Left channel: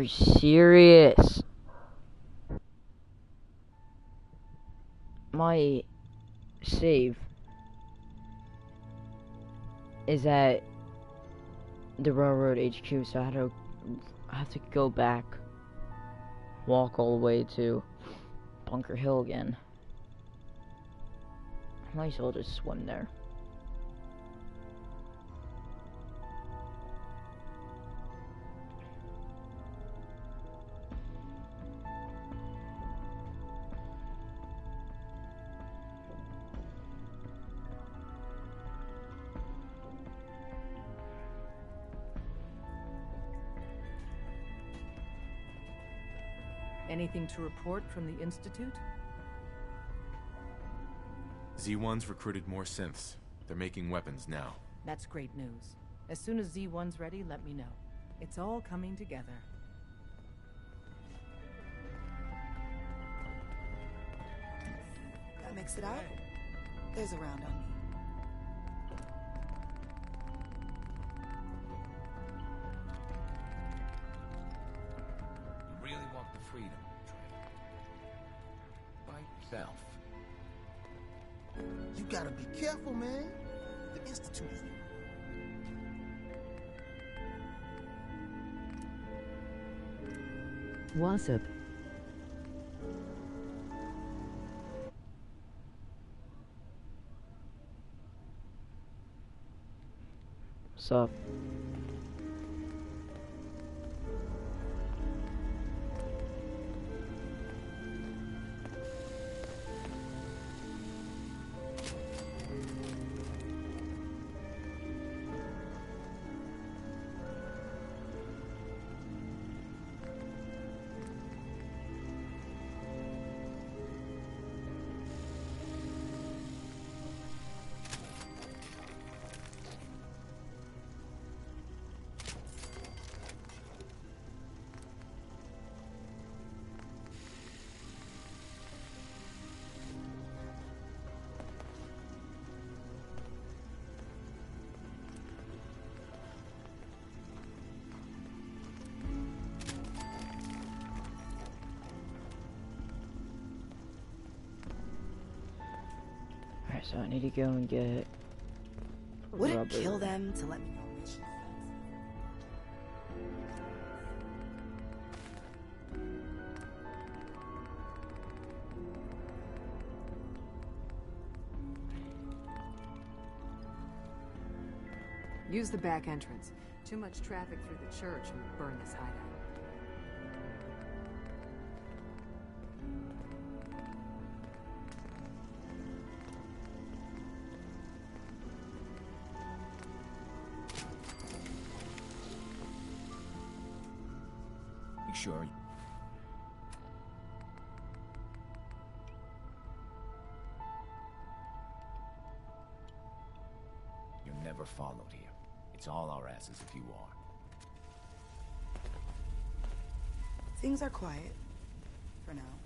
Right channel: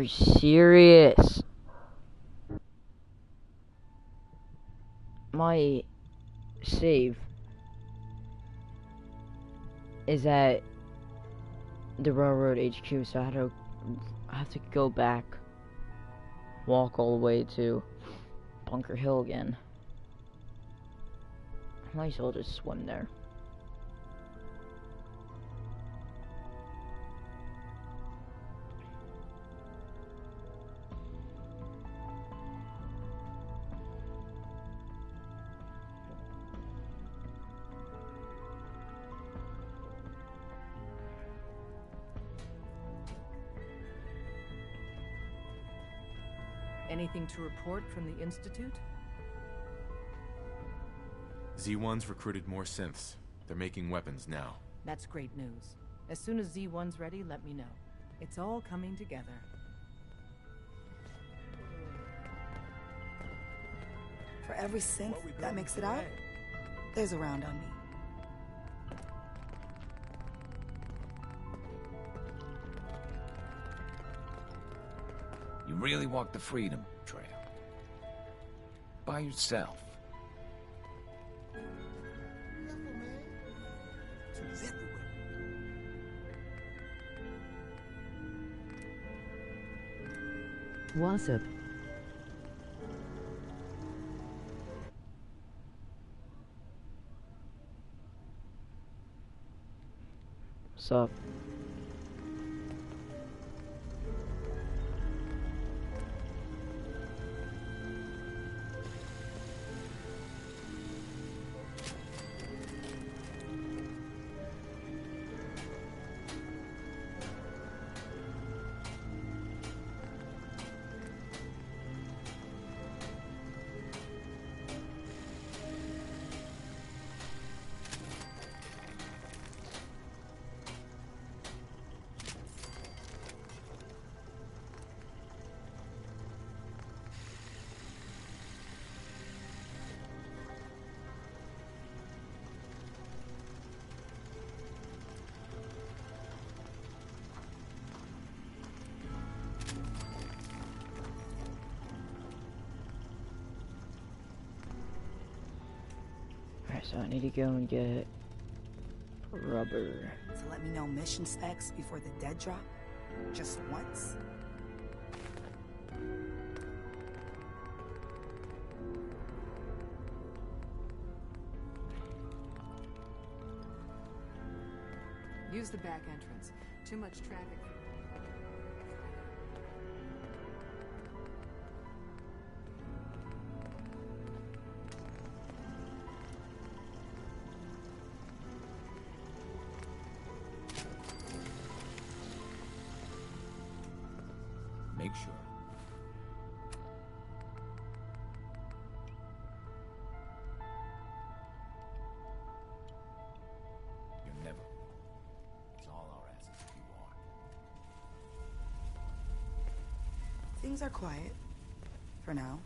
Are you serious? My save is at the railroad HQ, so I have to go back, walk all the way to Bunker Hill again. I might as well just swim there. Anything to report from the Institute? Z1's recruited more synths. They're making weapons now. That's great news. As soon as Z1's ready, let me know. It's all coming together. For every synth that makes it out, there's a round on me. You really walked the Freedom Trail. By yourself. You gotta be careful, man. The Institute is everywhere. What's up? What's up? Alright, so I need to go and get Would rubber. it kill them to let me know mission specs before the dead drop? Just once. Use the back entrance. Too much traffic through the church and burn this hideout. Make sure. You're never followed here. It's all our asses if you are. Things are quiet. For now.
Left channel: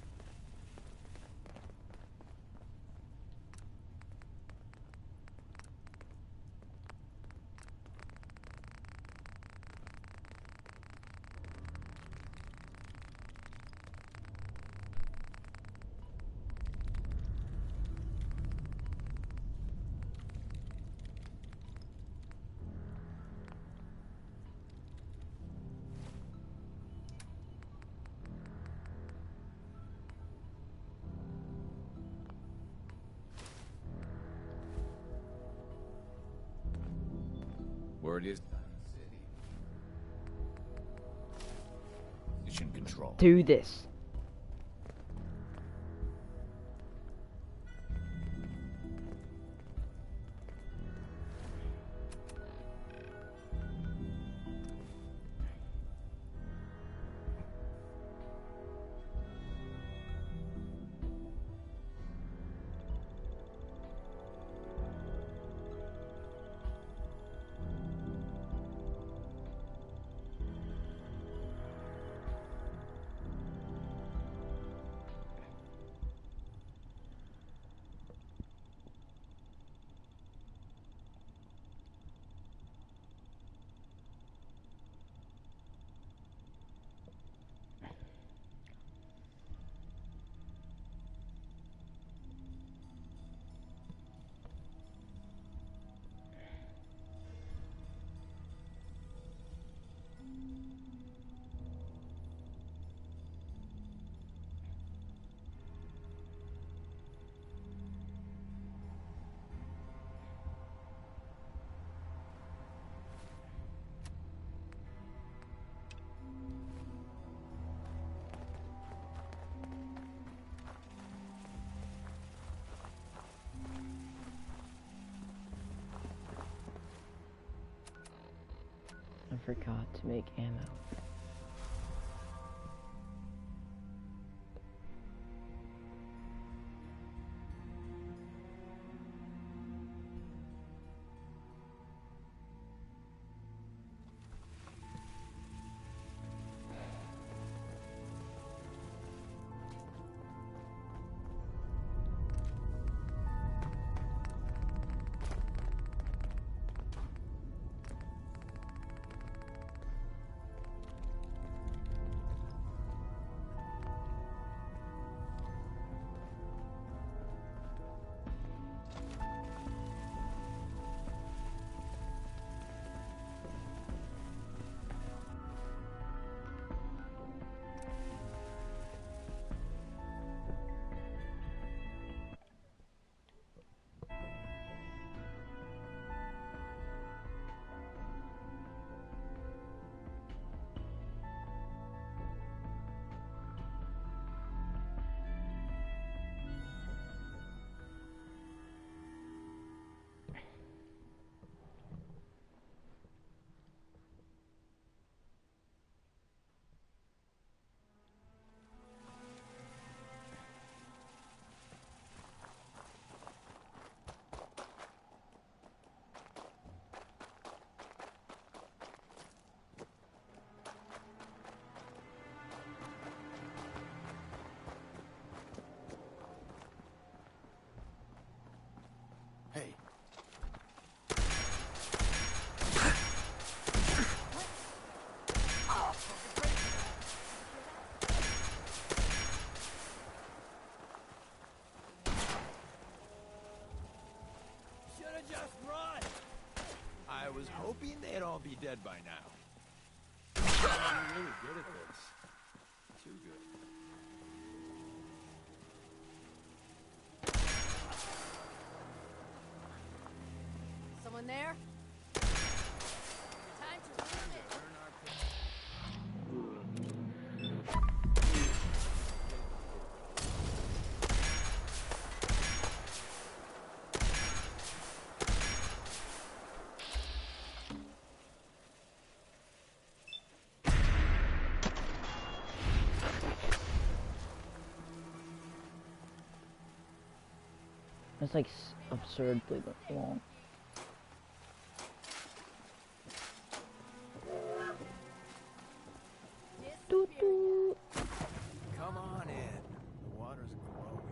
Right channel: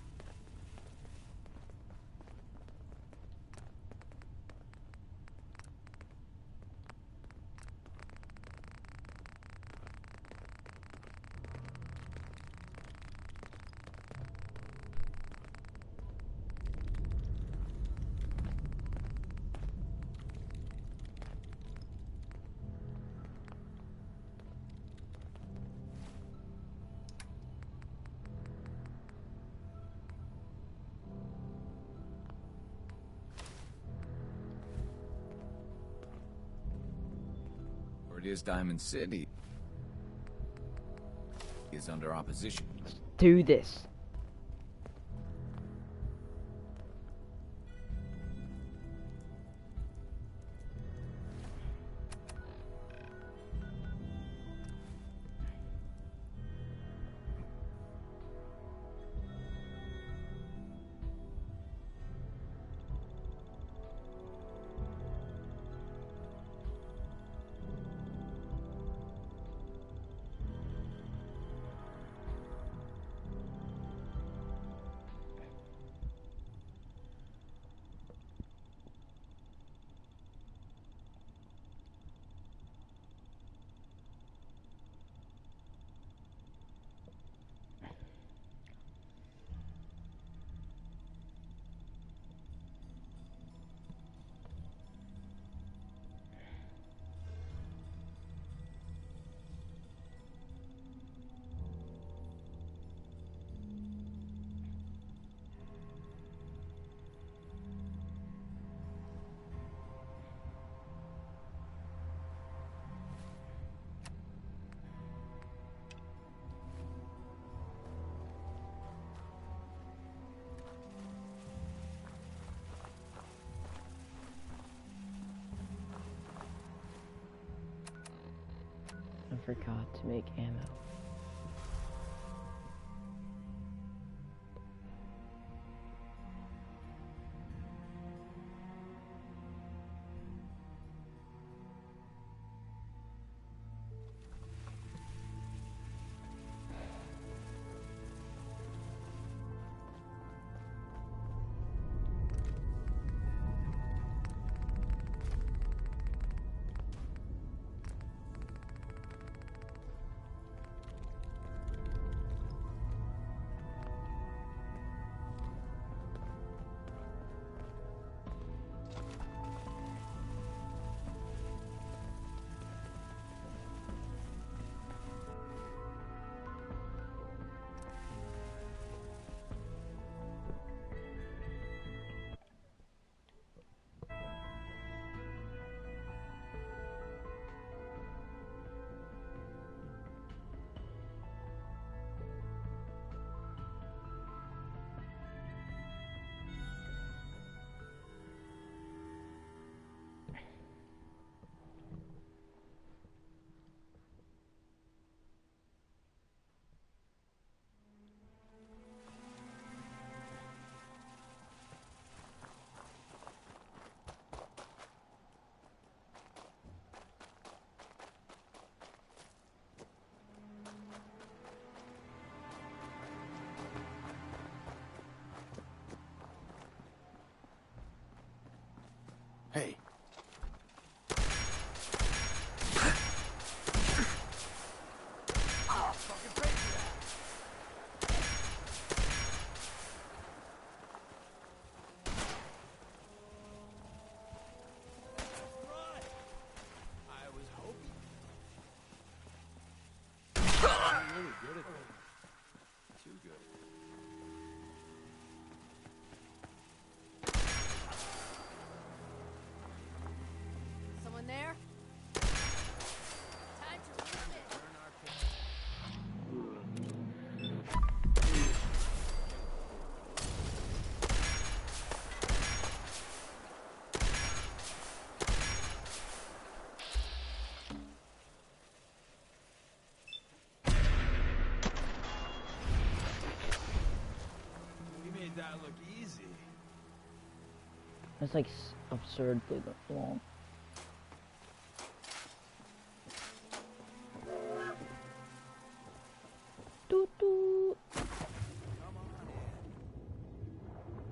Word is Diamond City is under opposition control. Do this. forgot to make ammo. Hey. Should've just run! I was hoping they'd all be dead by now. I'm really good at this. Too good. Someone there? Time to ruin it. Earn our pay. You made that look easy. That's like absurdly long. Doot doot. Come on in. The water's glowing.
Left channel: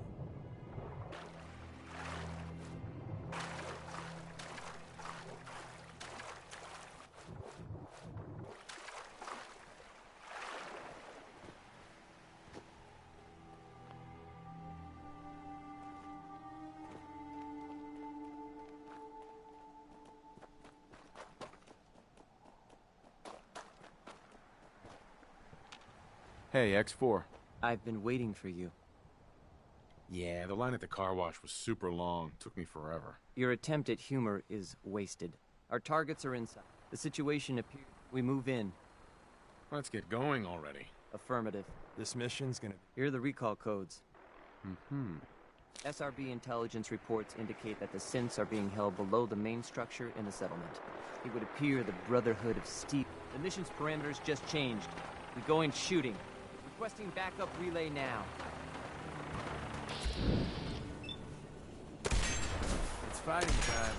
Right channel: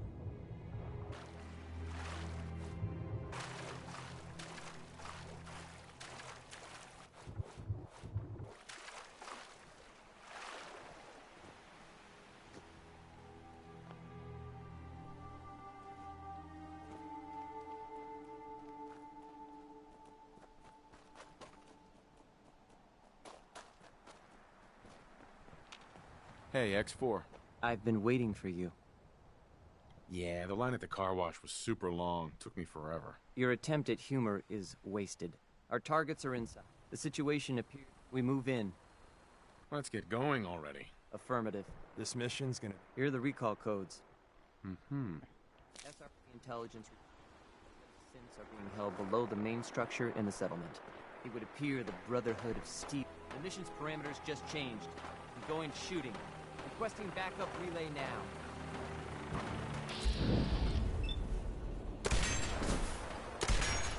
Hey, X4. I've been waiting for you. Yeah, the line at the car wash was super long. Took me forever. Your attempt at humor is wasted. Our targets are inside. The situation appears. We move in. Let's get going already. Affirmative. This mission's gonna... Here are the recall codes. Mm-hmm. SRB intelligence reports indicate that the synths are being held below the main structure in the settlement. It would appear the Brotherhood of Steel. The mission's parameters just changed. We go in shooting. Requesting backup relay now. It's fighting time.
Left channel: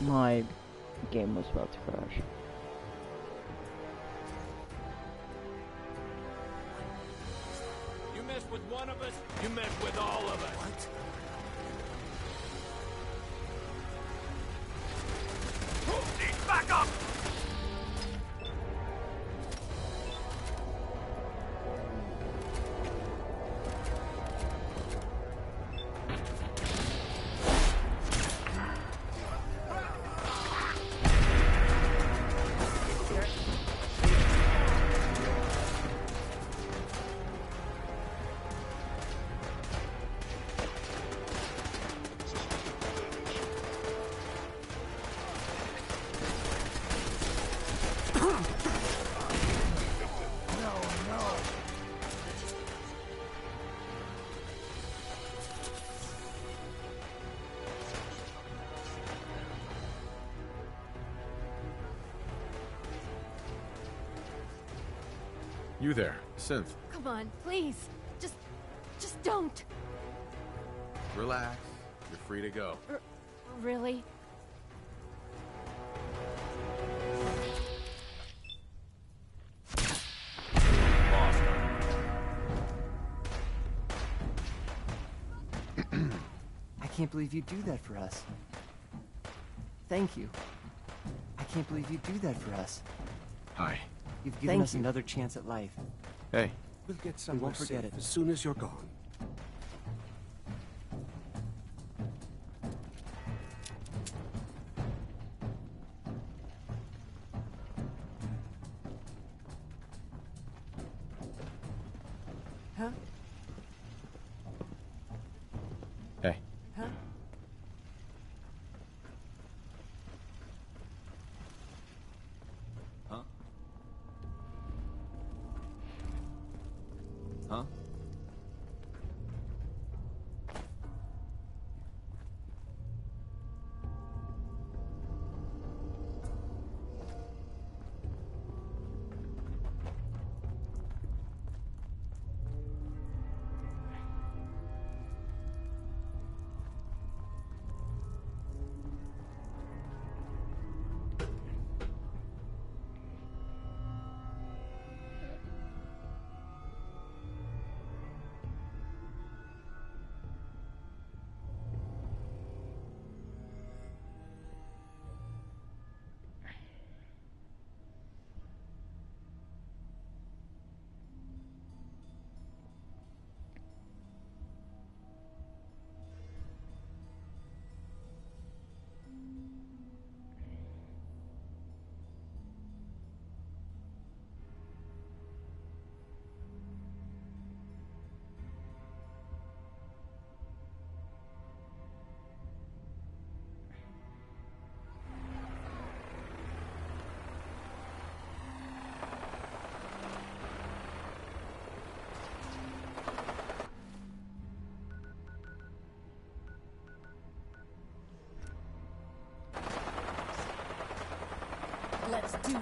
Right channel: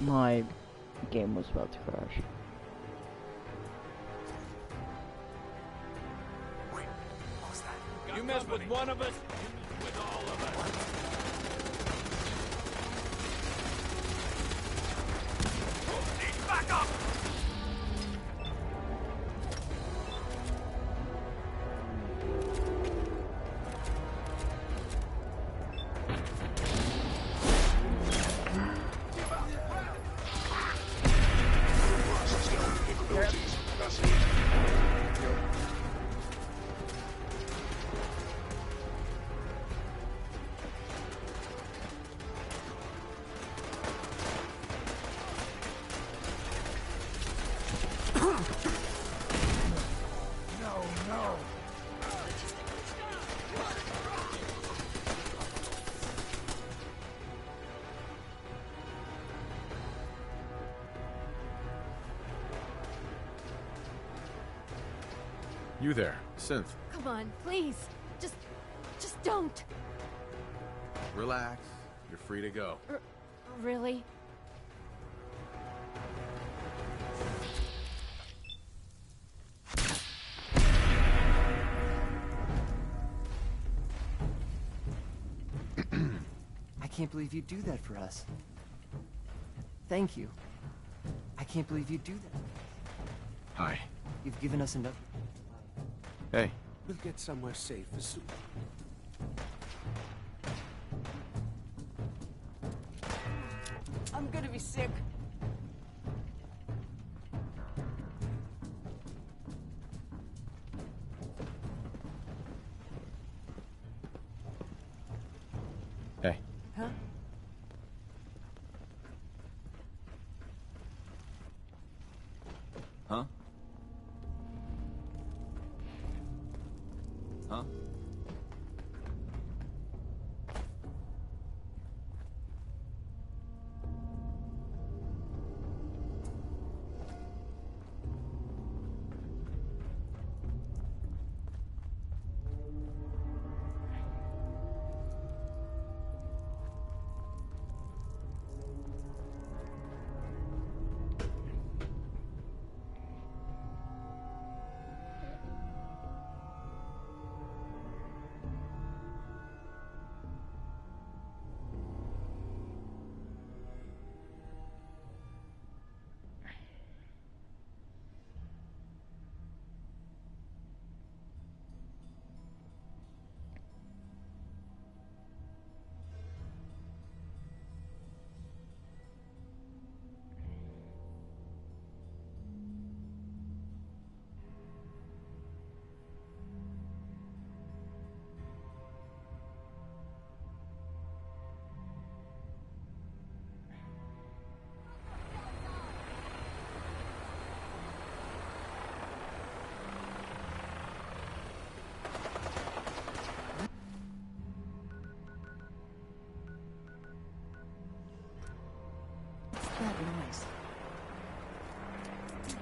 My game was about to crash. You mess with one of us, you mess with all of us. What? Back up! You there, Synth. Come on, please. Just don't. Relax. You're free to go. Really? I can't believe you do that for us. Thank you. I can't believe you do that for us. Hi. You've given Thank us another chance at life. Hey. We'll get somewhere won't forget safe it. as soon as you're gone. I'm gonna be sick. Huh? Hey. Huh? Huh? Huh? Let's do this.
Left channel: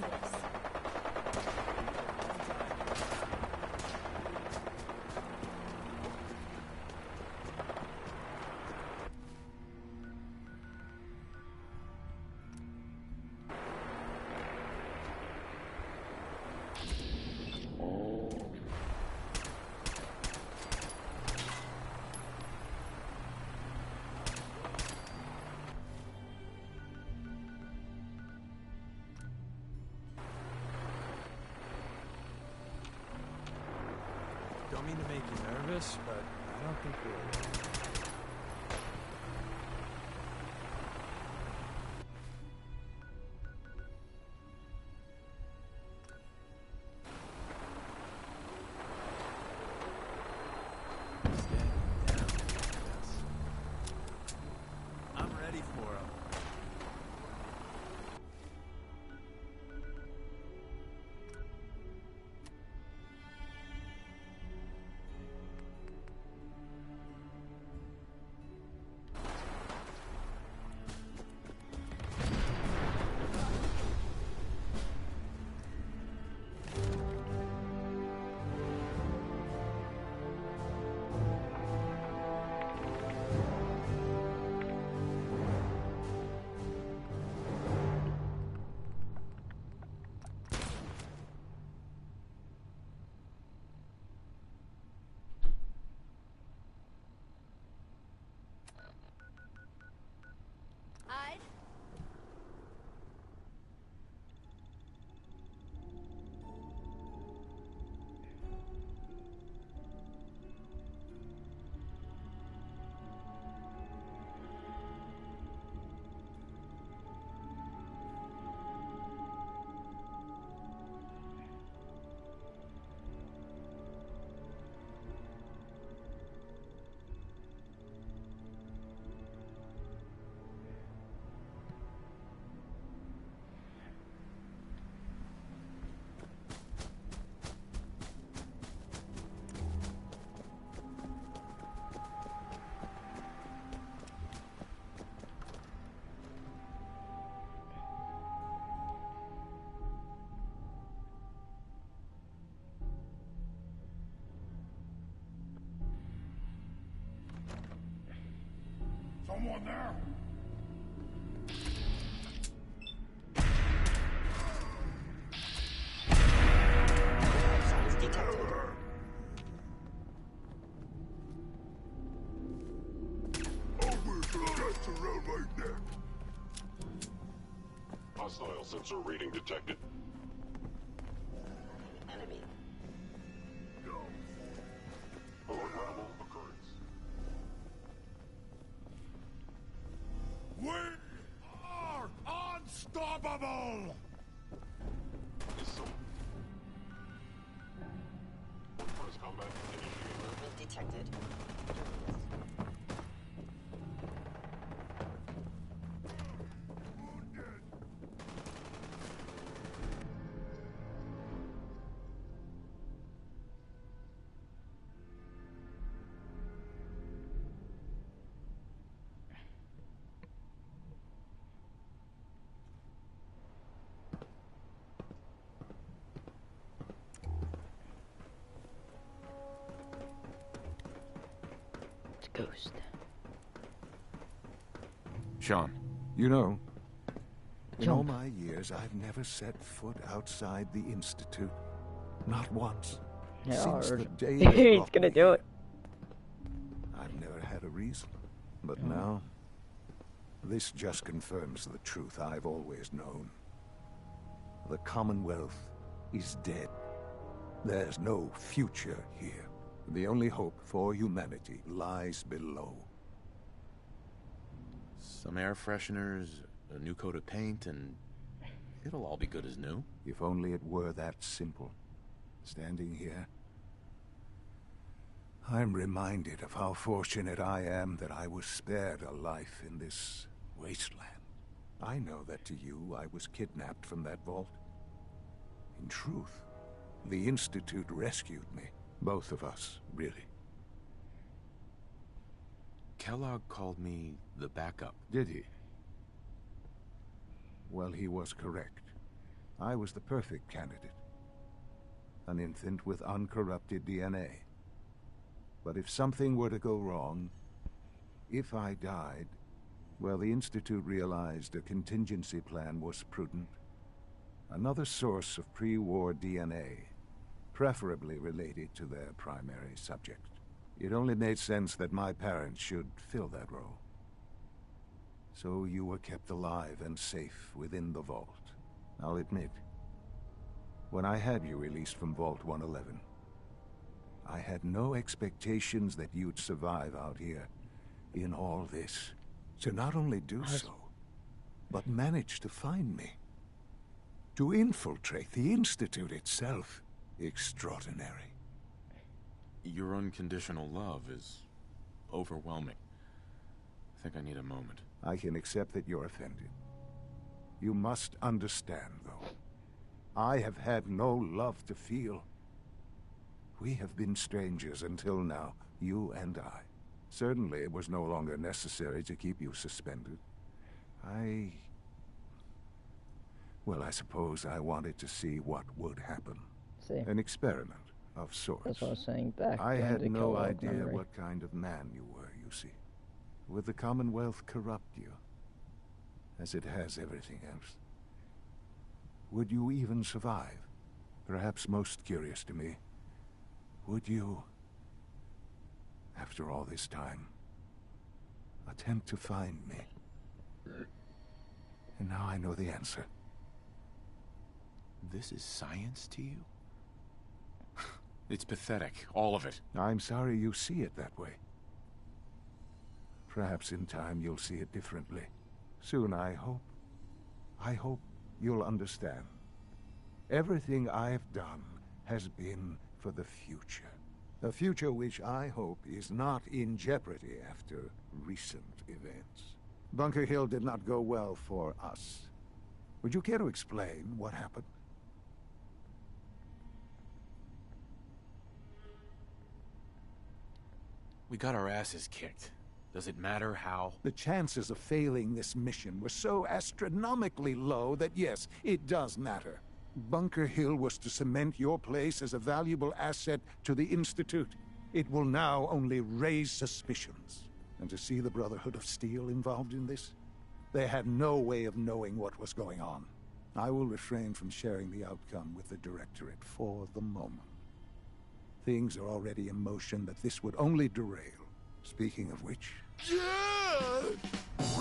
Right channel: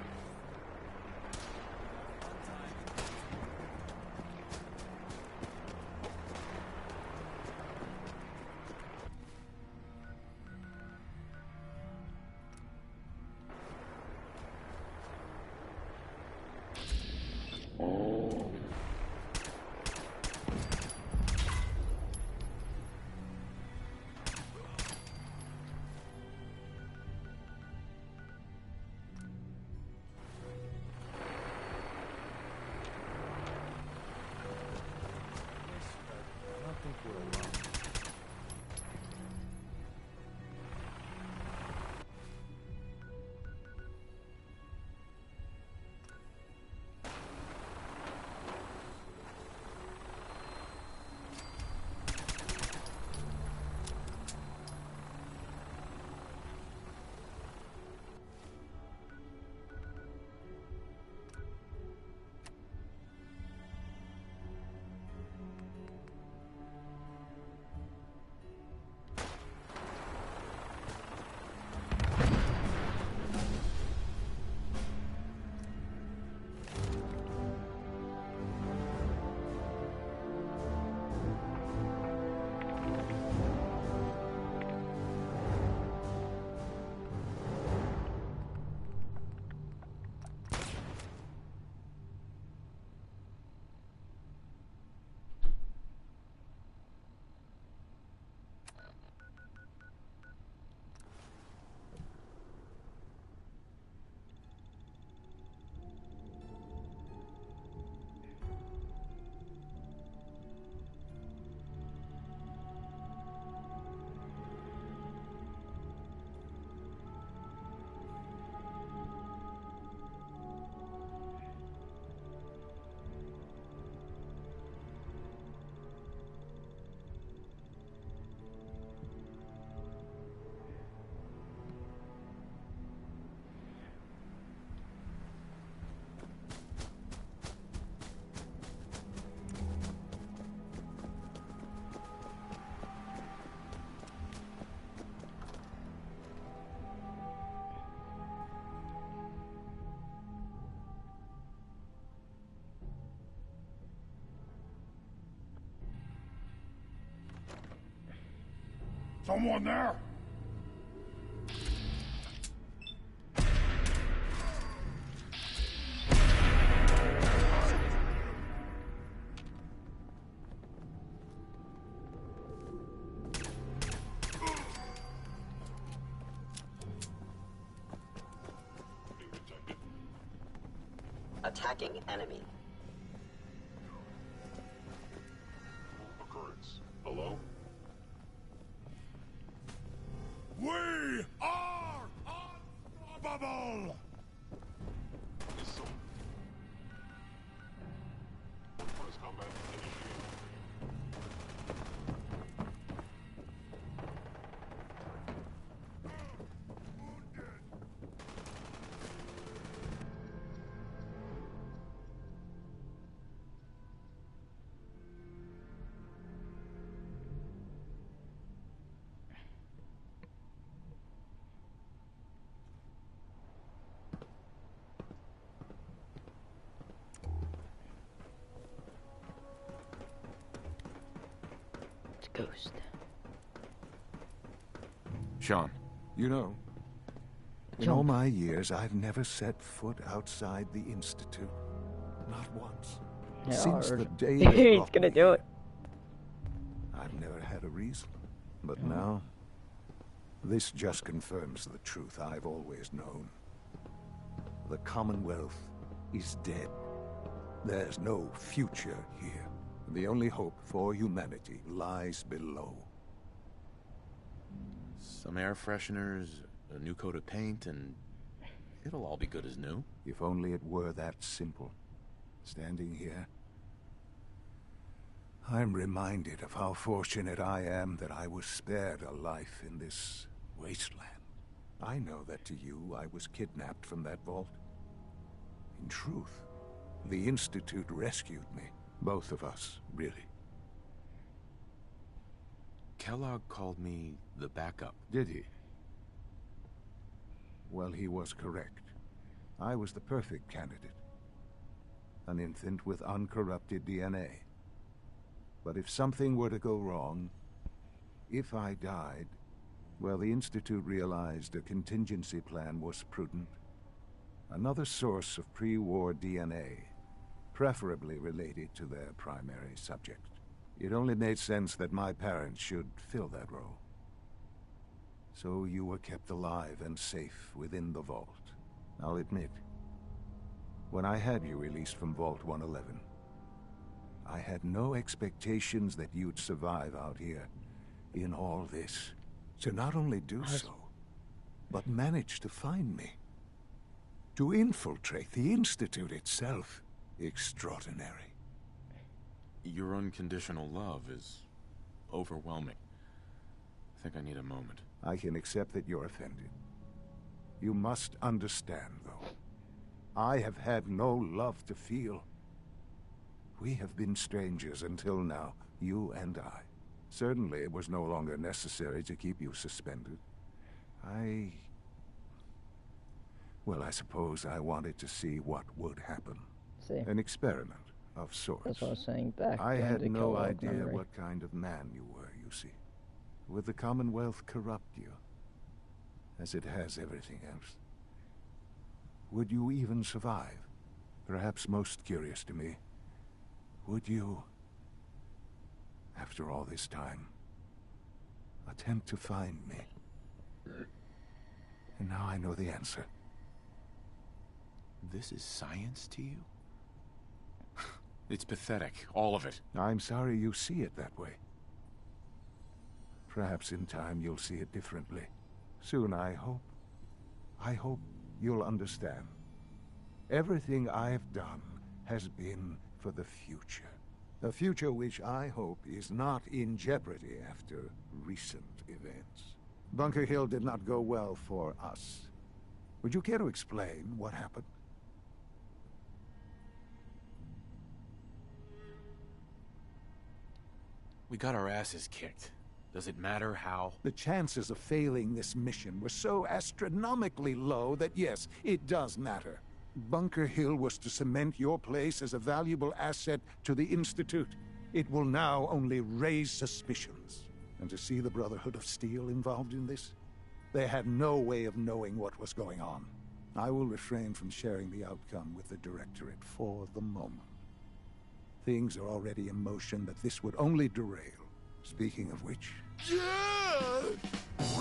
Don't mean to make you nervous, but I don't think we're alone. I'm ready for it. Someone there? Hostile sensor reading detected. Attacking enemy. Paranormal occurrence. Hello? We are unstoppable! Missile. Press combat initiated. Detected. It's a ghost. Sean. You know, in Jump. all my years, I've never set foot outside the Institute. Not once. Yeah, Since or- the day they He's brought gonna me do here. it. I've never had a reason. But now, this just confirms the truth I've always known. The Commonwealth is dead. There's no future here. The only hope for humanity lies below. Some air fresheners, a new coat of paint, and it'll all be good as new. If only it were that simple. Standing here, I'm reminded of how fortunate I am that I was spared a life in this wasteland. I know that to you, I was kidnapped from that vault. In truth, the Institute rescued me. Both of us, really. Kellogg called me the backup. Did he? Well, he was correct. I was the perfect candidate. An infant with uncorrupted DNA. But if something were to go wrong, if I died, well, the Institute realized a contingency plan was prudent. Another source of pre-war DNA, preferably related to their primary subject. It only made sense that my parents should fill that role. So you were kept alive and safe within the vault. I'll admit, when I had you released from Vault 111, I had no expectations that you'd survive out here in all this. To not only do so, but manage to find me. To infiltrate the Institute itself. Extraordinary. Your unconditional love is overwhelming. I think I need a moment. I can accept that you're offended. You must understand, though. I have had no love to feel. We have been strangers until now, you and I. Certainly it was no longer necessary to keep you suspended. Well, I suppose I wanted to see what would happen. See, An experiment of sorts. that's what I was saying back. I going had to no Kellogg idea memory. what kind of man you were, you see. Would the Commonwealth corrupt you? As it has everything else. Would you even survive? Perhaps most curious to me, would you, after all this time, attempt to find me? And now I know the answer. This is science to you? It's pathetic, all of it. I'm sorry you see it that way. Perhaps in time you'll see it differently. Soon, I hope. I hope you'll understand. Everything I've done has been for the future. A future which I hope is not in jeopardy after recent events. Bunker Hill did not go well for us. Would you care to explain what happened? We got our asses kicked. Does it matter how? The chances of failing this mission were so astronomically low that yes, it does matter. Bunker Hill was to cement your place as a valuable asset to the Institute. It will now only raise suspicions. And to see the Brotherhood of Steel involved in this, they had no way of knowing what was going on. I will refrain from sharing the outcome with the Directorate for the moment. Things are already in motion that this would only derail. Speaking of which,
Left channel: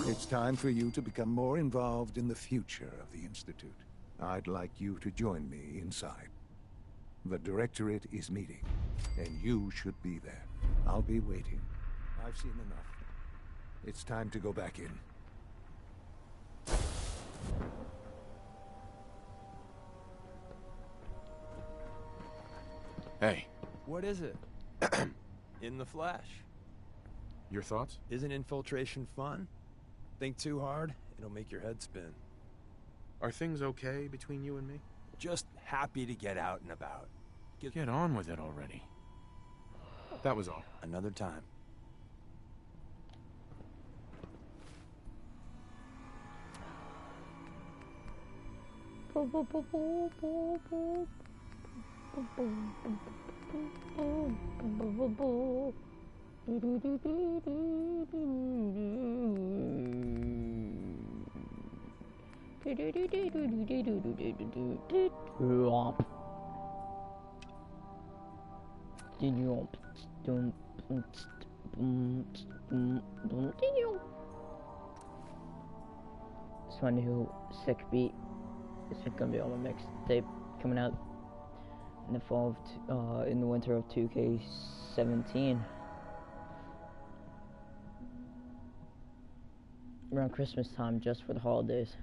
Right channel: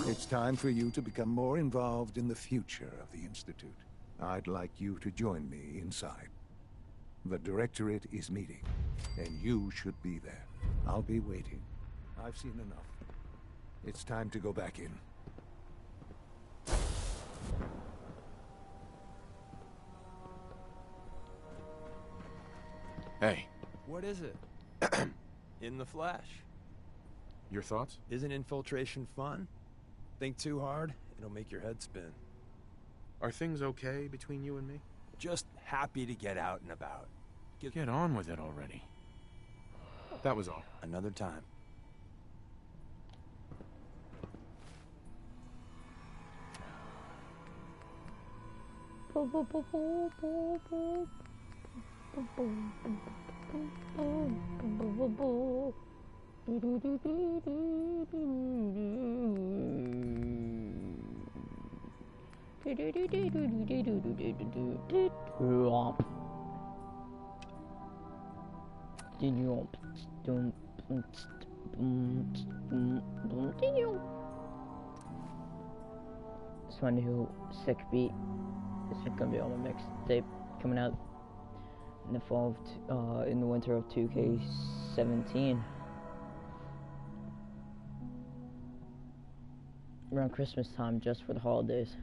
it's time for you to become more involved in the future of the Institute. I'd like you to join me inside. The Directorate is meeting, and you should be there. I'll be waiting. I've seen enough. It's time to go back in. Hey. What is it? In the flesh. Your thoughts? Isn't infiltration fun? Think too hard, it'll make your head spin. Are things okay between you and me? Just happy to get out and about. Get on with it already. That was all. Another time. It's my new sick beat. It's gonna be on my mixtape coming out in the fall of in the winter of 2K17. Around Christmas time, just for the holidays.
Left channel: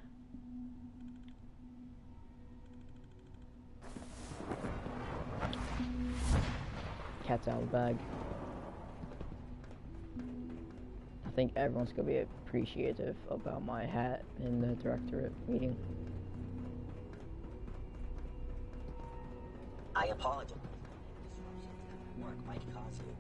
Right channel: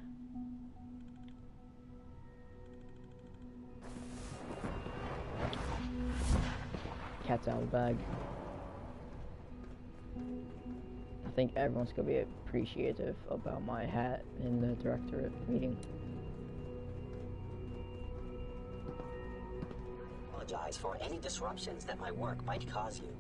Cat's out of the bag. I think everyone's gonna be appreciative about my hat in the Directorate meeting. I apologize for any disruptions that my work might cause you.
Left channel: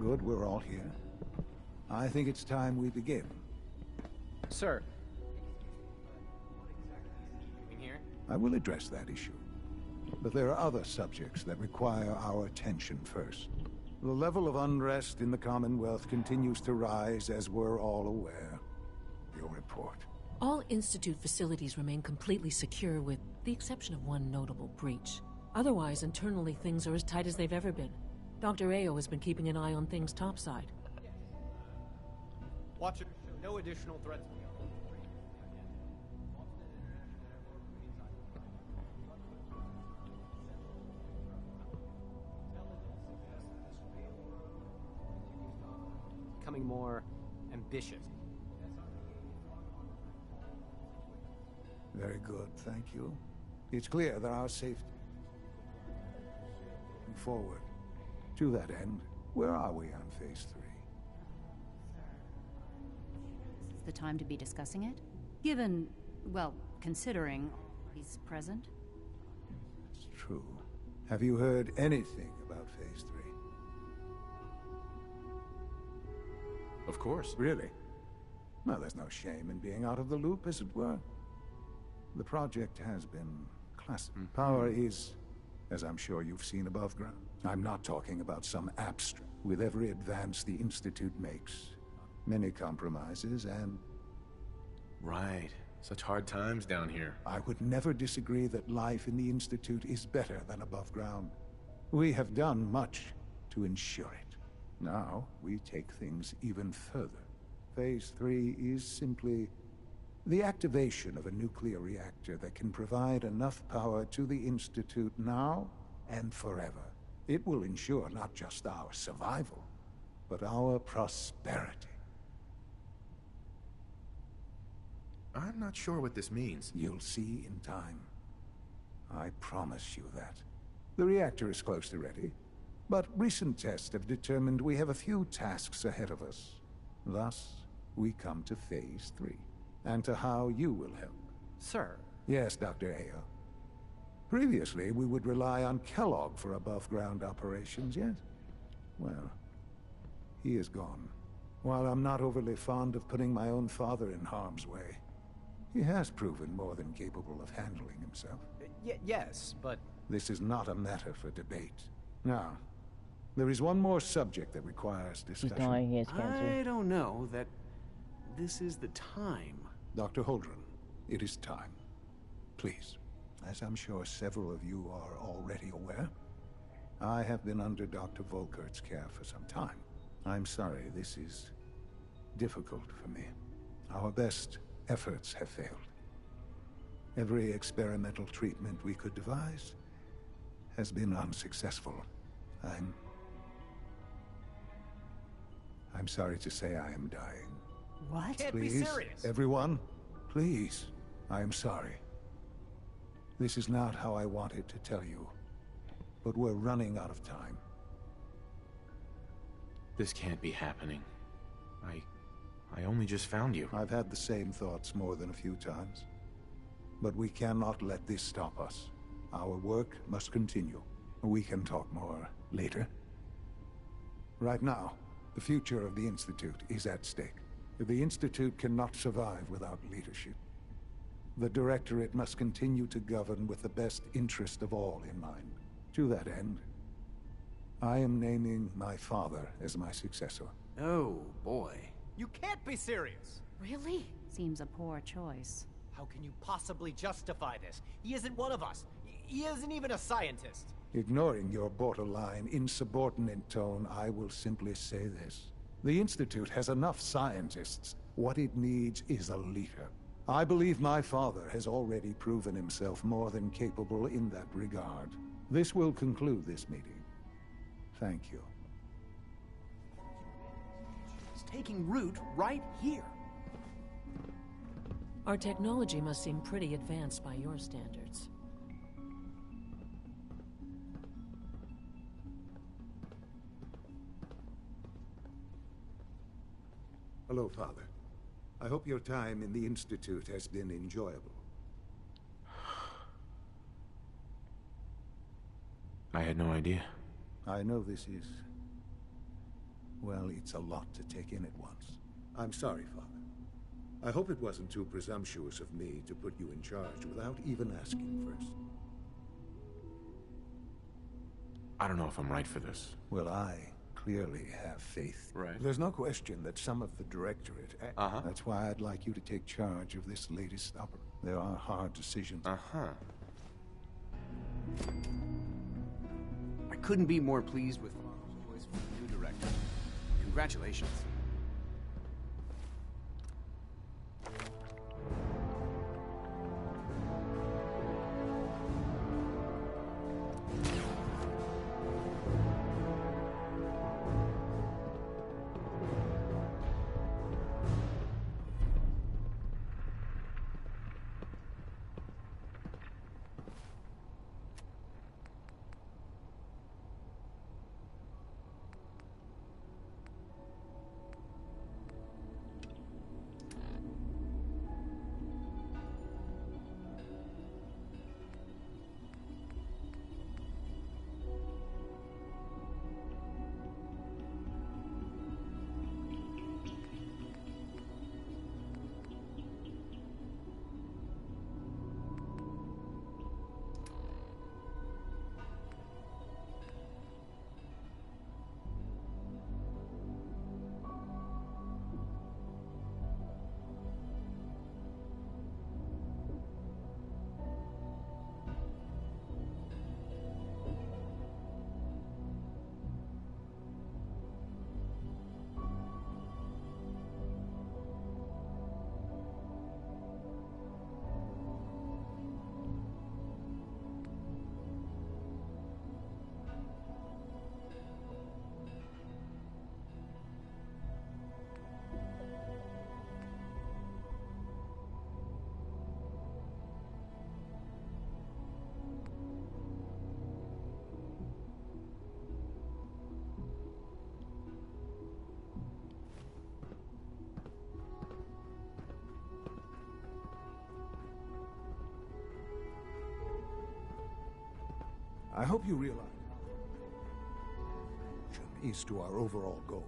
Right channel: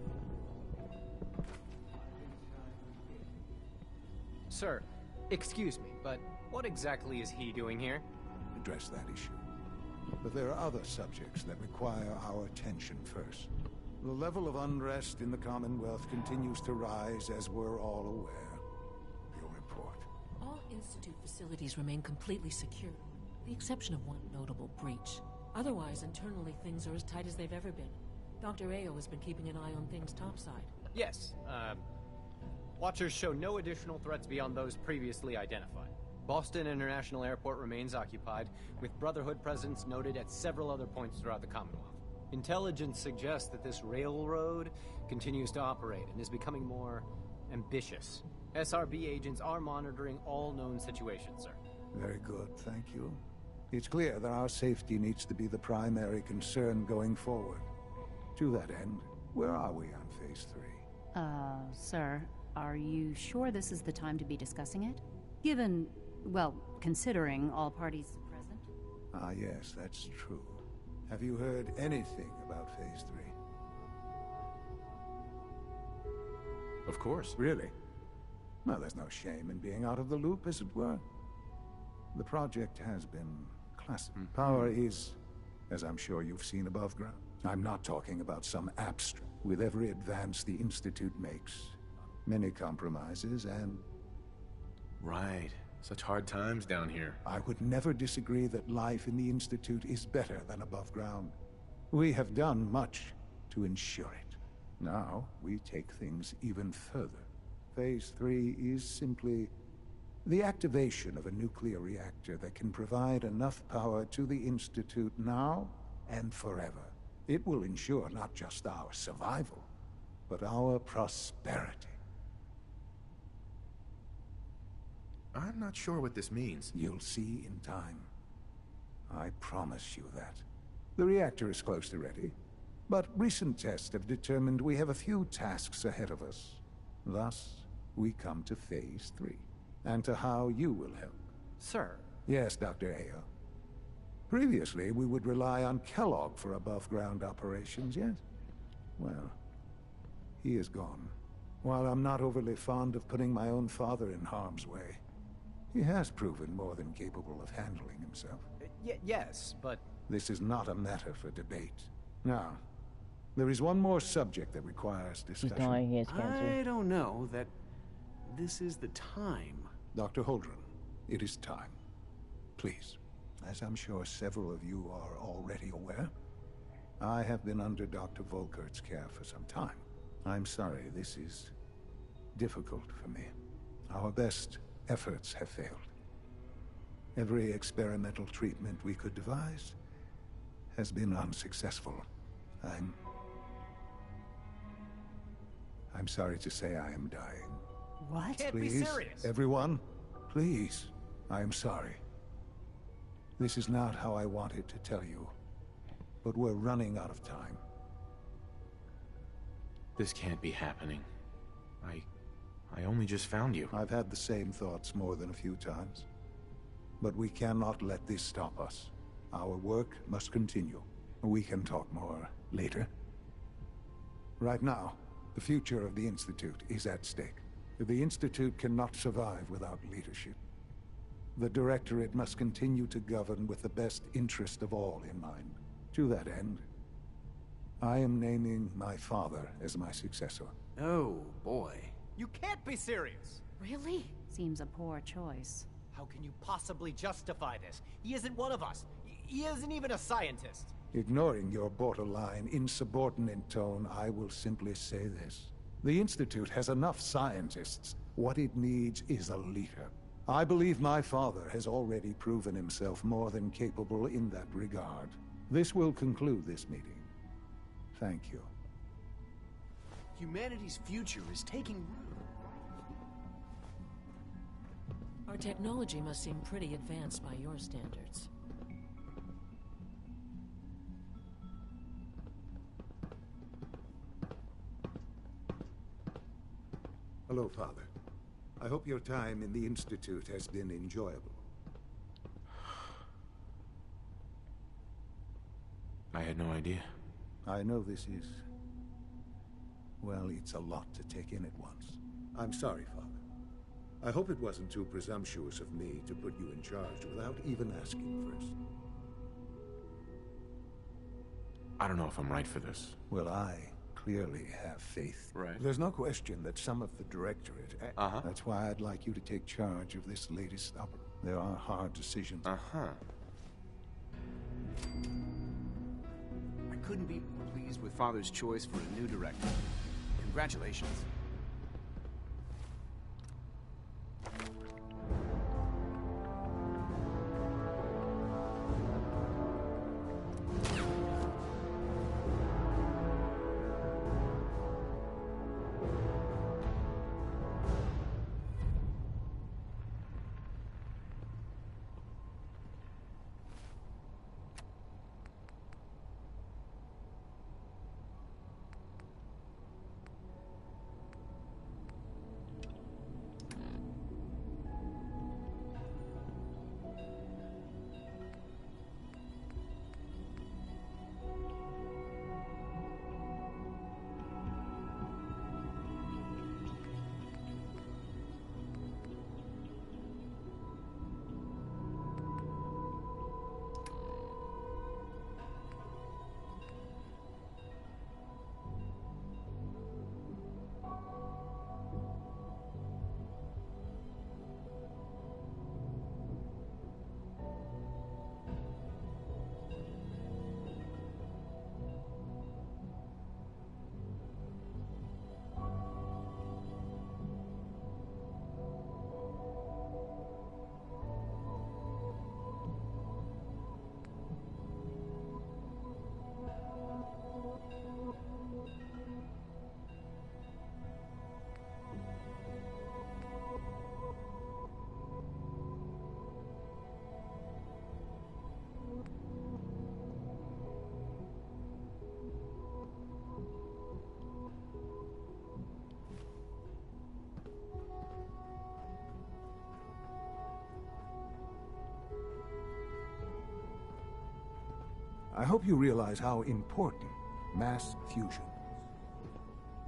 Good, we're all here. I think it's time we begin. Sir, excuse me, but what exactly is he doing here? I will address that issue. But there are other subjects that require our attention first. The level of unrest in the Commonwealth continues to rise, as we're all aware. Your report. All Institute facilities remain completely secure, with the exception of one notable breach. Otherwise, internally, things are as tight as they've ever been. Dr. Ao has been keeping an eye on things topside. Yes, Watchers show no additional threats beyond those previously identified. Boston International Airport remains occupied, with Brotherhood presence noted at several other points throughout the Commonwealth. Intelligence suggests that this railroad continues to operate and is becoming more ambitious. SRB agents are monitoring all known situations, sir. Very good, thank you. It's clear that our safety needs to be the primary concern going forward. To that end, where are we on Phase 3? Sir, are you sure this is the time to be discussing it? Given, well, considering all parties present? Ah, yes, that's true. Have you heard anything about Phase 3? Of course. Really? Well, there's no shame in being out of the loop, as it were. The project has been classified. Power is, as I'm sure you've seen above ground. I'm not talking about some abstract. With every advance the Institute makes, many compromises and... Right. Such hard times down here. I would never disagree that life in the Institute is better than above ground. We have done much to ensure it. Now, we take things even further. Phase 3 is simply the activation of a nuclear reactor that can provide enough power to the Institute now and forever. It will ensure not just our survival, but our prosperity. I'm not sure what this means. You'll see in time. I promise you that. The reactor is close to ready, but recent tests have determined we have a few tasks ahead of us. Thus, we come to Phase 3, and to how you will help. Sir. Yes, Dr. Ayo. Previously, we would rely on Kellogg for above-ground operations, yes? Well, he is gone. While I'm not overly fond of putting my own father in harm's way, he has proven more than capable of handling himself. Yes, but... This is not a matter for debate. Now, there is one more subject that requires discussion. He's dying, he has cancer. I don't know that this is the time. Dr. Holdren, it is time. Please, as I'm sure several of you are already aware, I have been under Dr. Volkert's care for some time. I'm sorry, this is difficult for me. Our best efforts have failed. Every experimental treatment we could devise has been unsuccessful. I'm sorry to say I am dying. What? Can't be Please, serious. everyone, please, I am sorry. This is not how I wanted to tell you, but we're running out of time. This can't be happening. I only just found you. I've had the same thoughts more than a few times. But we cannot let this stop us. Our work must continue. We can talk more later. Right now, the future of the Institute is at stake. The Institute cannot survive without leadership. The Directorate must continue to govern with the best interest of all in mind. To that end, I am naming my father as my successor. Oh, boy. You can't be serious! Really? Seems a poor choice. How can you possibly justify this? He isn't one of us. He isn't even a scientist. Ignoring your borderline, insubordinate tone, I will simply say this. The Institute has enough scientists. What it needs is a leader. I believe my father has already proven himself more than capable in that regard. This will conclude this meeting. Thank you. Humanity's future is taking root right here. Our technology must seem pretty advanced by your standards. Hello, Father. I hope your time in the Institute has been enjoyable. I had no idea. I know this is... well, it's a lot to take in at once. I'm sorry, Father. I hope it wasn't too presumptuous of me to put you in charge without even asking first. I don't know if I'm right for this. Well, I clearly have faith. Right. There's no question that some of the Directorate... That's why I'd like you to take charge of this latest operation. There are hard decisions. I couldn't be more pleased with Father's choice for a new director. Congratulations. I hope you realize how important mass fusion is to our overall goal.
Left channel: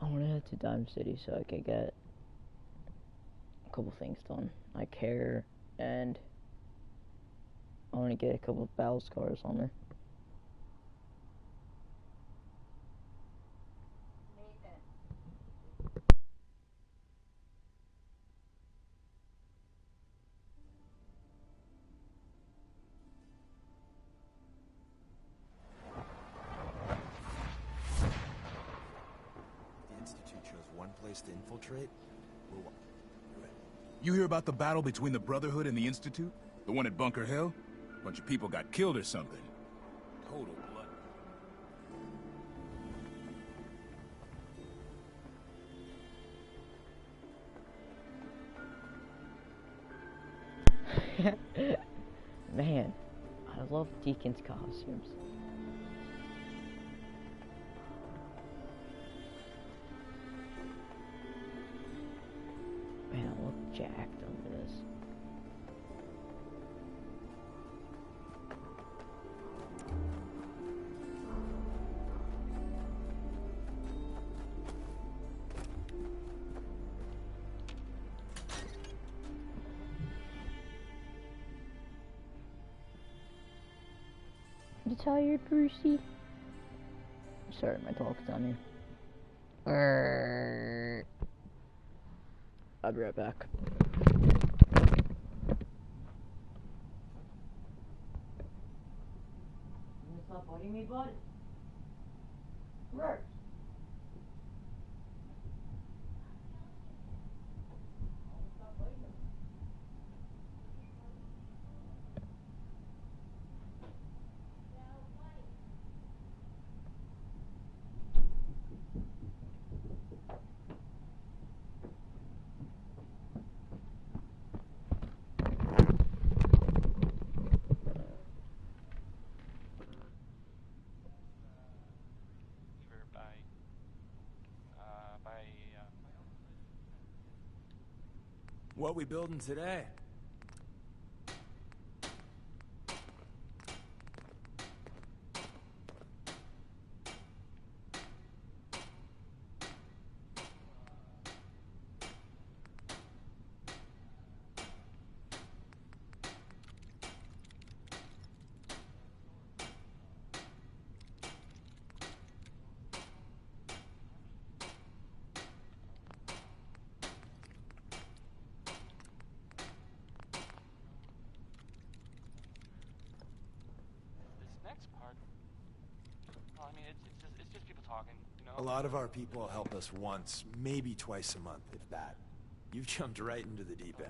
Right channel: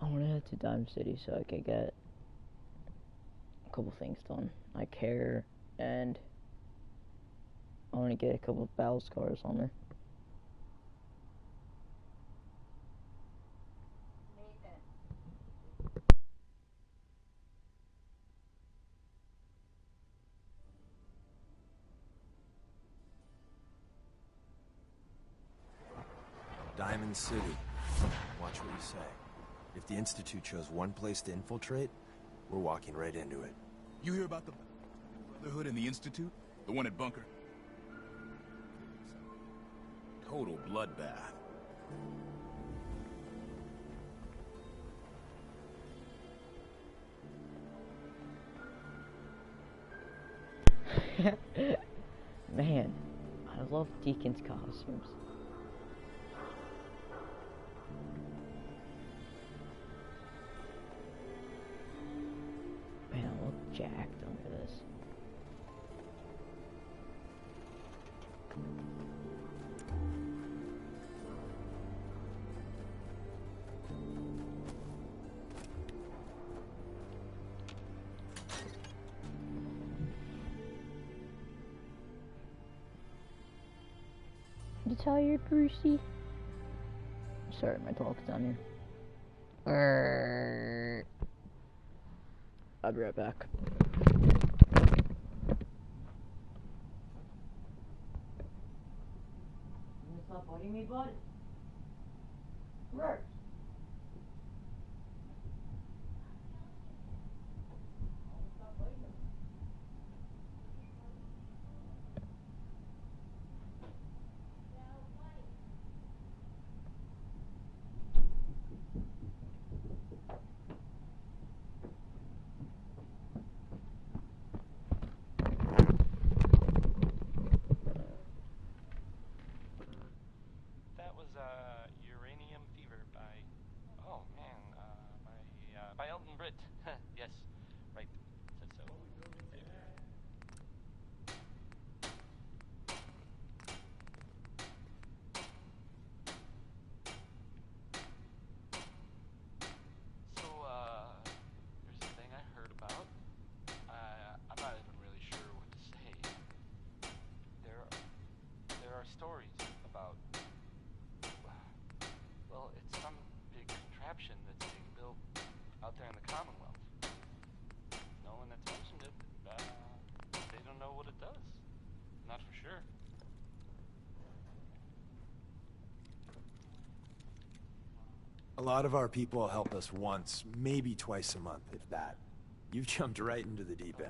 I want to head to Dime City so I can get a couple things done. I care, and I want to get a couple of battle scars on me. Diamond City. Watch what you say. If the Institute chose one place to infiltrate, we're walking right into it. You hear about the battle between the Brotherhood and the Institute? The one at Bunker Hill? A bunch of people got killed or something. Total bloodbath. Man, I love Deacon's costumes. Man, I look jacked under this. You tired, Brucey? Sorry, my dog's down here. I'll be right back. Stop biting me, bud. Right. What we building today? A lot of our people help us once, maybe twice a month, if that. You've jumped right into the deep end.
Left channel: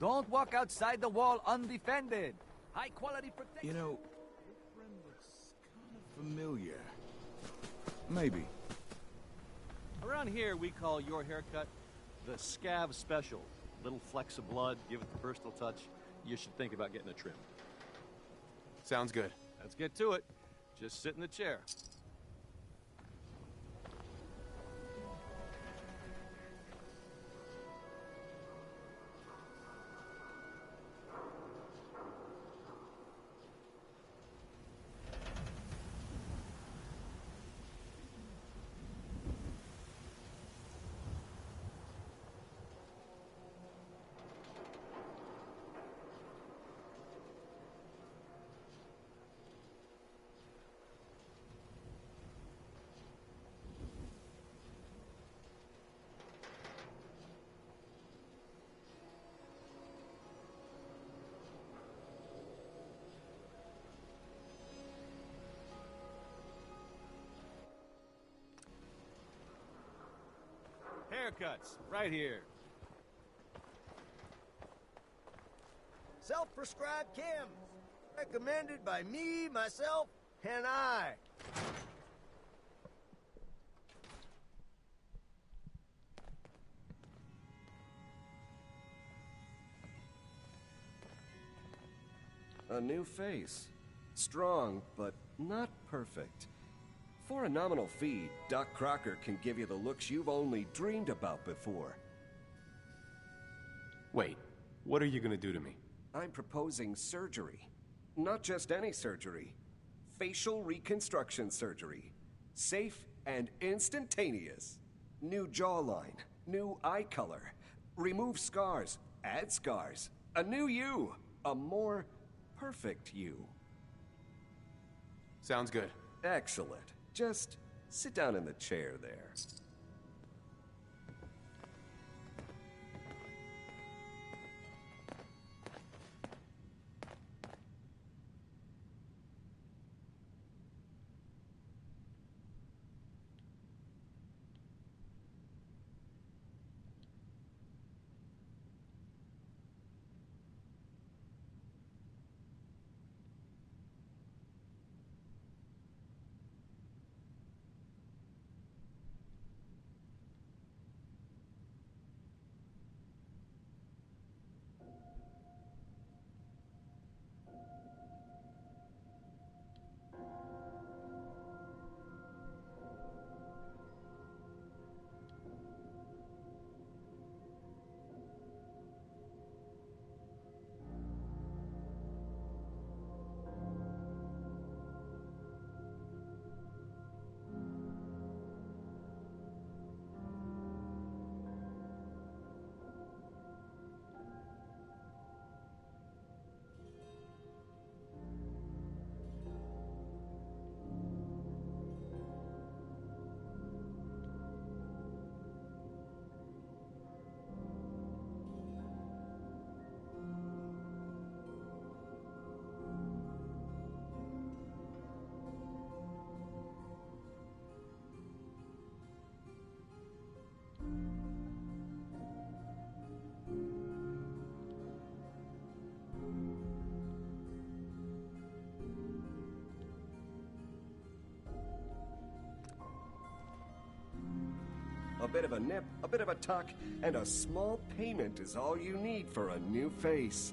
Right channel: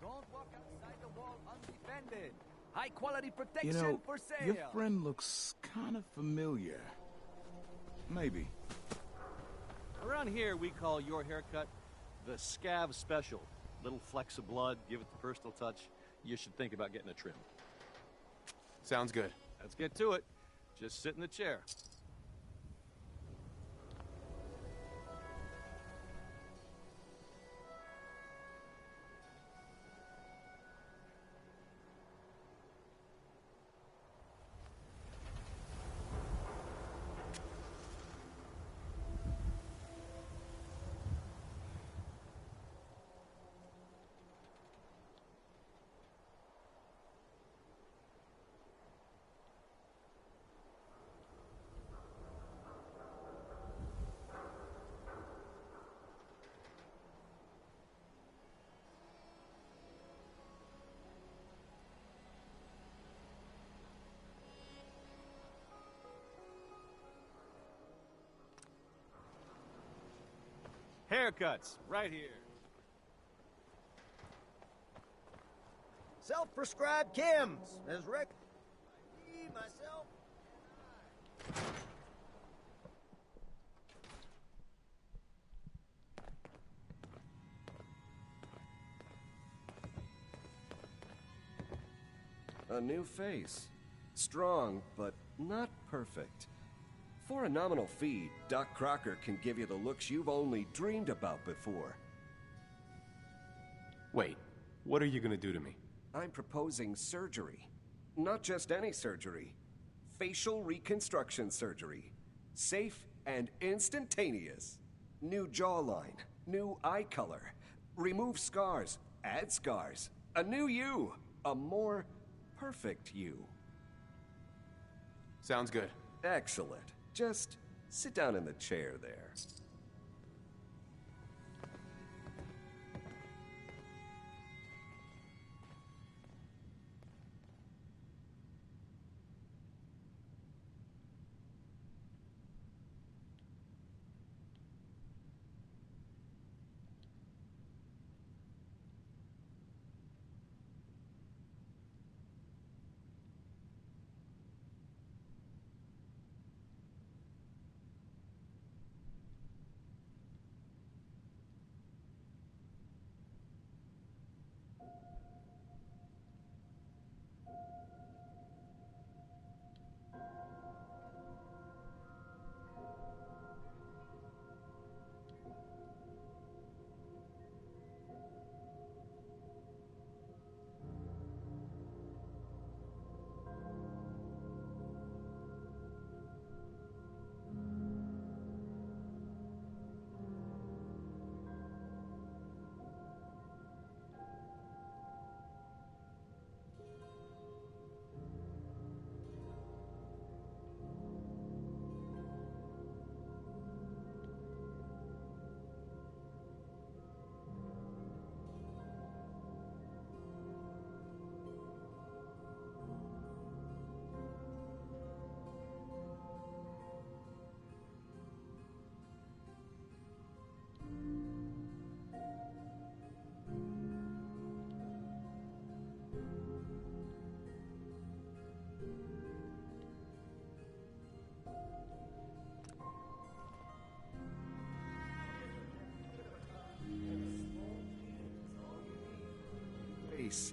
Don't walk outside the wall undefended. High quality protection You know, for sale. your friend looks kind of familiar. Maybe. Around here, we call your haircut the Scav Special. Little flecks of blood, give it the personal touch. You should think about getting a trim. Sounds good. Let's get to it. Just sit in the chair. Haircuts, right here. Self-prescribed chems, as recommended by me, myself, and I. A new face. Strong, but not perfect. For a nominal fee, Doc Crocker can give you the looks you've only dreamed about before. Wait, what are you gonna do to me? I'm proposing surgery. Not just any surgery. Facial reconstruction surgery. Safe and instantaneous. New jawline, new eye color. Remove scars, add scars. A new you. A more perfect you. Sounds good. Excellent. Just sit down in the chair there. A bit of a nip, a bit of a tuck, and a small payment is all you need for a new face.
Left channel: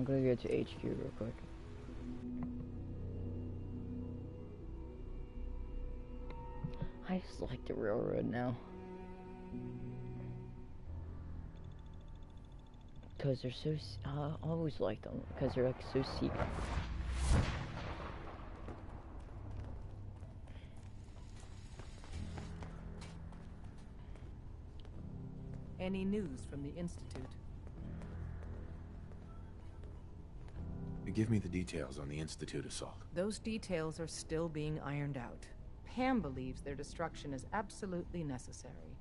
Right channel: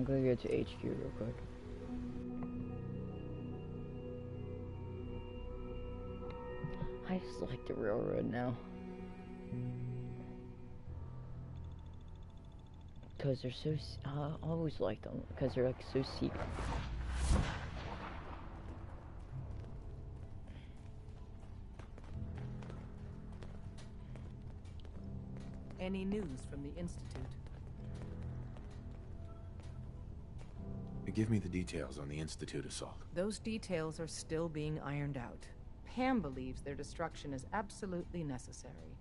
I'm gonna go to HQ real quick. I just like the railroad now. Because they're so, I always liked them, because they're like so secret. Any news from the Institute? Give me the details on the Institute assault. Those details are still being ironed out. Pam believes their destruction is absolutely necessary.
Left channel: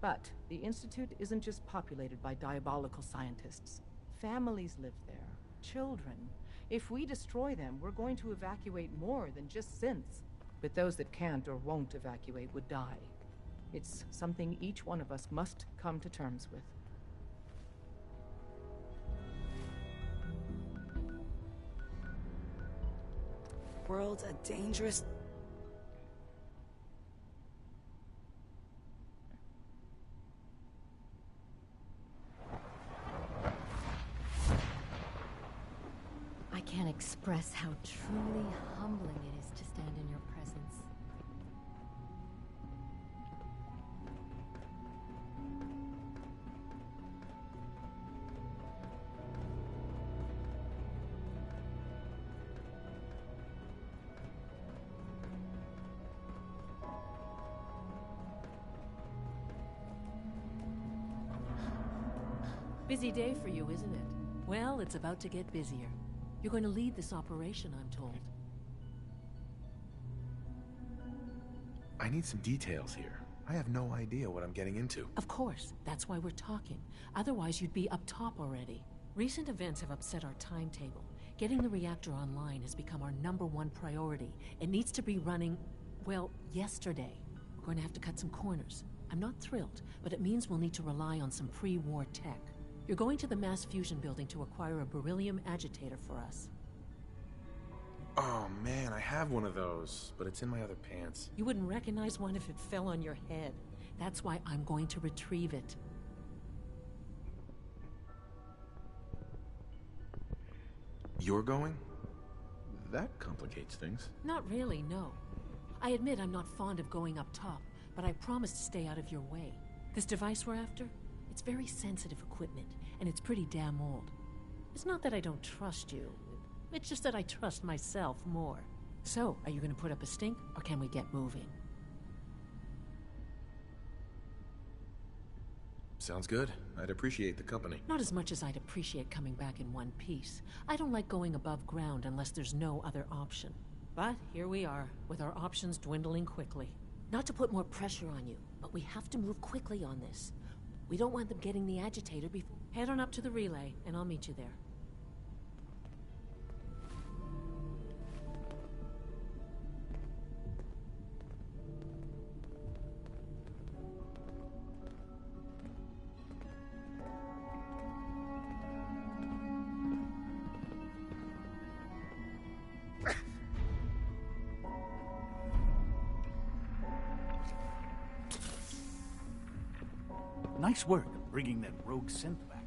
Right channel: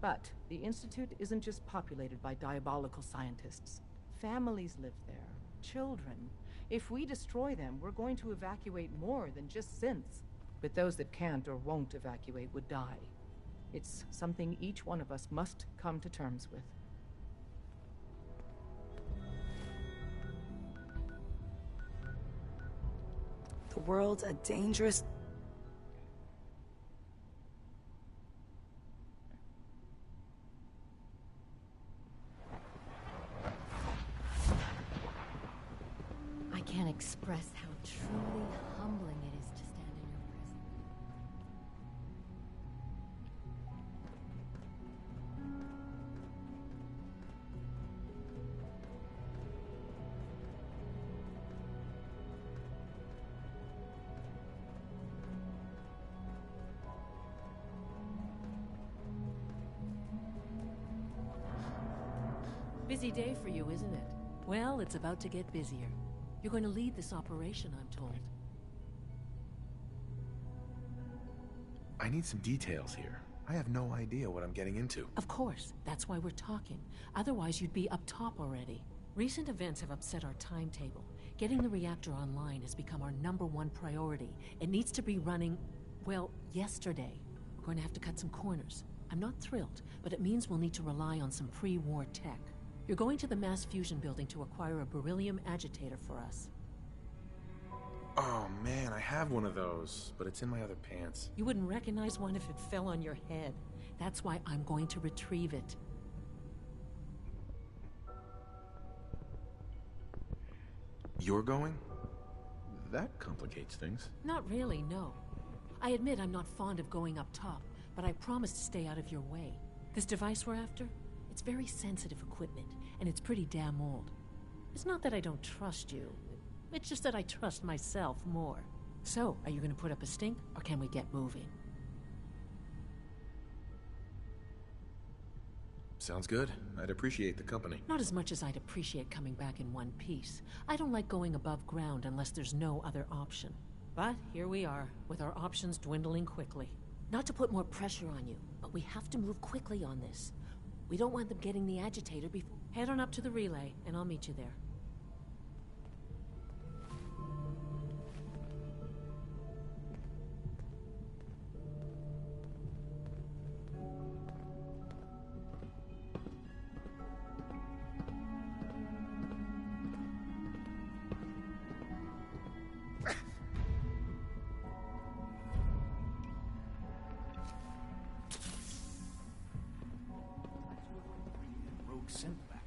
But the Institute isn't just populated by diabolical scientists. Families live there. Children. If we destroy them, we're going to evacuate more than just synths. But those that can't or won't evacuate would die. It's something each one of us must come to terms with. The world's a dangerous... I can't express how truly humbling it is to stand in your presence. Busy day for you, isn't it? Well, it's about to get busier. You're going to lead this operation, I'm told. I need some details here. I have no idea what I'm getting into. Of course, that's why we're talking. Otherwise, you'd be up top already. Recent events have upset our timetable. Getting the reactor online has become our #1 priority. It needs to be running, well, yesterday. We're going to have to cut some corners. I'm not thrilled, but it means we'll need to rely on some pre-war tech. You're going to the mass fusion building to acquire a beryllium agitator for us. Oh man, I have one of those, but it's in my other pants. You wouldn't recognize one if it fell on your head. That's why I'm going to retrieve it. You're going? That complicates things. Not really, no. I admit I'm not fond of going up top, but I promise to stay out of your way. This device we're after? It's very sensitive equipment, and it's pretty damn old. It's not that I don't trust you. It's just that I trust myself more. So, are you going to put up a stink, or can we get moving? Sounds good. I'd appreciate the company. Not as much as I'd appreciate coming back in one piece. I don't like going above ground unless there's no other option. But here we are, with our options dwindling quickly. Not to put more pressure on you, but we have to move quickly on this. We don't want them getting the agitator before... Head on up to the relay, and I'll meet you there. Nice work bringing that rogue synth back.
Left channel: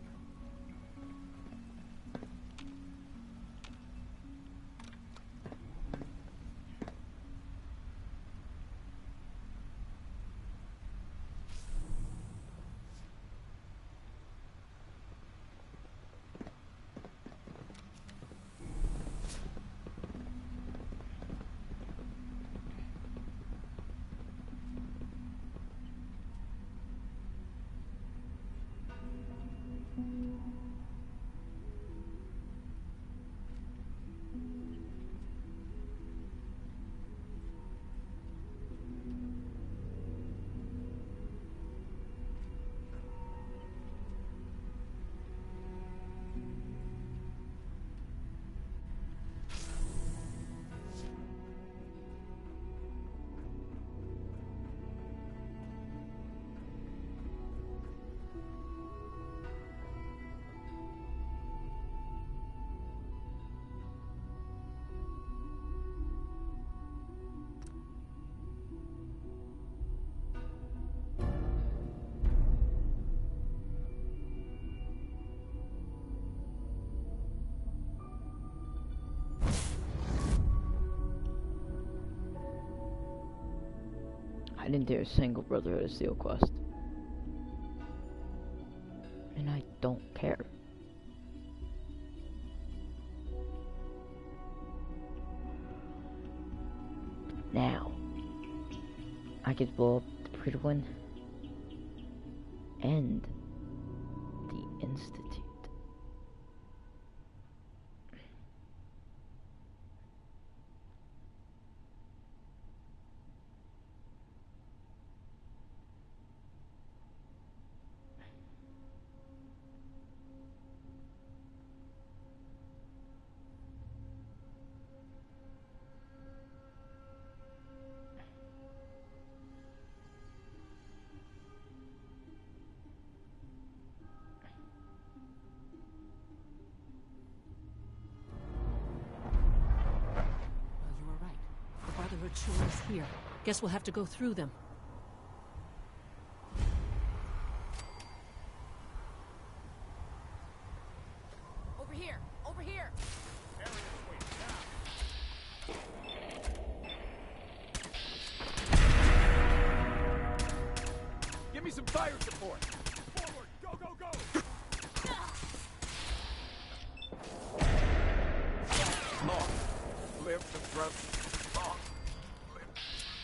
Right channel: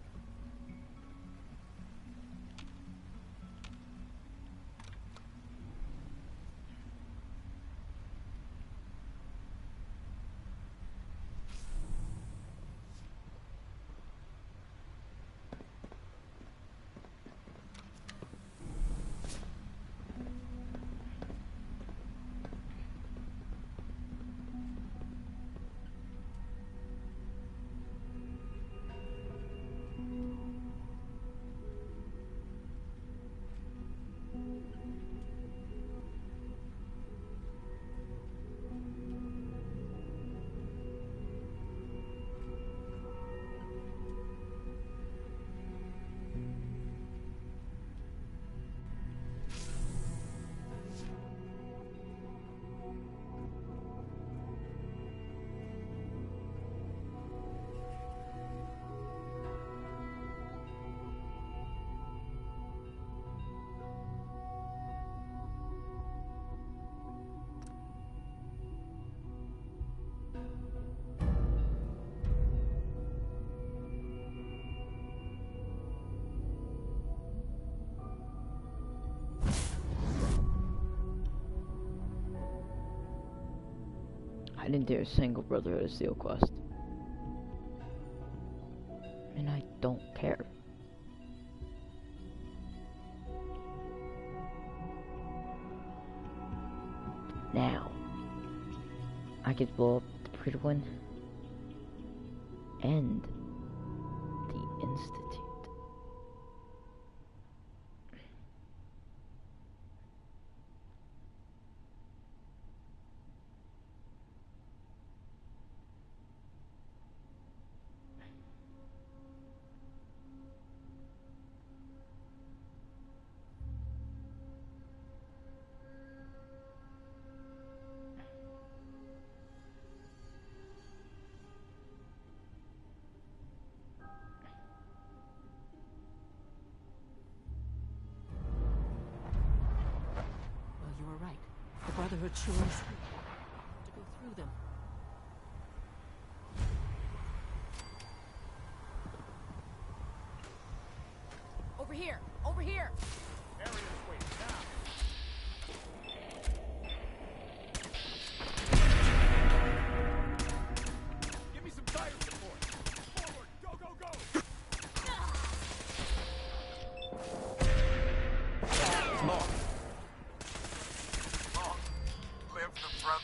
I didn't do a single Brotherhood of Steel quest. And I don't care. Now, I could blow up the pretty one and the Institute. The Brotherhood sure is here. Guess we'll have to go through them. Over here! Over here! Give me some fire support! Forward! Go, go, go! Long. Live the front. Long. Live the front.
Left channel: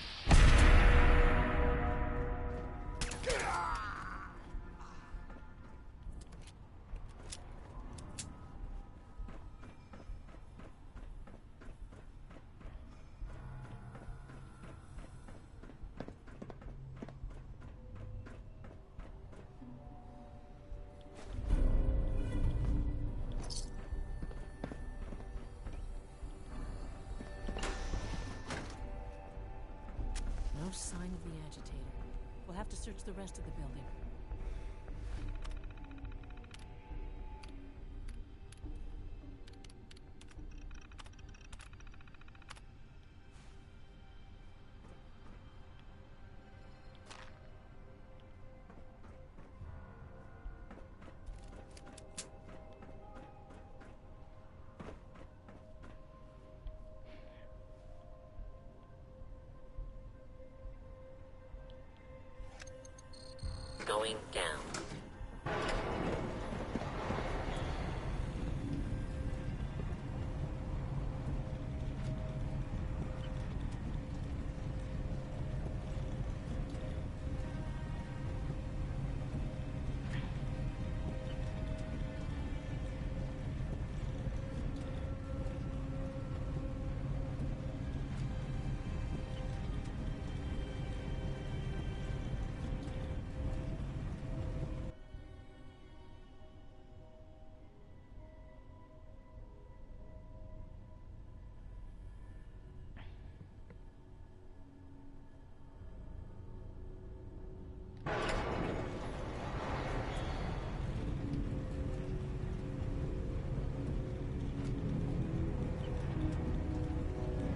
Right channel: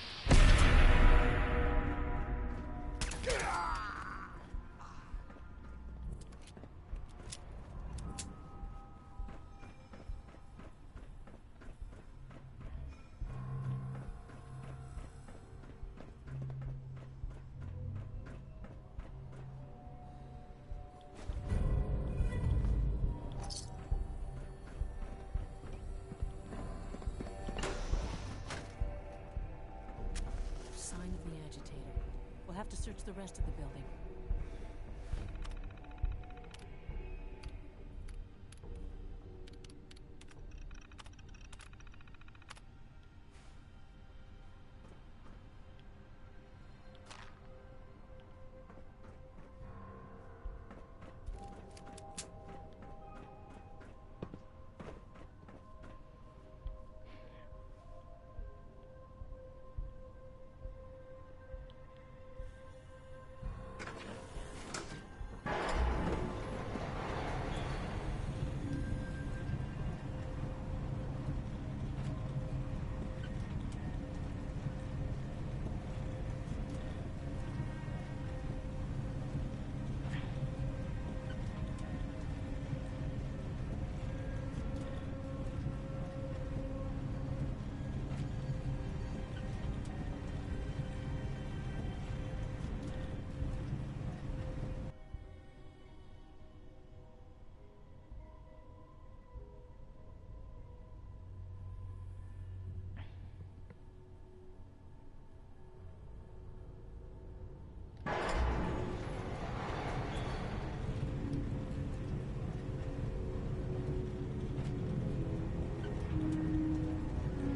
No sign of the agitator. We'll have to search the rest of the building. Going down.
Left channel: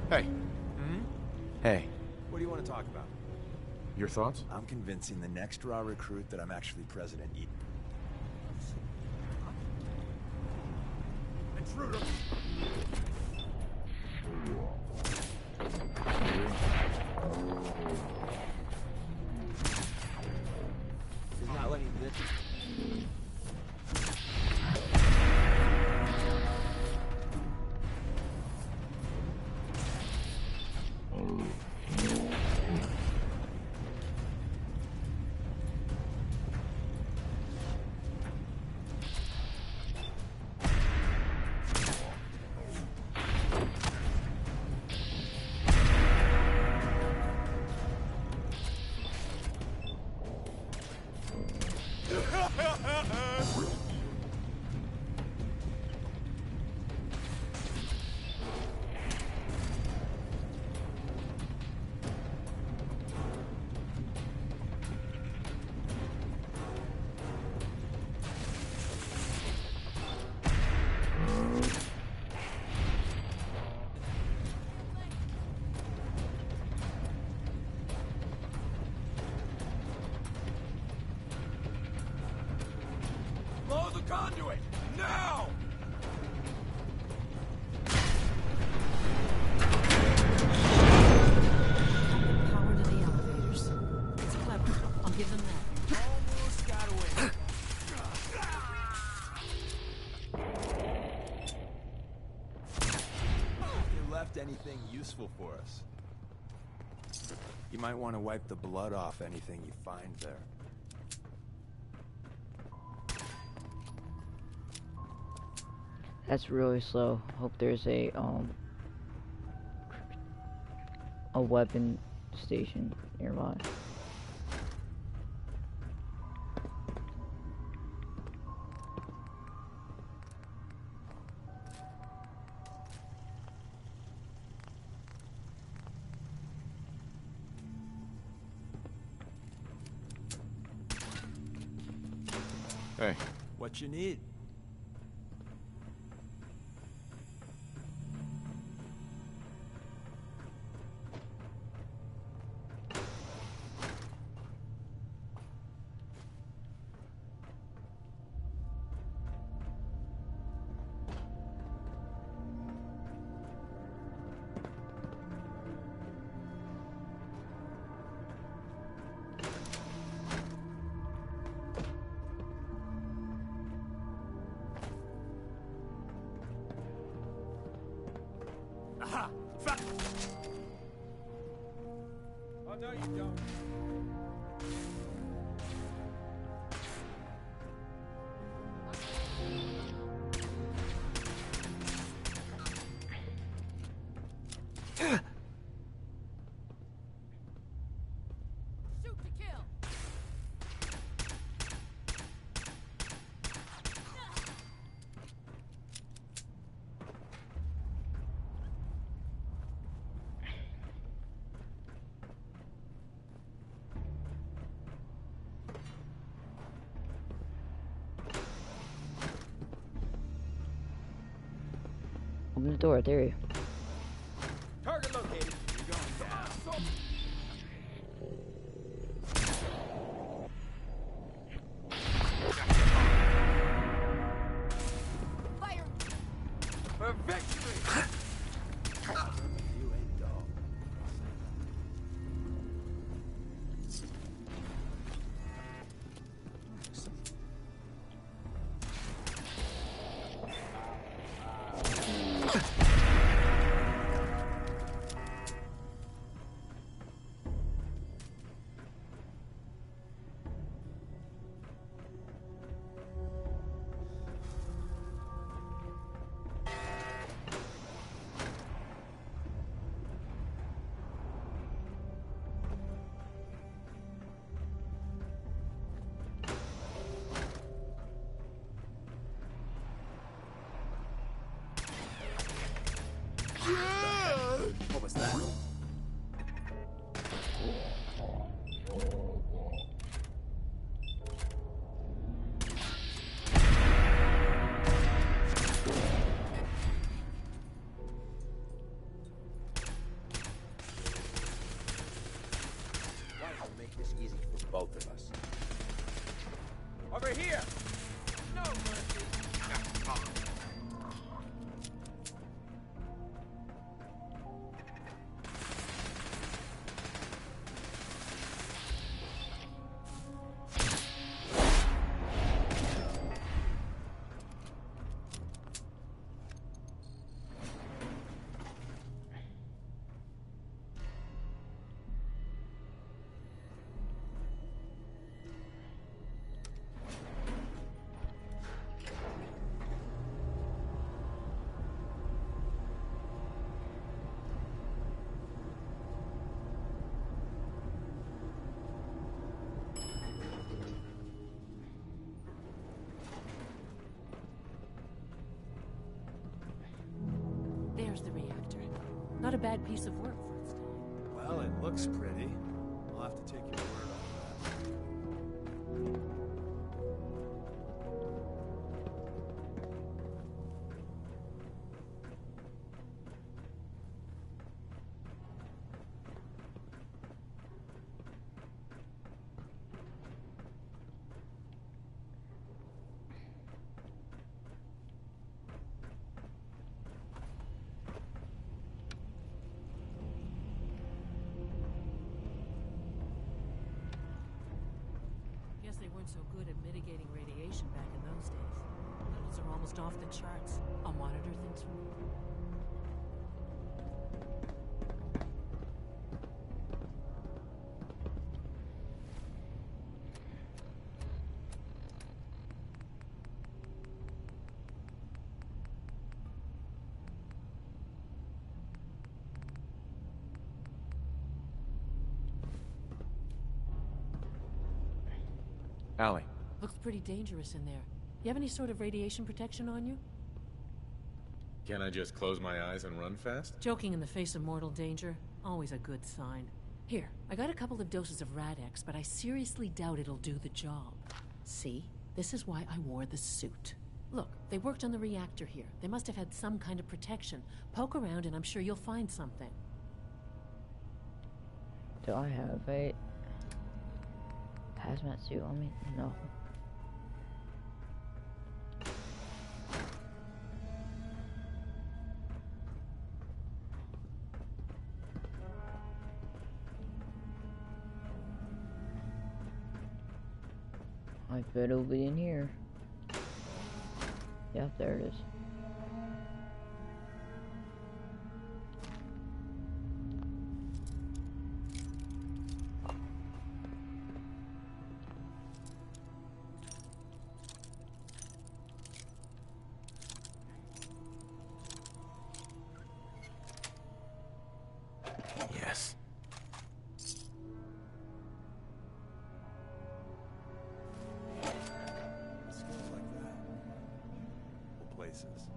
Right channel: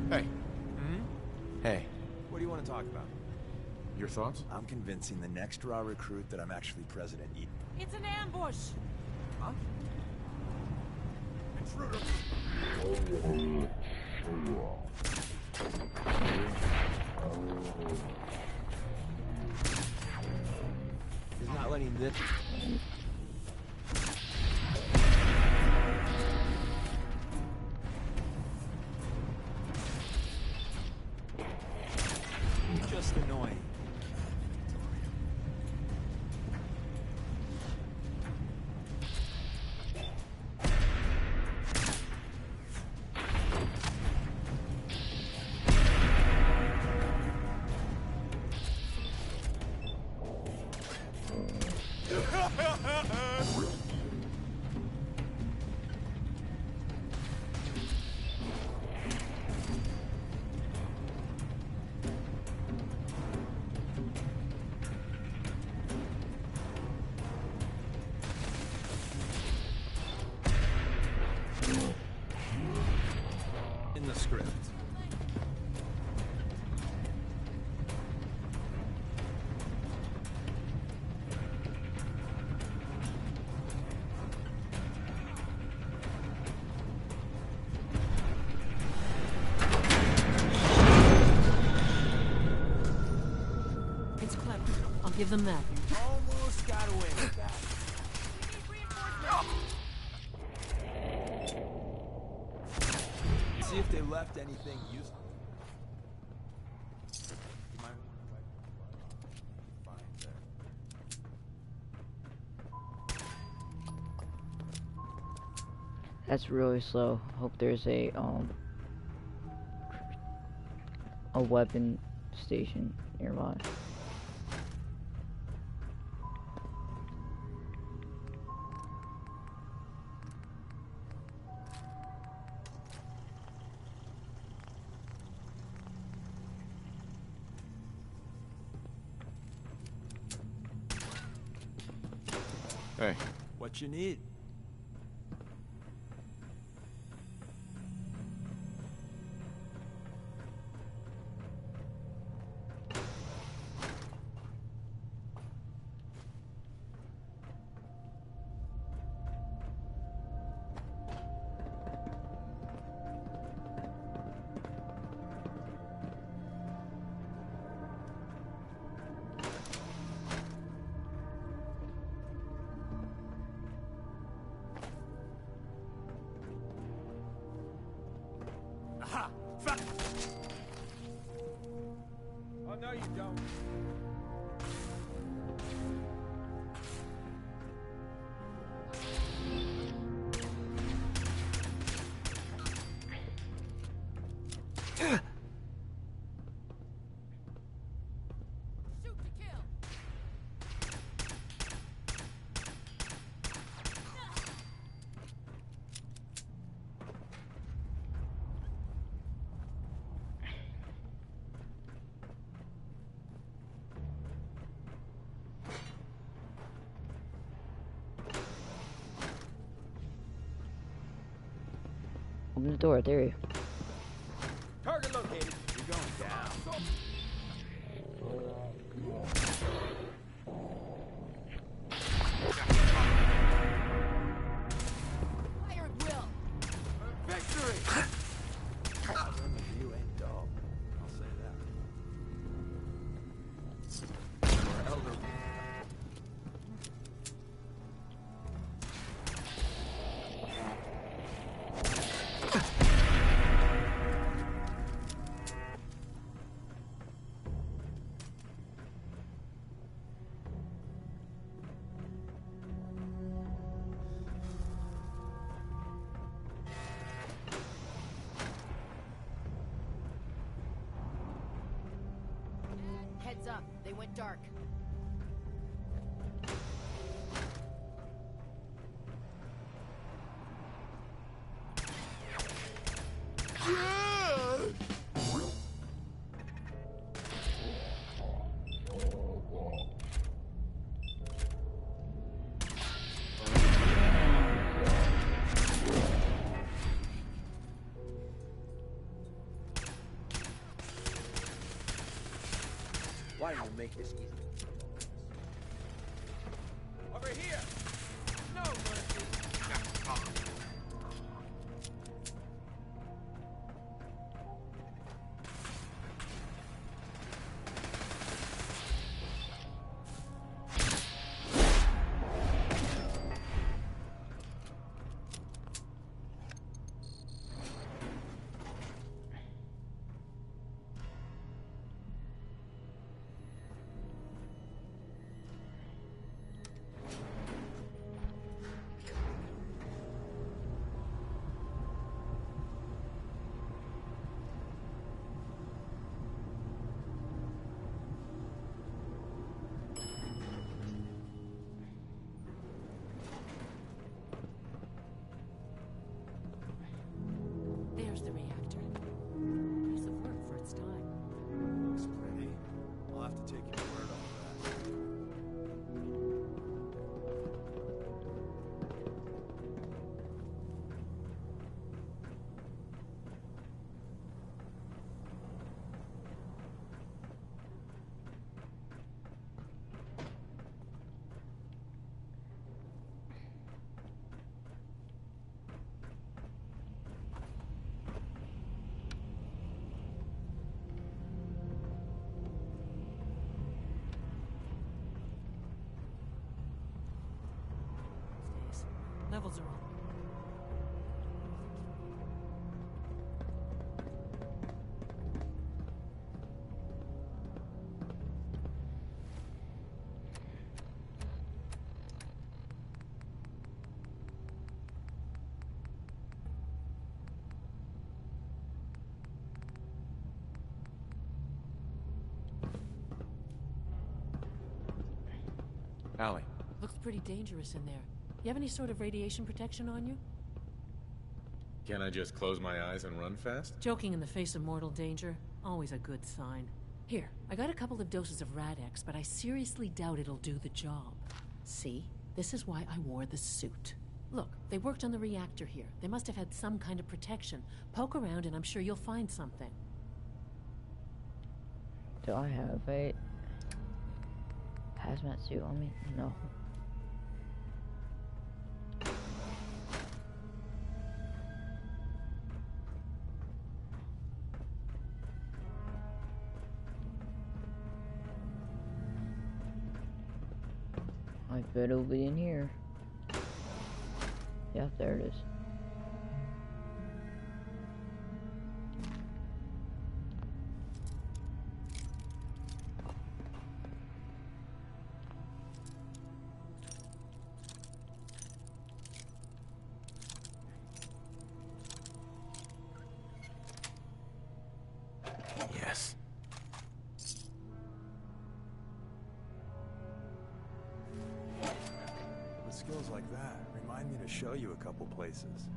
Hey. Hey. What do you want to talk about? Your thoughts? I'm convincing the next raw recruit that I'm actually President E. It's an ambush! Huh? Intruder! He's not letting this... Just annoying. In the script. Blow the conduit! Now! It's clever. I'll give them that. Almost got away. See if they left anything useful for us. You might want to wipe the blood off anything you find there. That's really slow. Hope there's a weapon station nearby. Hey. What you need? Aha! Oh, no, you don't. Shoot to kill. Open the door, there you go. Target located. You're going down. Fire and drill. For victory! You ain't dull. I'll say that. Heads up. They went dark. What was that? Why don't you make this easy for both of us? Over here! No mercy! There's the reactor. Not a bad piece of work for its time. Well, it looks pretty. I'll have to take your word on that. Allie. Looks pretty dangerous in there. You have any sort of radiation protection on you? Can I just close my eyes and run fast? Joking in the face of mortal danger, always a good sign. Here, I got a couple of doses of Rad-X, but I seriously doubt it'll do the job. See? This is why I wore the suit. Look, they worked on the reactor here. They must have had some kind of protection. Poke around and I'm sure you'll find something. Do I have a hazmat suit on me? No. I bet it'll be in here. Yeah, there it is. Yes. With skills like that, remind me to show you a couple places.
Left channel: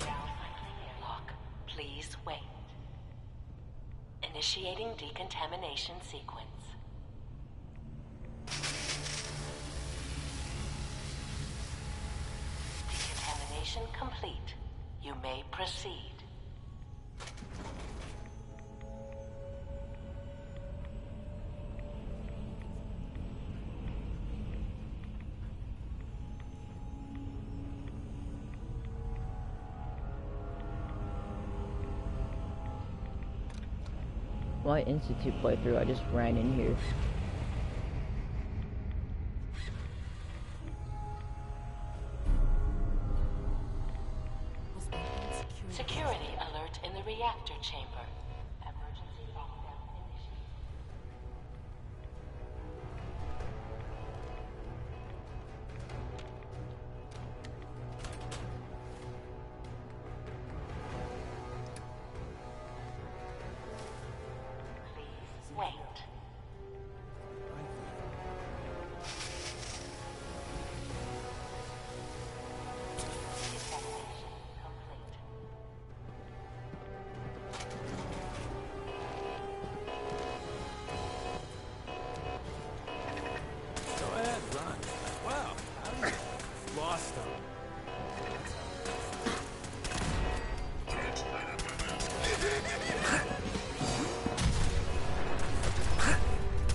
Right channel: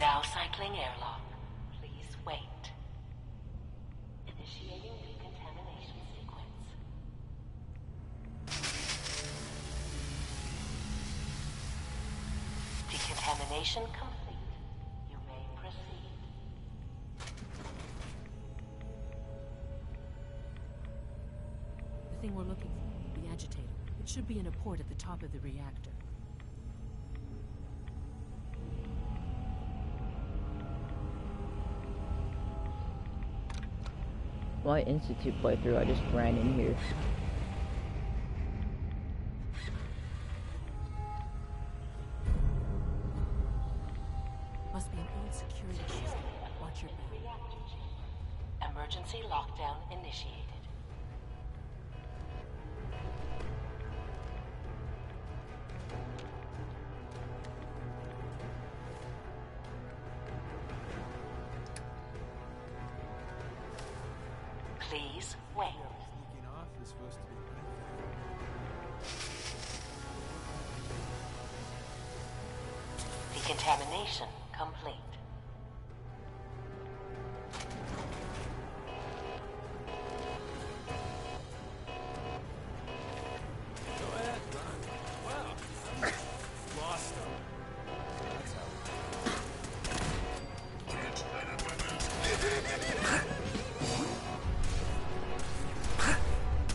Now cycling airlock. Please wait. Initiating decontamination sequence. Decontamination complete. You may proceed. The thing we're looking for, the agitator. It should be in a port at the top of the reactor. My Institute playthrough, I just ran in here. Must be an old security. Security alert in the reactor chamber. Emergency lockdown initiated. Please wait. Decontamination complete. Go ahead, run. Wow, how did you lost them? That's how.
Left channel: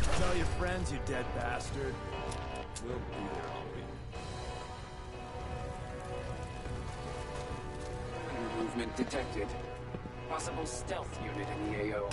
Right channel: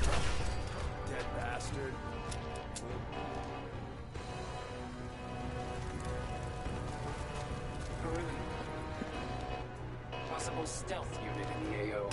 Tell your friends, you dead bastard. We'll be Perimeter movement detected. Possible stealth unit in the AO.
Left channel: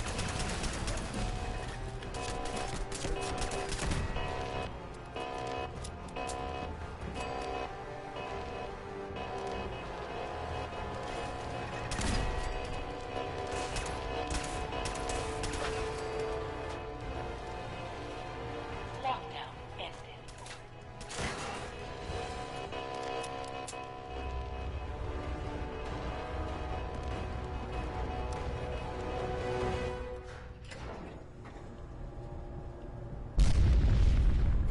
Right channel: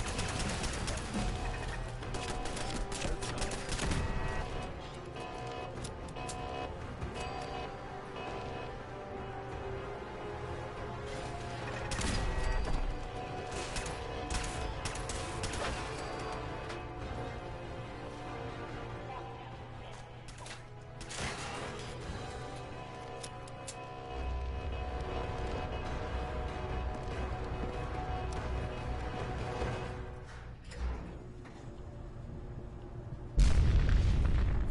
Lockdown ended.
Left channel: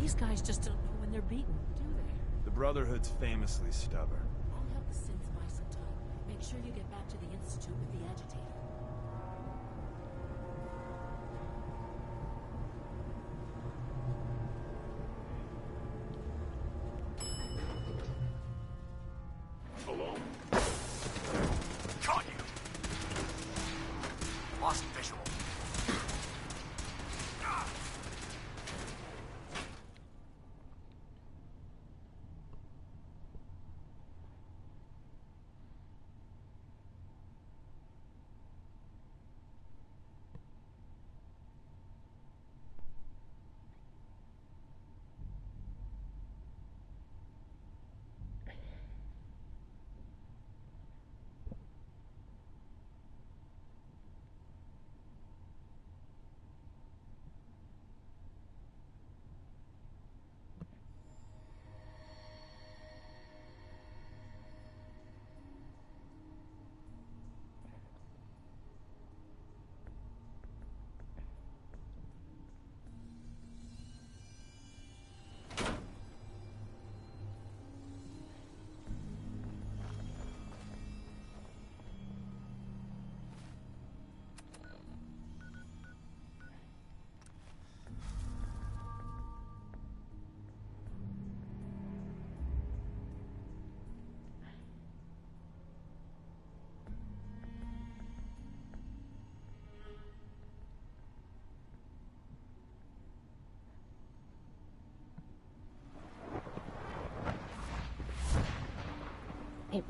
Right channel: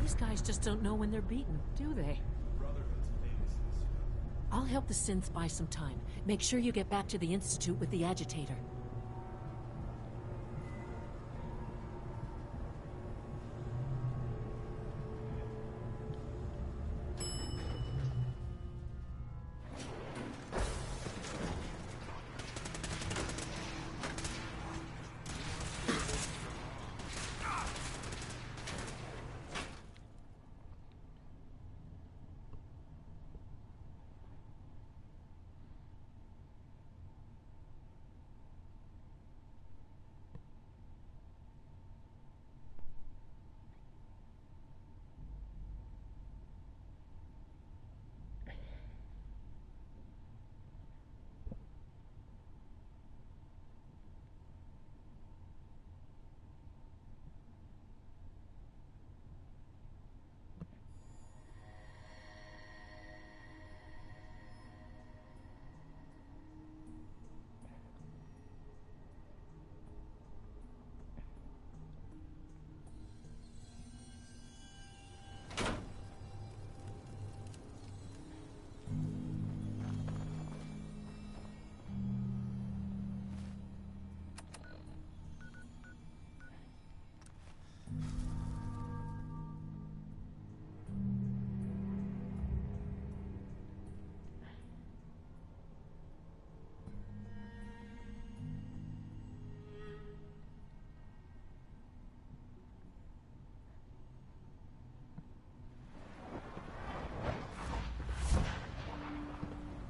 These guys just don't know when they're beaten, do they? The Brotherhood's famously stubborn. I'll help the synths buy some time. Make sure you get back to the Institute with the agitator. Caught you! Lost visual.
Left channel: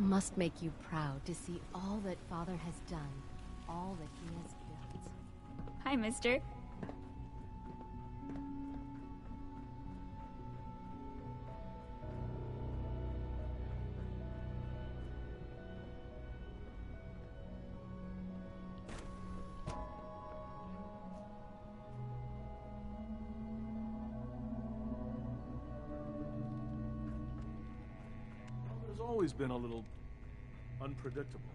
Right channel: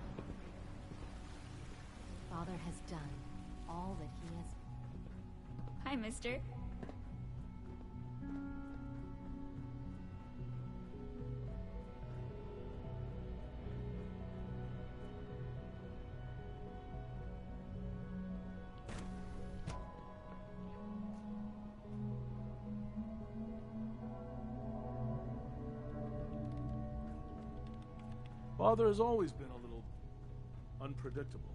must make you proud to see all that Father has done, all that he has built. Hi, mister. Father has always been a little unpredictable.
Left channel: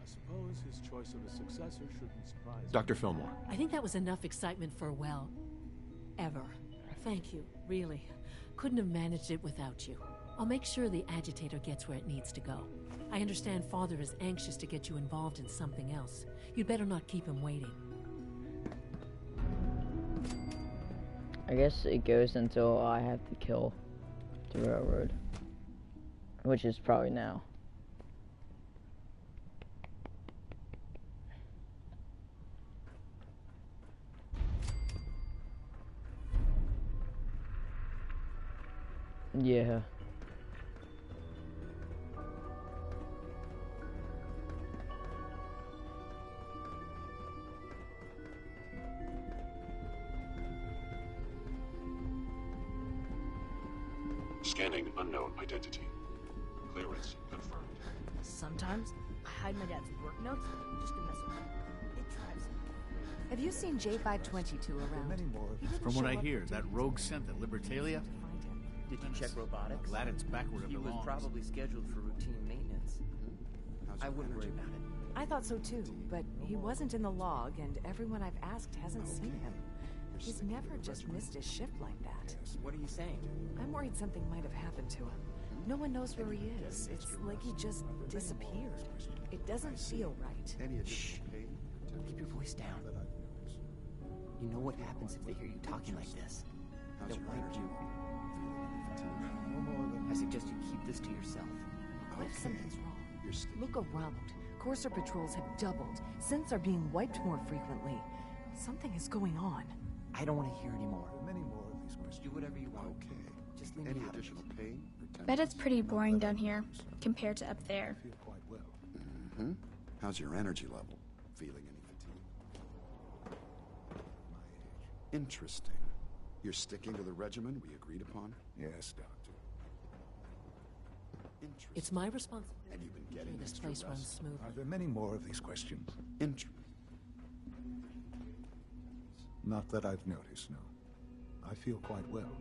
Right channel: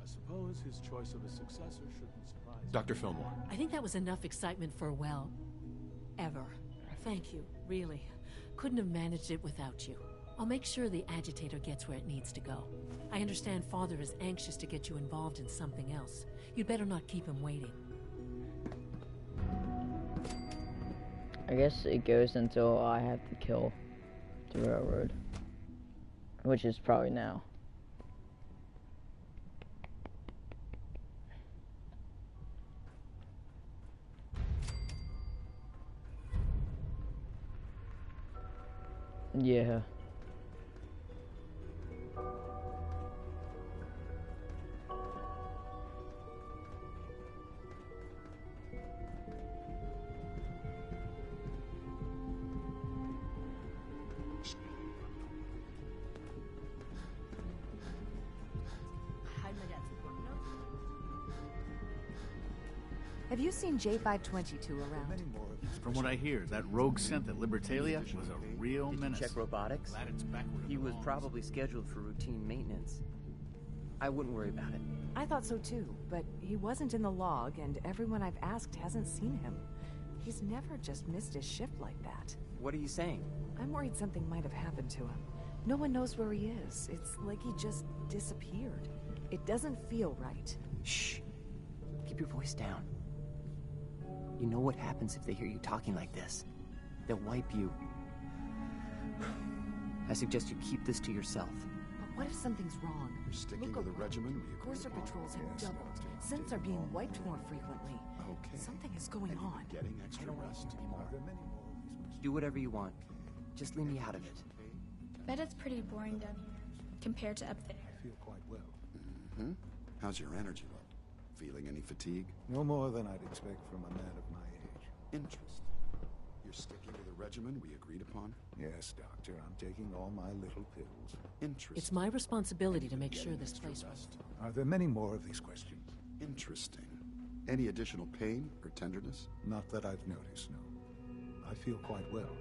I suppose his choice of a successor shouldn't surprise me. Dr. Fillmore. I think that was enough excitement for, well, ever. Thank you, really. Couldn't have managed it without you. I'll make sure the agitator gets where it needs to go. I understand Father is anxious to get you involved in something else. You'd better not keep him waiting. I guess it goes until I have to kill the railroad. Which is probably now. Yeah. Scanning unknown identity. Clearance confirmed. Sometimes I hide my dad's work notes just to mess with him. Have you seen J522 around? From what I hear, that rogue scent at Libertalia was a real Did menace. you check robotics? Glad it's back where it He was belongs. probably scheduled for routine maintenance. I wouldn't worry about it. I thought so too, but he wasn't in the log, and everyone I've asked hasn't seen him. He's never just missed his shift like that. What are you saying? I'm worried something might have happened to him. No one knows where he is. It's like he just disappeared. It doesn't feel right. Shh. Keep your voice down. You know what happens if they hear you talking like this? They'll wipe you. I suggest you keep this to yourself. But what if something's wrong? Look around. Courser patrols have doubled. Scents are being wiped more frequently. Something is going on. I don't want to hear anymore. Do whatever you want. Just leave me out of it. Bet it's pretty boring down here, compared to up there. Mm-hmm. How's your energy level? Feeling any fatigue? No more than I'd expect from a man of my age. Interesting. You're sticking to the regimen we agreed upon? Yes, Doctor. I'm taking all my little pills. Interesting. It's my responsibility to make sure this place runs smooth. Are there many more of these questions? Interesting. Any additional pain or tenderness? Not that I've noticed, no. I feel quite well.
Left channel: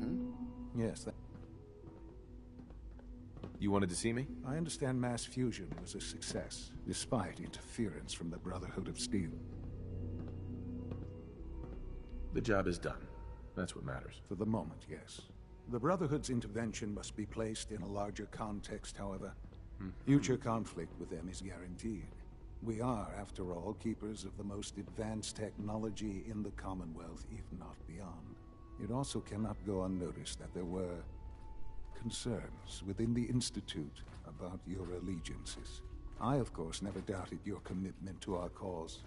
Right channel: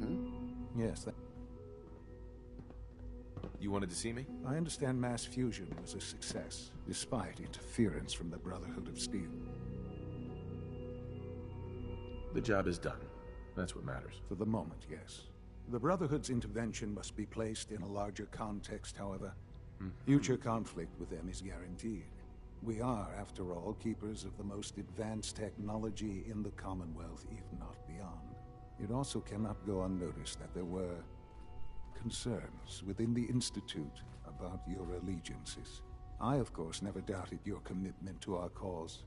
Mm-hmm. Yes, You wanted to see me? I understand mass fusion was a success, despite interference from the Brotherhood of Steel. The job is done. That's what matters. For the moment, yes. The Brotherhood's intervention must be placed in a larger context, however. Future conflict with them is guaranteed. We are, after all, keepers of the most advanced technology in the Commonwealth, if not beyond. It also cannot go unnoticed that there were concerns within the Institute about your allegiances. I, of course, never doubted your commitment to our cause.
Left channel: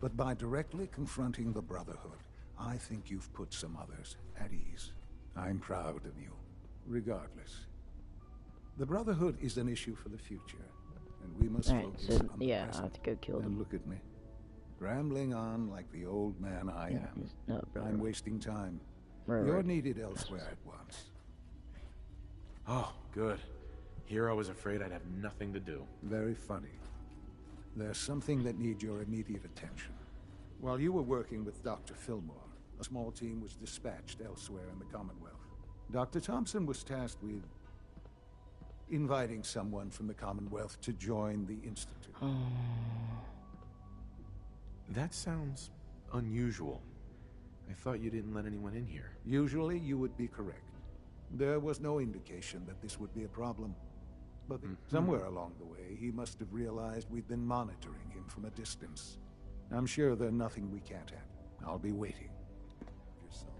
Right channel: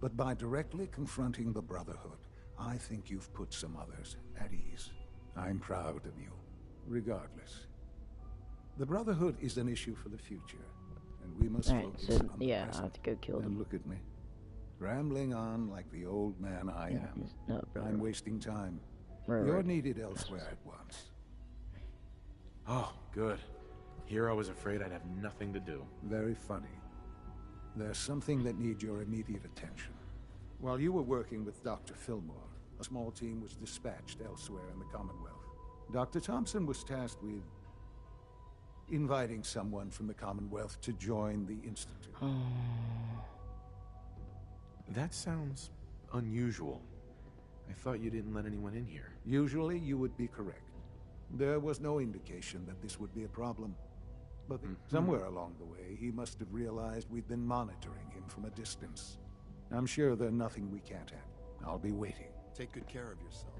But by directly confronting the Brotherhood, I think you've put some others at ease. I'm proud of you, regardless. The Brotherhood is an issue for the future, and we must focus on the yeah, present. I have to go kill them. And look at me, rambling on like the old man I am. I'm wasting time. You're needed elsewhere at once. Oh, good. Here I was afraid I'd have nothing to do. Very funny. There's something that needs your immediate attention. While you were working with Dr. Fillmore, a small team was dispatched elsewhere in the Commonwealth. Dr. Thompson was tasked with inviting someone from the Commonwealth to join the Institute. That sounds unusual. I thought you didn't let anyone in here. Usually you would be correct. There was no indication that this would be a problem. But somewhere along the way, he must have realized we'd been monitoring him from a distance. I'm sure there's nothing we can't handle. I'll be waiting. Take good care of yourself,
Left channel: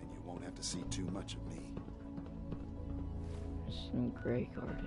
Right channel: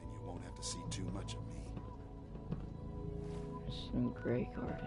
and you won't have to see too much of me. It's in Grey Garden.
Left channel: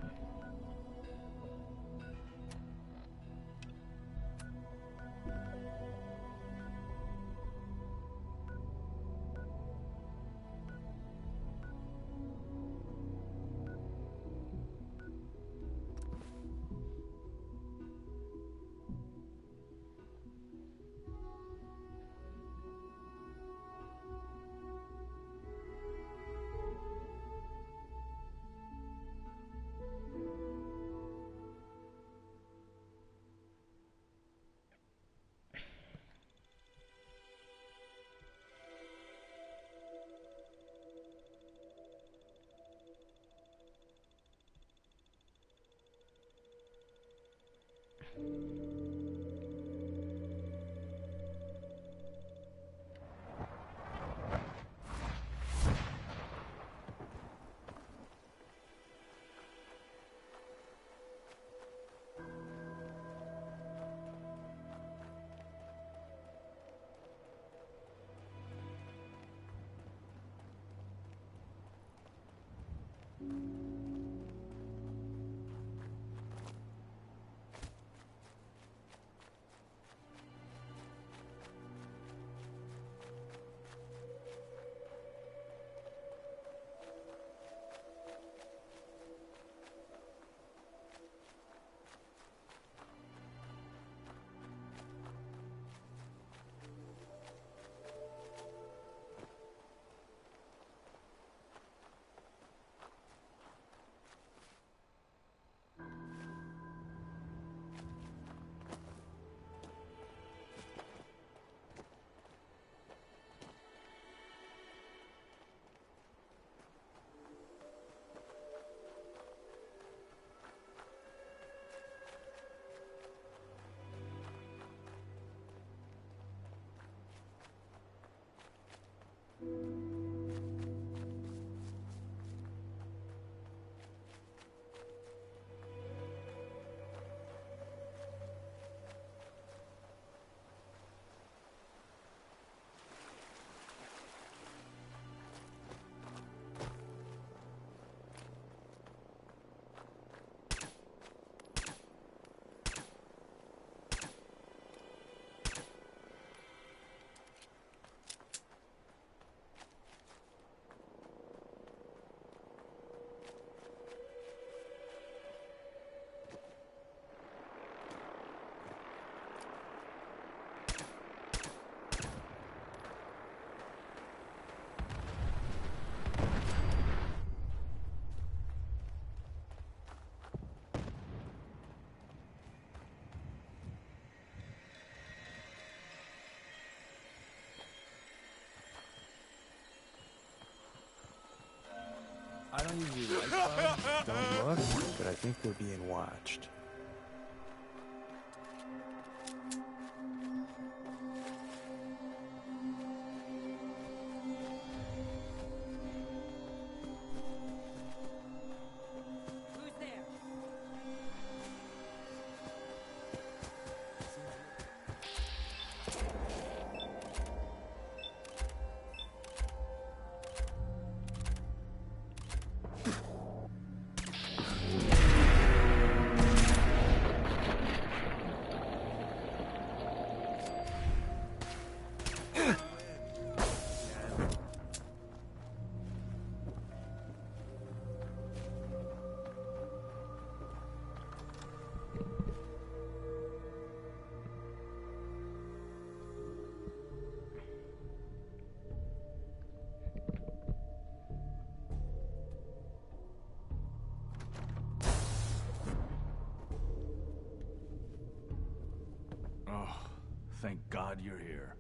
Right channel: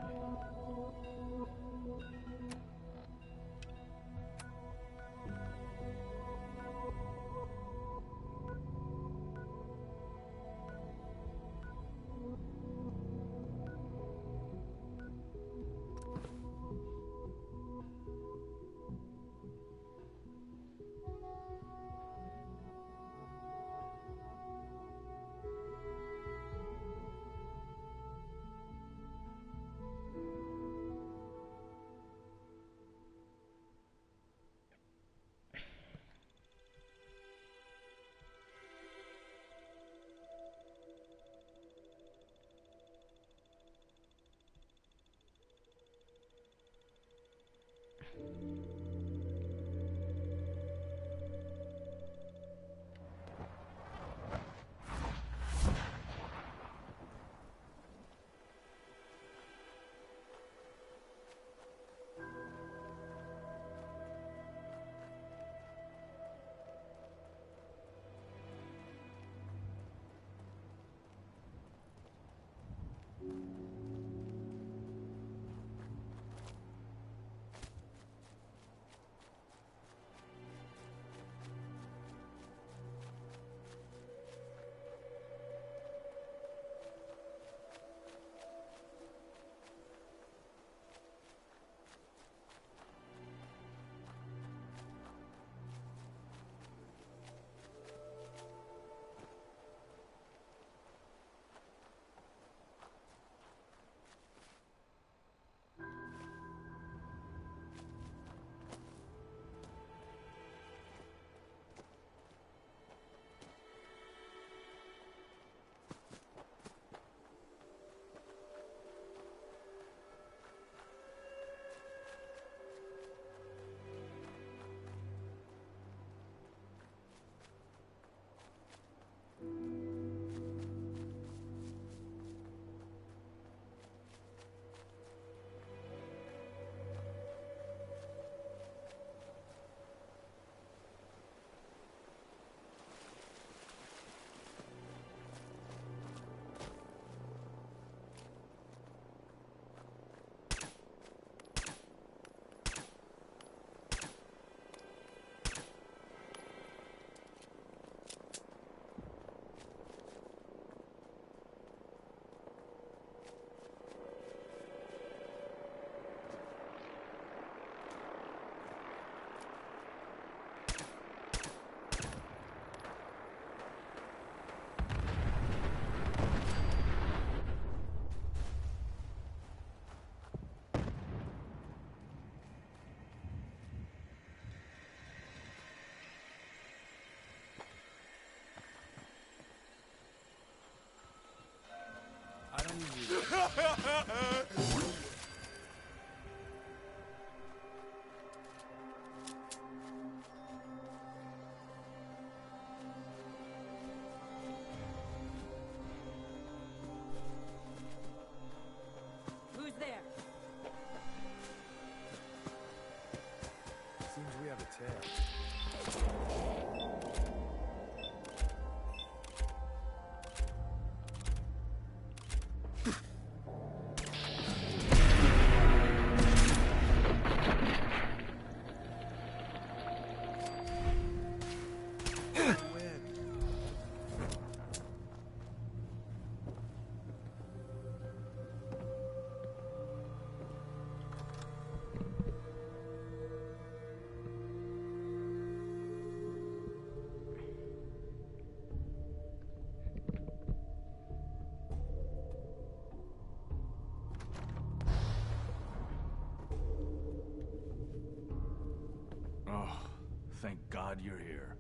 watched. Who's there? Seems we have a tail. Oh, thank God you're here.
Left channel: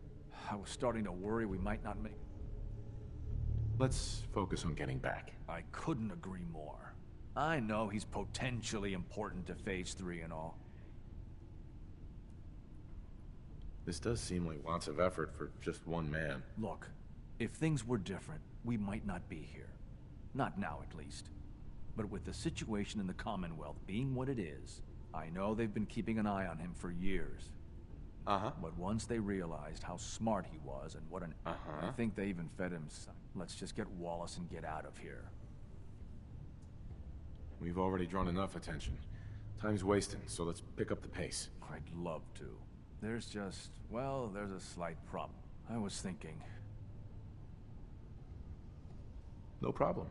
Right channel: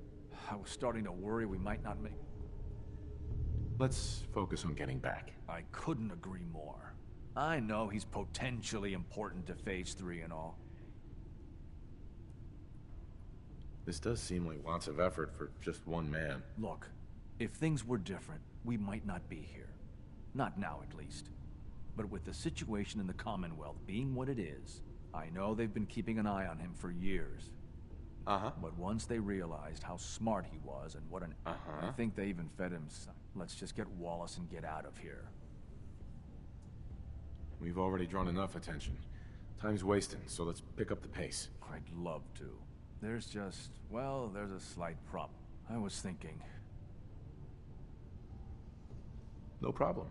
I was starting to worry we might not make... Let's focus on getting back. I couldn't agree more. I know he's potentially important to Phase 3 and all. This does seem like lots of effort for just one man. Look, if things were different, we might not be here. Not now, at least. But with the situation in the Commonwealth being what it is, I know they've been keeping an eye on him for years. But once they realized how smart he was and what an... I think they even fed him... Let's just get Wallace and get out of here. We've already drawn enough attention. Time's wasting, so let's pick up the pace. I'd love to. There's just... well, there's a slight problem. I was thinking... No problem.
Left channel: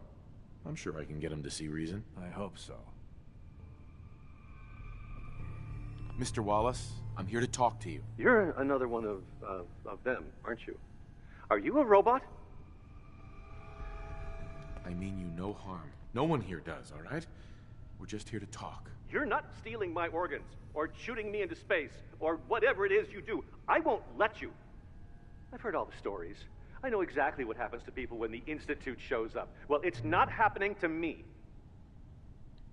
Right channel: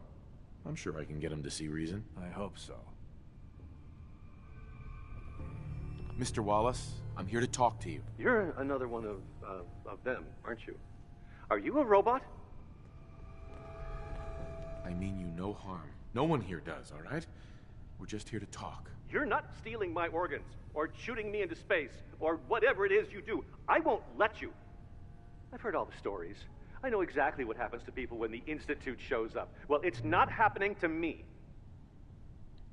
I'm sure I can get him to see reason. I hope so. Mr. Wallace, I'm here to talk to you. You're another one of them, aren't you? Are you a robot? I mean you no harm. No one here does, all right? We're just here to talk. You're not stealing my organs, or shooting me into space, or whatever it is you do. I won't let you. I've heard all the stories. I know exactly what happens to people when the Institute shows up. Well, it's not happening to me.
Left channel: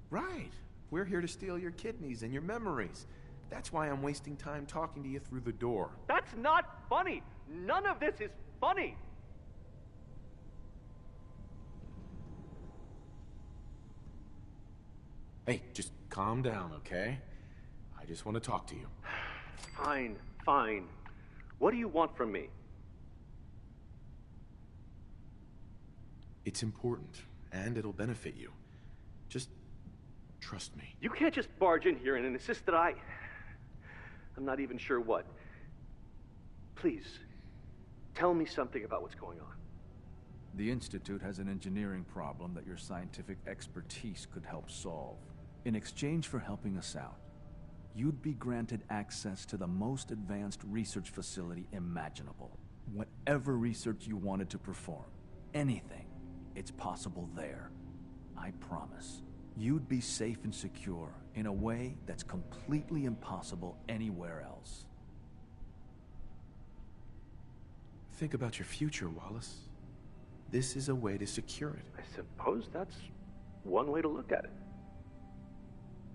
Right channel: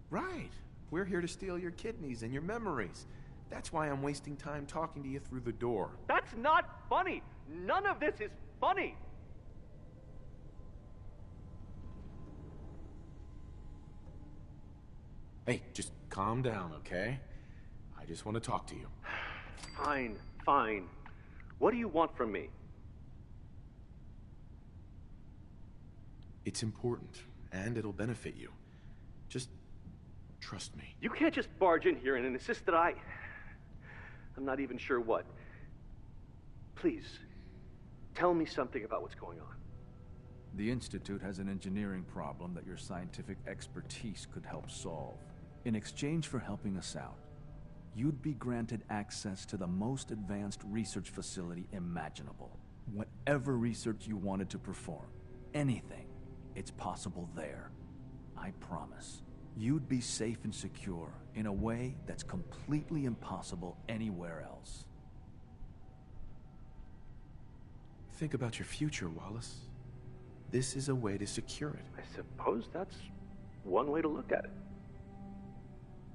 Right. We're here to steal your kidneys and your memories. That's why I'm wasting time talking to you through the door. That's not funny! None of this is funny! Hey, just calm down, okay? I just want to talk to you. Fine, fine. What do you want from me? It's important, and it'll benefit you. Just trust me. You can't just barge in here and insist that I'm not even sure what. Please, tell me something about what's going on. The Institute has an engineering problem that your scientific expertise could help solve. In exchange for helping us out, you'd be granted access to the most advanced research facility imaginable. Whatever research you wanted to perform, anything, it's possible there. I promise. You'd be safe and secure in a way that's completely impossible anywhere else. Think about your future, Wallace. This is a way to secure it. I suppose that's one way to look at it.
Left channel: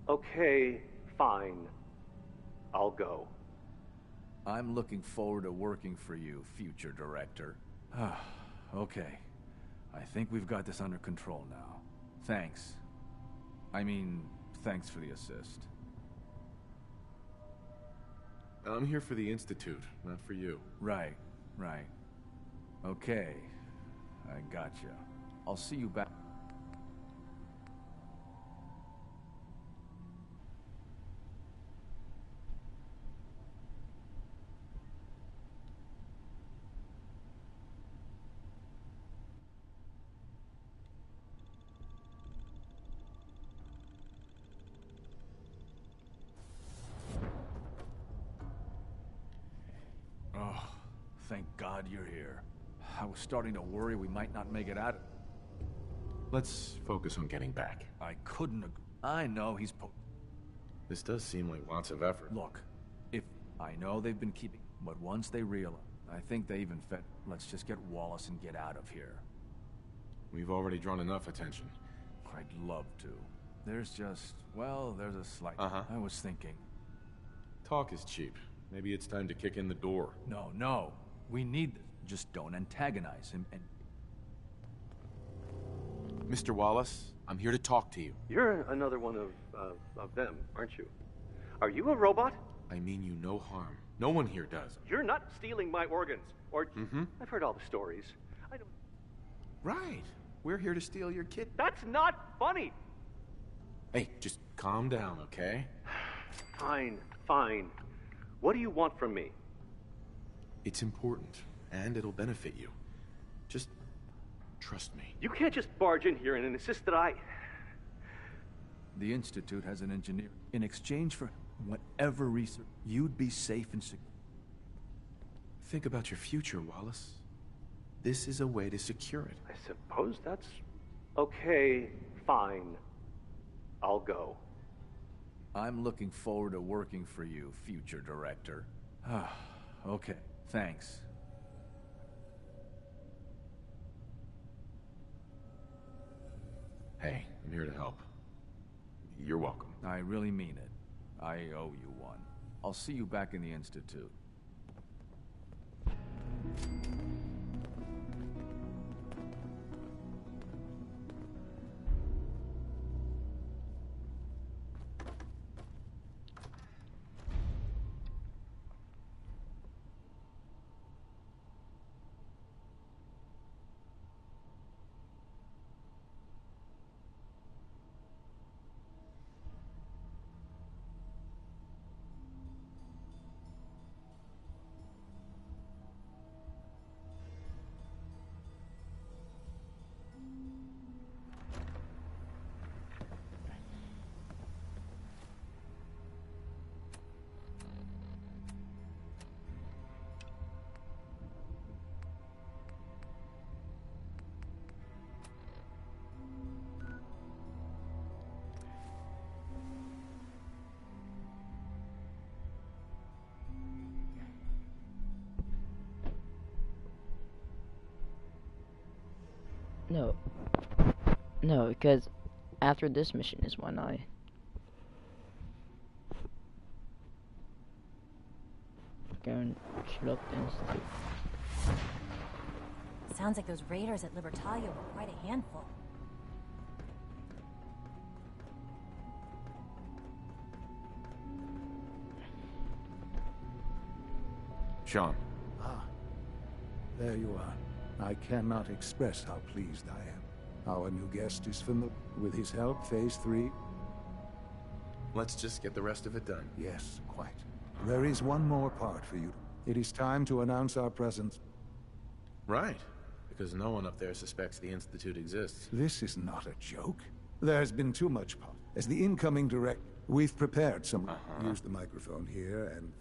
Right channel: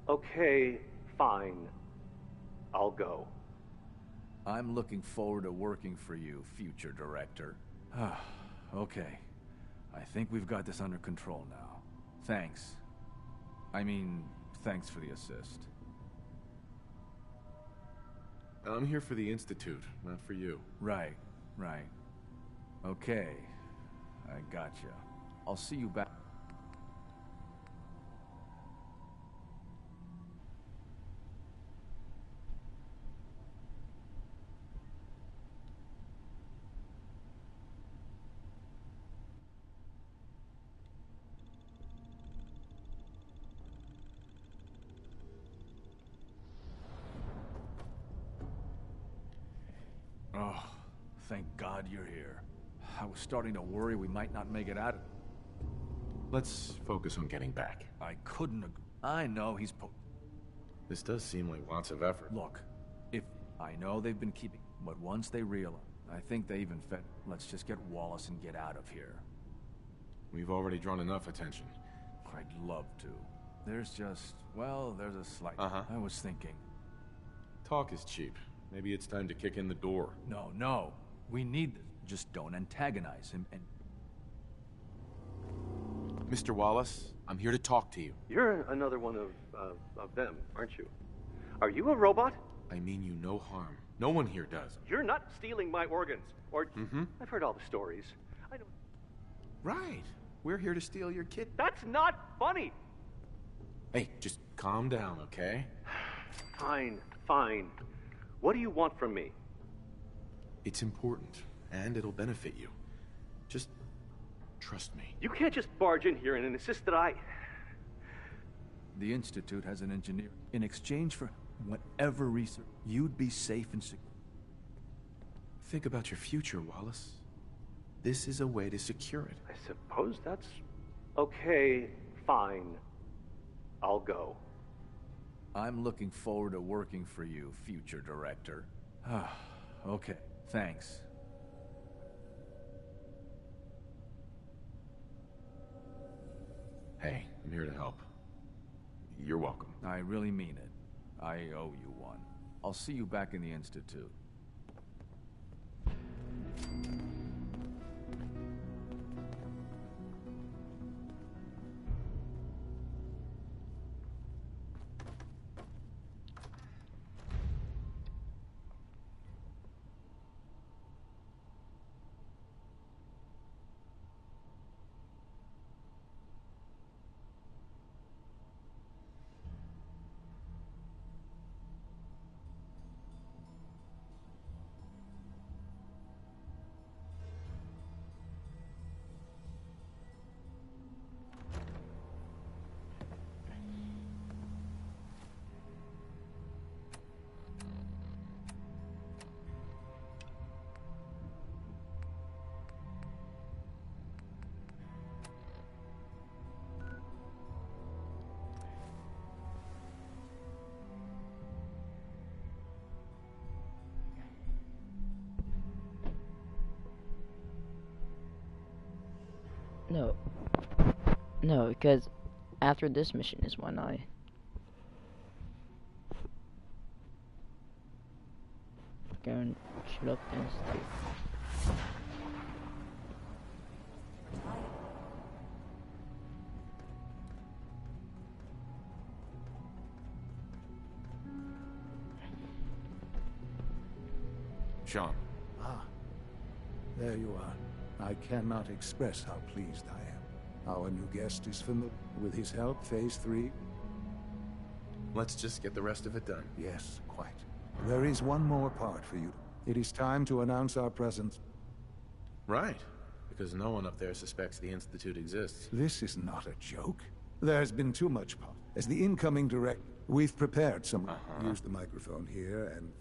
Okay, fine. I'll go. I'm looking forward to working for you, future director. Okay. I think we've got this under control now. Thanks. I mean, thanks for the assist. I'm here for the Institute, not for you. Right. Okay. I gotcha. I'll see you back. Oh, thank God you're here. I was starting to worry we might not make it out of... Let's focus on getting back. I couldn't I know he's This does seem like lots of effort. Look, if... I know they've been keeping... But once they realize... I think they even fed... Let's just get Wallace and get out of here. We've already drawn enough attention. I'd love to. There's just, well, there's a slight... I was thinking. Talk is cheap. Maybe it's time to kick in the door. No. We need this. Just don't antagonize him and... Mr. Wallace, I'm here to talk to you. You're another one of them, aren't you? Are you a robot? I mean you no harm. No one here does. You're not stealing my organs, or... I've heard all the stories. I don't... Right. We're here to steal your kid. That's not funny! Hey, just calm down, okay? Fine. What do you want from me? It's important, and it'll benefit you. Just trust me. You can't just barge in here and insist that I... The Institute has an engineer. In exchange for whatever research, you'd be safe and secure. Think about your future, Wallace. This is a way to secure it. I suppose that's... Okay, fine. I'll go. I'm looking forward to working for you, future director. Okay, thanks. Hey, I'm here to help. You're welcome. I really mean it. I owe you one. I'll see you back in the Institute. No, because after this mission is when I... go and shoot up the Institute. Sounds like those raiders at Libertalia were quite a handful. Sean. There you are. I cannot express how pleased I am. Our new guest is familiar. With his help, Phase 3... Let's just get the rest of it done. Yes, quite. There is one more part for you. It is time to announce our presence. Right. Because no one up there suspects the Institute exists. This is not a joke. There's been too much pop. As the incoming director, we've prepared some... Use the microphone here and...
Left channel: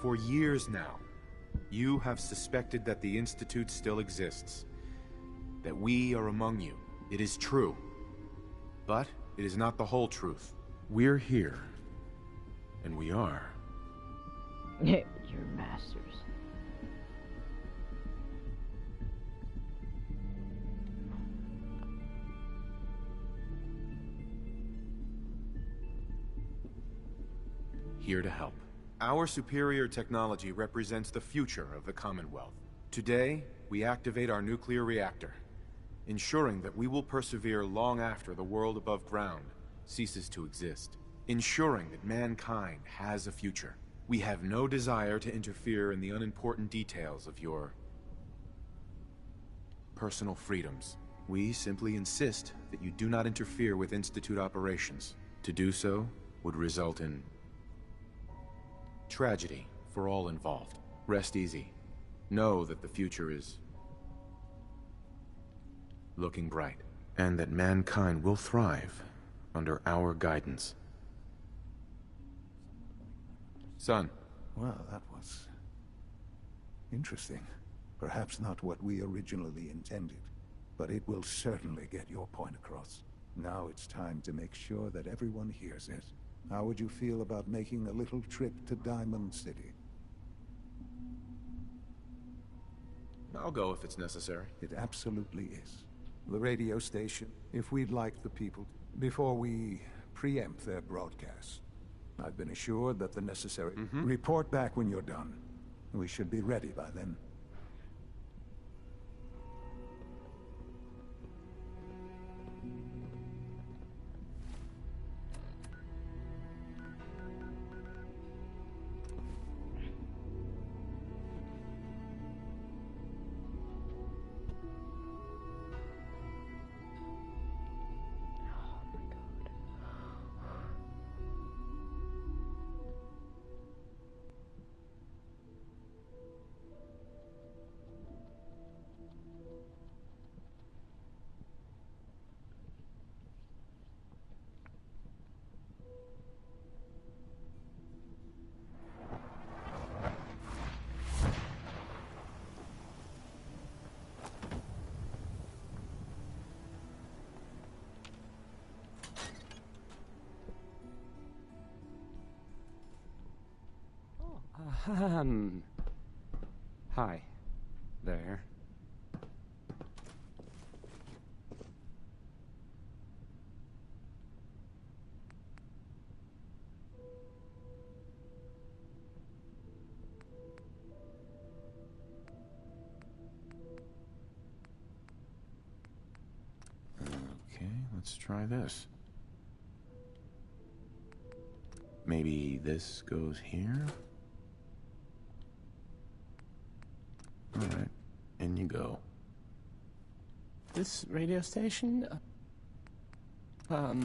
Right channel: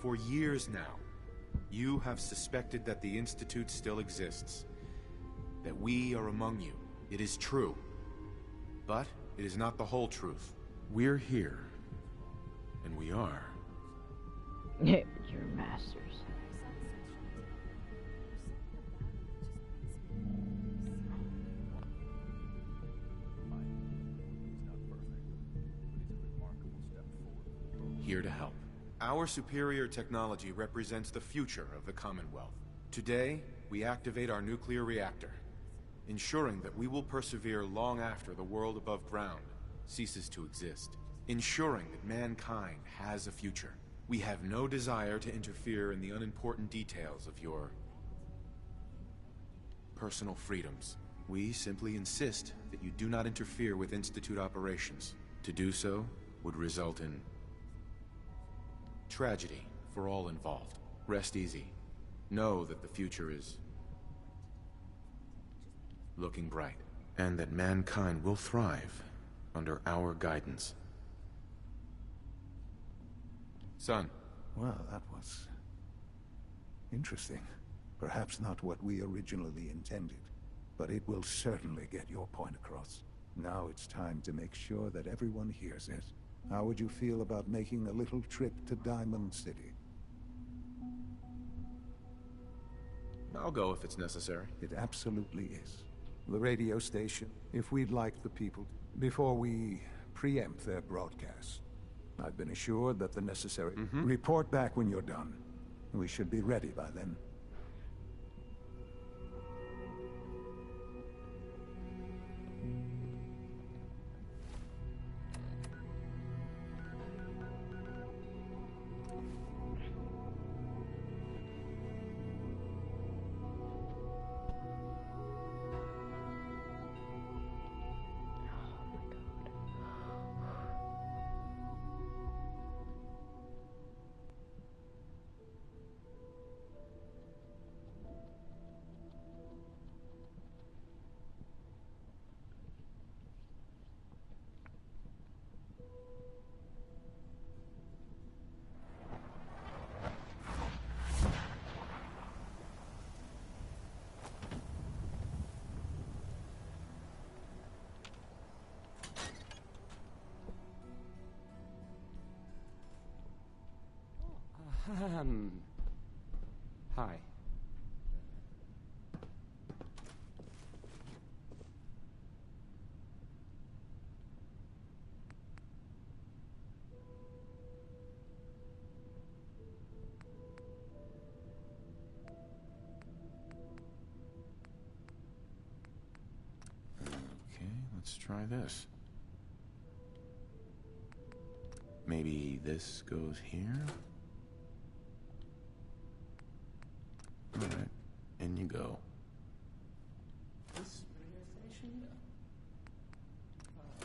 For years now, you have suspected that the Institute still exists. That we are among you. It is true. But it is not the whole truth. We're here. And we are. Your masters. Here to help. Our superior technology represents the future of the Commonwealth. Today, we activate our nuclear reactor, ensuring that we will persevere long after the world above ground ceases to exist, ensuring that mankind has a future. We have no desire to interfere in the unimportant details of your personal freedoms. We simply insist that you do not interfere with Institute operations. To do so would result in tragedy for all involved. Rest easy. Know that the future is looking bright, and that mankind will thrive under our guidance. Son. Well, that was interesting. Perhaps not what we originally intended, but it will certainly get your point across. Now it's time to make sure that everyone hears it. How would you feel about making a little trip to Diamond City? I'll go if it's necessary. It absolutely is. The radio station, if we'd like the people, before we preempt their broadcast. I've been assured that the necessary... Report back when you're done. We should be ready by then. Hi. There. Okay, let's try this. Maybe this goes here? Alright, in you go. This radio station? Well,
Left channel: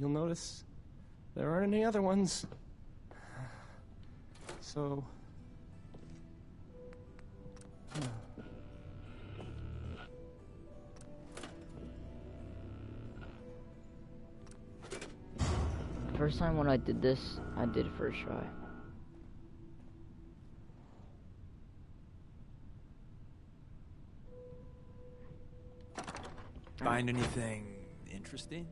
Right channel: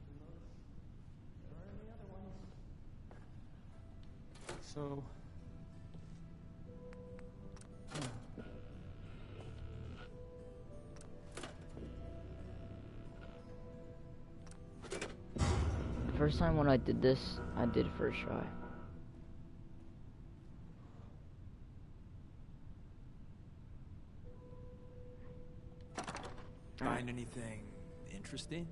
you'll notice there aren't any other ones. So... The first time when I did this, I did it first try. Find anything interesting?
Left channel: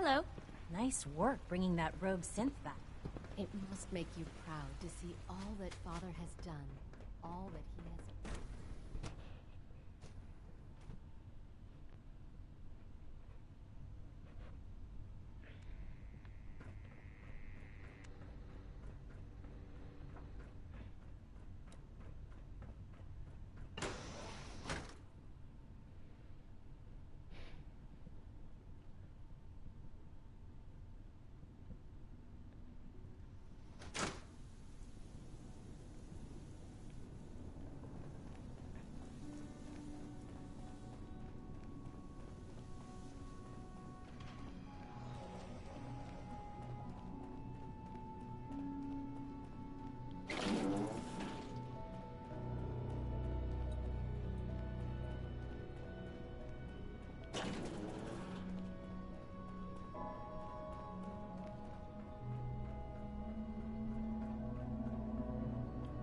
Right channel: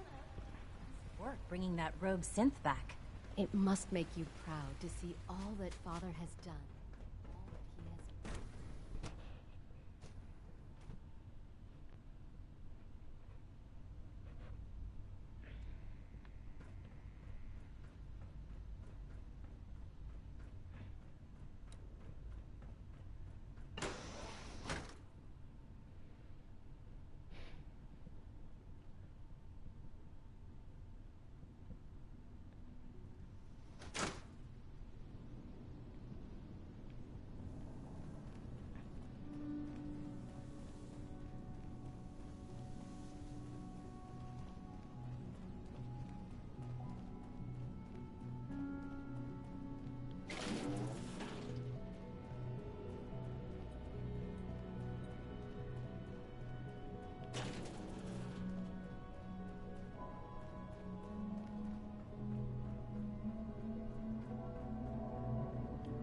Hello. Nice work bringing that rogue synth back. It must make you proud to see all that Father has done. All that he has...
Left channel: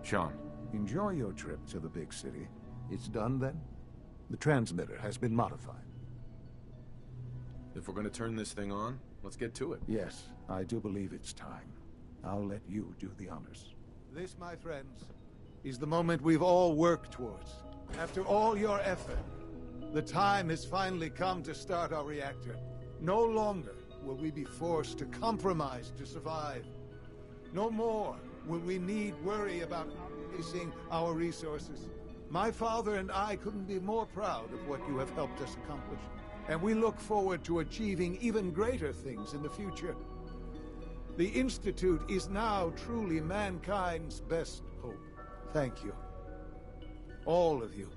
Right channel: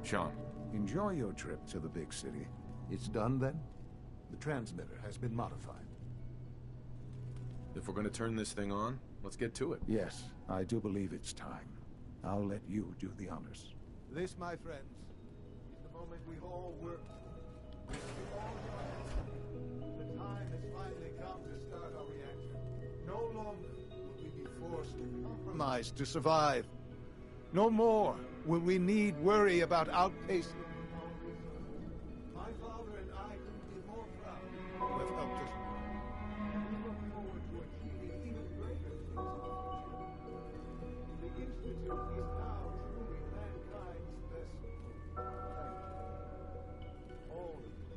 Sean. Enjoy your trip to the big city. It's done then? The transmitter has been modified. If we're gonna turn this thing on, let's get to it. Yes, I do believe it's time. I'll let you do the honors. This, my friends, is the moment we've all worked towards. After all your effort, the time has finally come to start our reactor. No longer will we be forced to compromise to survive. No more will we need worry about outpacing our resources. My father and I couldn't be more proud of what you have helped us accomplish, and we look forward to achieving even greater things in the future. The Institute is now truly mankind's best hope. Thank you. All of you.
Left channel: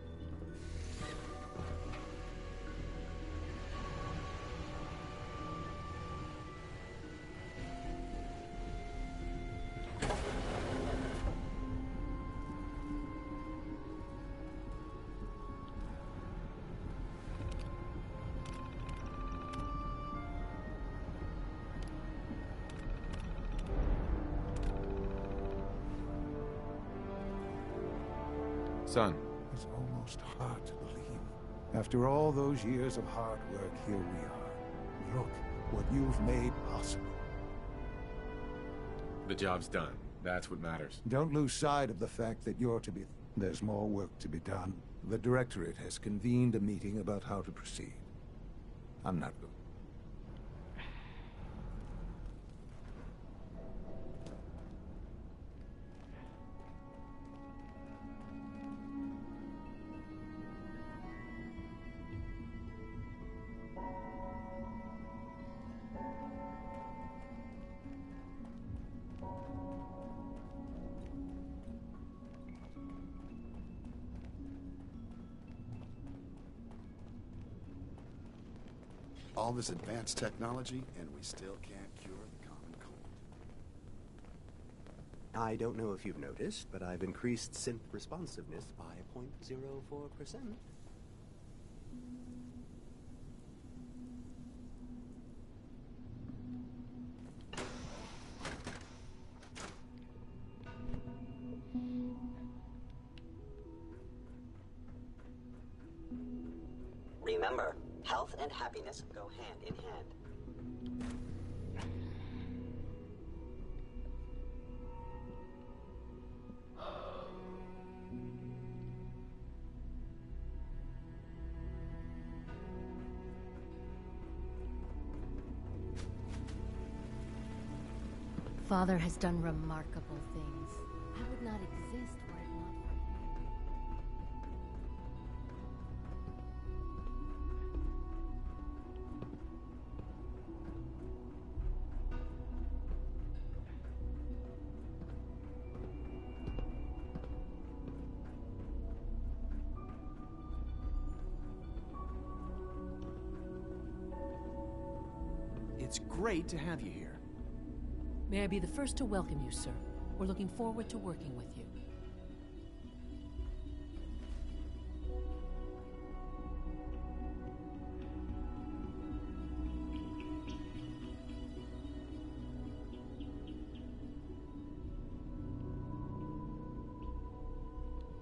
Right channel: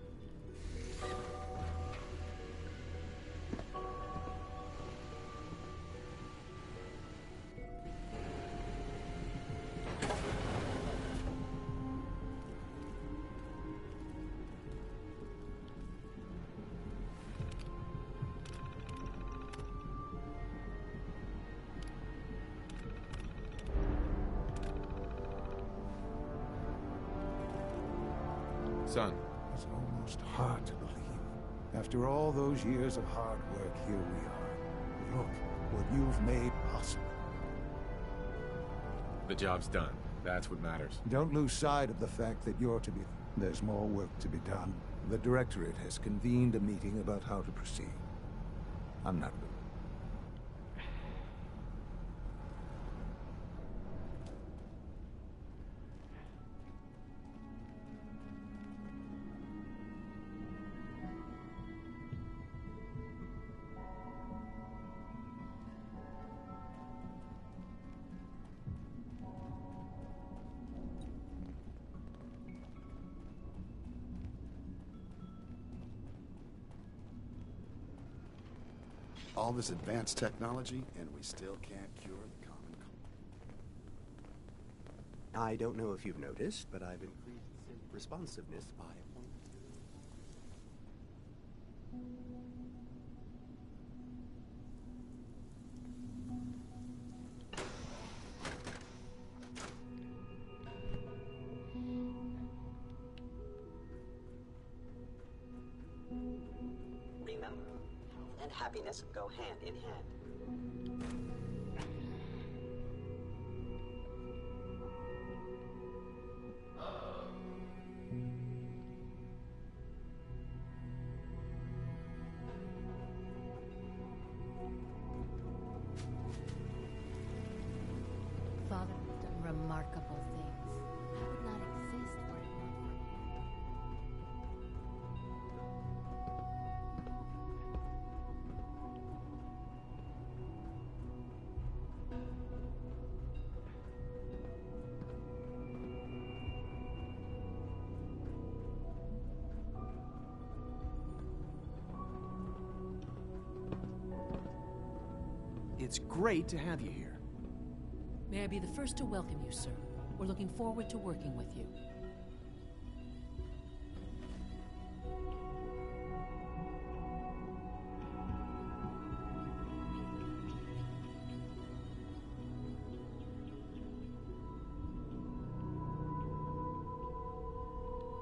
Son. It's almost hard to believe. After all those years of hard work, here we are. Look what you've made possible. The job's done. That's what matters. Don't lose sight of the fact that you're to be... There's more work to be done. The Directorate has convened a meeting about how to proceed. I'm not... All this advanced technology, and we still can't cure the common cold. I don't know if you've noticed, but I've increased synth responsiveness by 0.04%. Remember, health and happiness go hand in hand. Father has done remarkable things. I would not exist were it not for him. It's great to have you here. May I be the first to welcome you, sir. We're looking forward to working with you.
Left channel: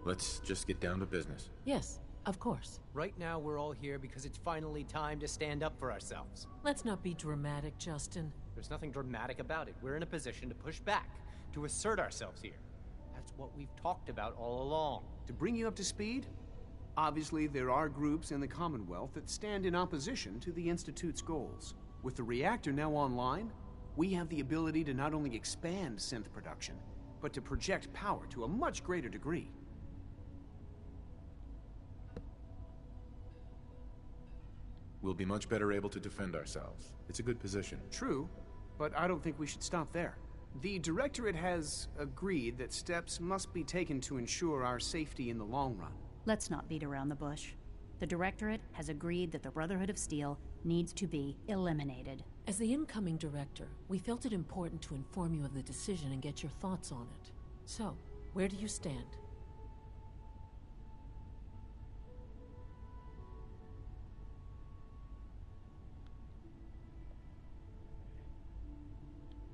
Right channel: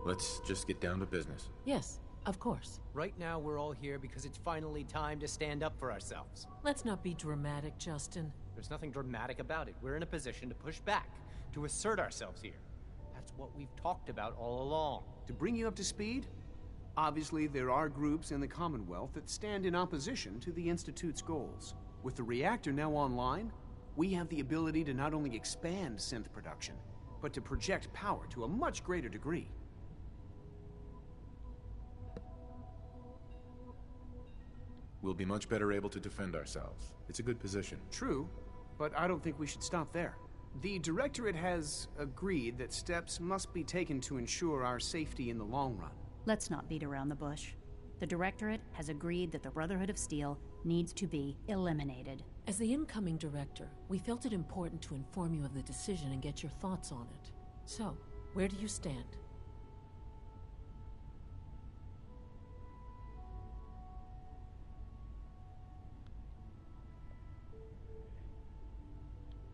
Let's just get down to business. Yes, of course. Right now, we're all here because it's finally time to stand up for ourselves. Let's not be dramatic, Justin. There's nothing dramatic about it. We're in a position to push back, to assert ourselves here. That's what we've talked about all along. To bring you up to speed, obviously there are groups in the Commonwealth that stand in opposition to the Institute's goals. With the reactor now online, we have the ability to not only expand synth production, but to project power to a much greater degree. We'll be much better able to defend ourselves. It's a good position. True, but I don't think we should stop there. The Directorate has agreed that steps must be taken to ensure our safety in the long run. Let's not beat around the bush. The Directorate has agreed that the Brotherhood of Steel needs to be eliminated. As the incoming director, we felt it important to inform you of the decision and get your thoughts on it. So, where do you stand?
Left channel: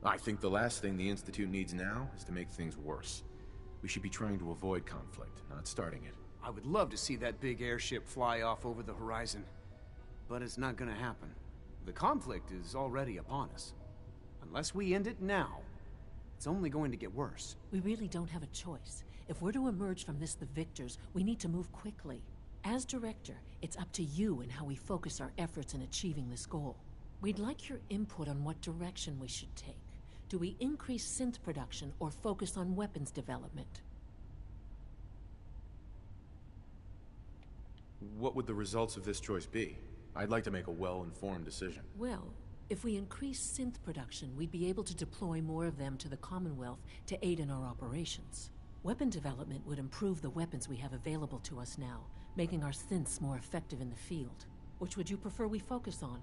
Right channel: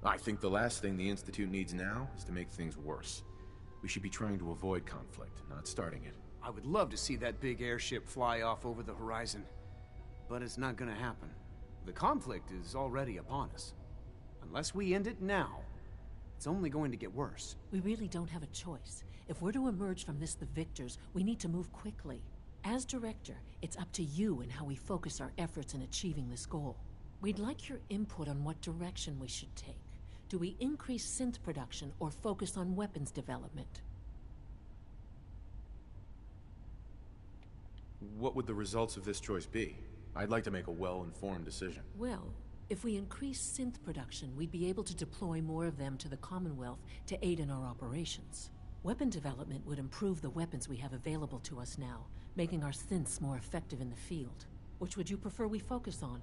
I think the last thing the Institute needs now is to make things worse. We should be trying to avoid conflict, not starting it. I would love to see that big airship fly off over the horizon, but it's not gonna happen. The conflict is already upon us. Unless we end it now, it's only going to get worse. We really don't have a choice. If we're to emerge from this the victors, we need to move quickly. As director, it's up to you and how we focus our efforts in achieving this goal. We'd like your input on what direction we should take. Do we increase synth production or focus on weapons development? What would the results of this choice be? I'd like to make a well-informed decision. Well, if we increase synth production, we'd be able to deploy more of them to the Commonwealth to aid in our operations. Weapon development would improve the weapons we have available to us now, making our synths more effective in the field. Which would you prefer we focus on?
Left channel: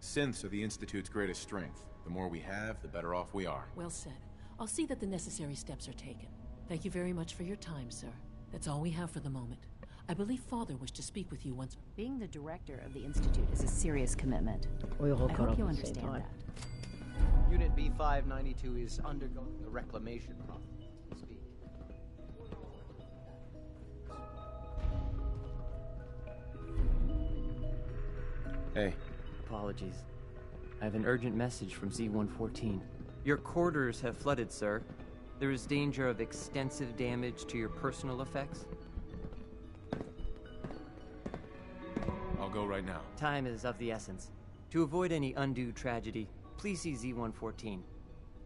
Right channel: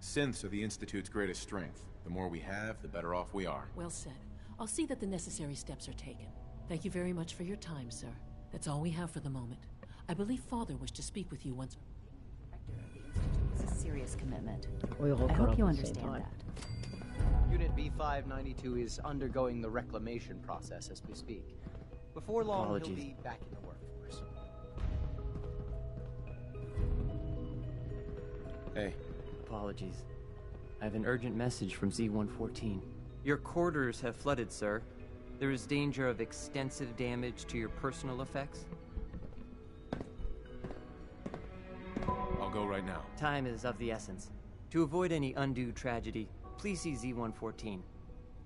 Synths are the Institute's greatest strength. The more we have, the better off we are. Well said. I'll see that the necessary steps are taken. Thank you very much for your time, sir. That's all we have for the moment. I believe Father wished to speak with you once. Being the director of the Institute is a serious commitment. We all I caught hope up you at the same understand time. that. Unit B592 is undergoing the reclamation process as we speak. Before long, Apologies. he'll be back in the workforce. Hey. Apologies. I have an urgent message from Z-114. Your quarters have flooded, sir. There is danger of extensive damage to your personal effects. I'll go right now. Time is of the essence. To avoid any undue tragedy, please see Z-114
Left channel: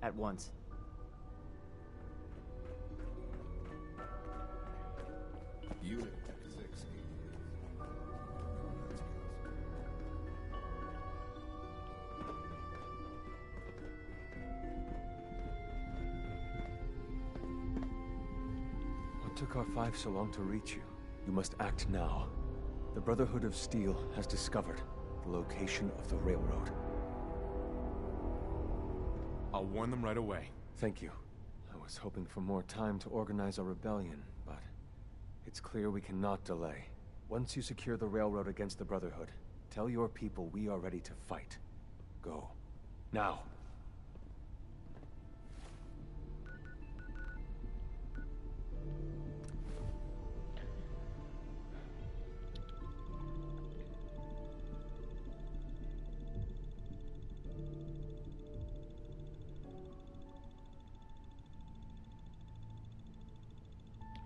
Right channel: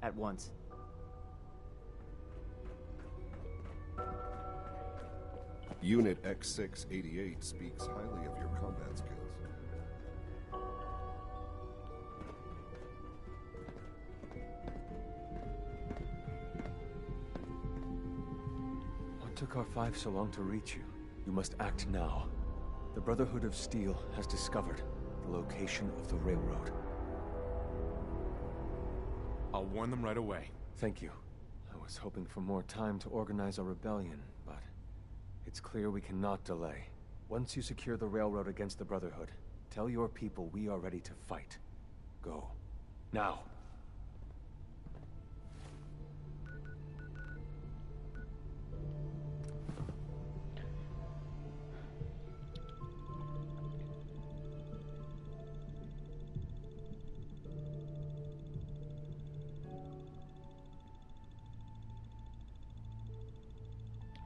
at once. Unit X688 speaks highly of your combat skills. What took R5 so long to reach you? You must act now. The Brotherhood of Steel has discovered the location of the railroad. I'll warn them right away. Thank you. I was hoping for more time to organize a rebellion, but it's clear we cannot delay. Once you secure the railroad against the Brotherhood, tell your people we are ready to fight. Go. Now.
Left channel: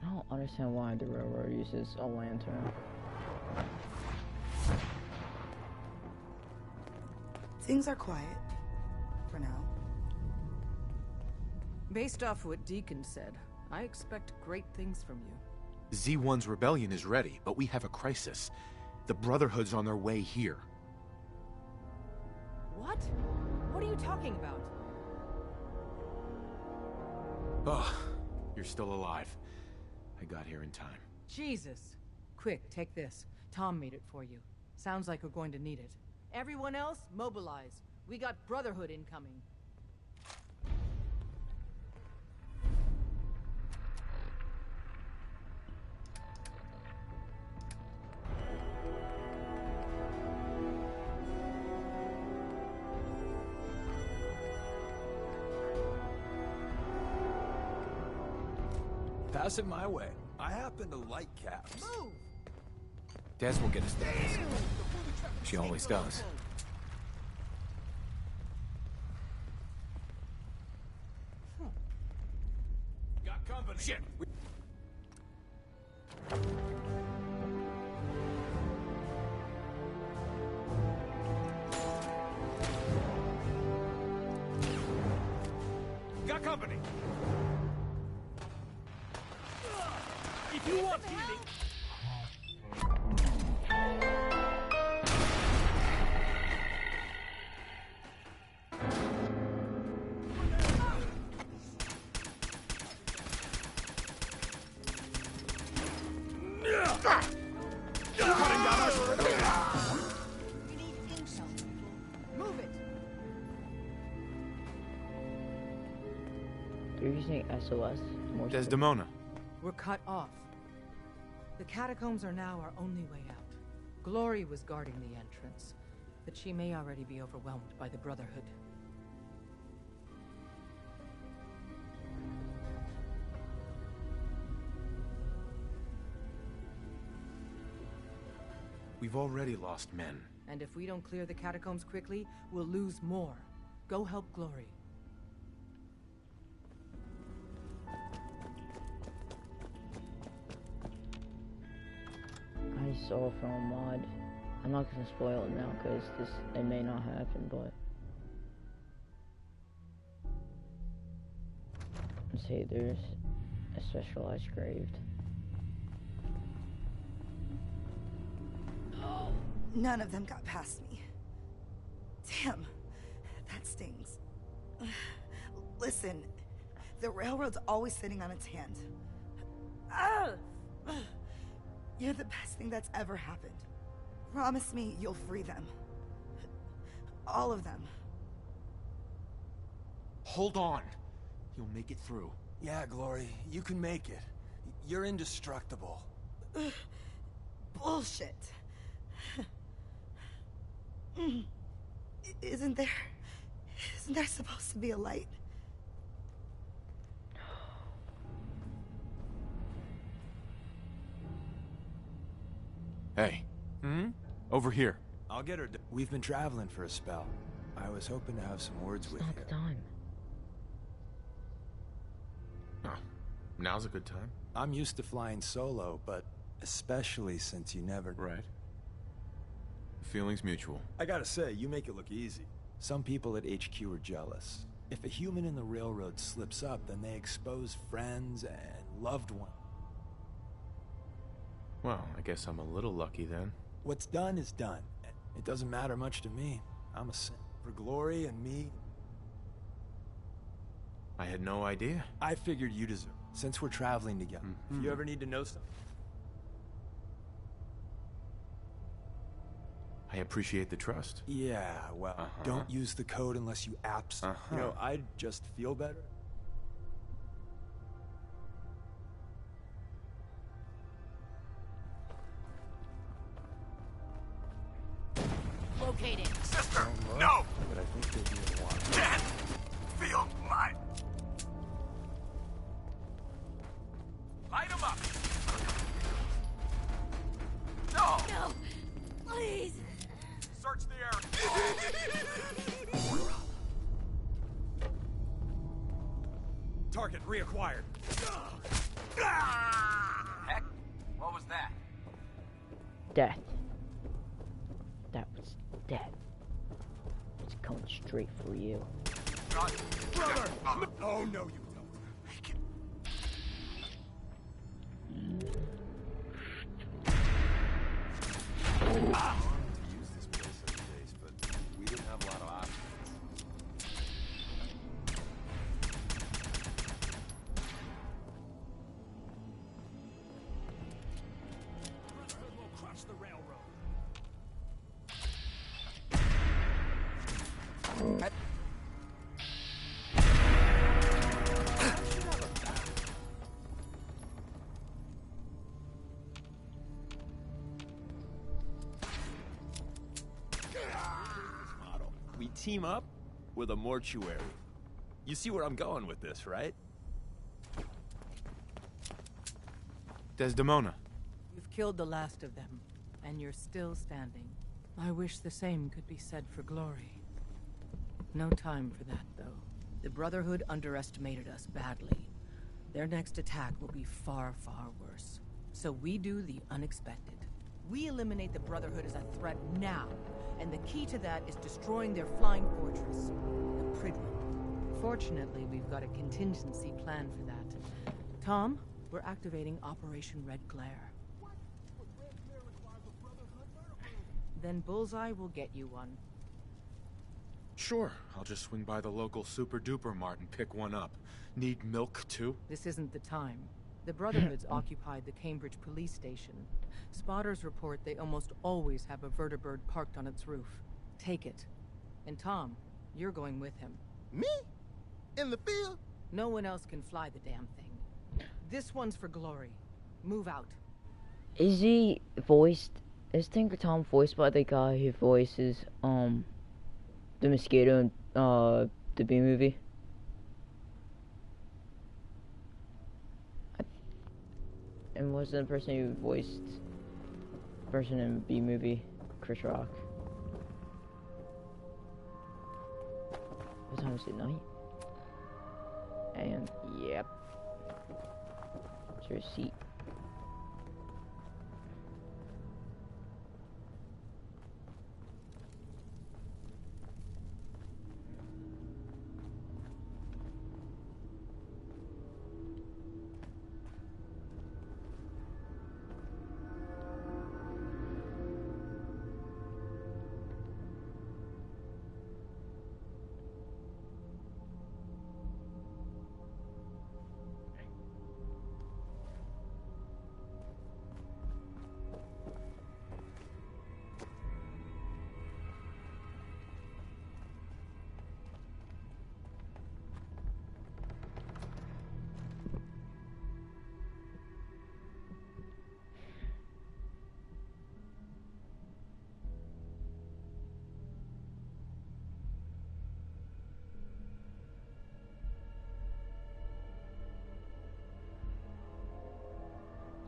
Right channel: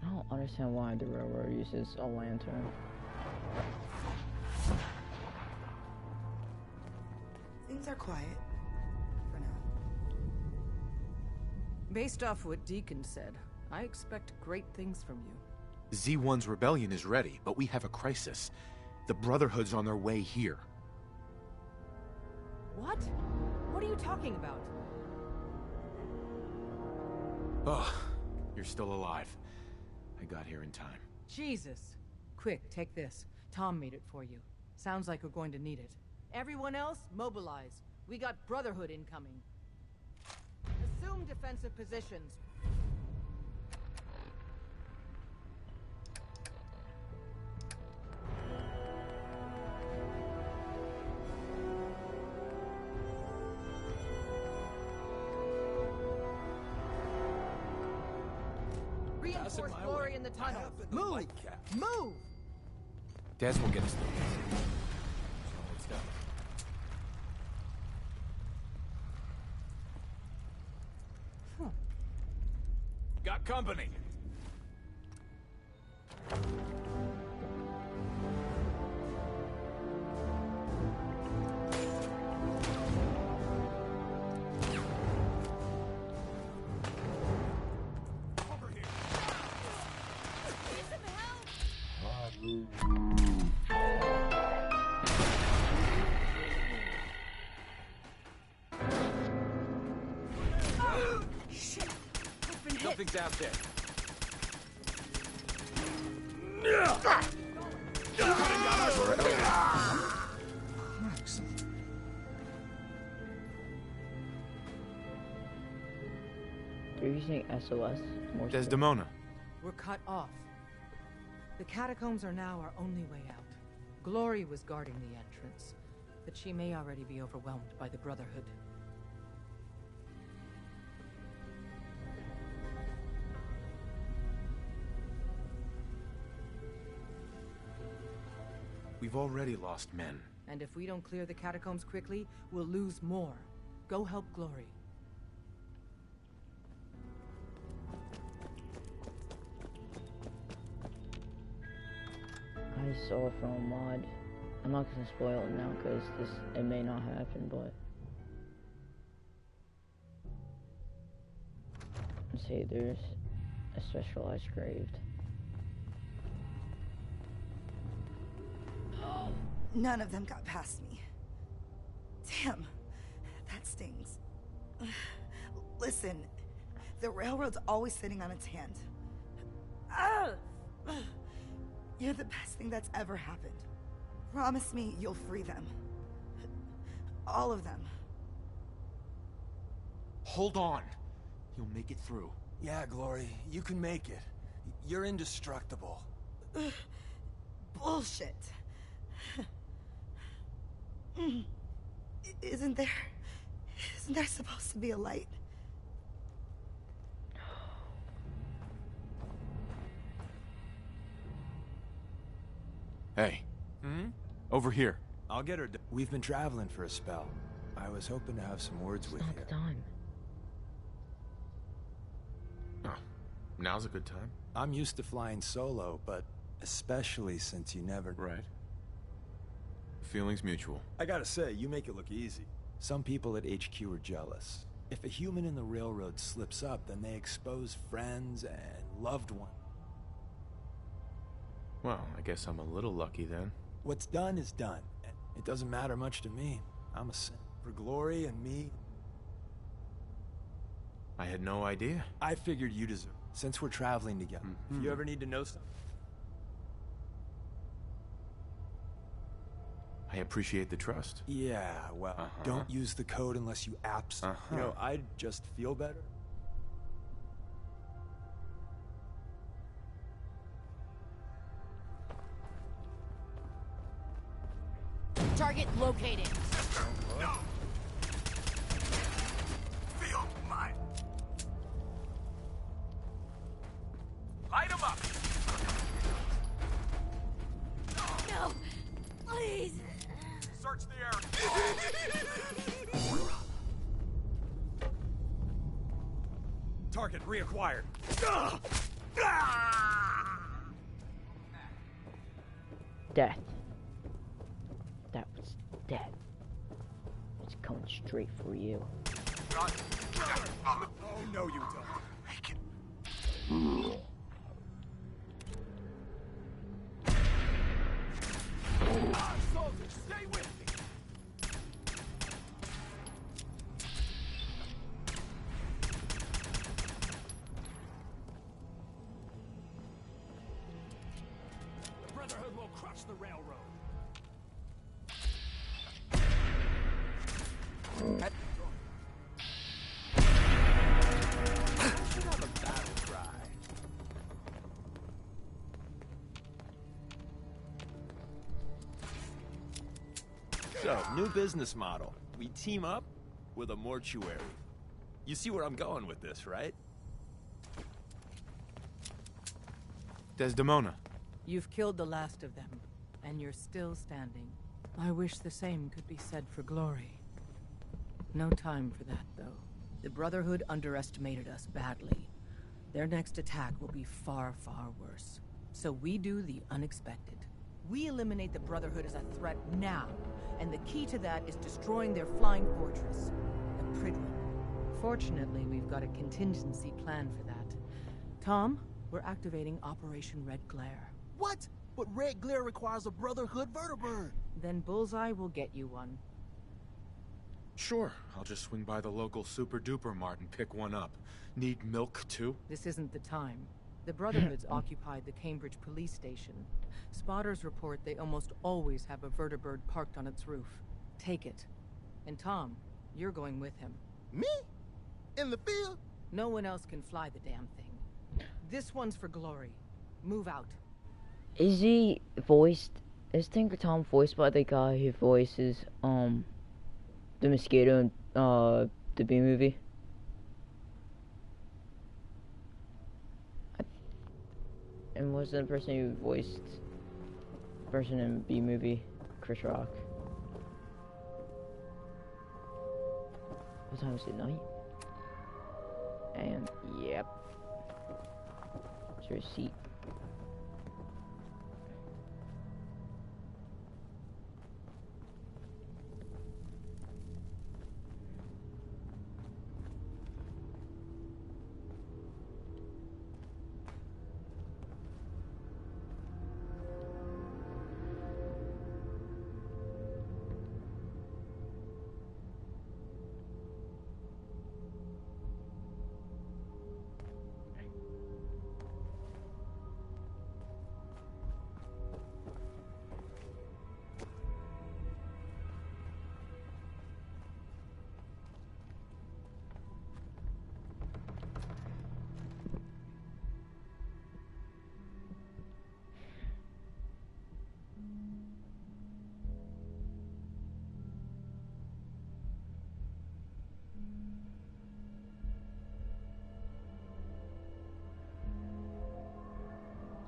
I don't understand why the railroad uses a lantern. Things are quiet. For now. Based off what Deacon said, I expect great things from you. Z1's rebellion is ready, but we have a crisis. The Brotherhood's on their way here. What? What are you talking about? Ugh, you're still alive. I got here in time. Jesus. Quick, take this. Tom made it for you. Sounds like we're going to need it. Everyone else, mobilize. We got Brotherhood incoming. Assume defensive positions. Pass it my way. I happen to like cats. Move! Des will get us through this. She always does. Got company. Shit. Got company. Nothing's out there. Cutting down our They're using SOS. More Desdemona. We're cut off. The catacombs are now our only way out. Glory was guarding the entrance, but she may already be overwhelmed by the Brotherhood. We've already lost men. And if we don't clear the catacombs quickly, we'll lose more. Go help Glory. I saw from a mod. I'm not gonna spoil it now because it may not happen, but let's see, there's a specialized grave. None of them got past me. Damn, that stings. Listen, the railroad's always sitting on its hand. You're the best thing that's ever happened. Promise me you'll free them. All of them. Hold on. You'll make it through. Yeah, Glory, you can make it. You're indestructible. Bullshit. Isn't there supposed to be a light? Hey. Over here. I'll get her. We've been traveling for a spell. I was hoping to have some words with you. It's not the time. Oh, now's a good time. I'm used to flying solo, but especially since you never... Right. The feeling's mutual. I gotta say, you make it look easy. Some people at HQ are jealous. If a human in the railroad slips up, then they expose friends and loved ones. Well, I guess I'm a little lucky then. What's done is done. It doesn't matter much to me. I'm a saint. For Glory and me... I had no idea. I figured you deserve it, since we're traveling together. If you ever need to know something... I appreciate the trust. Yeah, well, don't use the code unless you absolutely... You know, I'd just feel better. Target located. Sister, no! Field, mine. Light him up. No! Please! Search the area. Target reacquired. Heck, what was that? Death. That was death. It's coming straight for you. Brother! Oh, no, you don't. Make it. The Brotherhood will crush the railroad. New business model. We team up with a mortuary. You see where I'm going with this, right? Desdemona. You've killed the last of them, and you're still standing. I wish the same could be said for Glory. No time for that, though. The Brotherhood underestimated us badly. Their next attack will be far, far worse. So we do the unexpected. We eliminate the Brotherhood as a threat now, and the key to that is destroying their flying fortress, the Prydwen. Fortunately, we've got a contingency plan for that. Tom, we're activating Operation Red Glare. What? But Red Glare requires a Brotherhood vertibird. Then Bullseye will get you one. Sure, I'll just swing by the local super-duper mart and pick one up. Need milk, too? This isn't the time. The Brotherhood's occupied the Cambridge police station. Spotters report they almost always have a vertibird parked on its roof. Take it. And Tom, you're going with him. Me? In the field? No one else can fly the damn thing. This one's for Glory. Move out. Is he voiced? Is Tinker Tom voiced by the guy who voices the mosquito in the B movie? And wasn't the person who voiced person in B movie, Chris Rock. What time is it? Night? And yep. Is there a seat?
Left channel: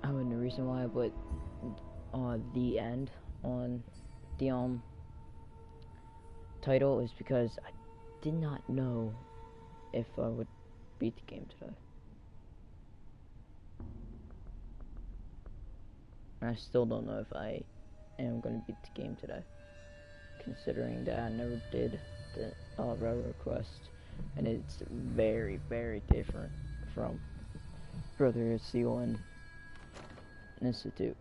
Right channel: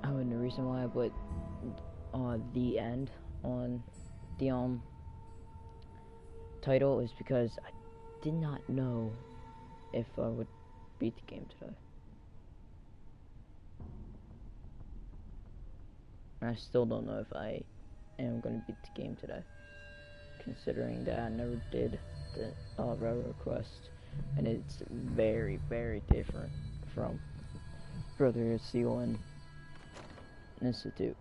Oh, and the reason why I put the end on the title is because I did not know if I would beat the game today. And I still don't know if I am going to beat the game today, considering that I never did the Railroad Quest, and it's very, very different from Brotherhood Steel and Institute.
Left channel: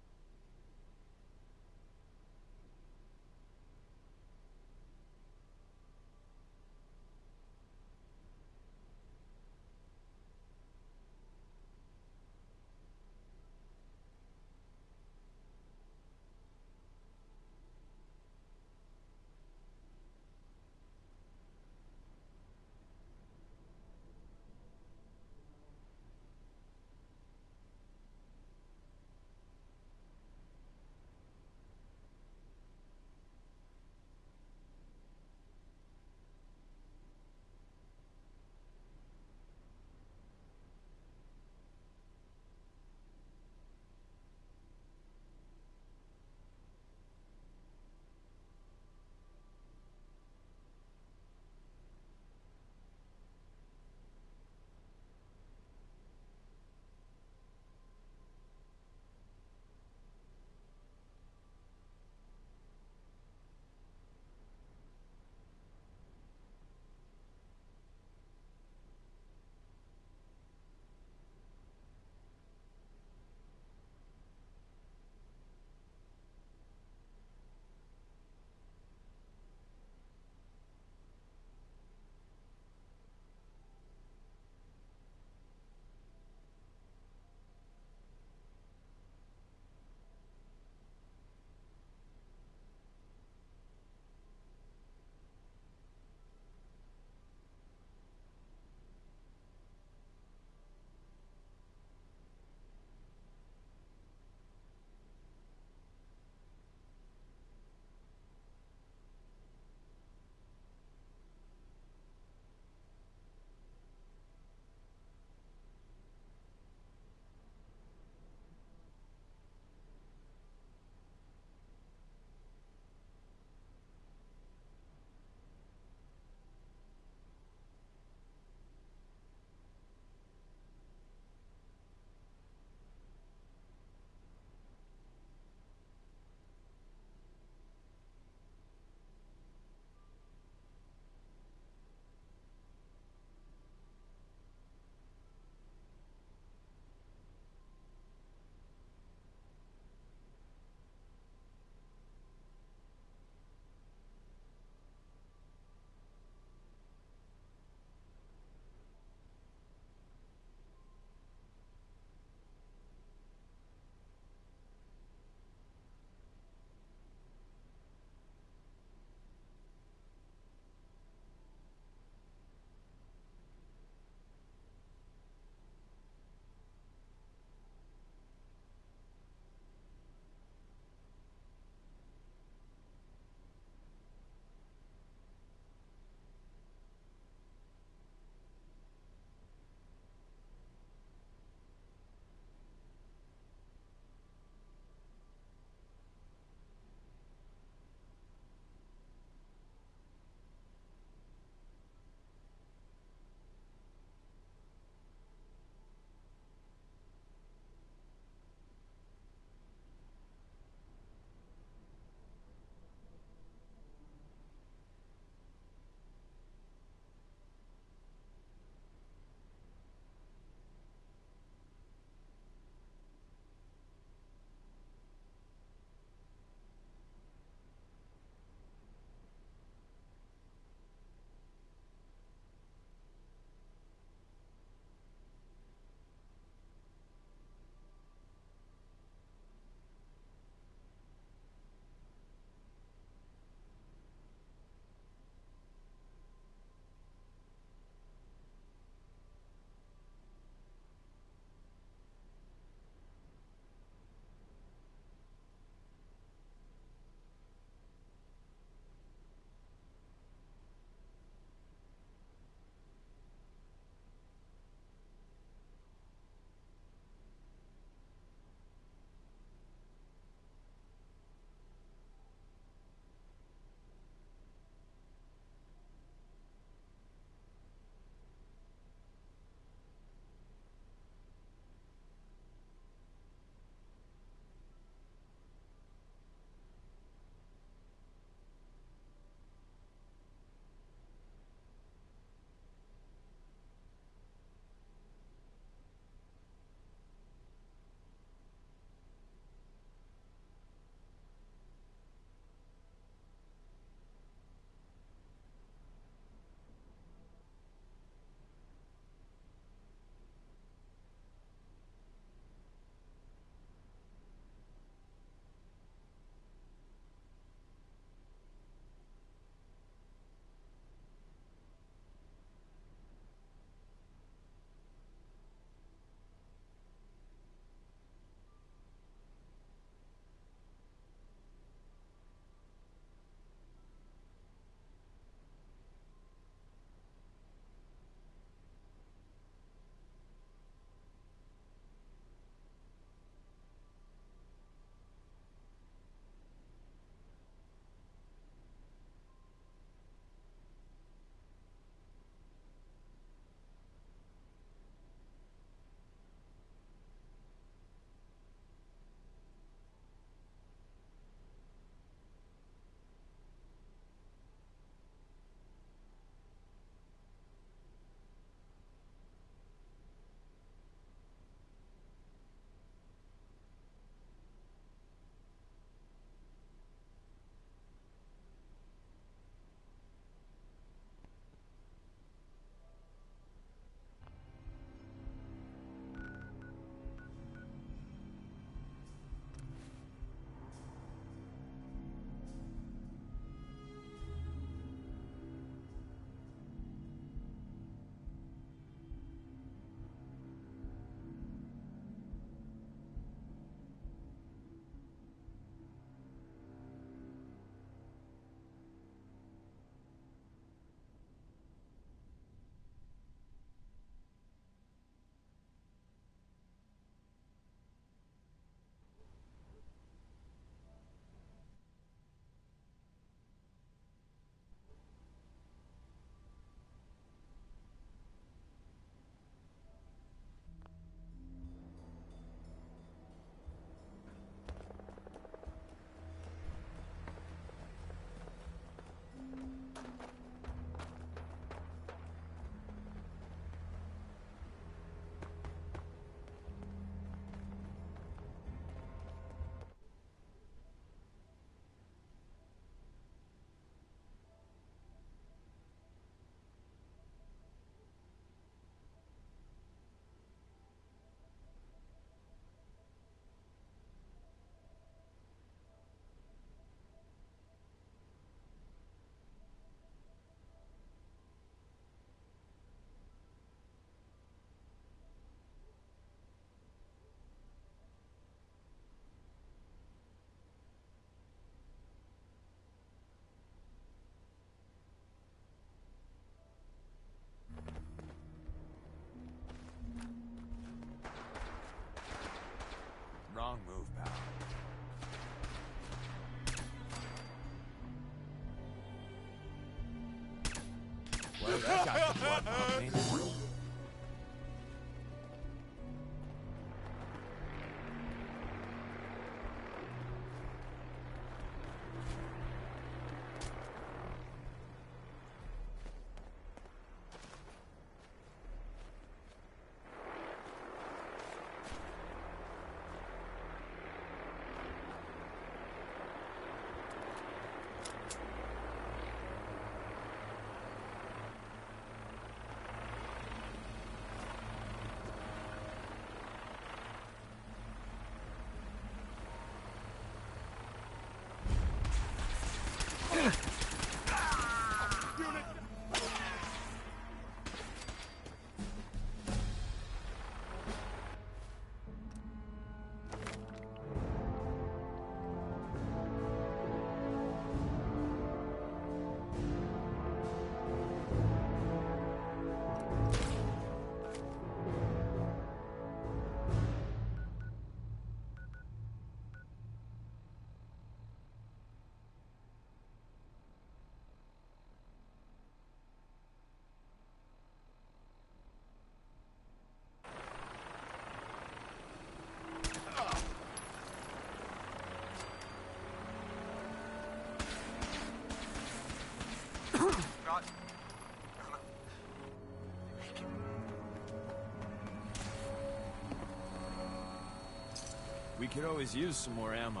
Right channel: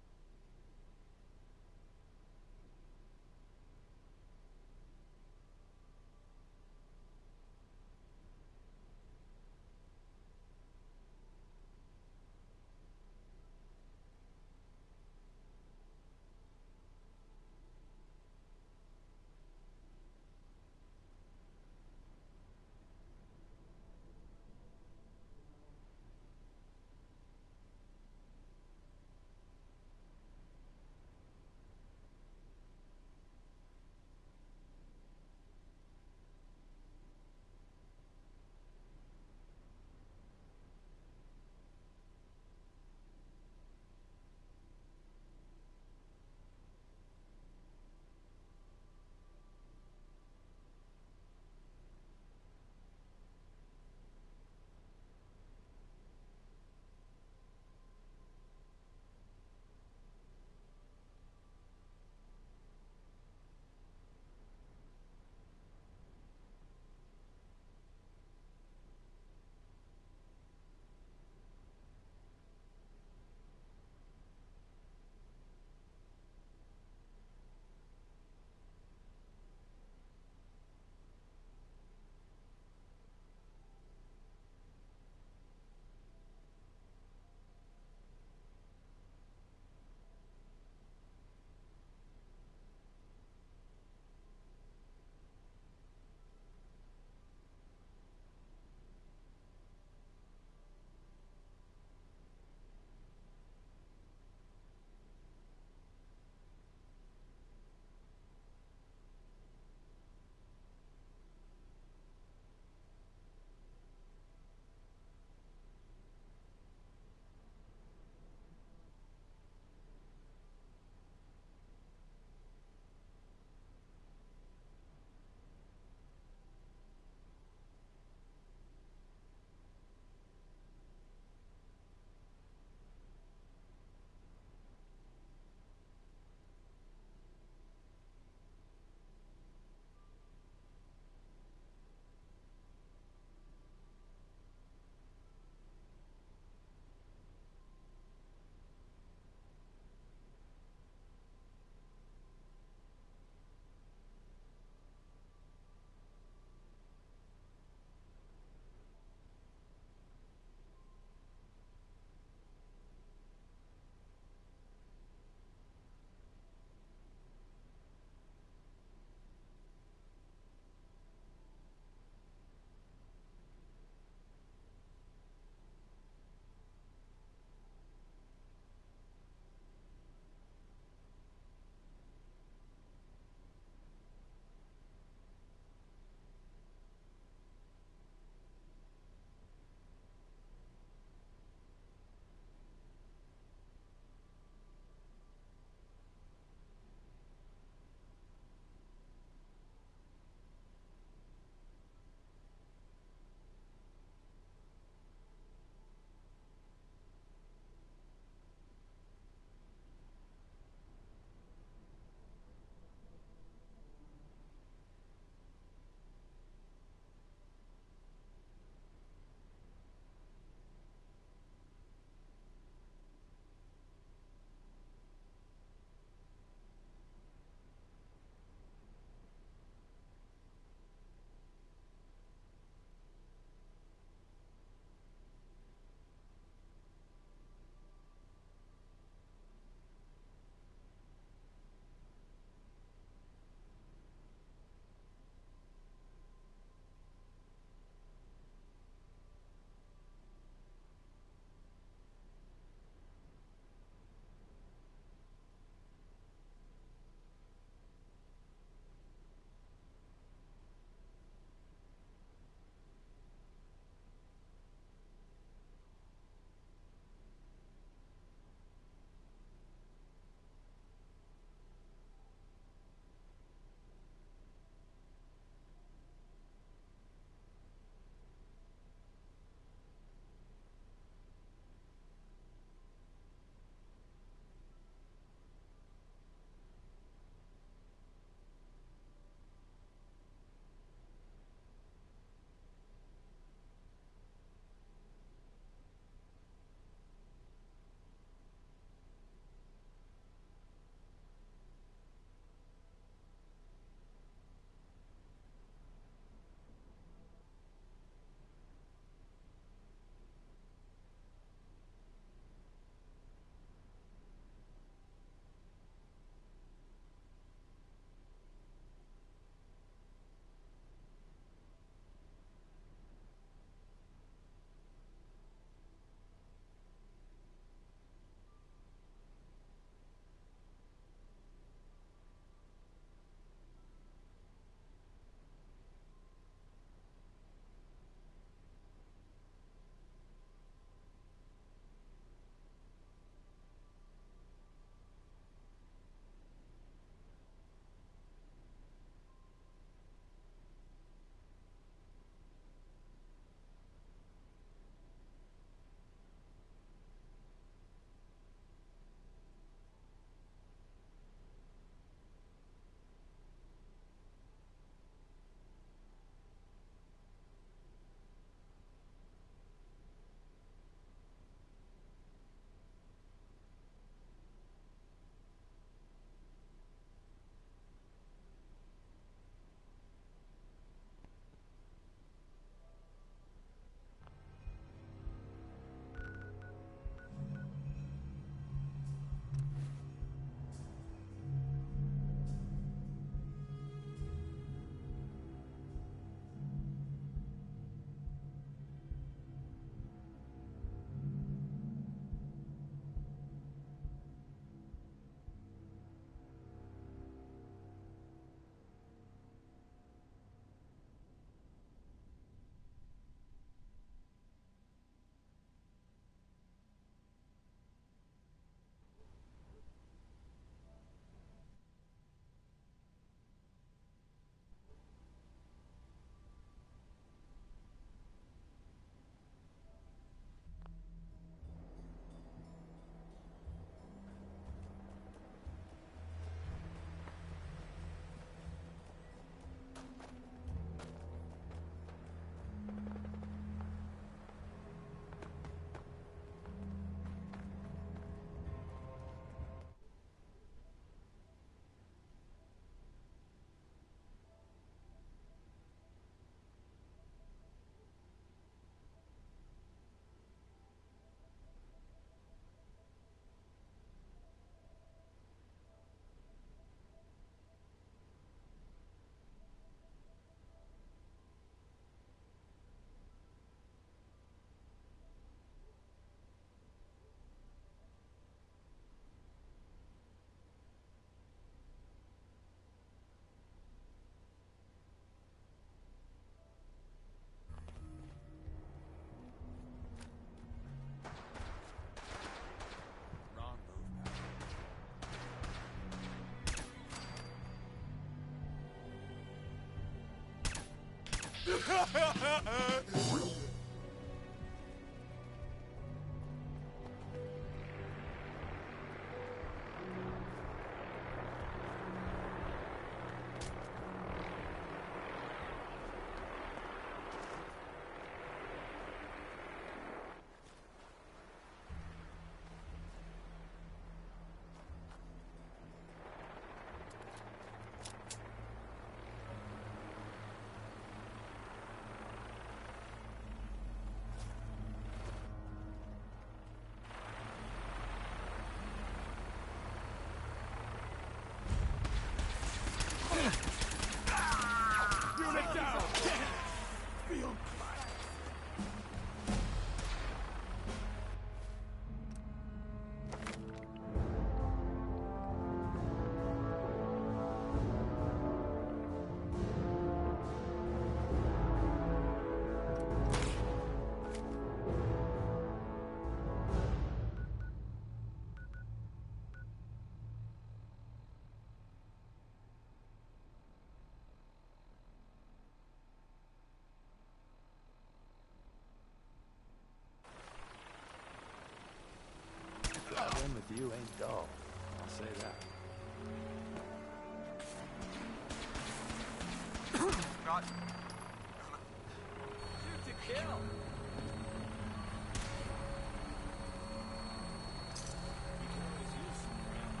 We could always use some more ammo.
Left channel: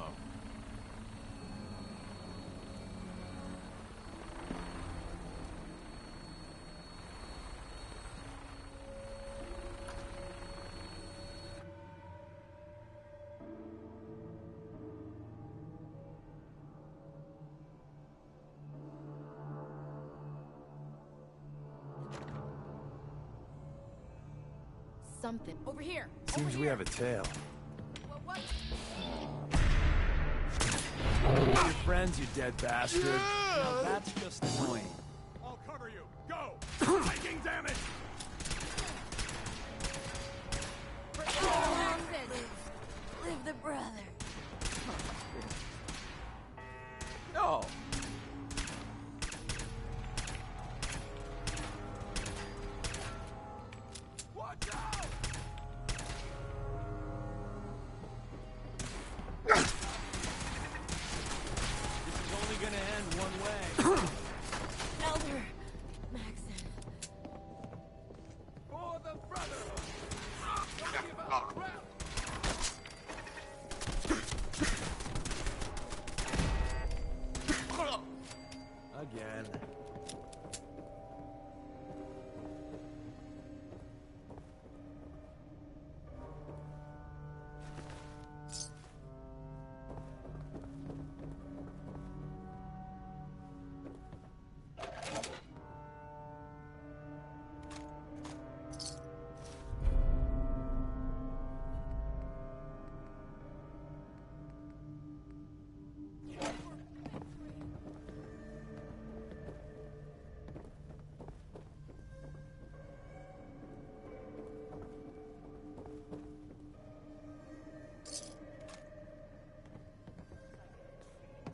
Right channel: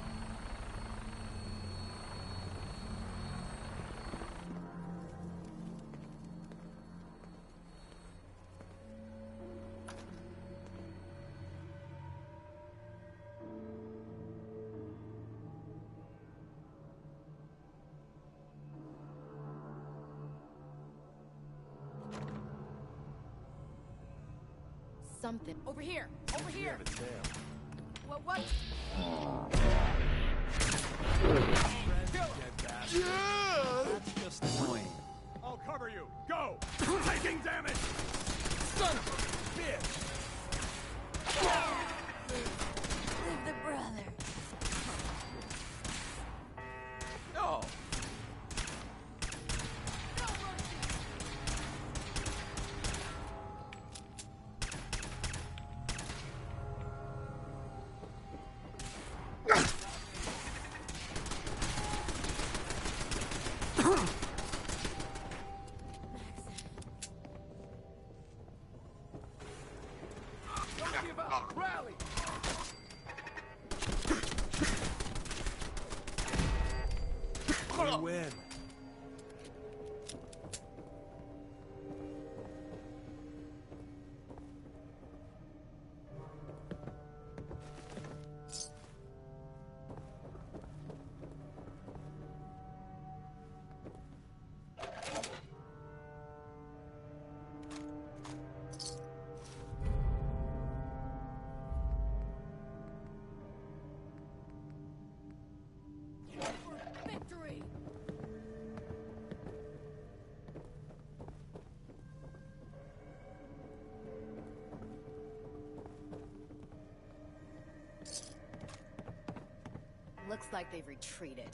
Something. Over here! Seems Over we here! have a tail. What? Friends, you dead bastard. Now that's just annoying. I'll cover you. Go! Taking damage! Son of a bitch! Live the brother. No! Looks like they've retreated.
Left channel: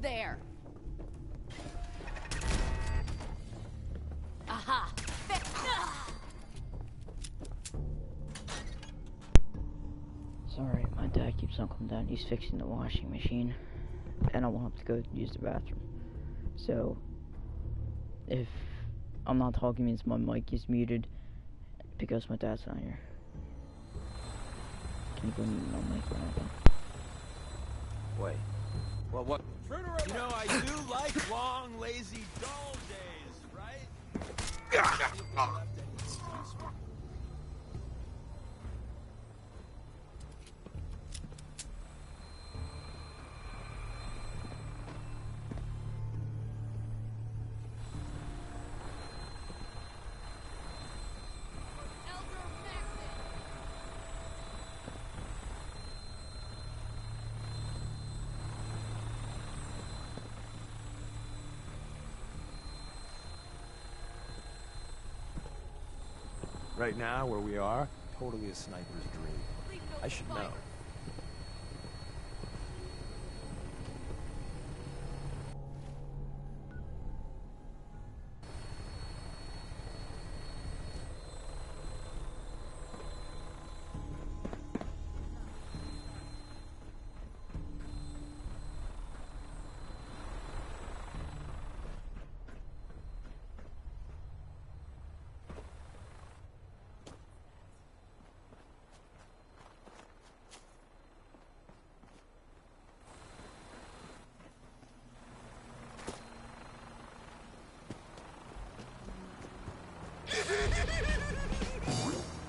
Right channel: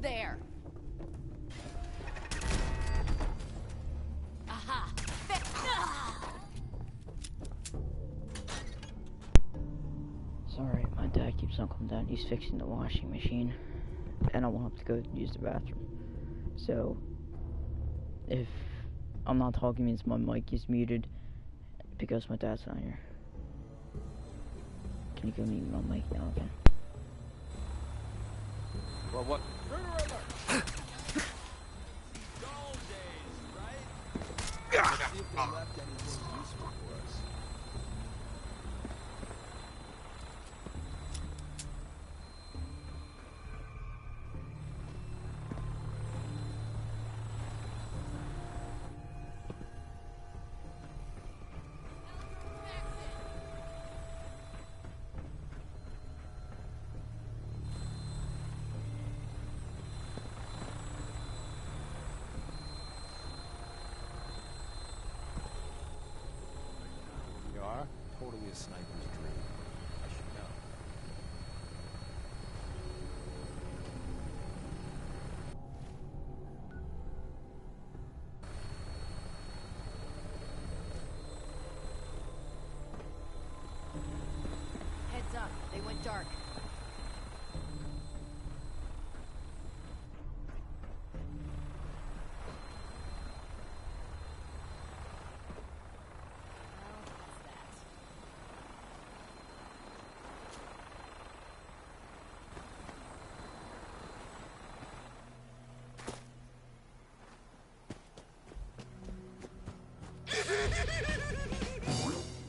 there! Aha! Sorry, my dad keeps on coming down. He's fixing the washing machine, and I want him to go use the bathroom. So, if I'm not talking, means my mic is muted because my dad's not here. Can you go mute my mic now again? Wait. Well, what? You know, I do like long, lazy, dull days, right? See if they left anything useful for us. Right now, where we are, totally a sniper's dream. I should know. Heads up, they went dark.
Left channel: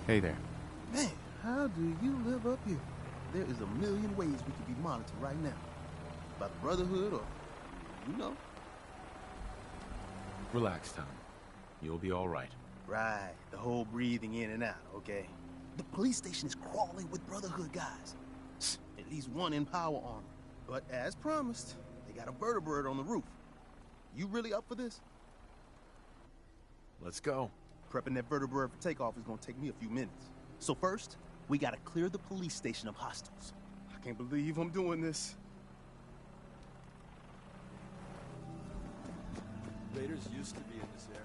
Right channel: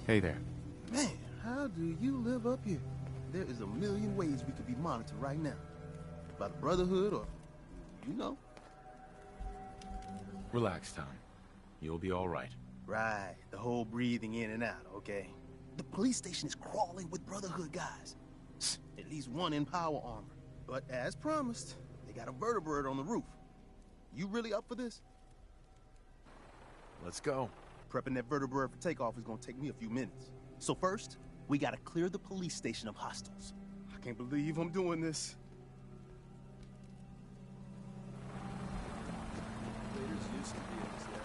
Hey there. Man, how do you live up here? There is a million ways we could be monitored right now. By the Brotherhood or, you know. Relax, Tom. You'll be all right. Right, the whole breathing in and out, okay? The police station is crawling with Brotherhood guys. At least one in power armor. But as promised, they got a vertibird on the roof. You really up for this? Let's go. Prepping that vertibird for takeoff is gonna take me a few minutes. So first, we gotta clear the police station of hostiles. I can't believe I'm doing this. Raiders used to be in this area.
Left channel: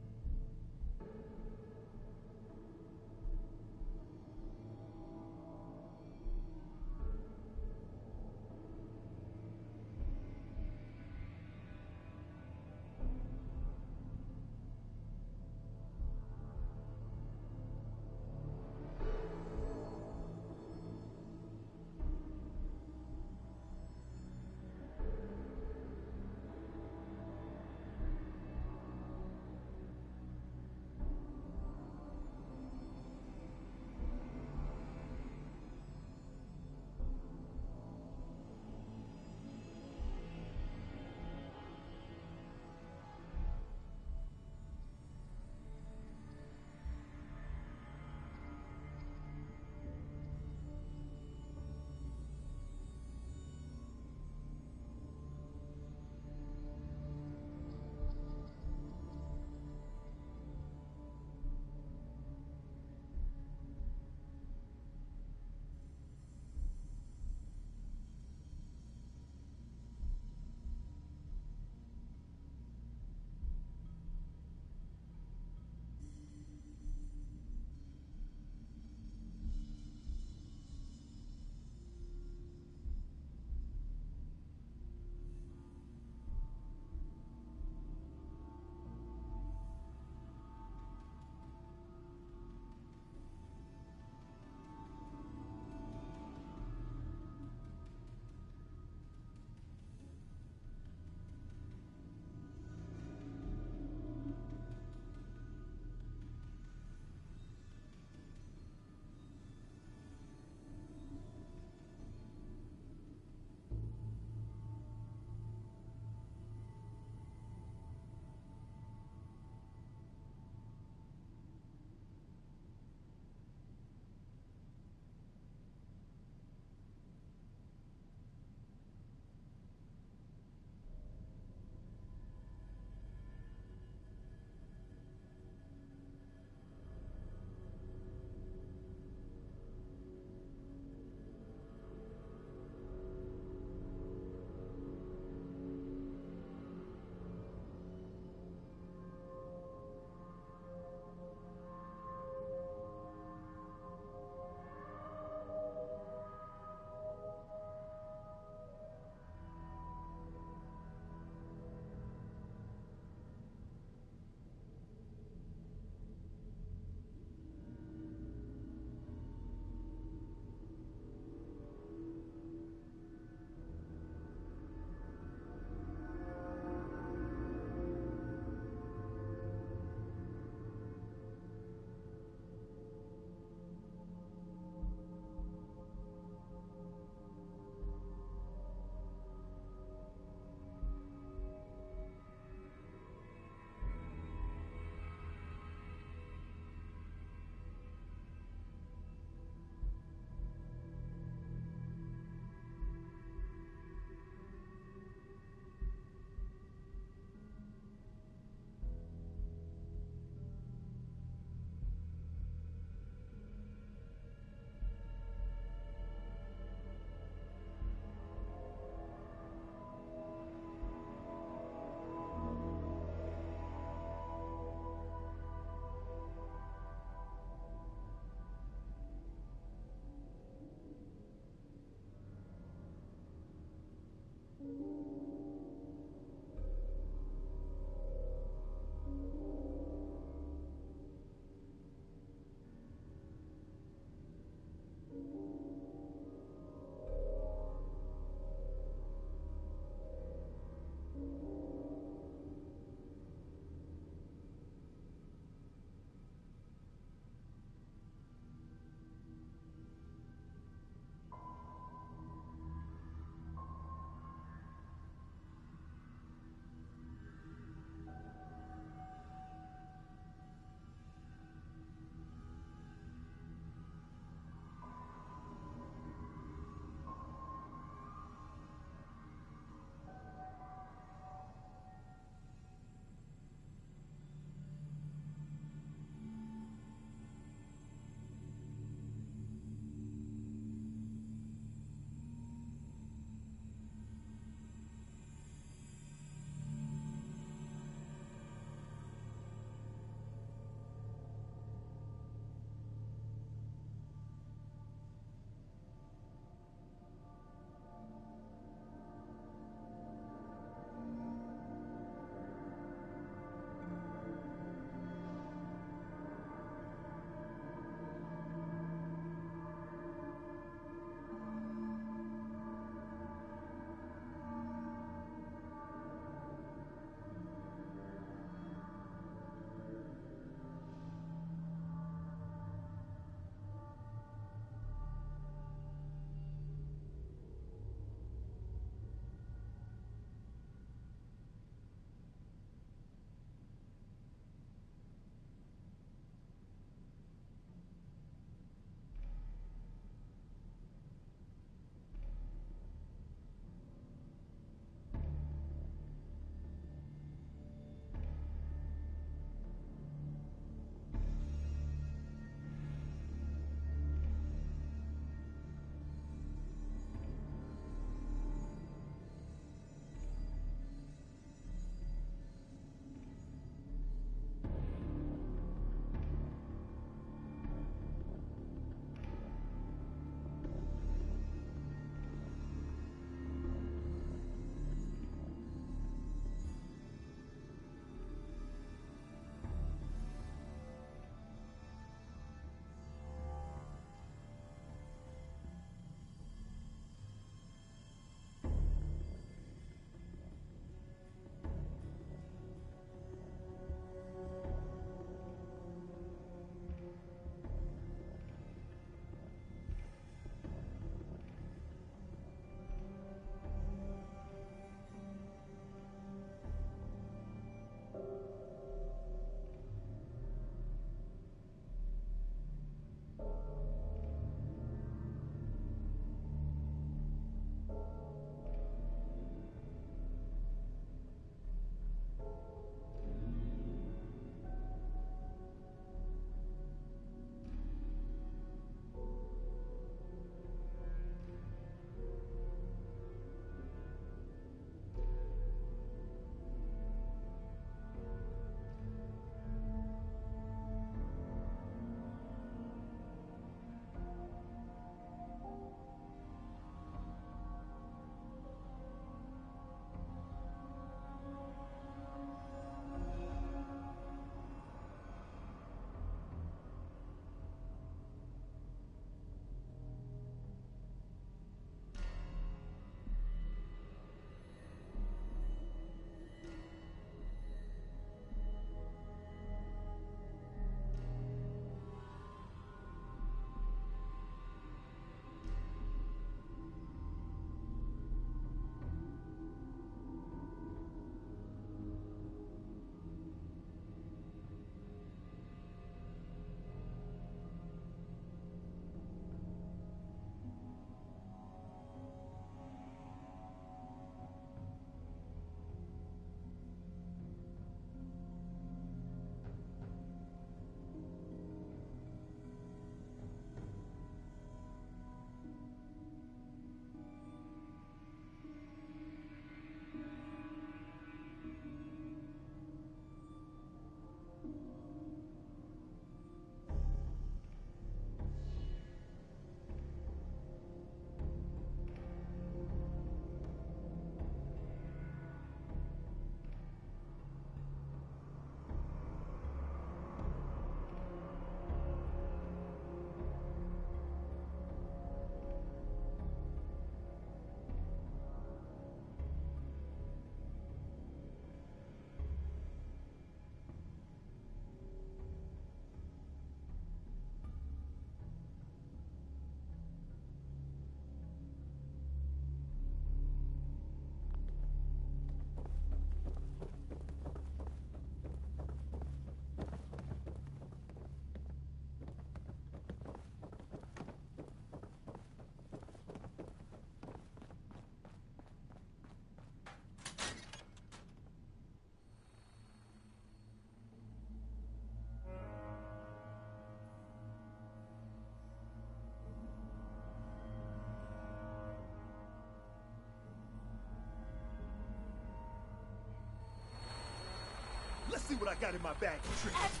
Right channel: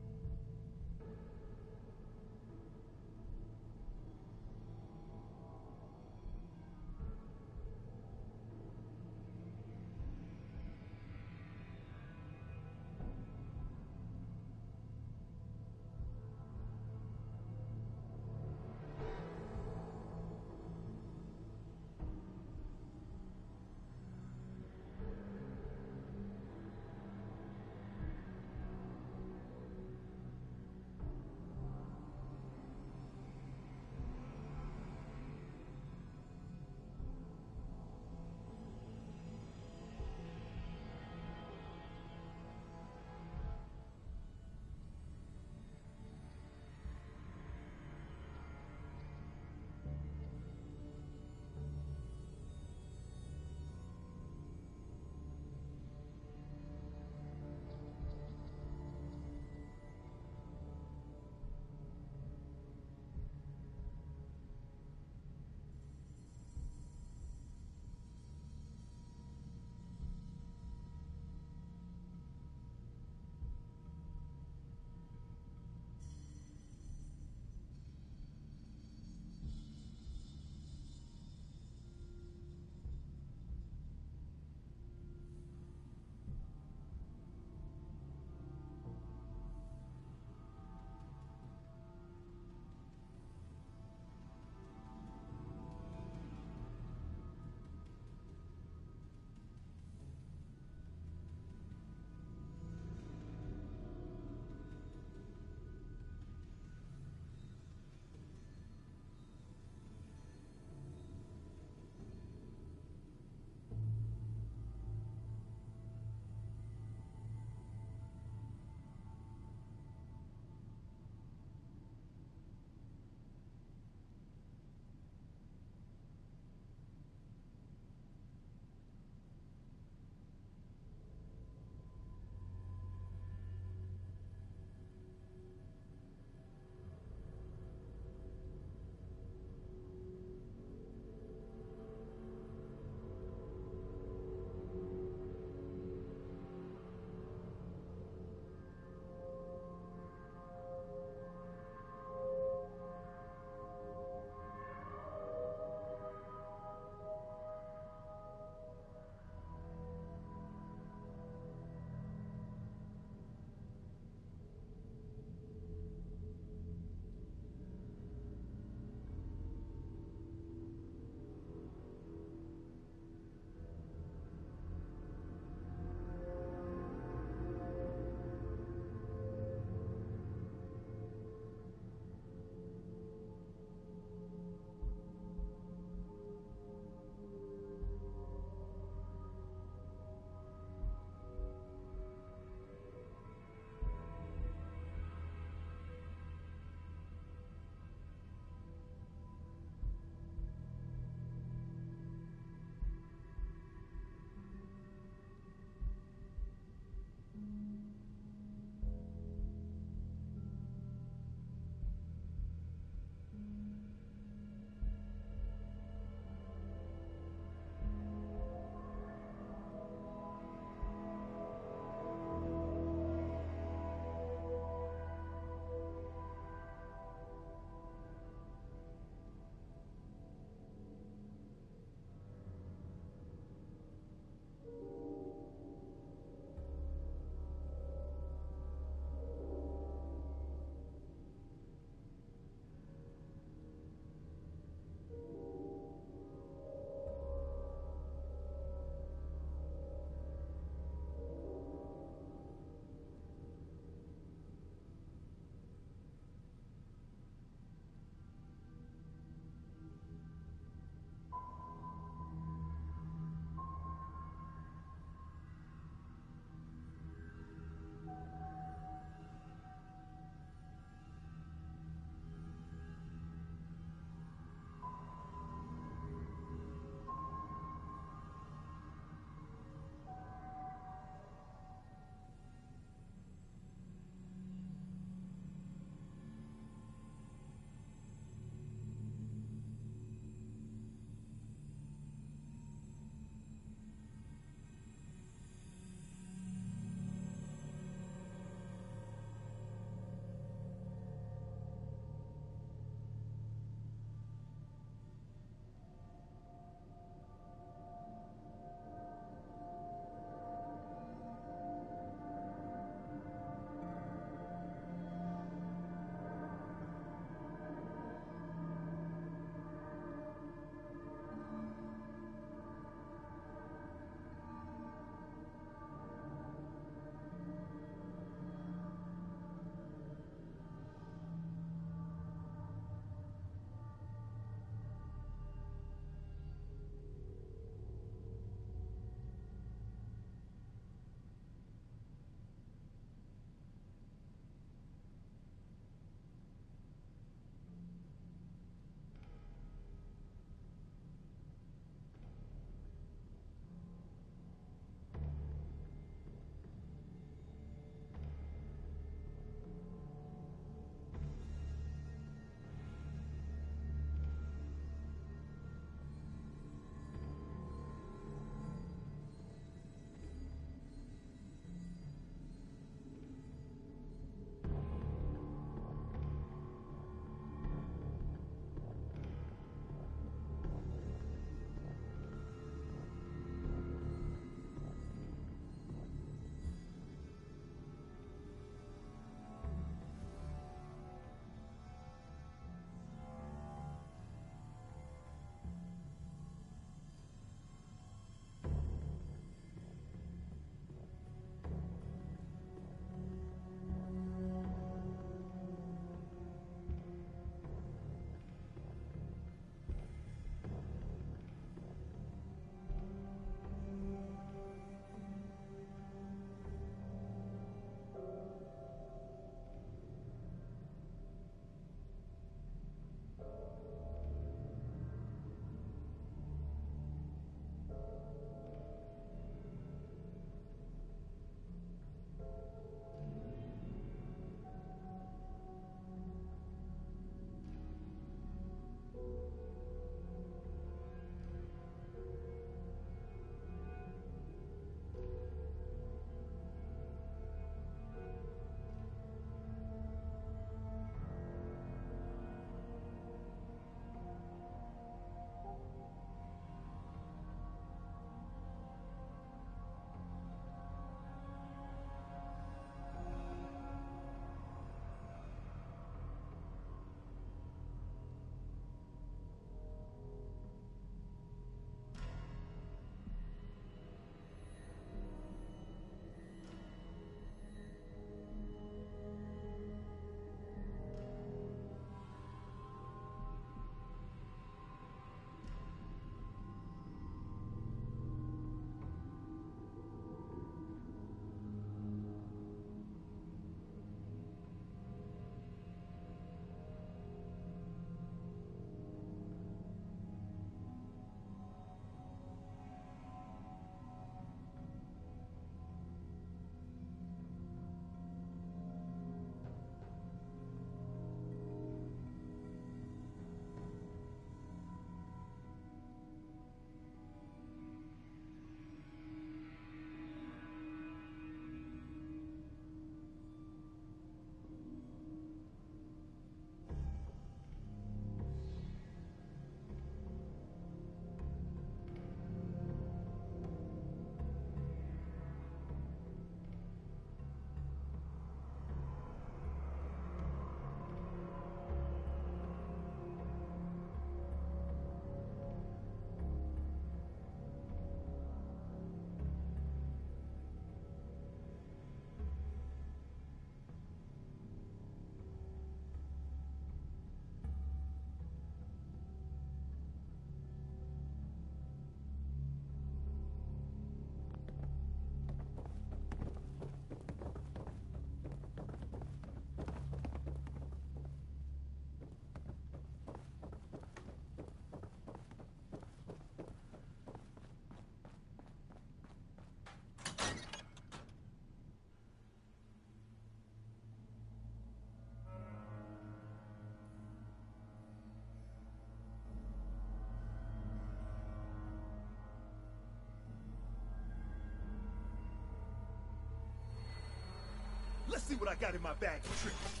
see what I got in my bag of tricks.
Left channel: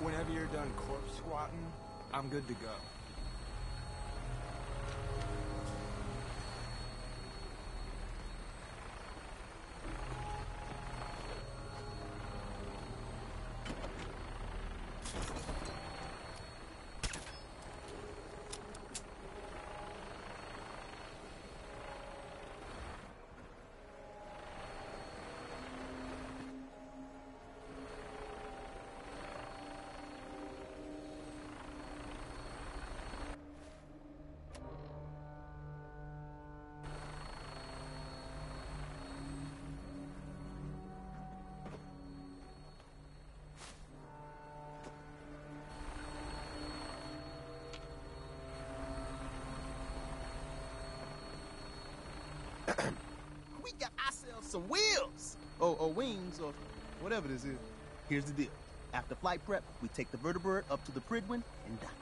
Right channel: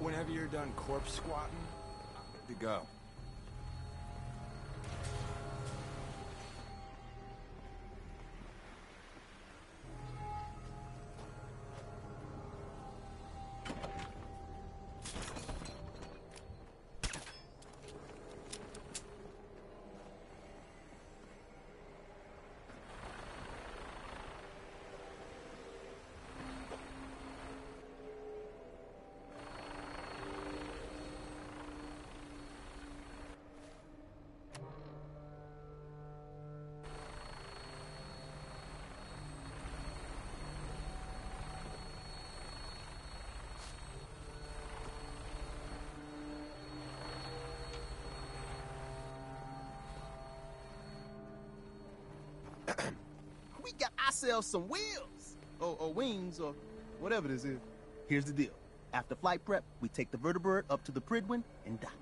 Whenever you're done corpse squatting, I'm good to go. We got ourselves some wheels! Or wings, or whatever this is. Here's the deal. After flight prep, we take the vertebrate up to the Pridwin and dock.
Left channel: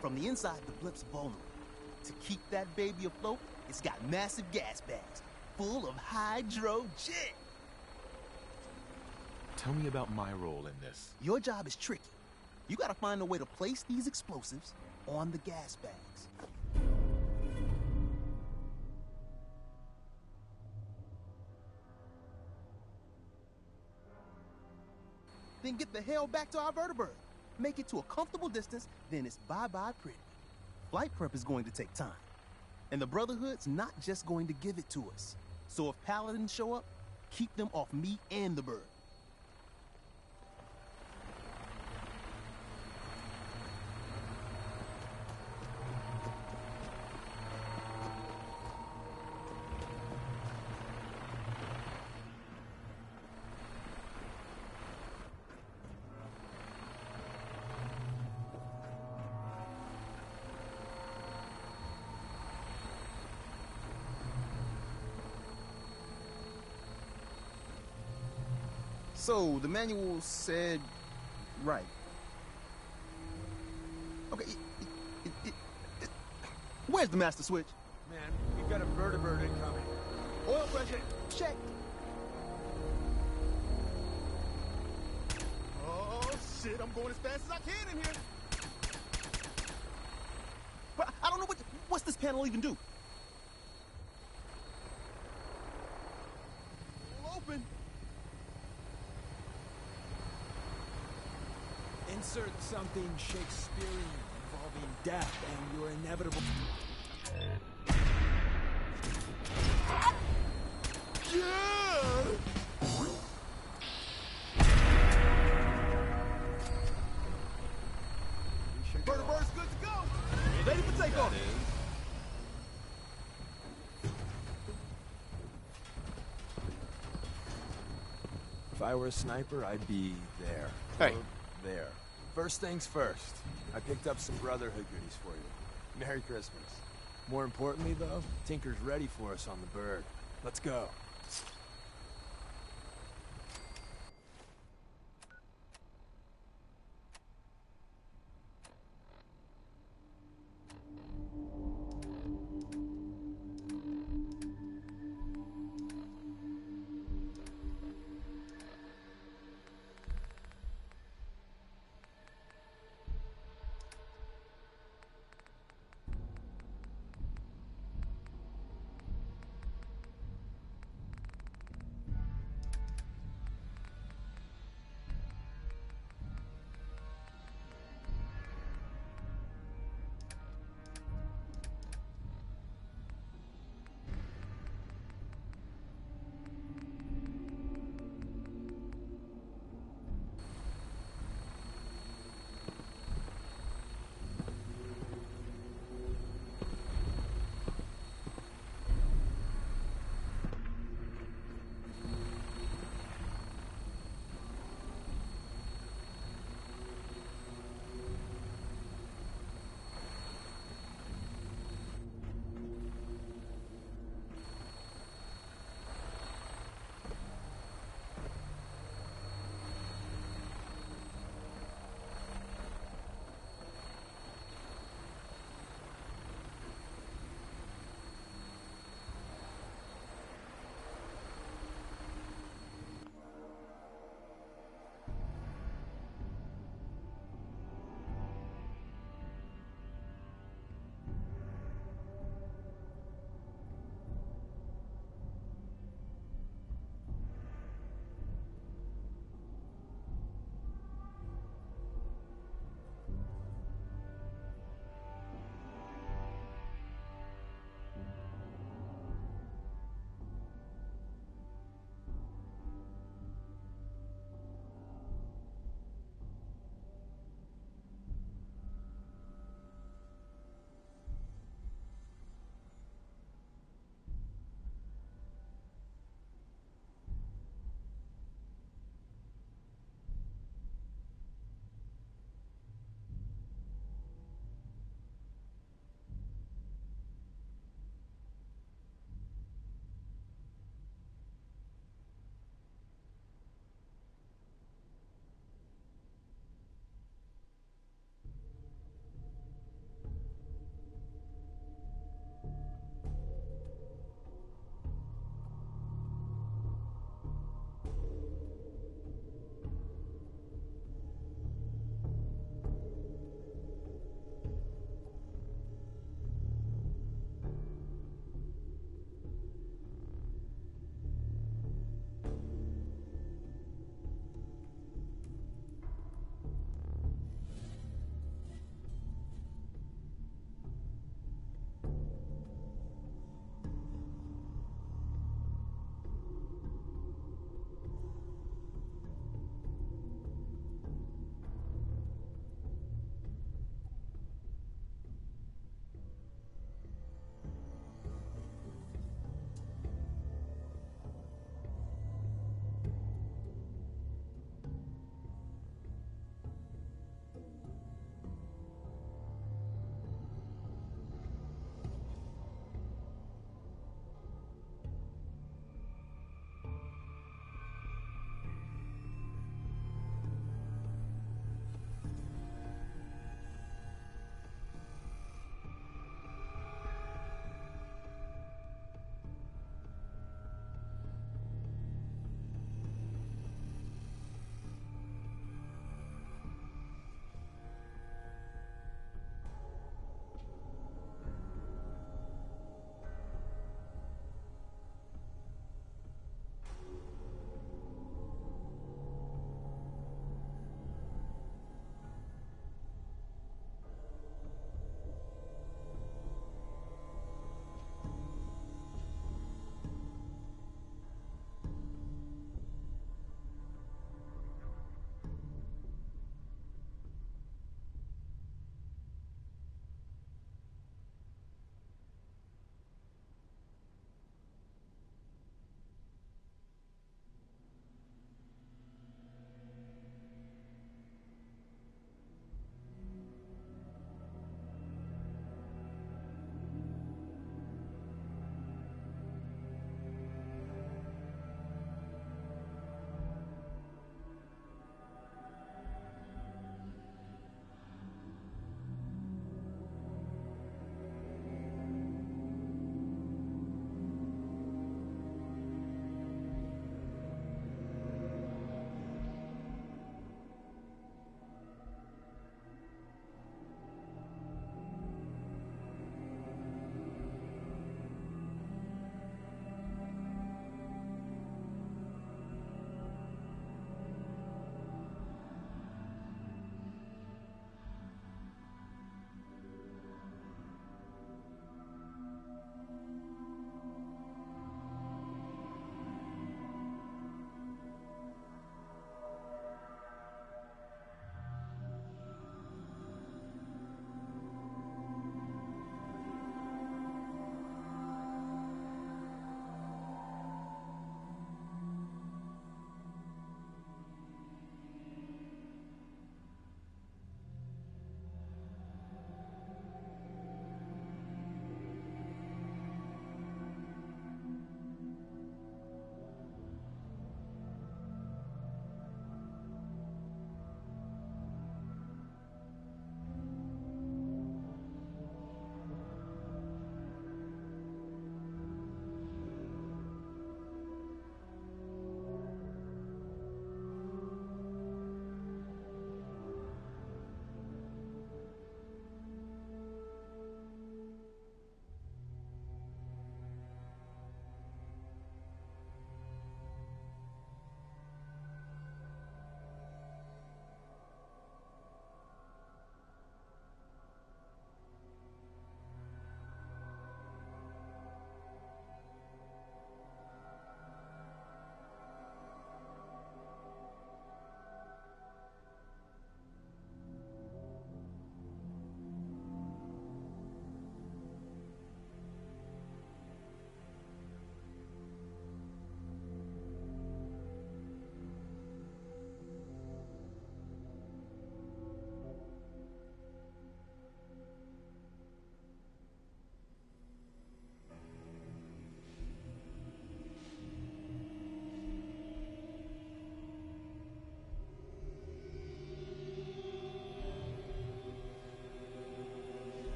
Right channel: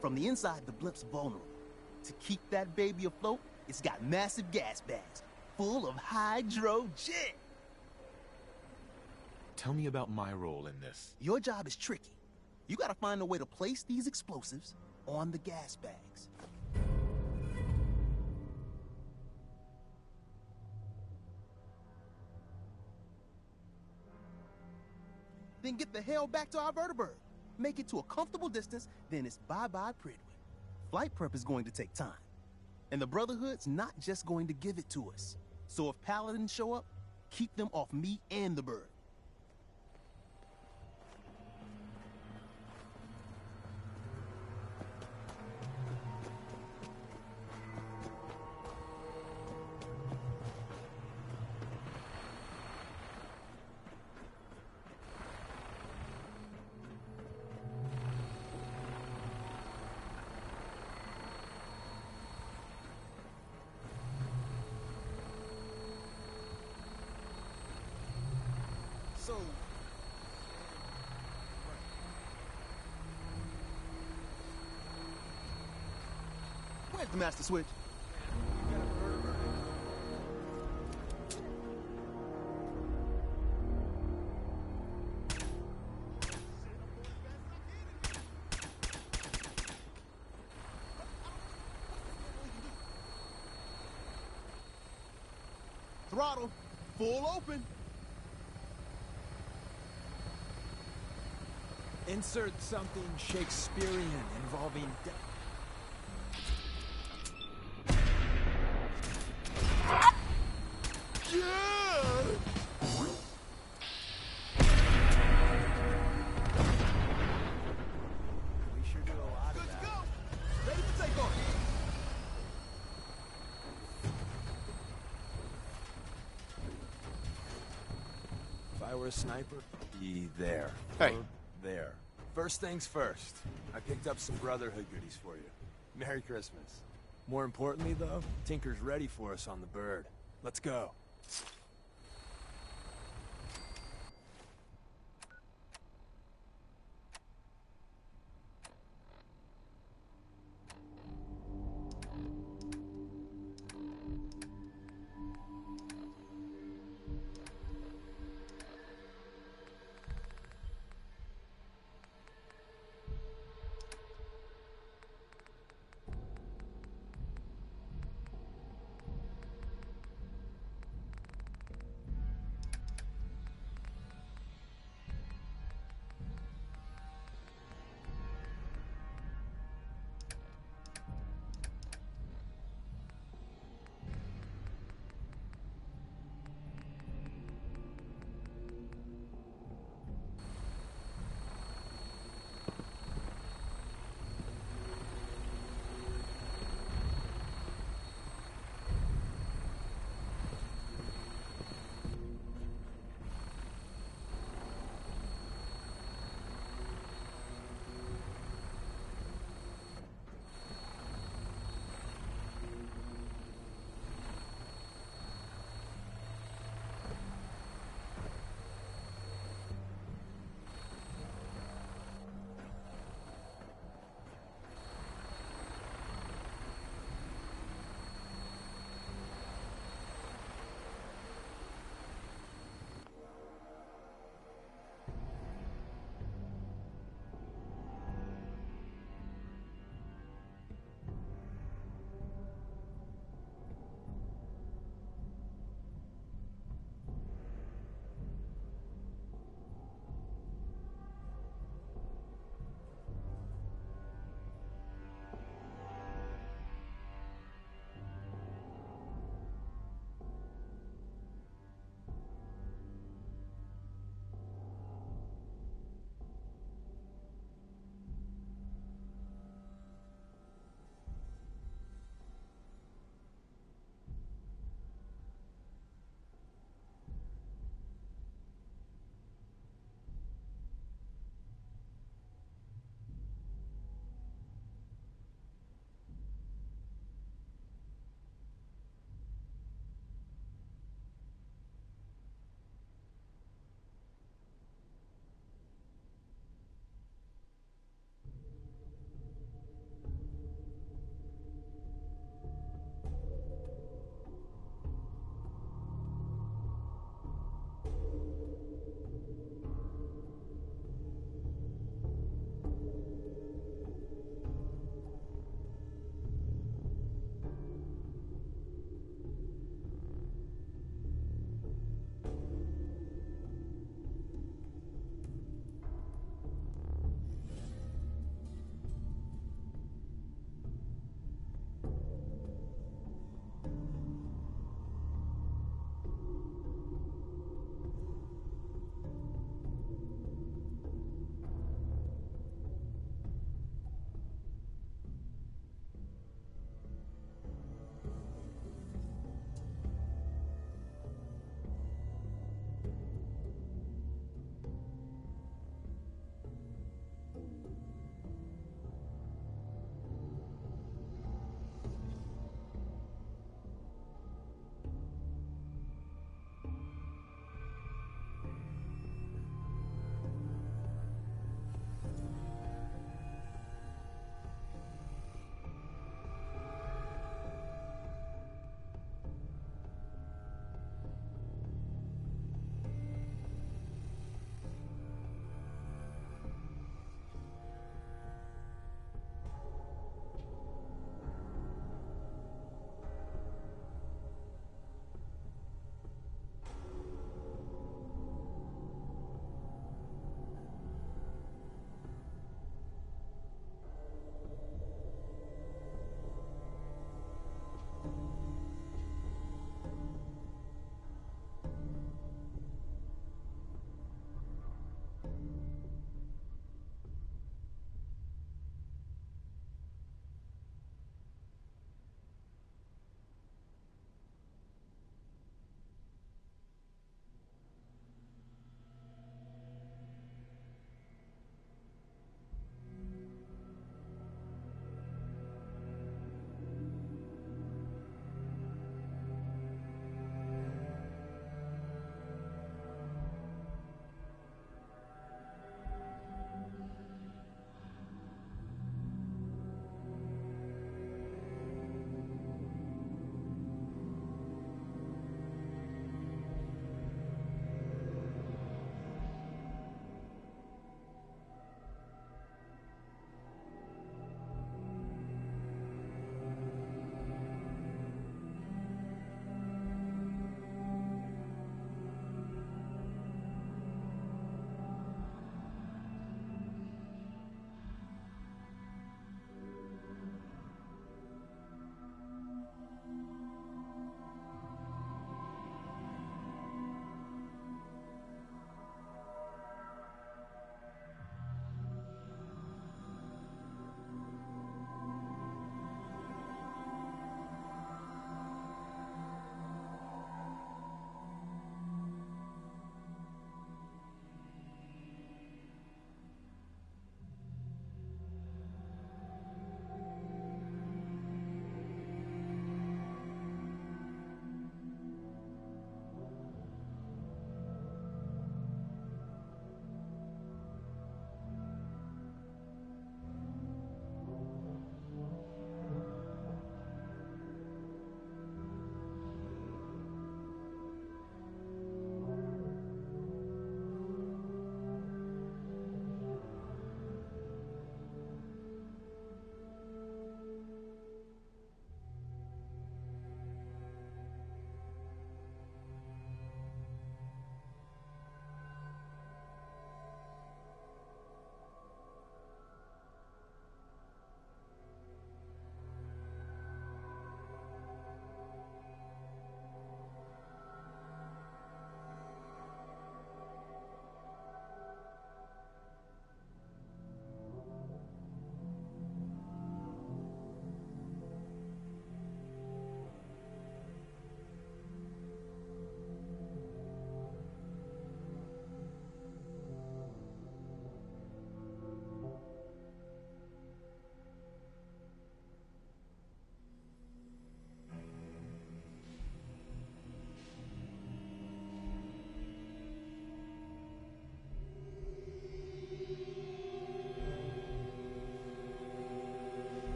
From the inside, the blip's vulnerable. To keep that baby afloat, it's got massive gas bags full of hydrogen. Tell me about my role in this. Your job is tricky. You gotta find a way to place these explosives on the gas bags. Then get the hell back to our vertebrate. Make it to a comfortable distance, then it's bye-bye Pridwin. Flight prep is going to take time. And the Brotherhood's not just going to give it to us. So if Paladins show up, keep them off me and the bird. So, the manual said... right. Okay, where's the master switch? Man, we've got a vertebrate incoming. Oil pressure, check. Oh, shit, I'm going as fast as I can in here. But I don't know what's this panel even do? Throttle, full open. Insert something Shakespearean involving death and your inevitable... Yeah! Vertebrate's good to go. Ready for takeoff. If I were a sniper, I'd be there. Hey. Or there. First things first. I picked up some Brotherhood goodies for you. Merry Christmas. More importantly, though, Tinker's ready for us on the bird. Let's go.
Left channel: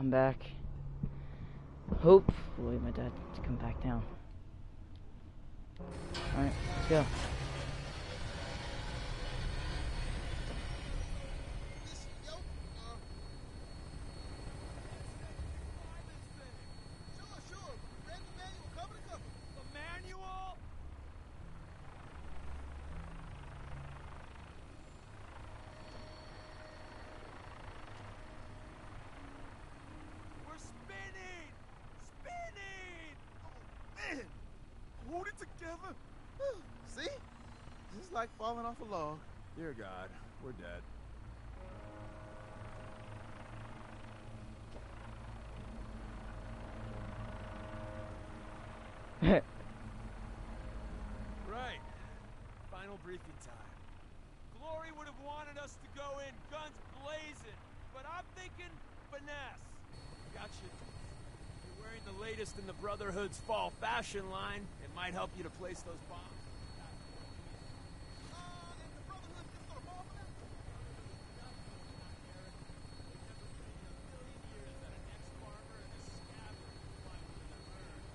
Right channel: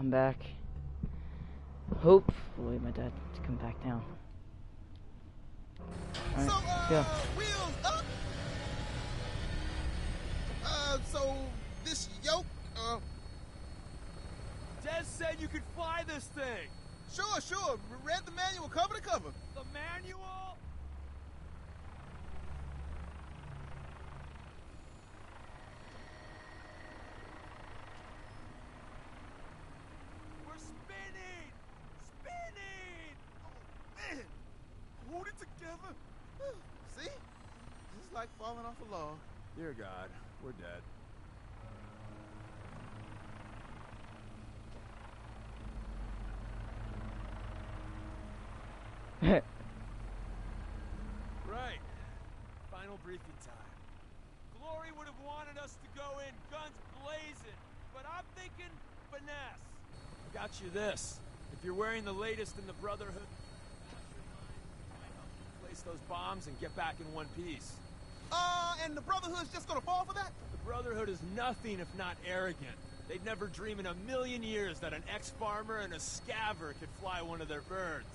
I'm back. Hopefully my dad to come back down. Alright, let's go. So, this yoke, Des said you could fly this thing. Sure. Read the manual cover to cover. The manual? We're spinning! Spinning! Oh, man! Hold it together. See? Just like falling off a log. Dear God, we're dead. Right. Final briefing time. Glory would have wanted us to go in guns blazing, but I'm thinking finesse. Got you this. If you're wearing the latest in the Brotherhood's fall fashion line, it might help you to place those bombs and get back in one piece. And the Brotherhood's just gonna fall for that? The Brotherhood is nothing if not arrogant. They'd never dream in a million years that an ex-farmer and a scabber could fly one of their birds.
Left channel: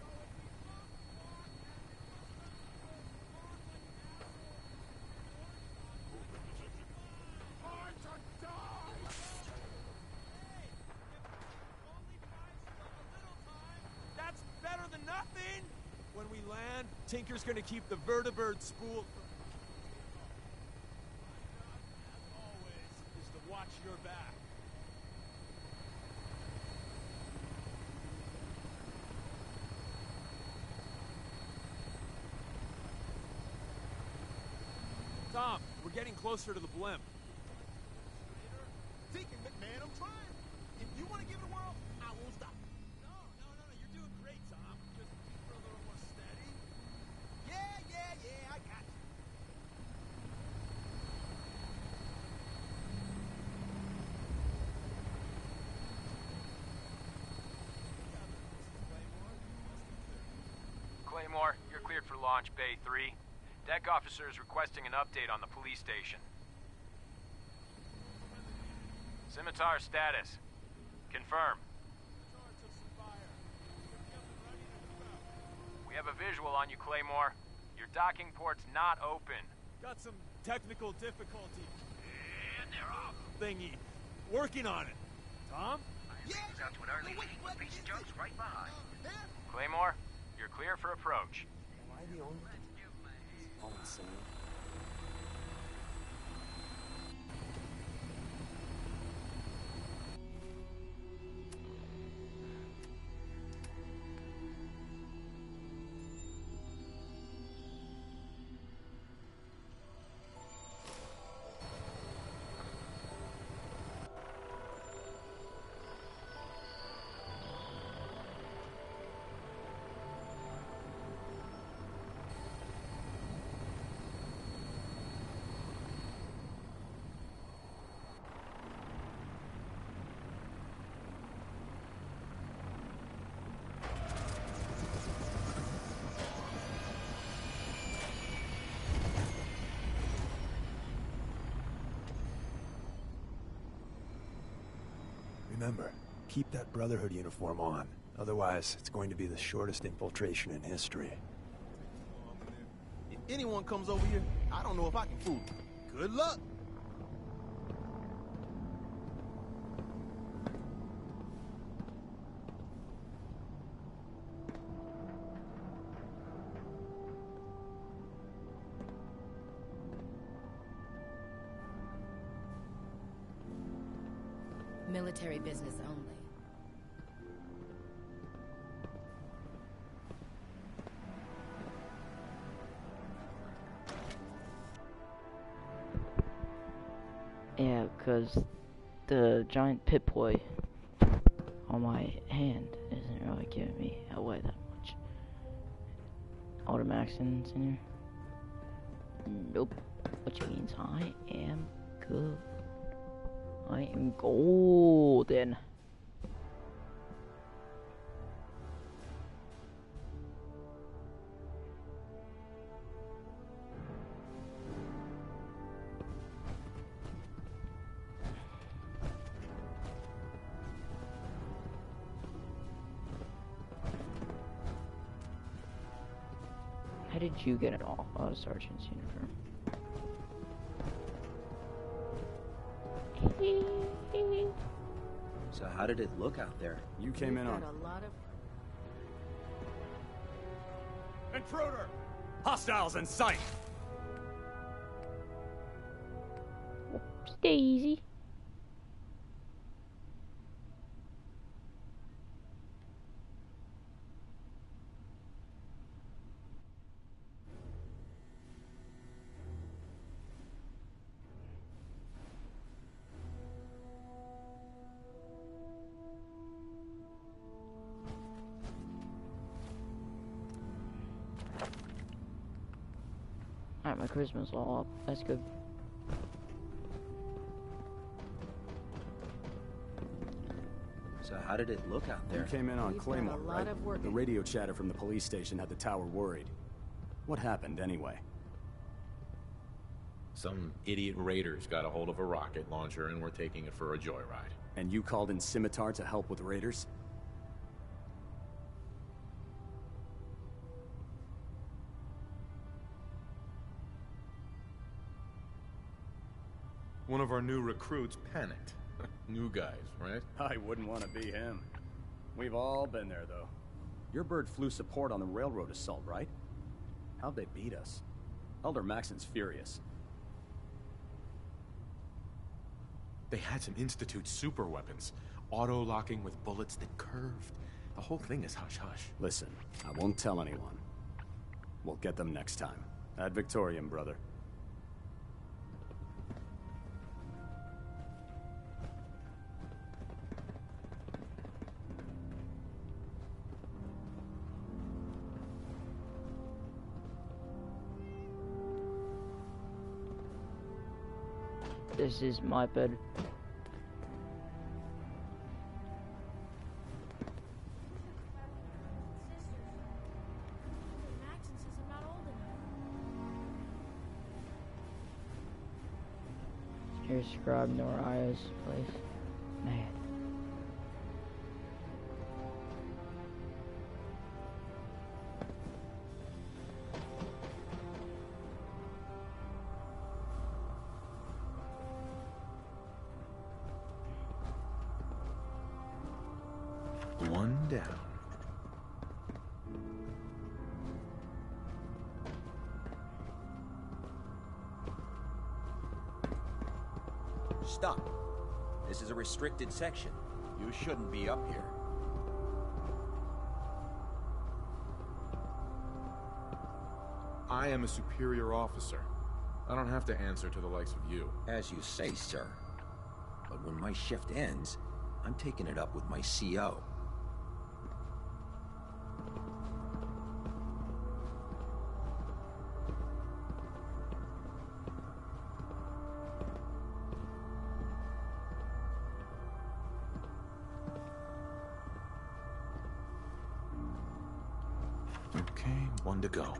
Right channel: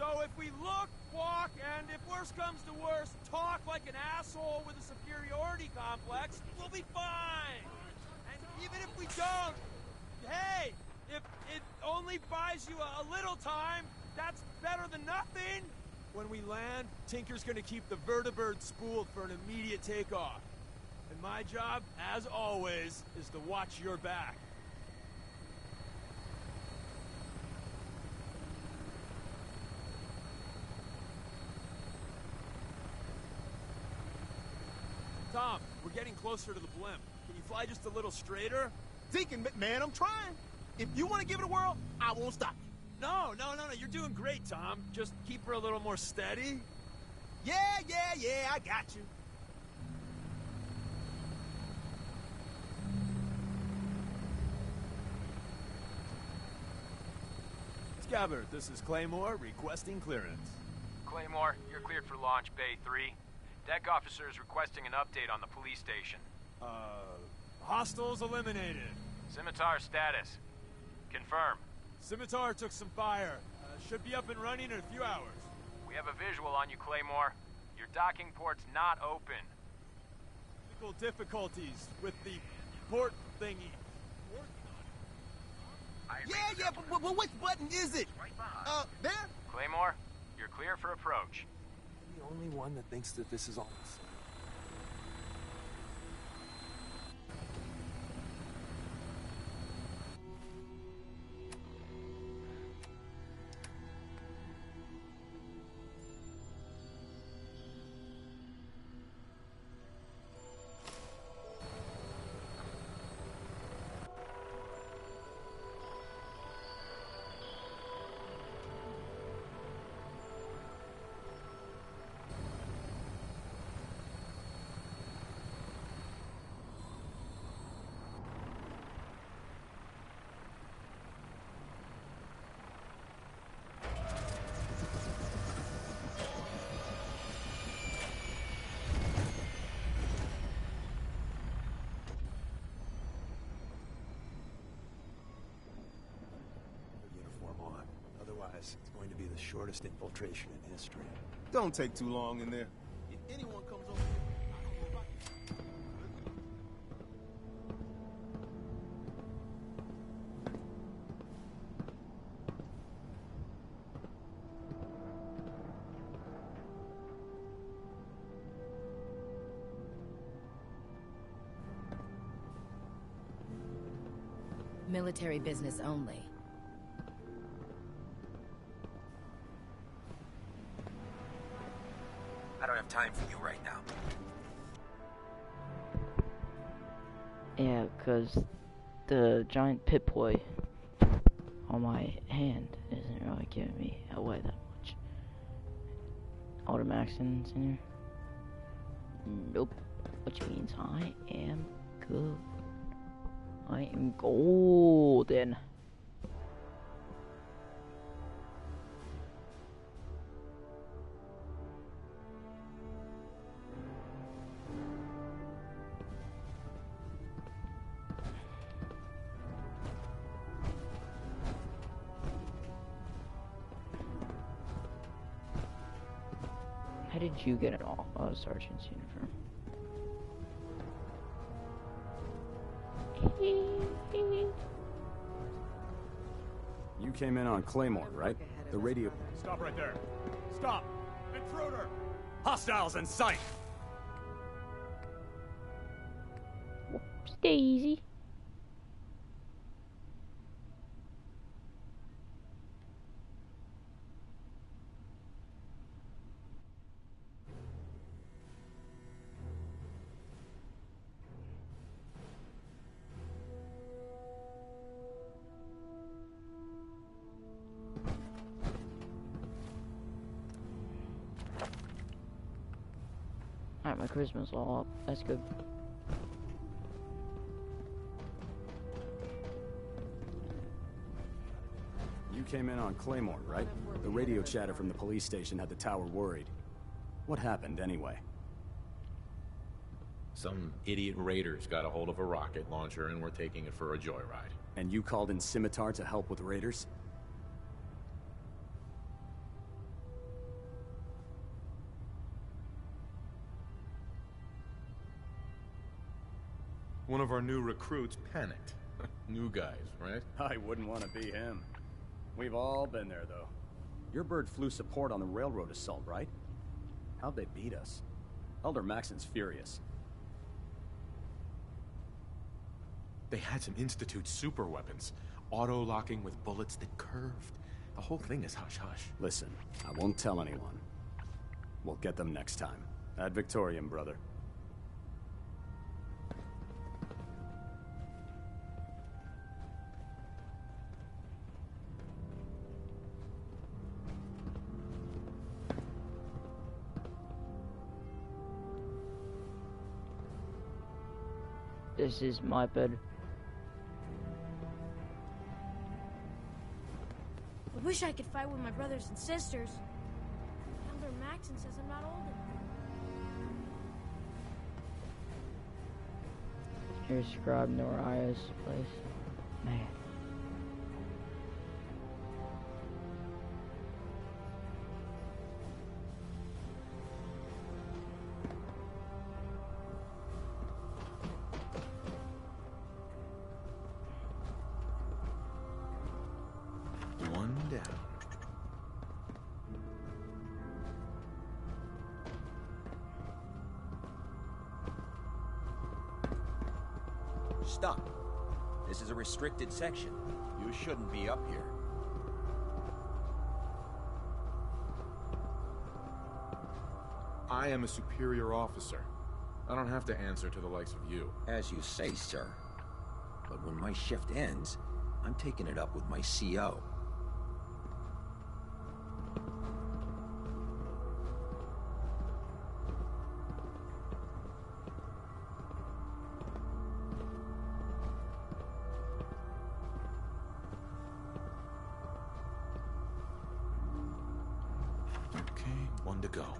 So if we look, walk, and if worse comes to worse, talk like an asshole with a superiority complex, we'll be fine. And even if we don't, hey, if it only buys you a little time, that's better than nothing. When we land, Tinker's gonna keep the vertibird spooled for an immediate takeoff. And my job, as always, is to watch your back. Tom, we're getting closer to the blimp. Can you fly just a little straighter? Deacon, man, I'm trying. If you want to give it a whirl, I won't stop you. No, you're doing great, Tom. Just keep her a little more steady. Yeah, I got you. Scabbard, this is Claymore requesting clearance. Claymore, you're cleared for launch Bay 3. Deck officer is requesting an update on the police station. Hostiles eliminated. Scimitar status. Confirm. Scimitar took some fire. Should be up and running in a few hours. We have a visual on you, Claymore. Your docking port's not open. Got some technical difficulties with the port thingy. Working on it. Tom? Yeah, but which button is it? There? Claymore, you're clear for approach. Am I the only one that thinks that this is all insane? Remember, keep that Brotherhood uniform on. Otherwise, it's going to be the shortest infiltration in history. Don't take too long in there. If anyone comes over here, I don't know if I can fool them. Good luck. Military business only. I don't have time for you right now. Yeah, because the giant Pip-Boy on my hand isn't really giving me away that much. Automatics in here? Nope. Which means I am good. I am golden. How did you get an sergeant's uniform? So how did it look out there? You came in on Claymore, right? The radio... Stop right there. Stop! Intruder! Hostiles in sight! Whoops, daisy. Alright, my charisma's all up. That's good. So how did it look out there? You came in on Claymore, right? The radio chatter from the police station had the tower worried. What happened, anyway? Some idiot raiders got a hold of a rocket launcher and were taking it for a joyride. And you called in Scimitar to help with raiders? One of our new recruits panicked. New guys, right? I wouldn't want to be him. We've all been there, though. Your bird flew support on the railroad assault, right? How'd they beat us? Elder Maxon's furious. They had some Institute super weapons. Auto-locking with bullets that curved. The whole thing is hush-hush. Listen, I won't tell anyone. We'll get them next time. Ad Victoriam, brother. This is my bed. I wish I could fight with my brothers and sisters. Elder Maxon says I'm not old enough. Here's Scribe Noria's place. Man. One down. Stop. This is a restricted section. You shouldn't be up here. I am a superior officer. I don't have to answer to the likes of you. As you say, sir. But when my shift ends, I'm taking it up with my CO. Okay, one to go.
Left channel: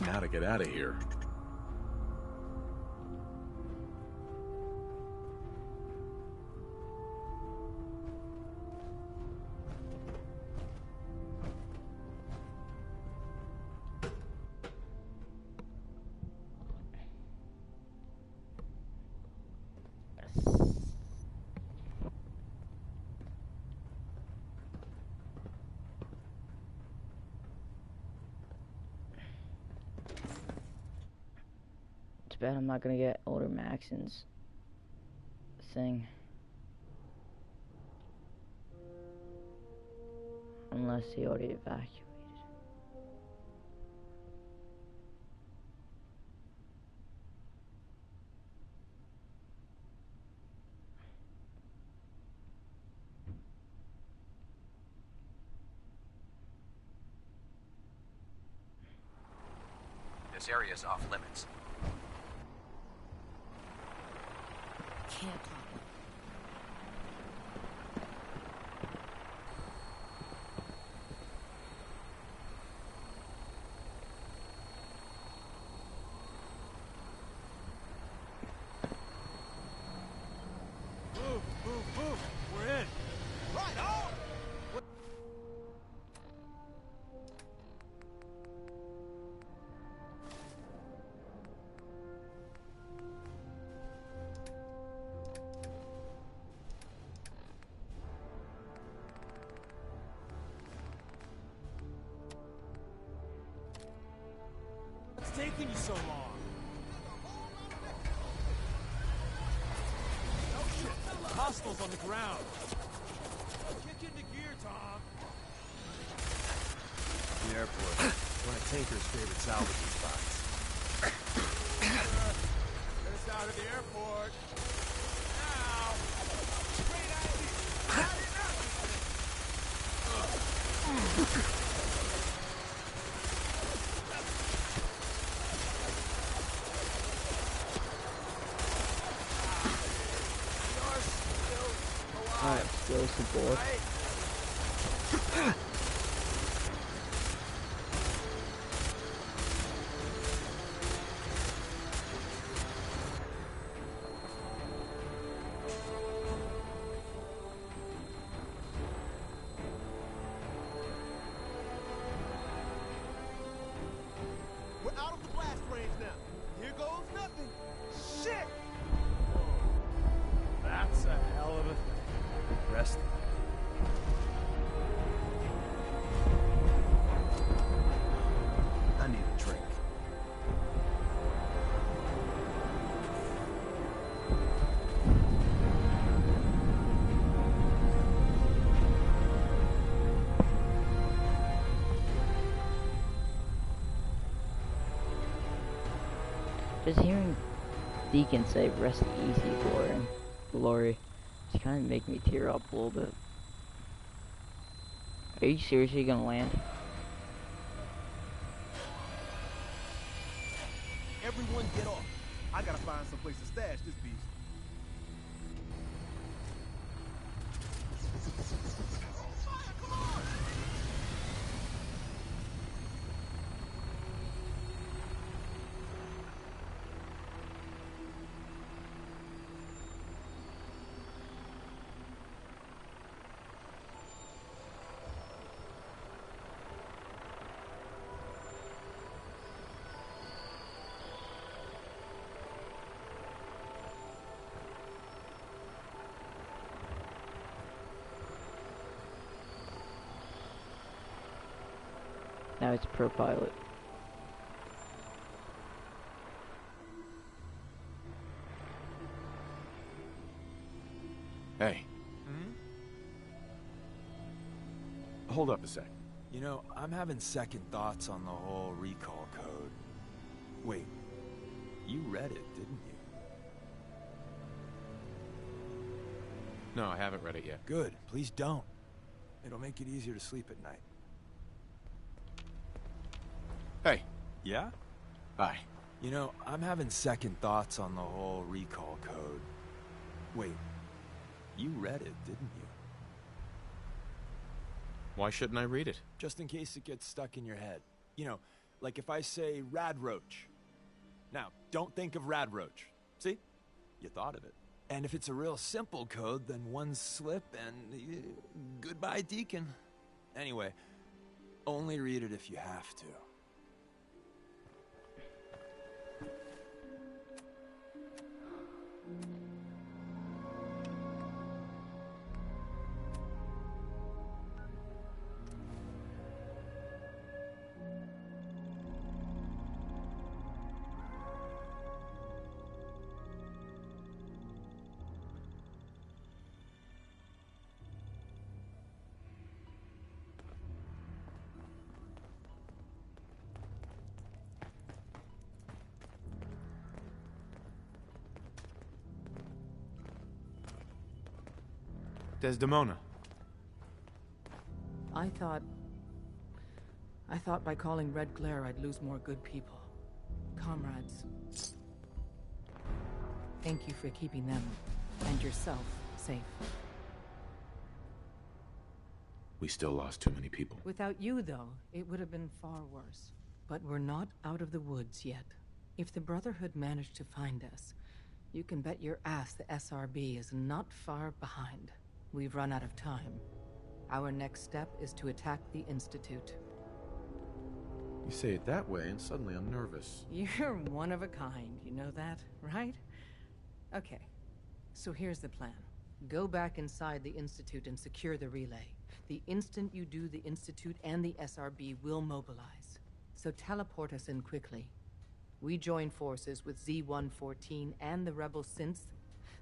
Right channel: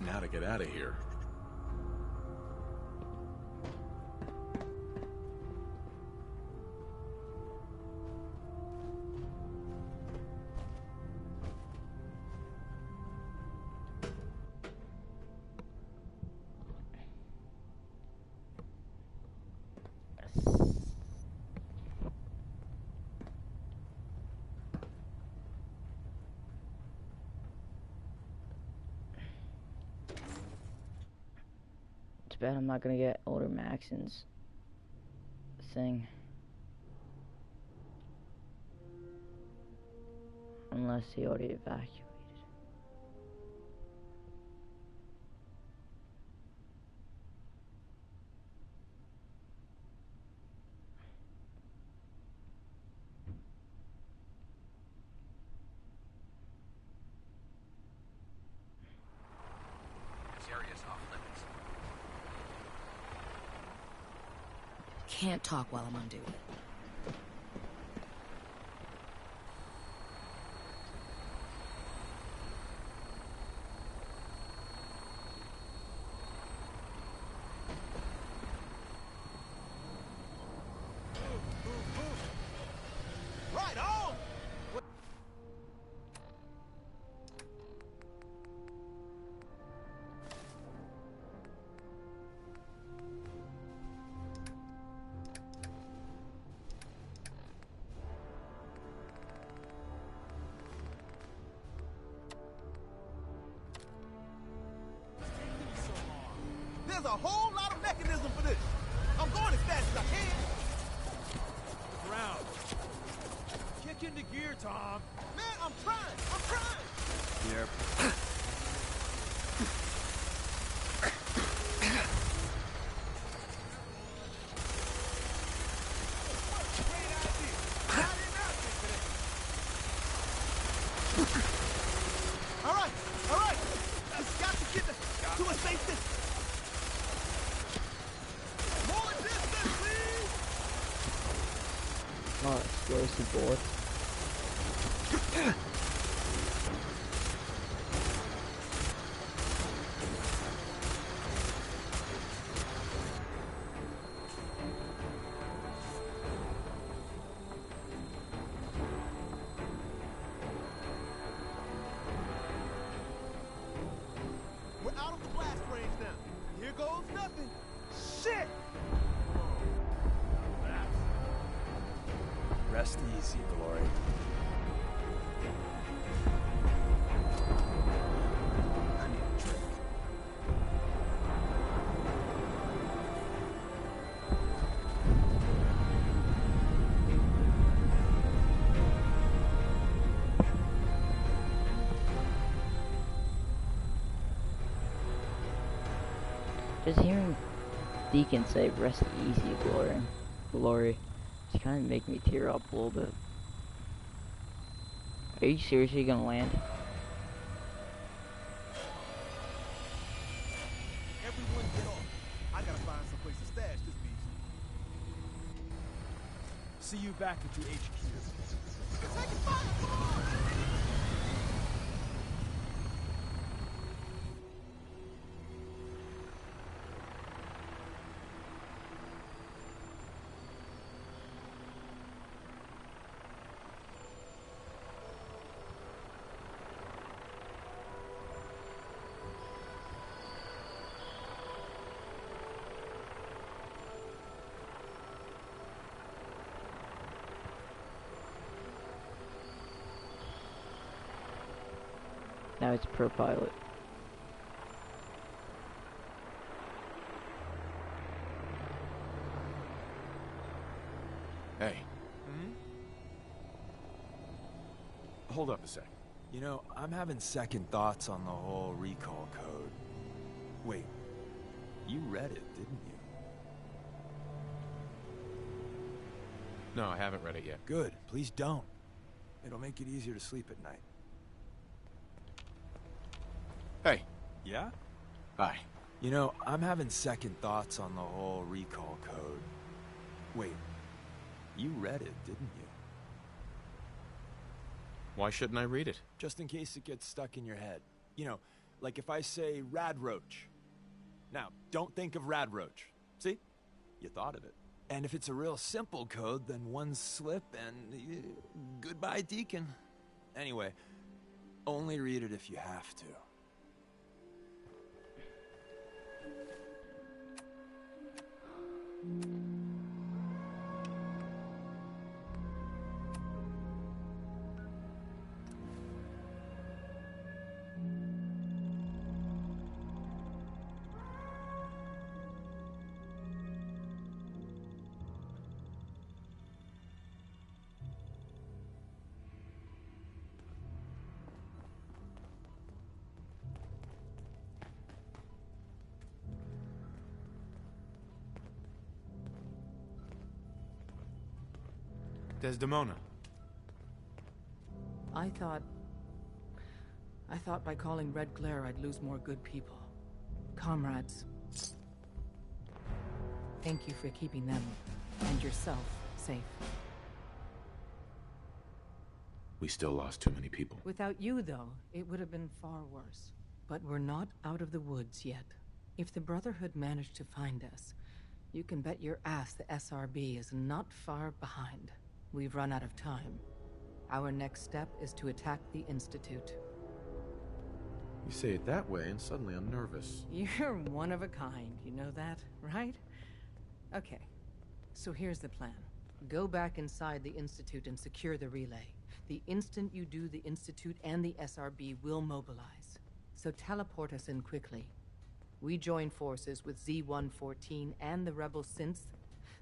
Now to get out of here. Too bad I'm not gonna get older Maxon's thing. Unless he already evacuated. This area is off limits. Can't talk while I'm on duty. Move, move, move! We're in! Right taking you so long? There's a whole lot of mechanism for this. I'm going as fast as I can. Hostiles on the ground. Kick into gear, Tom. Man, I'm trying. The airport. One of Taker's favorite salvage spots. It's out of the airport. Now. Great idea. Not enough today. All right. Got to get to a safe distance. Oh, explosive board. We're out of the blast range now. Here goes nothing. Shit! Whoa. That's a hell of a... Rest easy, Glory. I need a drink. Just hearing Deacon say "rest easy, glory," it's kind of making me tear up a little bit. Are you seriously gonna land? Everyone get off. I gotta find some place to stash this beast. See you back at the HQ. Taking fire, come on! Now it's pro pilot. Hey. Hold up a sec. You know, I'm having second thoughts on the whole recall code. Wait, you read it, didn't you? No, I haven't read it yet. Good, please don't. It'll make it easier to sleep at night. Hey. Yeah? Hi. You know, I'm having second thoughts on the whole recall code. Wait, you read it, didn't you? Why shouldn't I read it? Just in case it gets stuck in your head. You know, like if I say Rad Roach. Now, don't think of Rad Roach. See? You thought of it. And if it's a real simple code, then one slip and goodbye, Deacon. Anyway, only read it if you have to. Desdemona. I thought by calling Red Glare I'd lose more good people. Comrades. Thank you for keeping them and yourself safe. We still lost too many people. Without you, though, it would have been far worse. But we're not out of the woods yet. If the Brotherhood managed to find us, you can bet your ass the SRB is not far behind. We've run out of time. Our next step is to attack the Institute. You say it that way, and suddenly I'm nervous. You're one of a kind, you know that, right? Okay, so here's the plan. Go back inside the Institute and secure the relay. The instant you do, the Institute and the SRB will mobilize. So teleport us in quickly. We join forces with Z-114 and the rebel synths,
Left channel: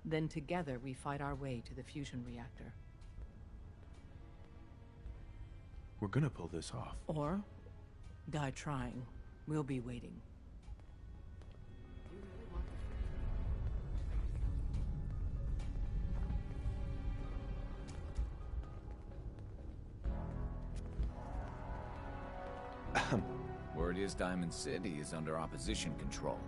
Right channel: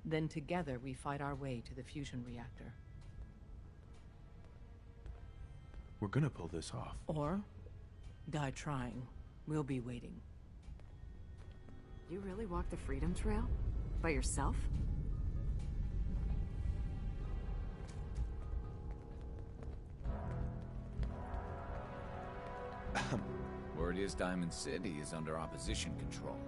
then together we fight our way to the fusion reactor. We're gonna pull this off. Or die trying. We'll be waiting. You really walk the Freedom Trail? By yourself? Word is Diamond City is under opposition control.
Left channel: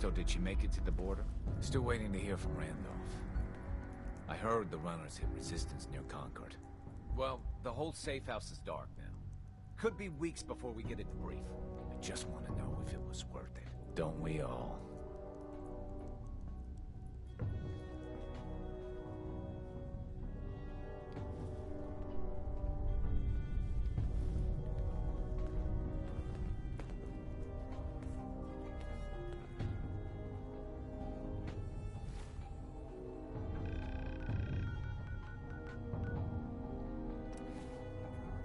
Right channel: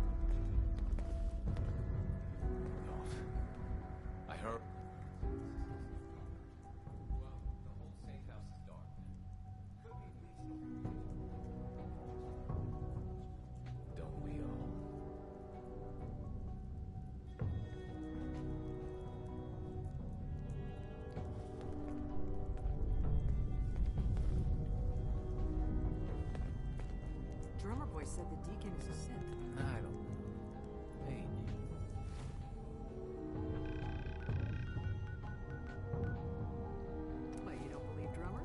So did she make it to the border? Still waiting to hear from Randolph. I heard the runners hit resistance near Concord. Well, the whole safe house is dark now. Could be weeks before we get a debrief. I just want to know if it was worth it. Don't we all? Drummer boy said the deacon is sick. I don't... Hey. Why, you don't believe drummer?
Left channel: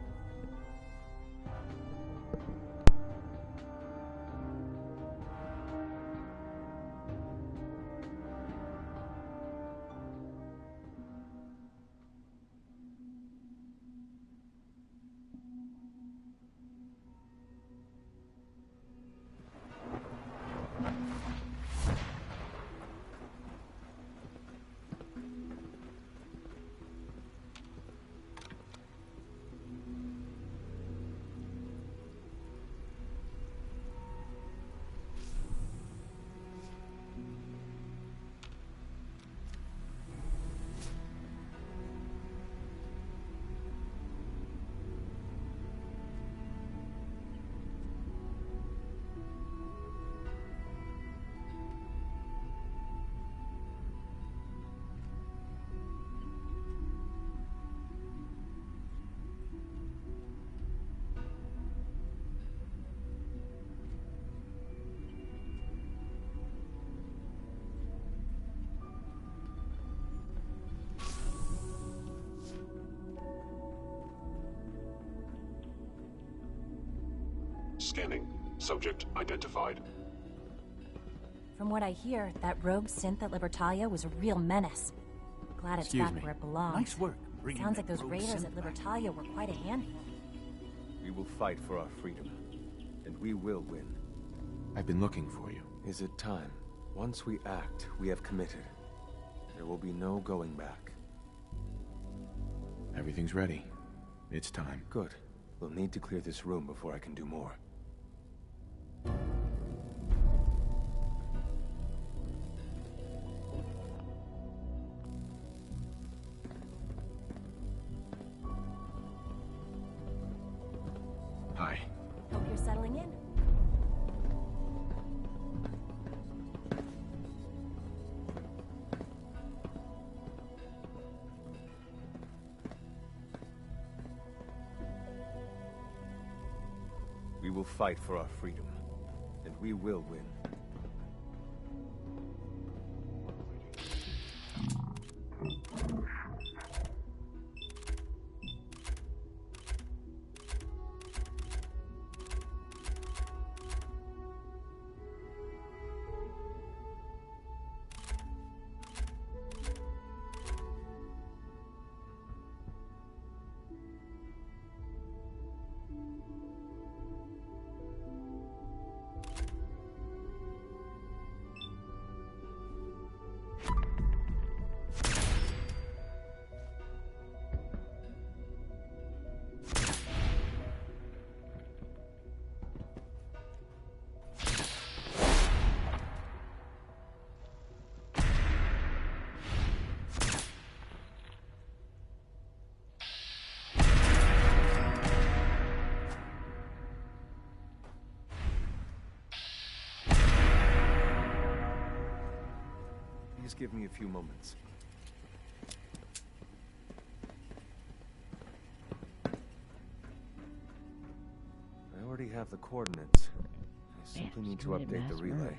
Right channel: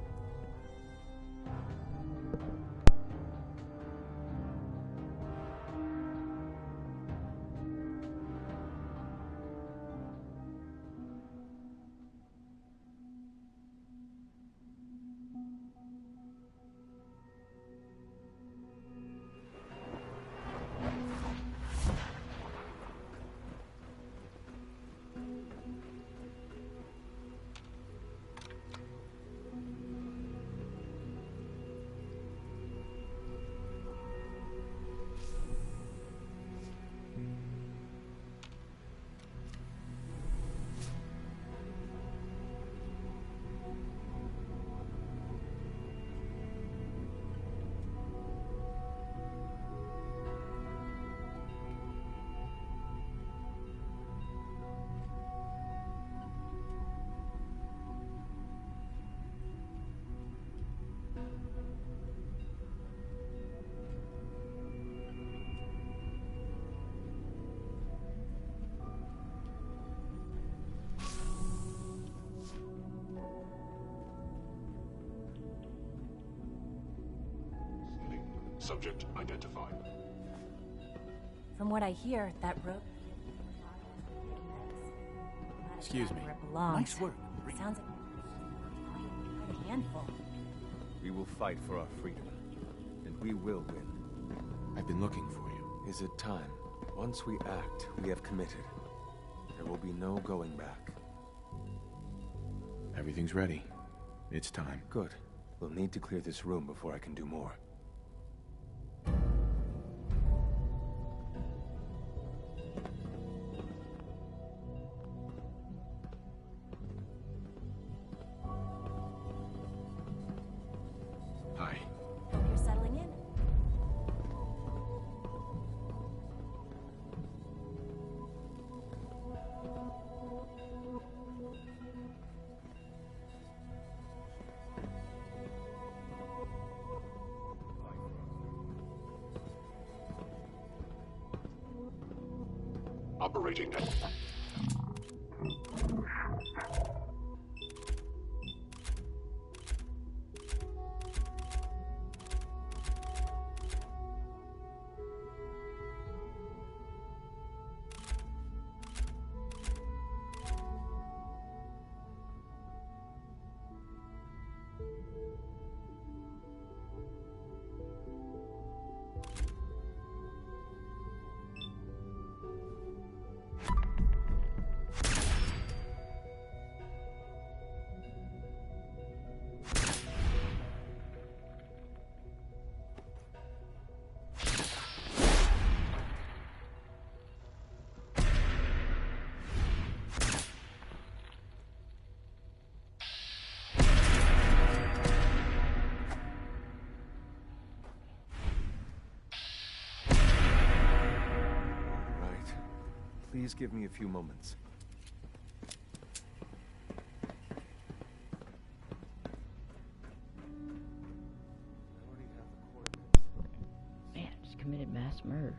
Scanning. Subject identified. From what I hear, that rogue synth at Libertalia was a real menace. Glad it's Excuse back me. where it belongs. Nice work. Sounds like those raiders at Libertalia were quite a handful. We will fight for our freedom, and we will win. I've been looking for you. Is it time? Once we act, we have committed. There will be no going back. Everything's ready. It's time. Good. We'll need to clear this room before I can do more. Hi. Hope you're settling in. We will fight for our freedom, and we will win. Operating. Please give me a few moments. the relay.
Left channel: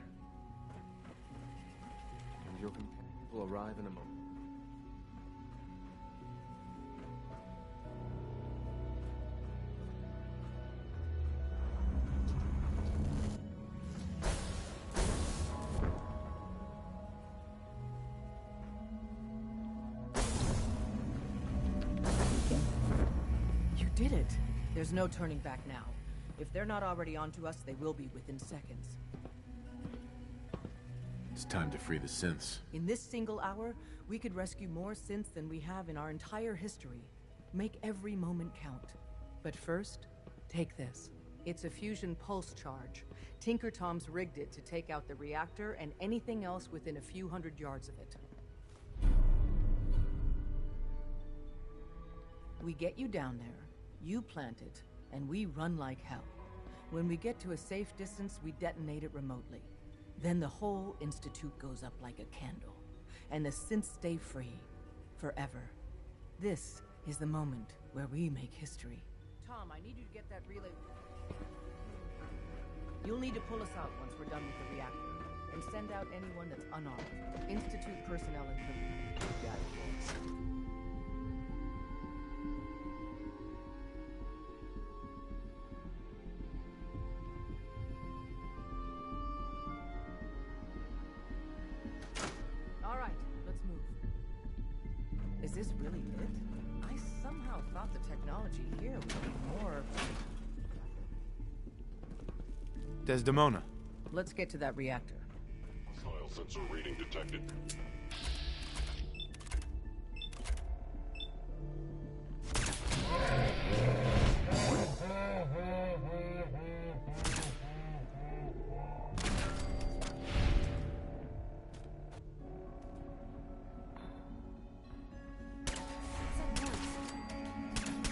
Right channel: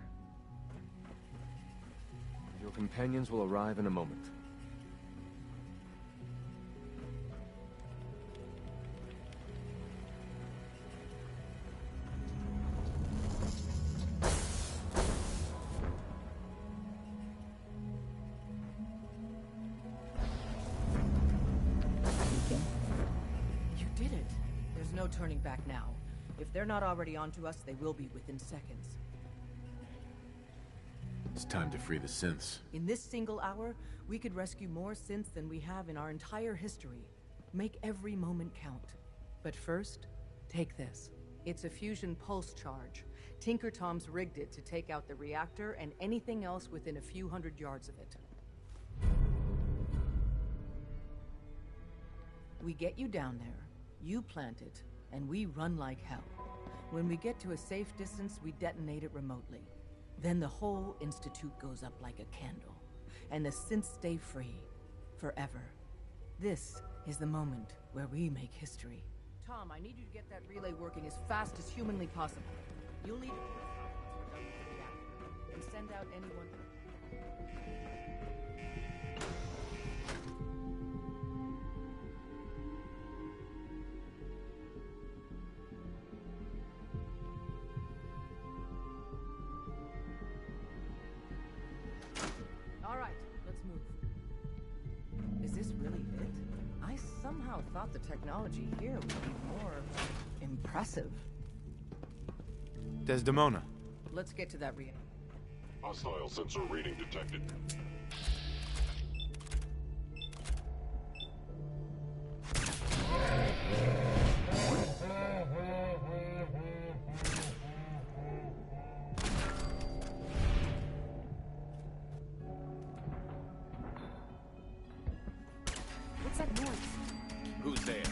Your companions will arrive in a moment. You did it. There's no turning back now. If they're not already onto us, they will be within seconds. It's time to free the synths. In this single hour, we could rescue more synths than we have in our entire history. Make every moment count. But first, take this. It's a fusion pulse charge. Tinker Tom's rigged it to take out the reactor and anything else within a few hundred yards of it. We get you down there, you plant it, and we run like hell. When we get to a safe distance, we detonate it remotely. Then the whole Institute goes up like a candle, and the synths stay free, forever. This is the moment where we make history. Tom, I need you to get that relay working as fast as humanly possible. You'll need to pull us out once we're done with the reactor, and send out anyone that's unarmed. Institute personnel included. All right, let's move. Is this really it? I somehow thought the technology here would be more impressive. Desdemona. Let's get to that reactor. Hostile sensor reading detected. What's that noise? Who's there?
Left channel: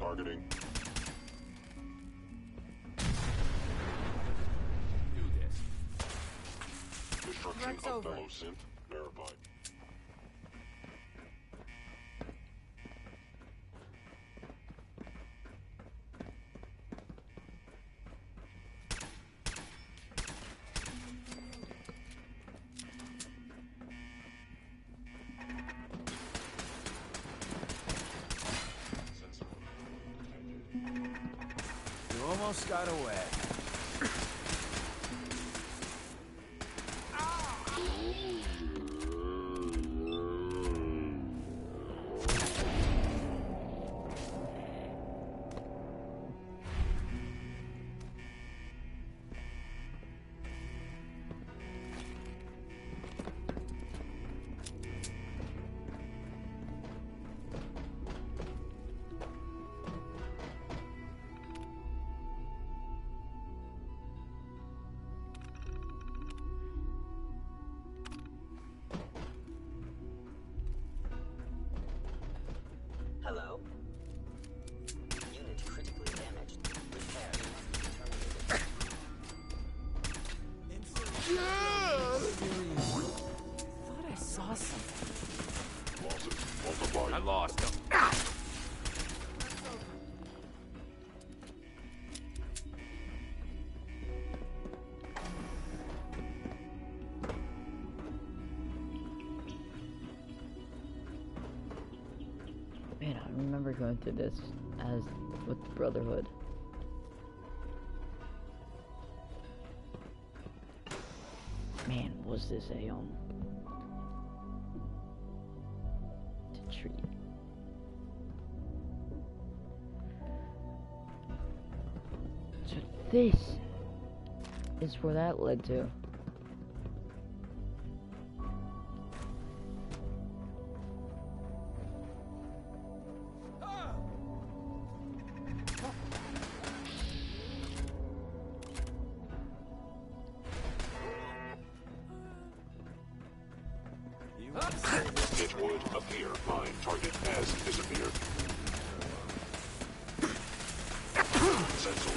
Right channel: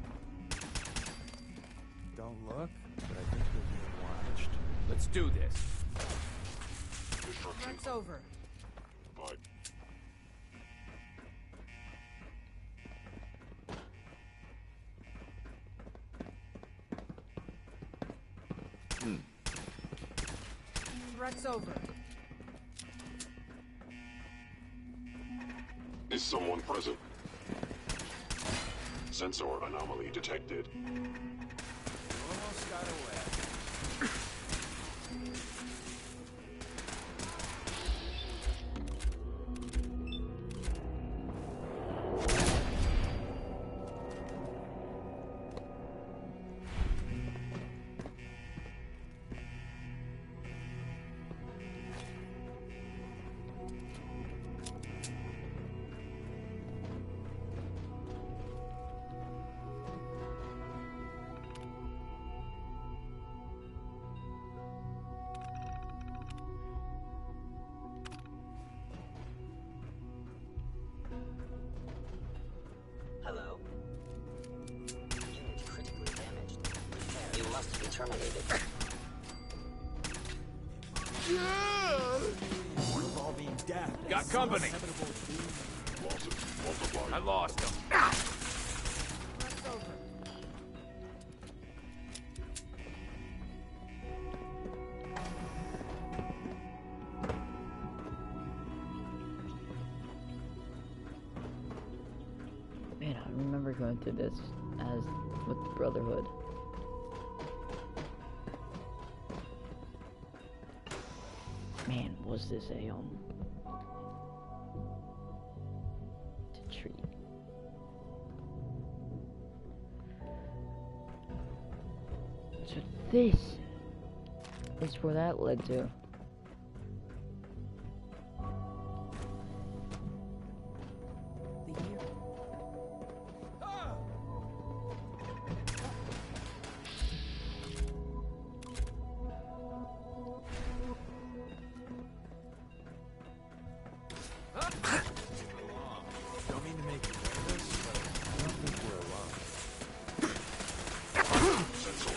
Targeting. Don't look. Let's do this. Destruction Threats of over. biosynth verified. Threats over. Is someone present? Sensor anomaly detected. You almost got away. Hello? Unit critically damaged. Repair must be terminated. Got company. Losses multiplied. I lost him. Man, I remember going through this as with the Brotherhood. Man, was this a to treat. So this is where that led to. It would appear fine. Target has disappeared. Sensor.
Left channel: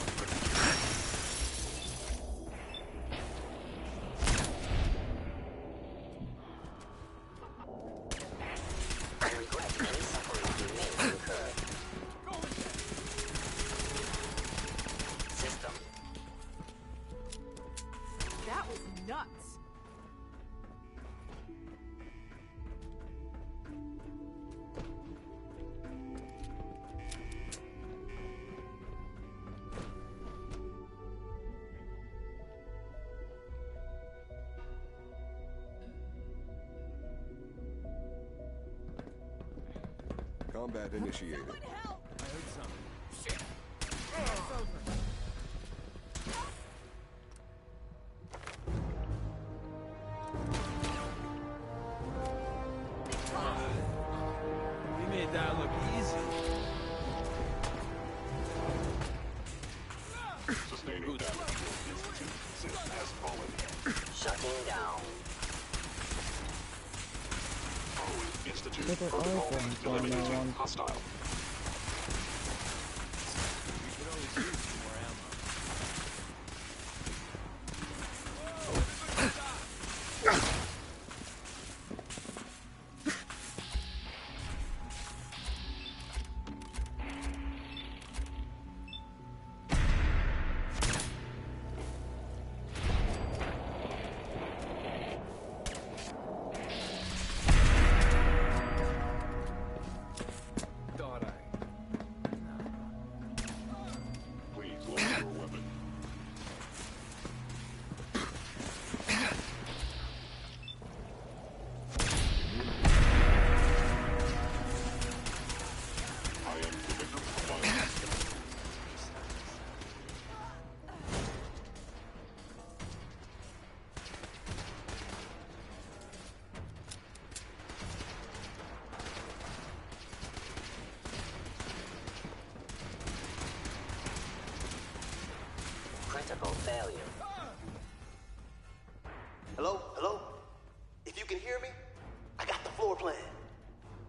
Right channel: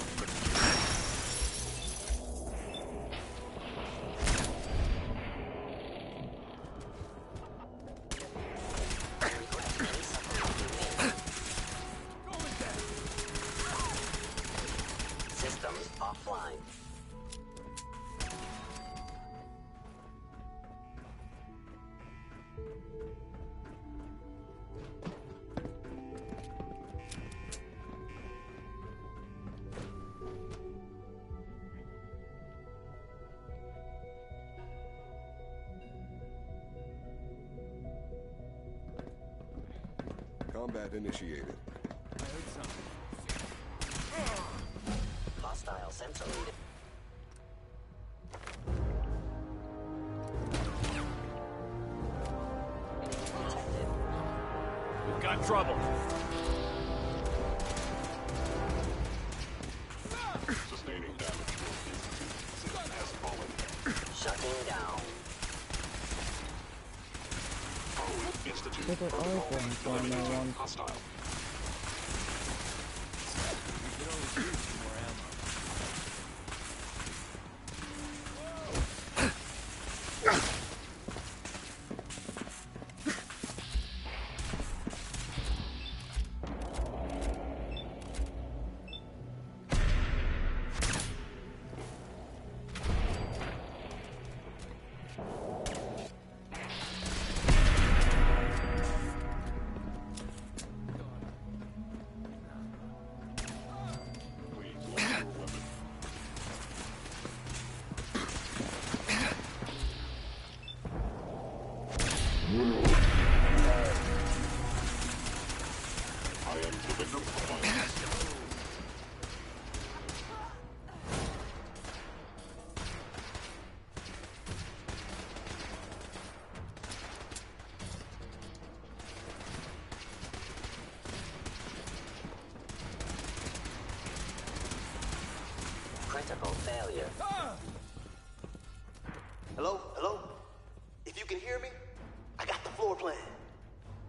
Combat initiated. I heard something. Hostile sensor. We got trouble. Sustaining damage. Institute has fallen. Shutting down. Institute. Look at all of them going Eliminating on. hostile. We could always use some more ammo. Please lower your weapon. I am the victim of violence. Critical failure. Hello? Hello? If you can hear me, I got the floor plan.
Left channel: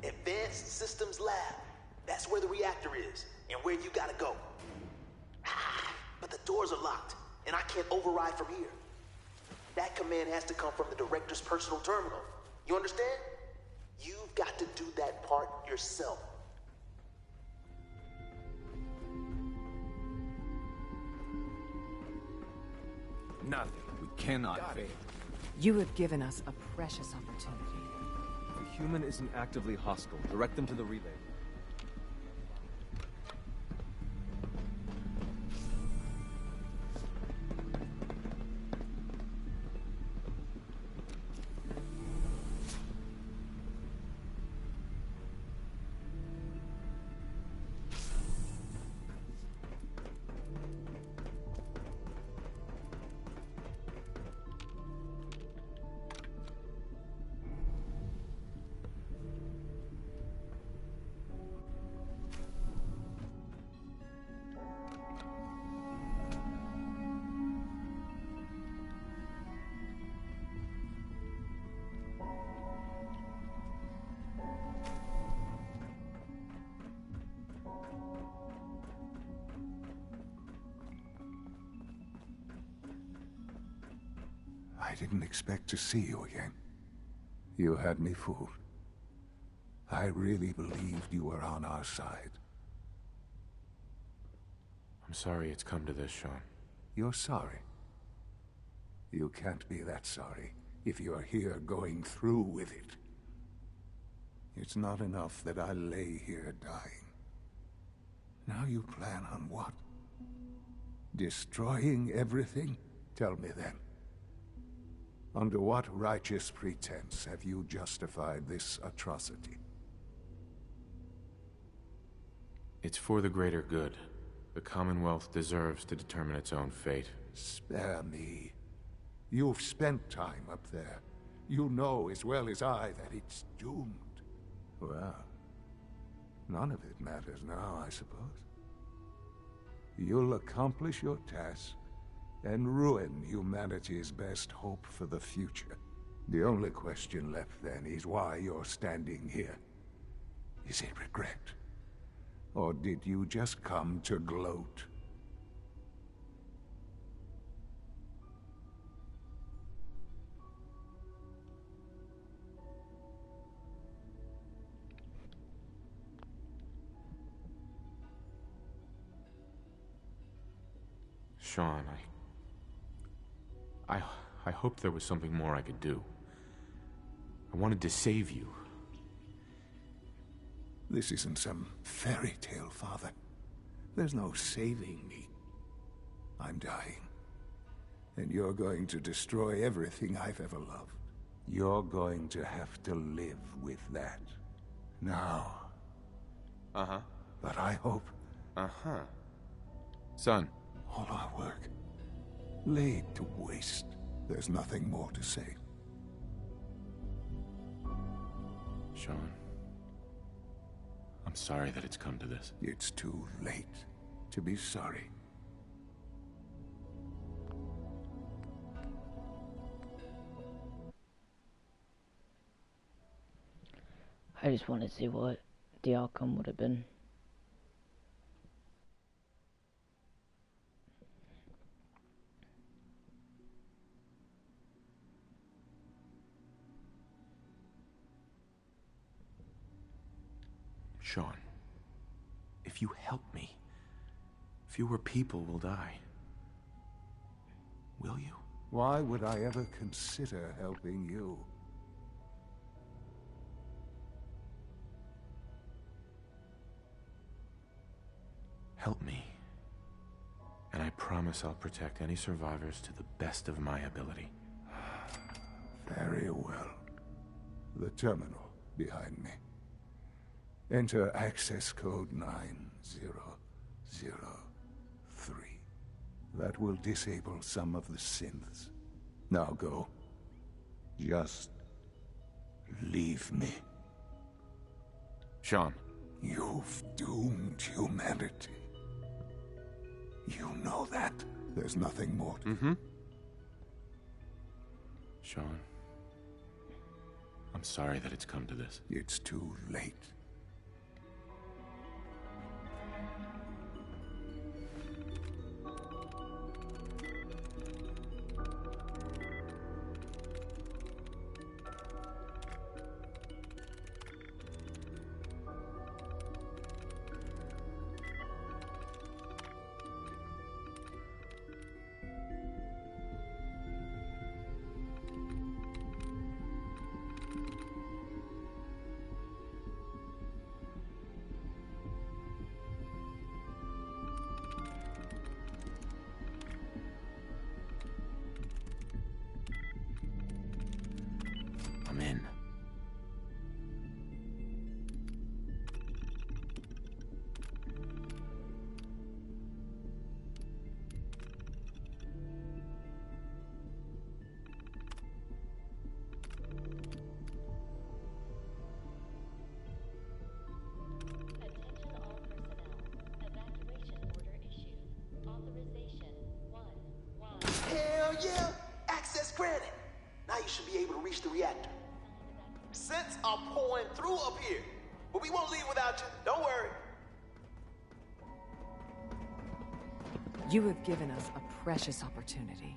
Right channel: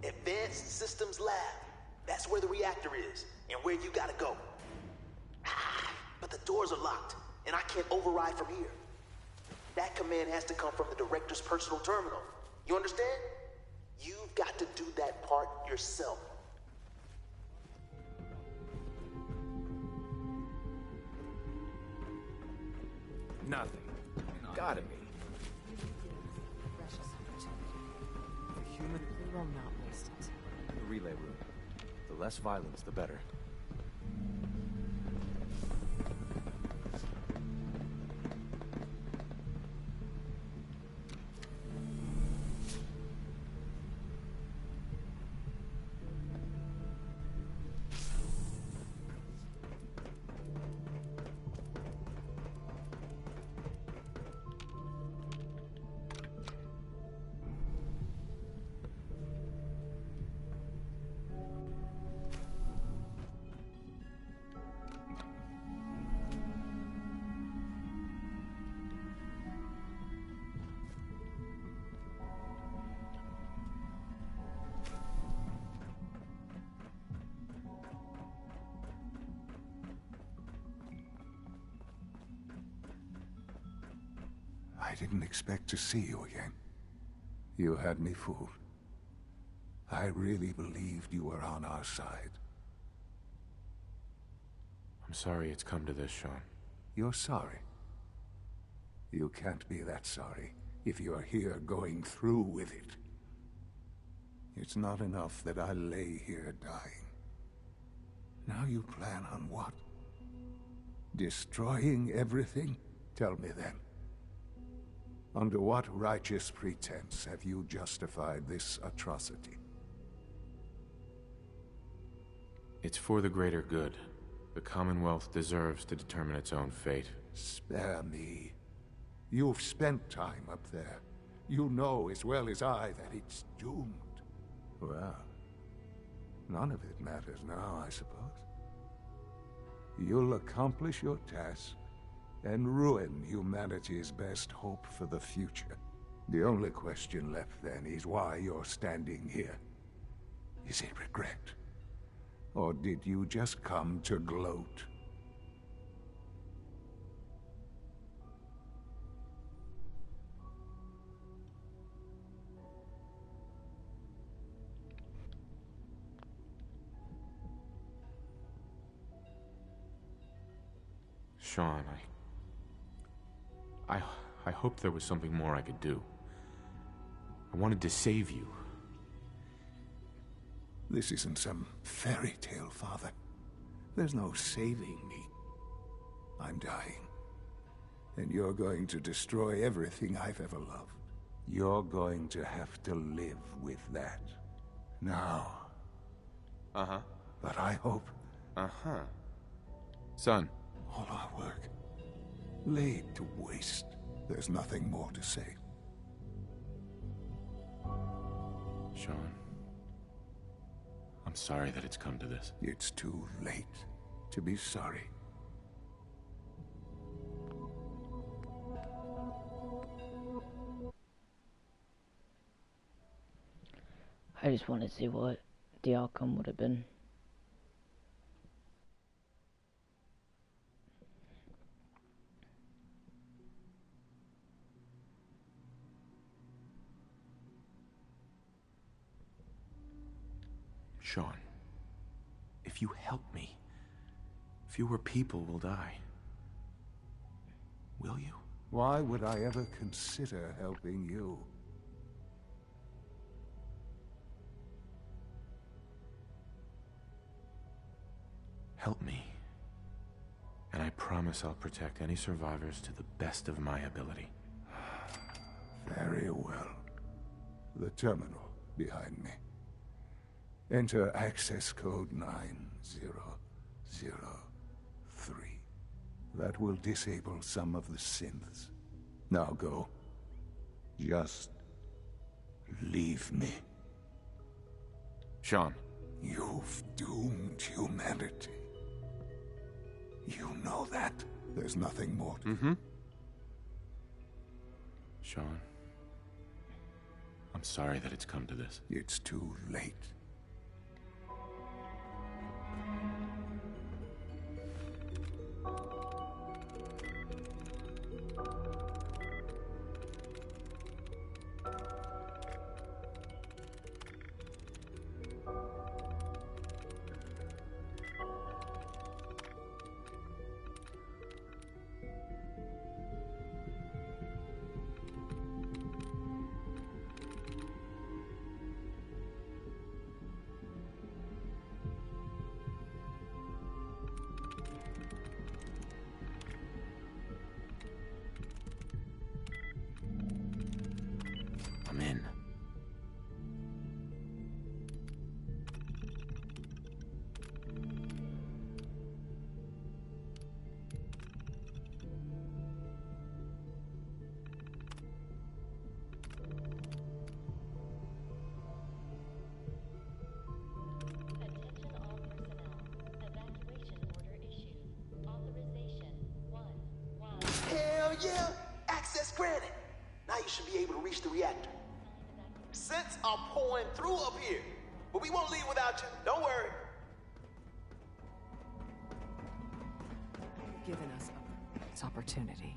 Advanced Systems Lab. That's where the reactor is, and where you gotta go. But the doors are locked, and I can't override from here. That command has to come from the director's personal terminal. You understand? You've got to do that part yourself. Nothing. We cannot. Got it. You have given us a precious opportunity. If a human isn't actively hostile, direct them to the relay room. The less violence, the better. I didn't expect to see you again. You had me fooled. I really believed you were on our side. I'm sorry it's come to this, Sean. You're sorry. You can't be that sorry if you're here going through with it. It's not enough that I lay here dying. Now you plan on what? Destroying everything? Tell me then. Under what righteous pretense have you justified this atrocity? It's for the greater good. The Commonwealth deserves to determine its own fate. Spare me. You've spent time up there. You know as well as I that it's doomed. Well, none of it matters now, I suppose. You'll accomplish your task and ruin humanity's best hope for the future. The only question left then is why you're standing here. Is it regret? Or did you just come to gloat? Sean, I hoped there was something more I could do. I wanted to save you. This isn't some fairy tale, Father. There's no saving me. I'm dying. And you're going to destroy everything I've ever loved. You're going to have to live with that. Now, Uh-huh. But I hope... Uh-huh. Son. All our work laid to waste. There's nothing more to say. Sean, I'm sorry that it's come to this. It's too late to be sorry. I just want to see what the outcome would have been. Sean, if you help me, fewer people will die. Will you? Why would I ever consider helping you? Help me, and I promise I'll protect any survivors to the best of my ability. Very well. The terminal behind me. Enter access code 9003. That will disable some of the synths. Now go. Just leave me. Sean. You've doomed humanity. You know that. There's nothing more to... Mm-hmm. Sean, I'm sorry that it's come to this. It's too late. I'm in. Attention all personnel. Evacuation order issued. Authorization 1Y. Hell yeah! Access granted! Now you should be able to reach the reactor. Scents are pouring through up here, but we won't leave without you. Don't worry. You have given us a precious opportunity.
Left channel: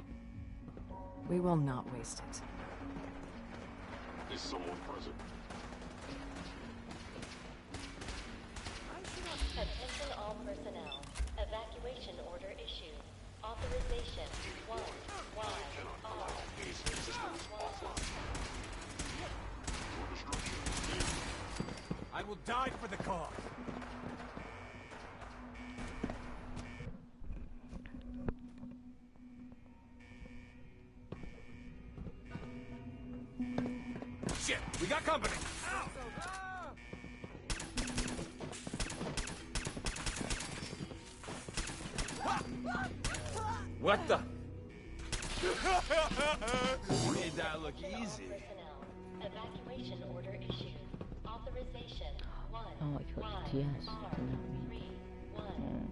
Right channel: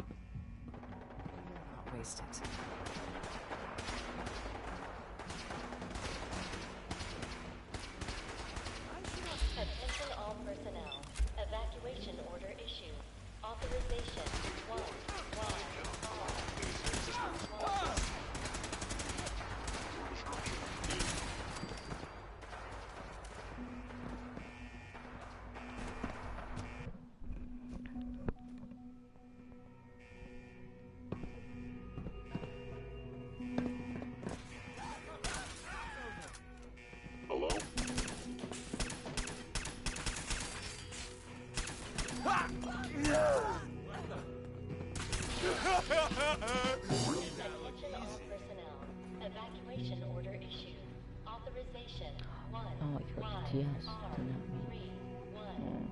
We will not waste it. Attention all personnel. Evacuation order issued. Authorization 1Y. I will die for the cause. Shit, we got company. Hello? What the? Made that look easy. Personnel. Evacuation order issued. Authorization 1. Oh, I got the TS. Did not mean. 1.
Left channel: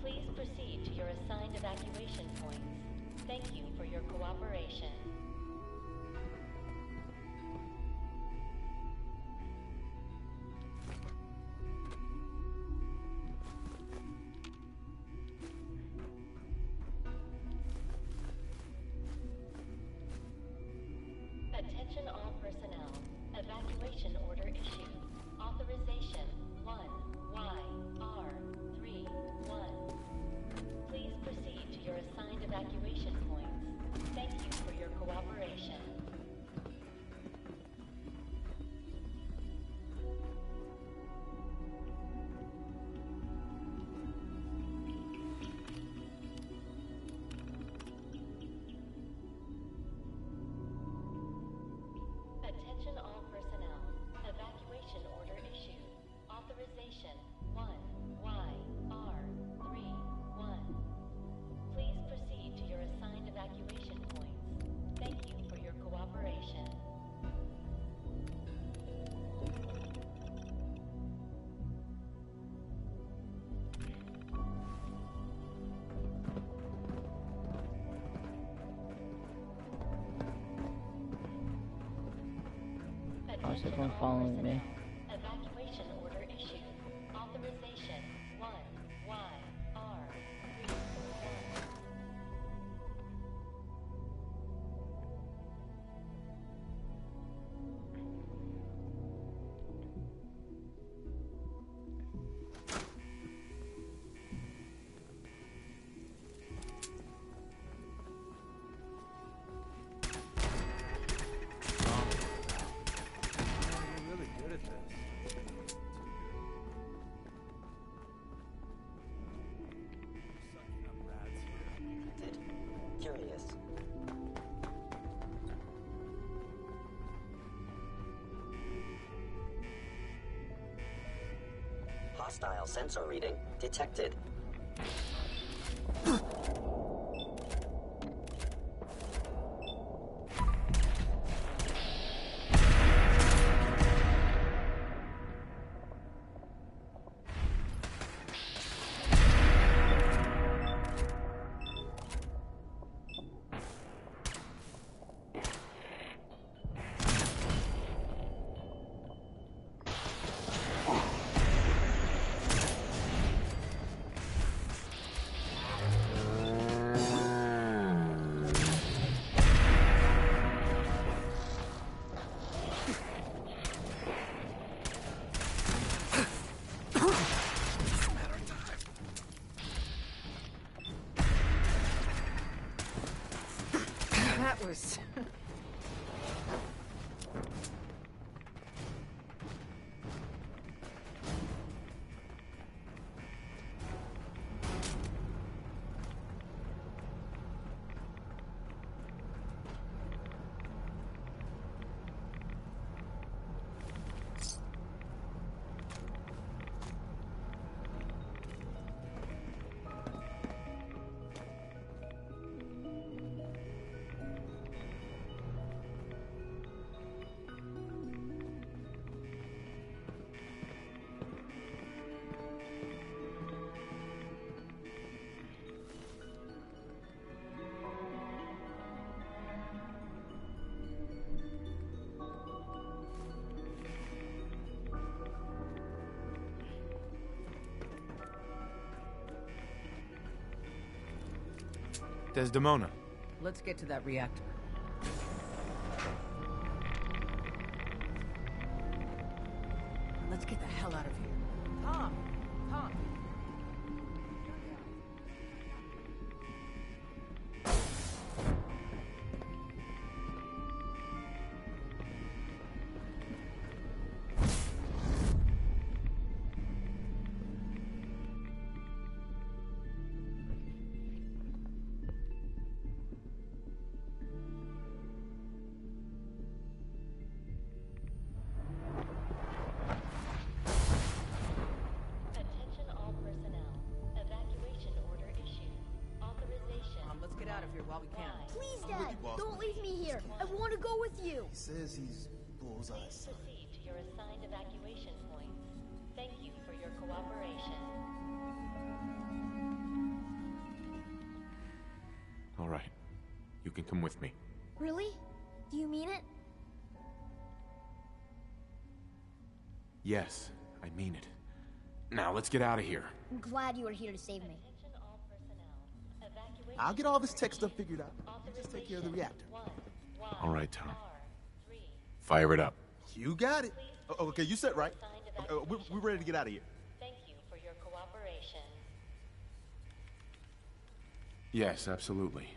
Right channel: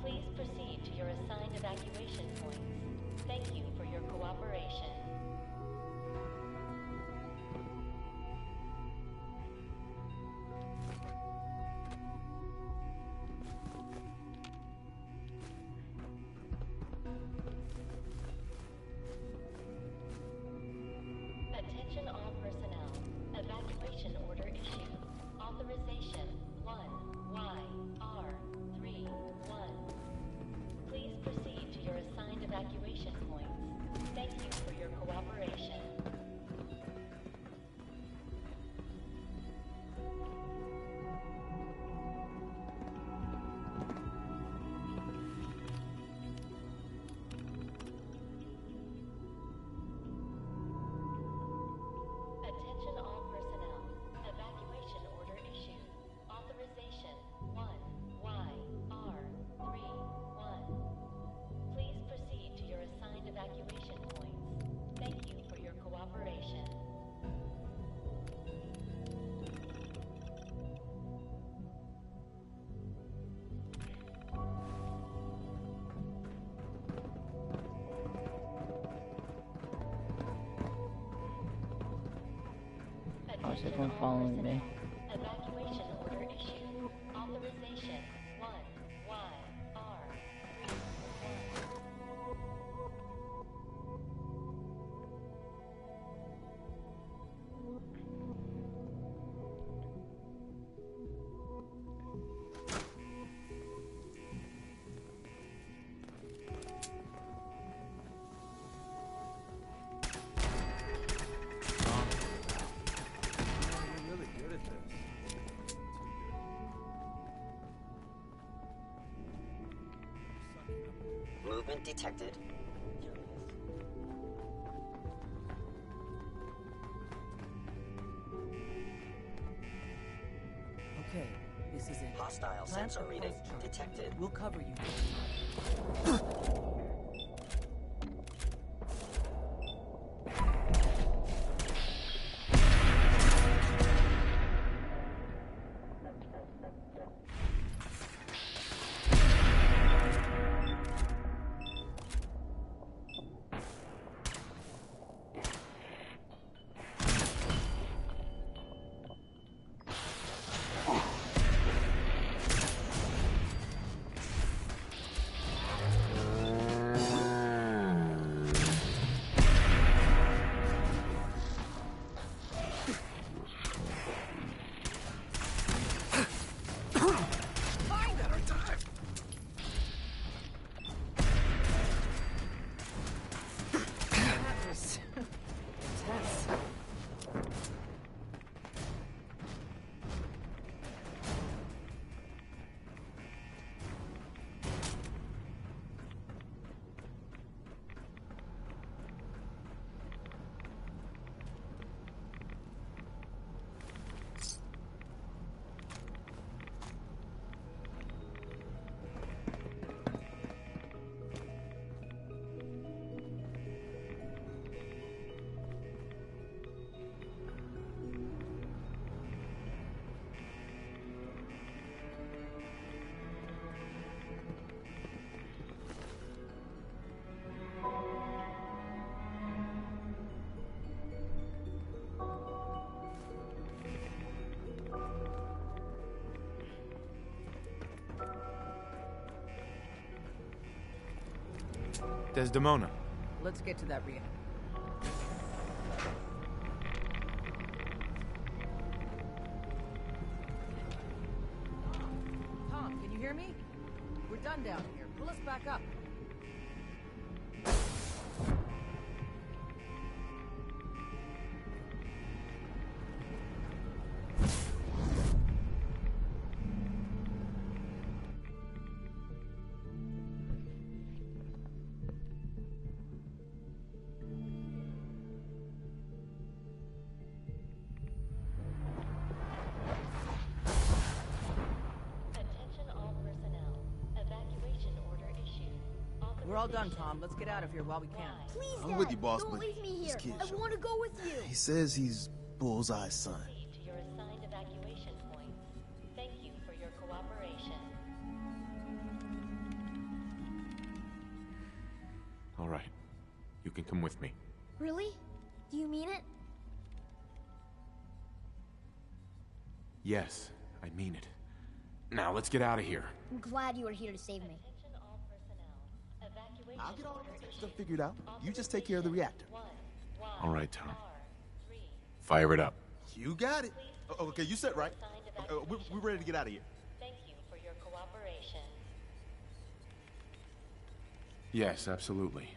Please proceed to your assigned evacuation points. Thank you for your cooperation. Attention all personnel. Evacuation order issued. Authorization 1YR31. Please proceed to your assigned evacuation points. Thank you for your cooperation. Attention all personnel. Evacuation order issued. How's everyone following me? Evacuation order issued. Authorization 1YR31. You're really good at this. Movement detected. Curious. Okay, this is it. Hostile sensor reading detected. We'll cover you. That was intense. Desdemona. Let's get to that reactor. Let's get the hell out of here. Tom, can you hear me? We're done down here. Pull us back up. Attention all personnel. Evacuation order issued. We're all done, Tom. Let's get out of here while we can. Please, I'm Dad. with you, boss, Don't but leave me this here. kid- I want to go with you. He says he's Bullseye's son. Proceed to your assigned evacuation points. Thank you for your cooperation. All right. You can come with me. Really? Do you mean it? Yes, I mean it. Now, let's get out of here. I'm glad you are here to save me. I'll get all this tech stuff figured out. You just take care of the reactor. All right, Tom. Fire it up. You got it. Okay, you set right. We're ready to get out of here. Thank you for your cooperation. Yes, absolutely.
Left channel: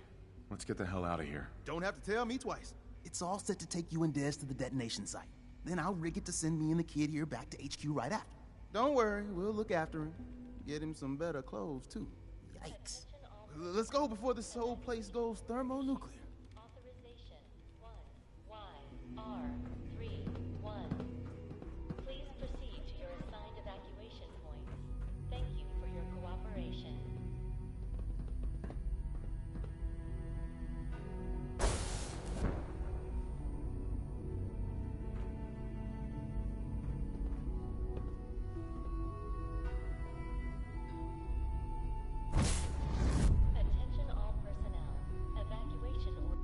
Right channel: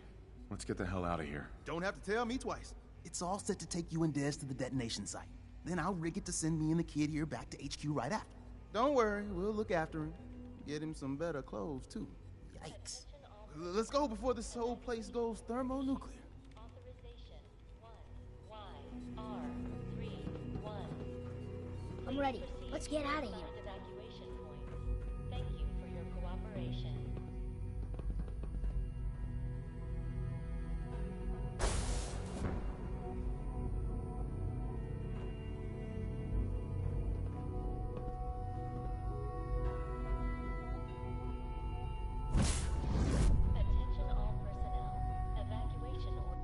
Let's get the hell out of here. Don't have to tell me twice. It's all set to take you and Des to the detonation site. Then I'll rig it to send me and the kid here back to HQ right after. Don't worry, we'll look after him. Get him some better clothes, too. Yikes. Let's go before this whole place goes thermonuclear. Authorization 1YR31. I'm ready. Let's get out of here. Assigned evacuation points. Thank you for your cooperation. Attention all personnel. Evacuation order.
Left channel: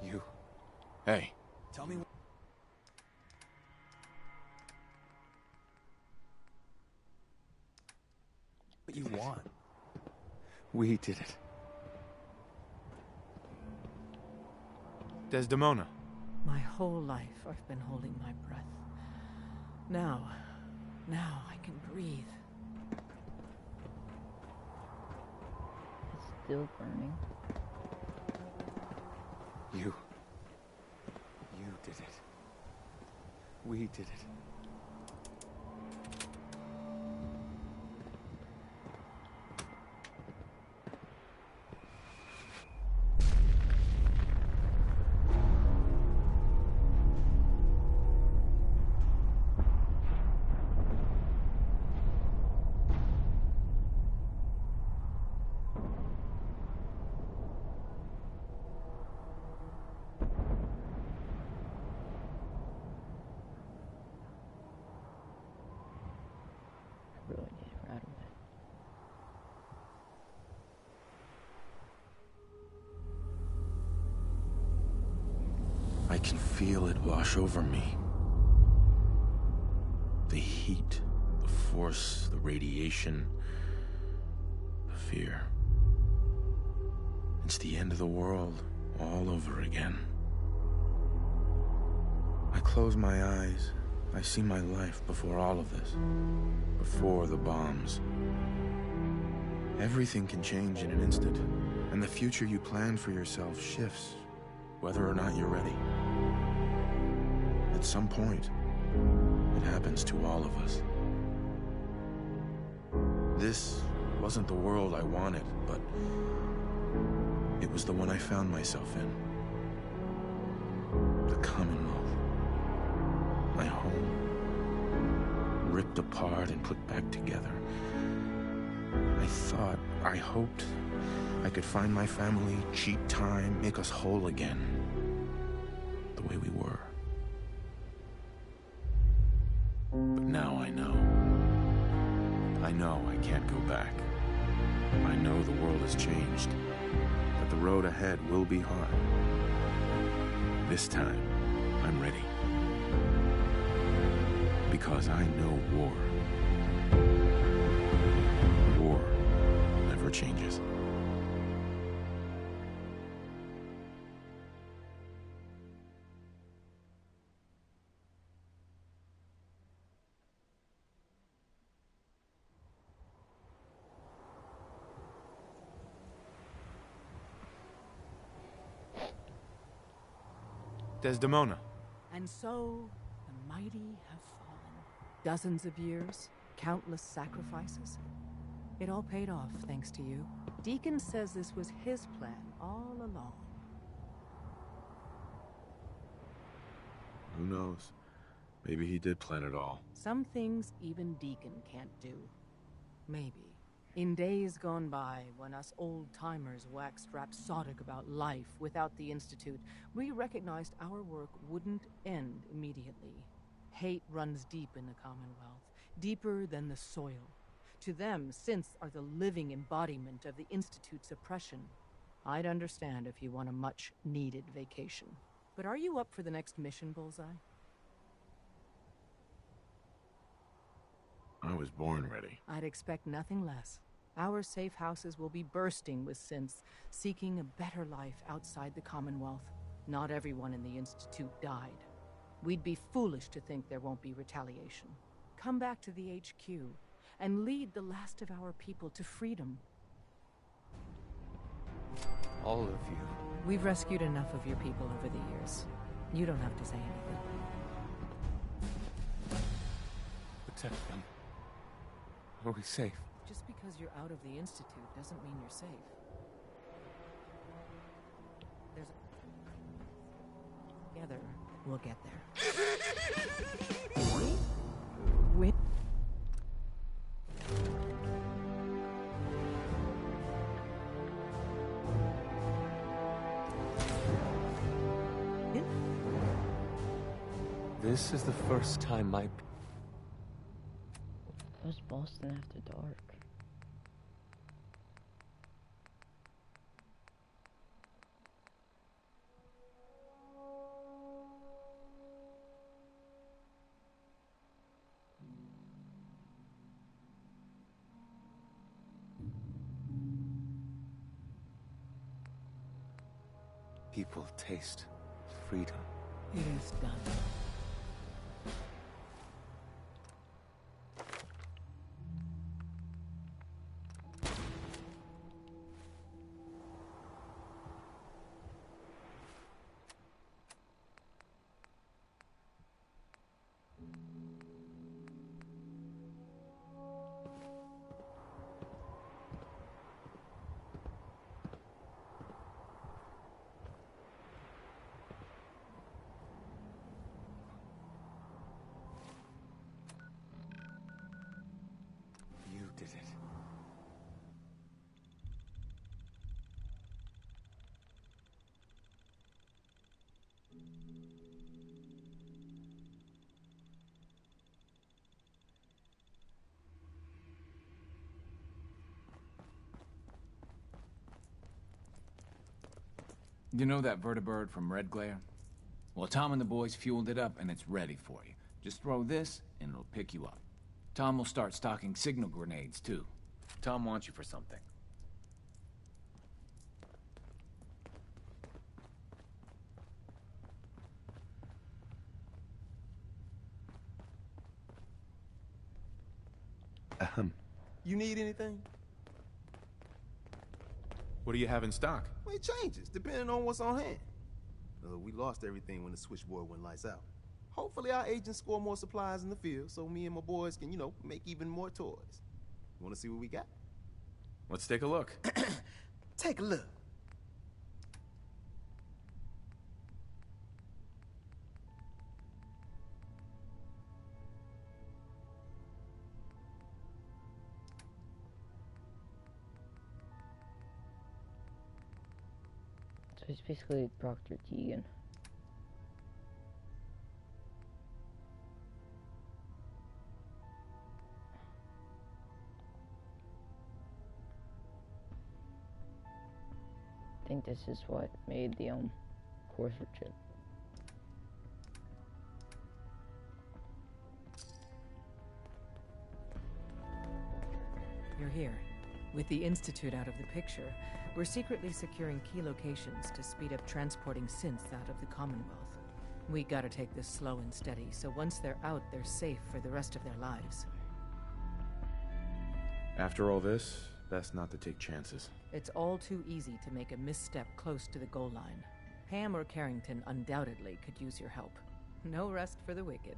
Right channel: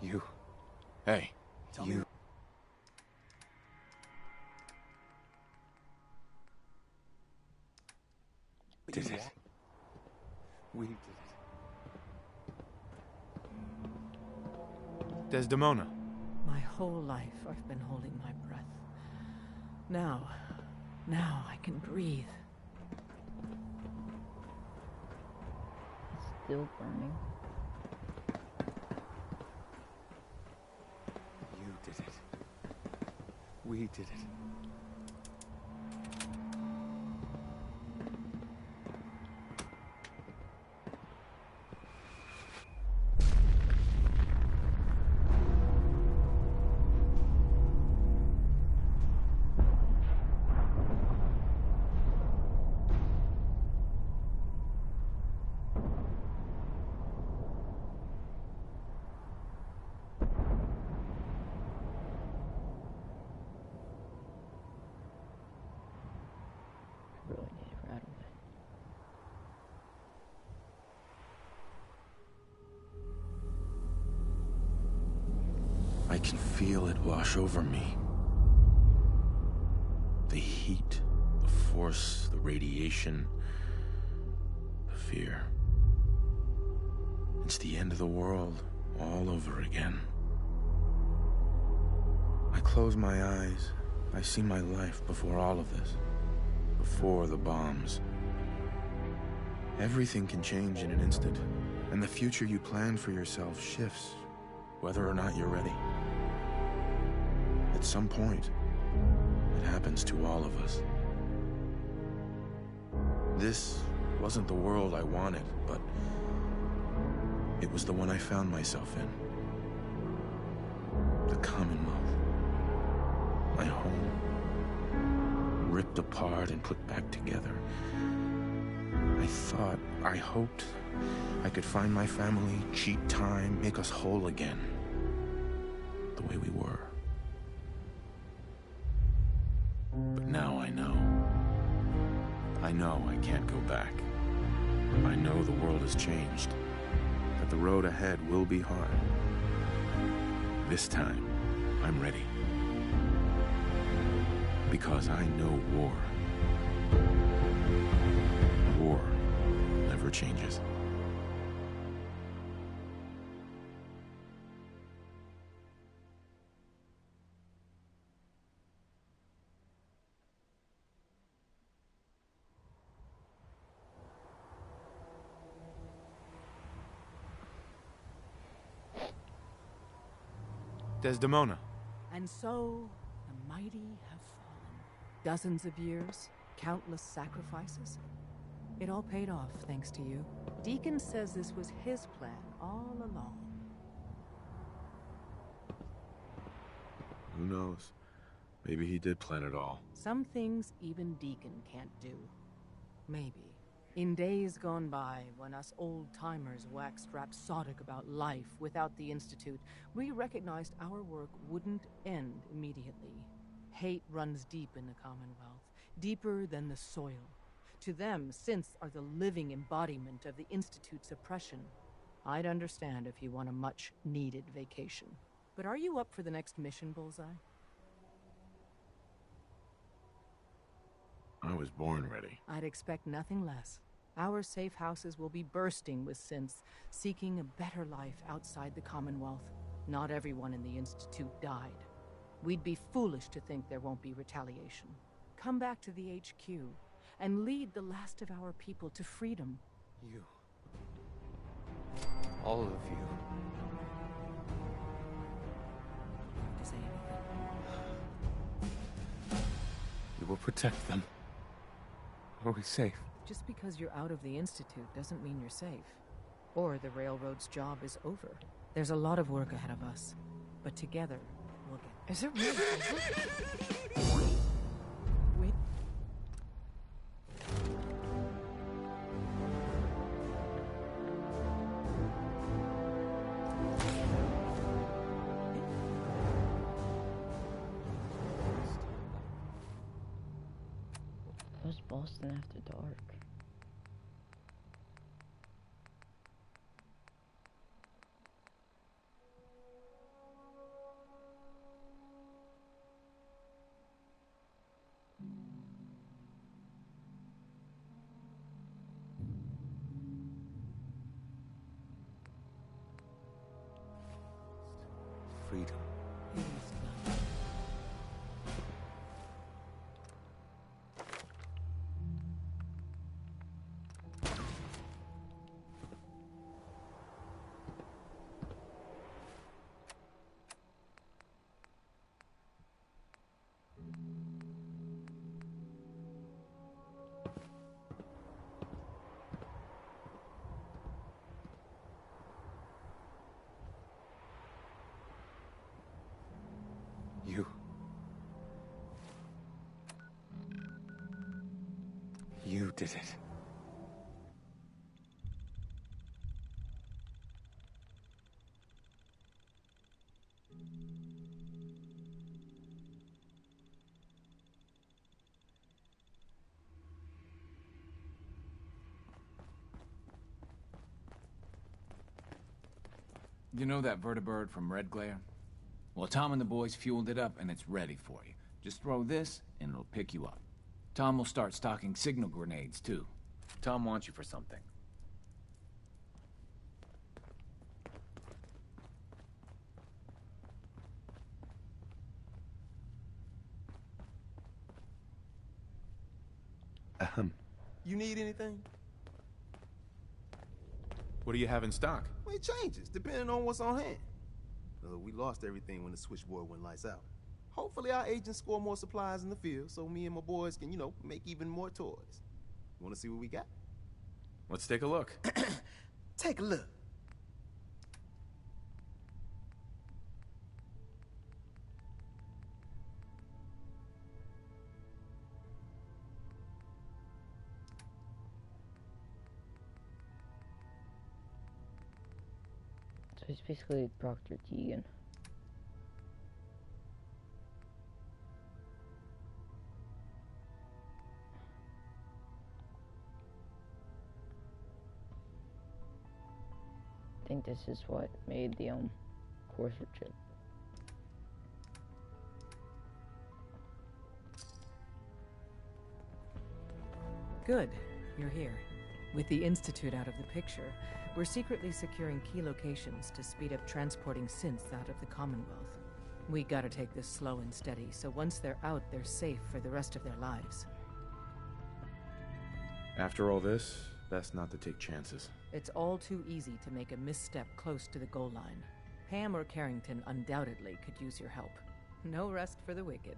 You... Hey. Tell me... What you want. We did it. Desdemona. My whole life I've been holding my breath. Now I can breathe. It's still burning. You did it. We did it. Really need it right away. I can feel it wash over me. The heat, the force, the radiation, the fear. It's the end of the world all over again. I close my eyes. I see my life before all of this. Before the bombs. Everything can change in an instant, and the future you plan for yourself shifts, whether or not you're ready. At some point, it happens to all of us. This wasn't the world I wanted, but it was the one I found myself in. The Commonwealth. My home. Ripped apart and put back together. I hoped I could find my family, cheat time, make us whole again. The way we were. But now I know. I know I can't go back. I know the world has changed. That the road ahead will be hard. This time, I'm ready. Because I know war. War never changes. Desdemona. And so, the mighty have fallen. Dozens of years, countless sacrifices. It all paid off, thanks to you. Deacon says this was his plan all along. Who knows? Maybe he did plan it all. Some things even Deacon can't do. Maybe. In days gone by, when us old-timers waxed rhapsodic about life without the Institute, we recognized our work wouldn't end immediately. Hate runs deep in the Commonwealth, deeper than the soil. To them, synths are the living embodiment of the Institute's oppression. I'd understand if you want a much-needed vacation. But are you up for the next mission, Bullseye? I was born ready. I'd expect nothing less. Our safe houses will be bursting with synths, seeking a better life outside the Commonwealth. Not everyone in the Institute died. We'd be foolish to think there won't be retaliation. Come back to the HQ and lead the last of our people to freedom. You. All of you. We've rescued enough of your people over the years. You don't have to say anything. We will protect them. Are we safe? Just because you're out of the Institute doesn't mean you're safe. Or the Railroad's job is over. There's a lot of work ahead of us. But together, we'll get there. Is it really? We... This is the first time my... What's Boston after dark? people taste freedom. It is done. You did it. You know that vertibird from Red Glare? Well, Tom and the boys fueled it up and it's ready for you. Just throw this and it'll pick you up. Tom will start stocking signal grenades, too. Tom wants you for something. You need anything? What do you have in stock? Well, it changes, depending on what's on hand. We lost everything when the switchboard went lights out. Hopefully our agents score more supplies in the field so me and my boys can, make even more toys. You want to see what we got? Let's take a look. Take a look. So he's basically Proctor Teagan. I think this is what made the Courser chip. Good. You're here. With the Institute out of the picture, we're secretly securing key locations to speed up transporting synths out of the Commonwealth. We gotta take this slow and steady, so once they're out, they're safe for the rest of their lives. After all this, best not to take chances. It's all too easy to make a misstep close to the goal line. Pam or Carrington undoubtedly could use your help. No rest for the wicked.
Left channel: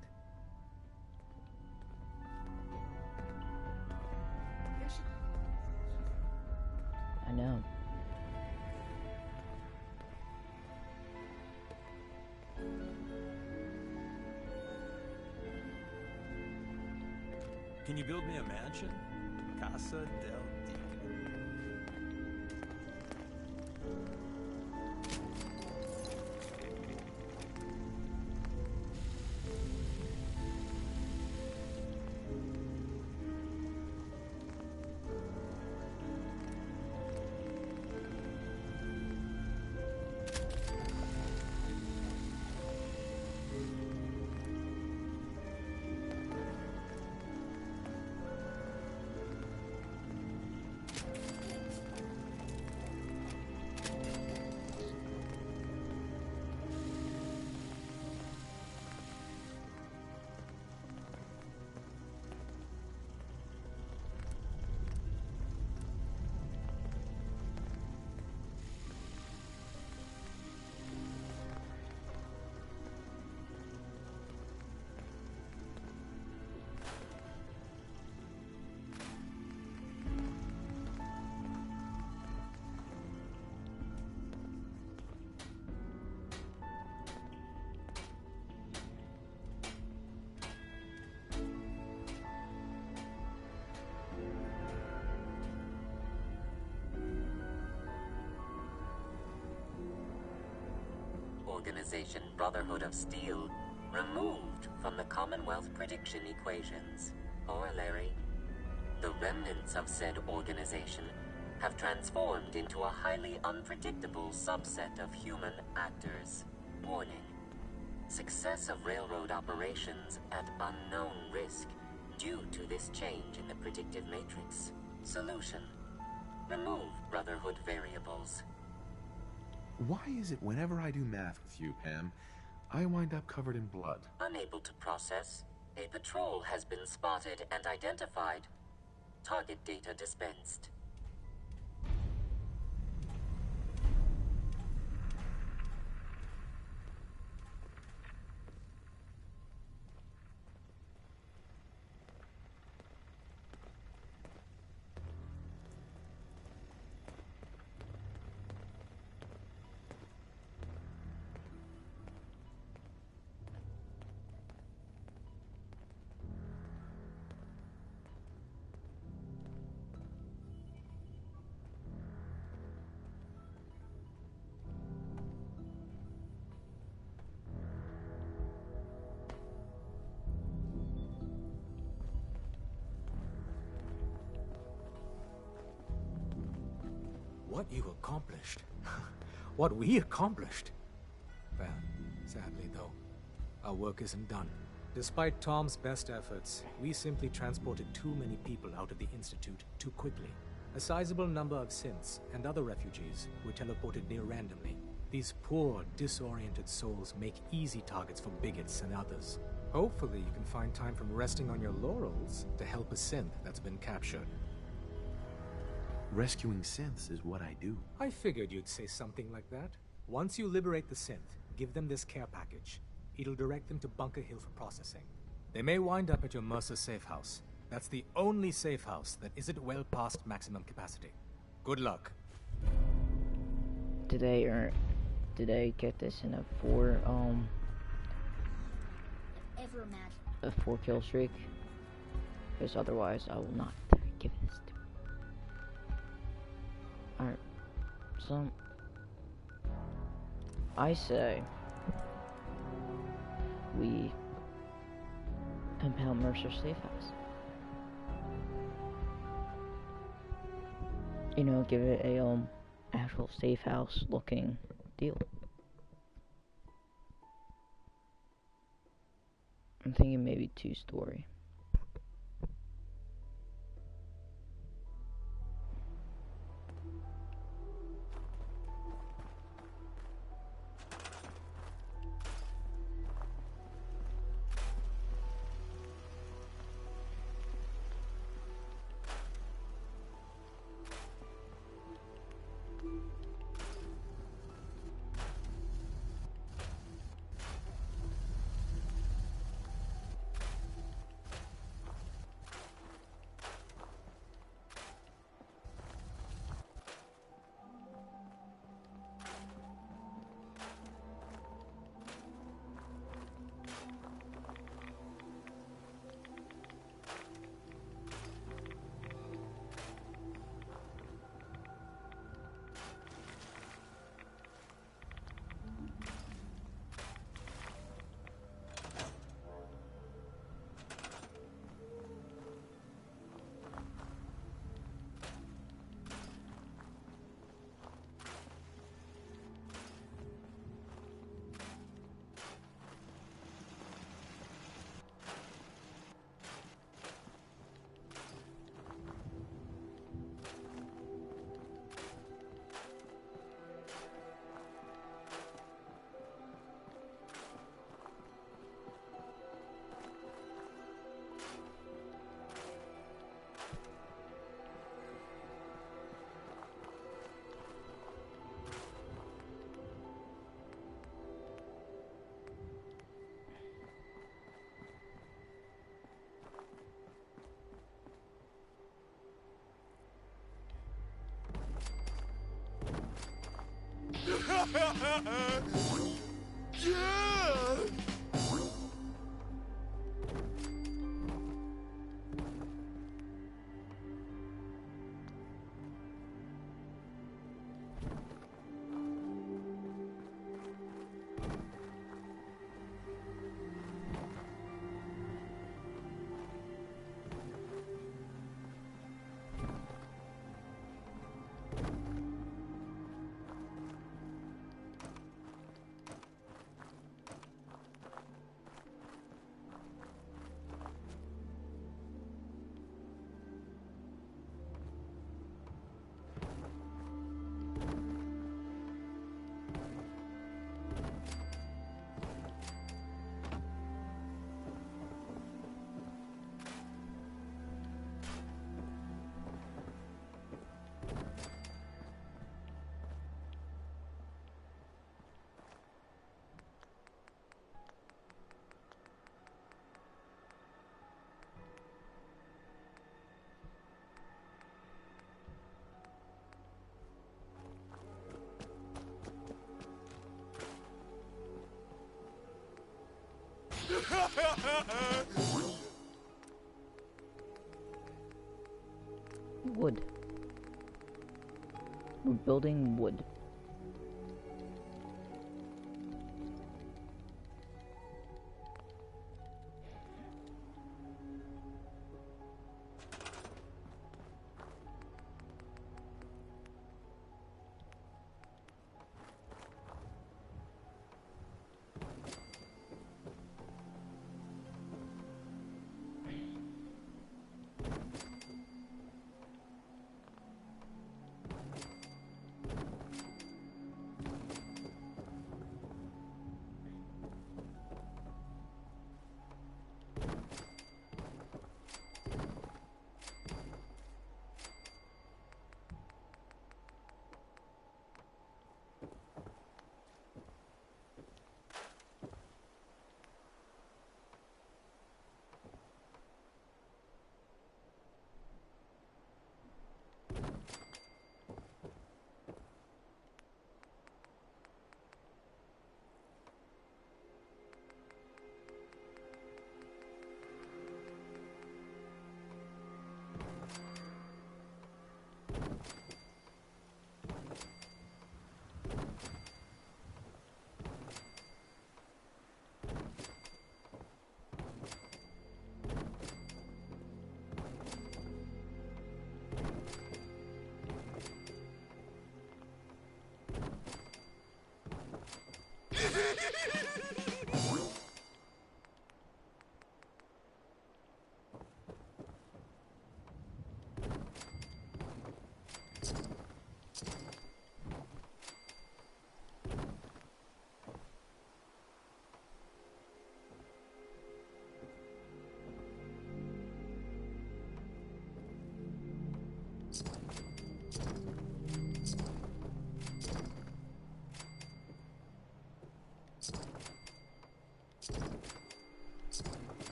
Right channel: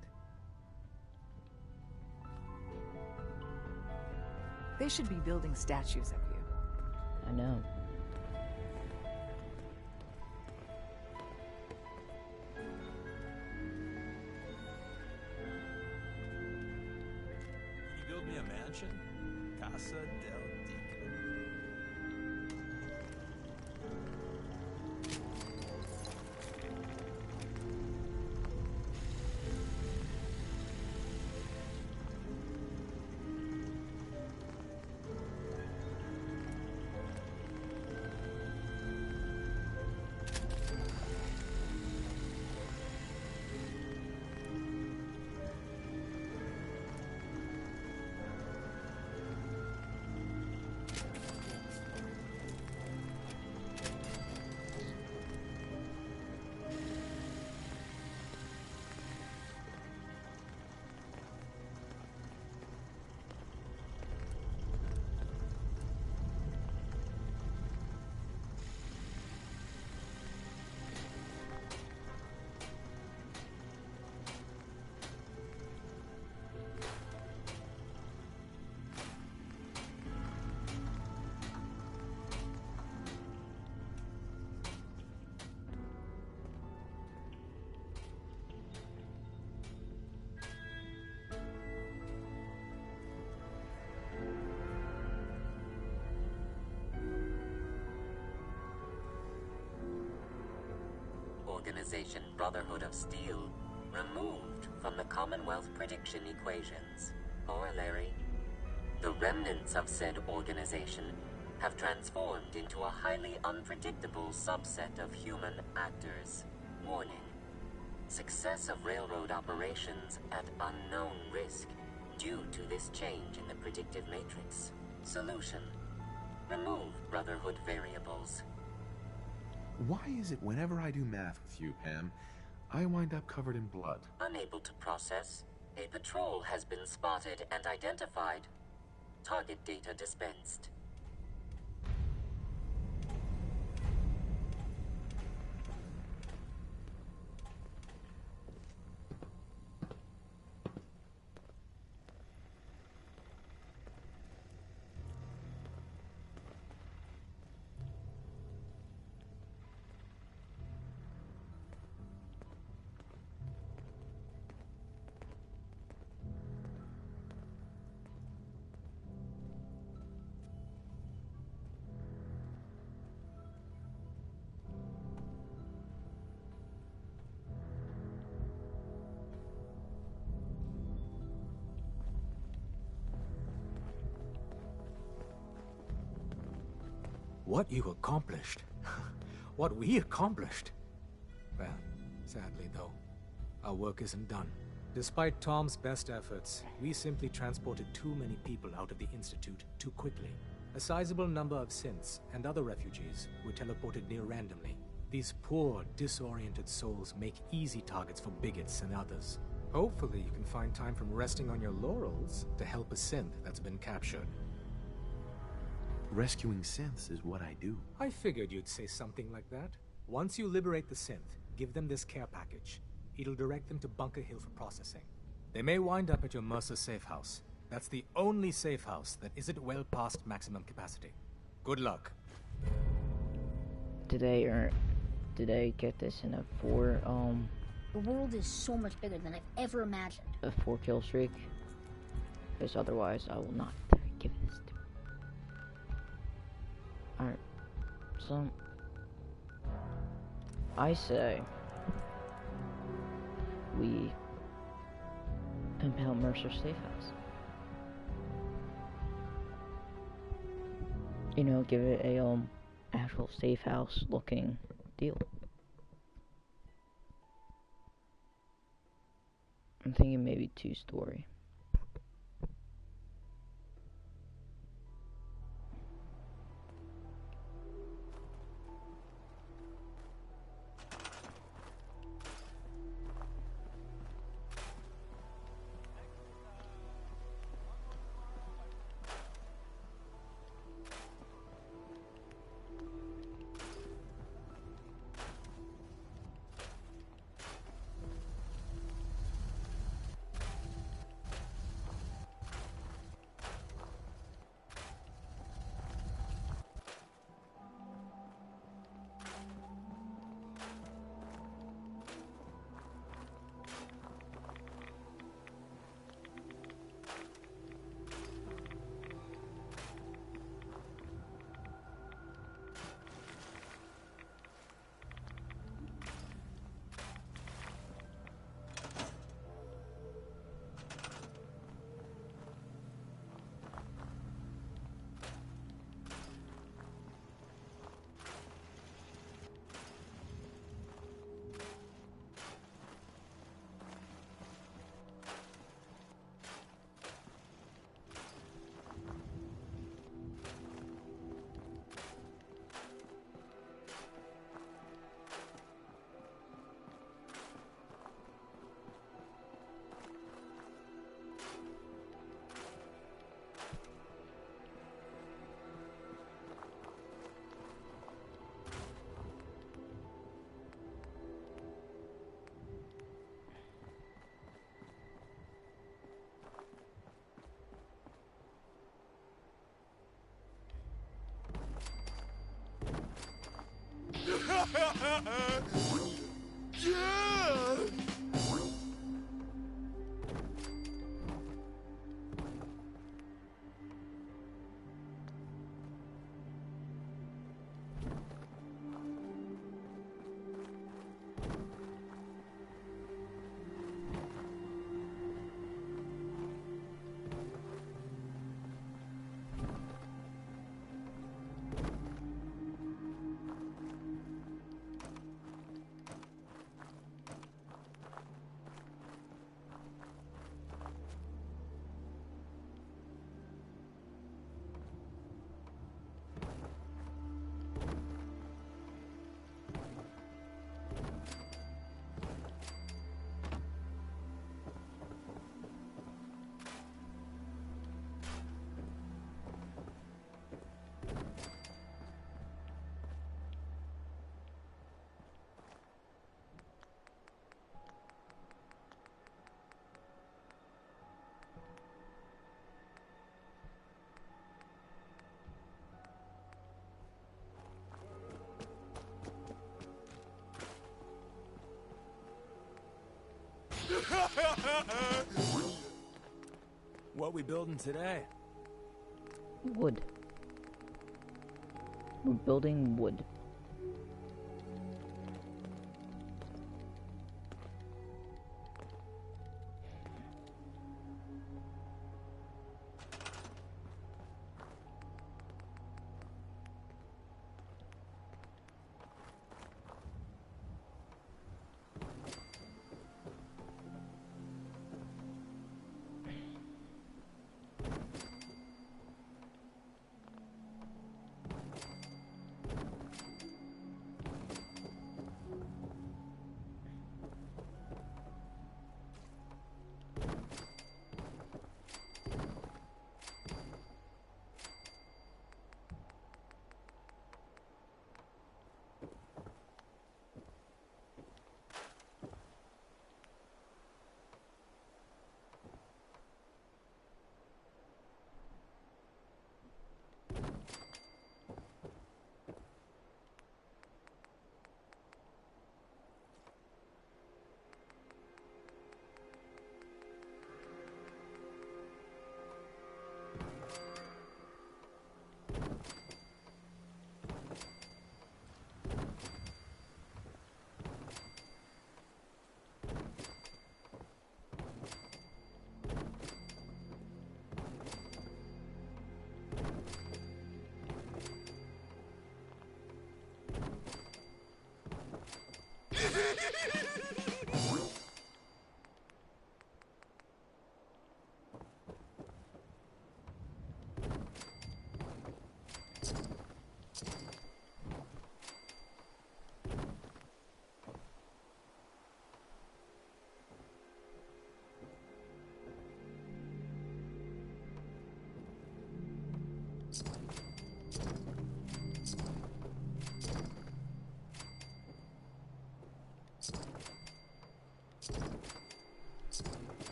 They should be building statues of you. I know. Can you build me a mansion? Casa del Deacon. Organization Brotherhood of Steel removed from the Commonwealth prediction equations. Corollary: the remnants of said organization have transformed into a highly unpredictable subset of human actors. Warning: success of railroad operations at unknown risk due to this change in the predictive matrix. Solution: remove Brotherhood variables. Why is it whenever I do math with you, Pam, I wind up covered in blood? Unable to process. A patrol has been spotted and identified. Target data dispensed. What you accomplished. What we accomplished. Well, sadly though, our work isn't done. Despite Tom's best efforts, we simply transported too many people out of the Institute too quickly. A sizable number of synths and other refugees were teleported near randomly. These poor, disoriented souls make easy targets for bigots and others. Hopefully you can find time from resting on your laurels to help a synth that's been captured. Rescuing synths is what I do. I figured you'd say something like that. Once you liberate the synth, give them this care package. It'll direct them to Bunker Hill for processing. They may wind up at your Mercer safe house. That's the only safe house that isn't well past maximum capacity. Good luck. Did I get this in a The world is so much bigger than I've ever imagined. a 4-kill streak? Because otherwise I will not give this to me. Alright, so I say we impound Mercer safe house. You know, give it a actual safe house looking deal. I'm thinking maybe 2-story. Yeah! What we building today? Wood. We're building wood.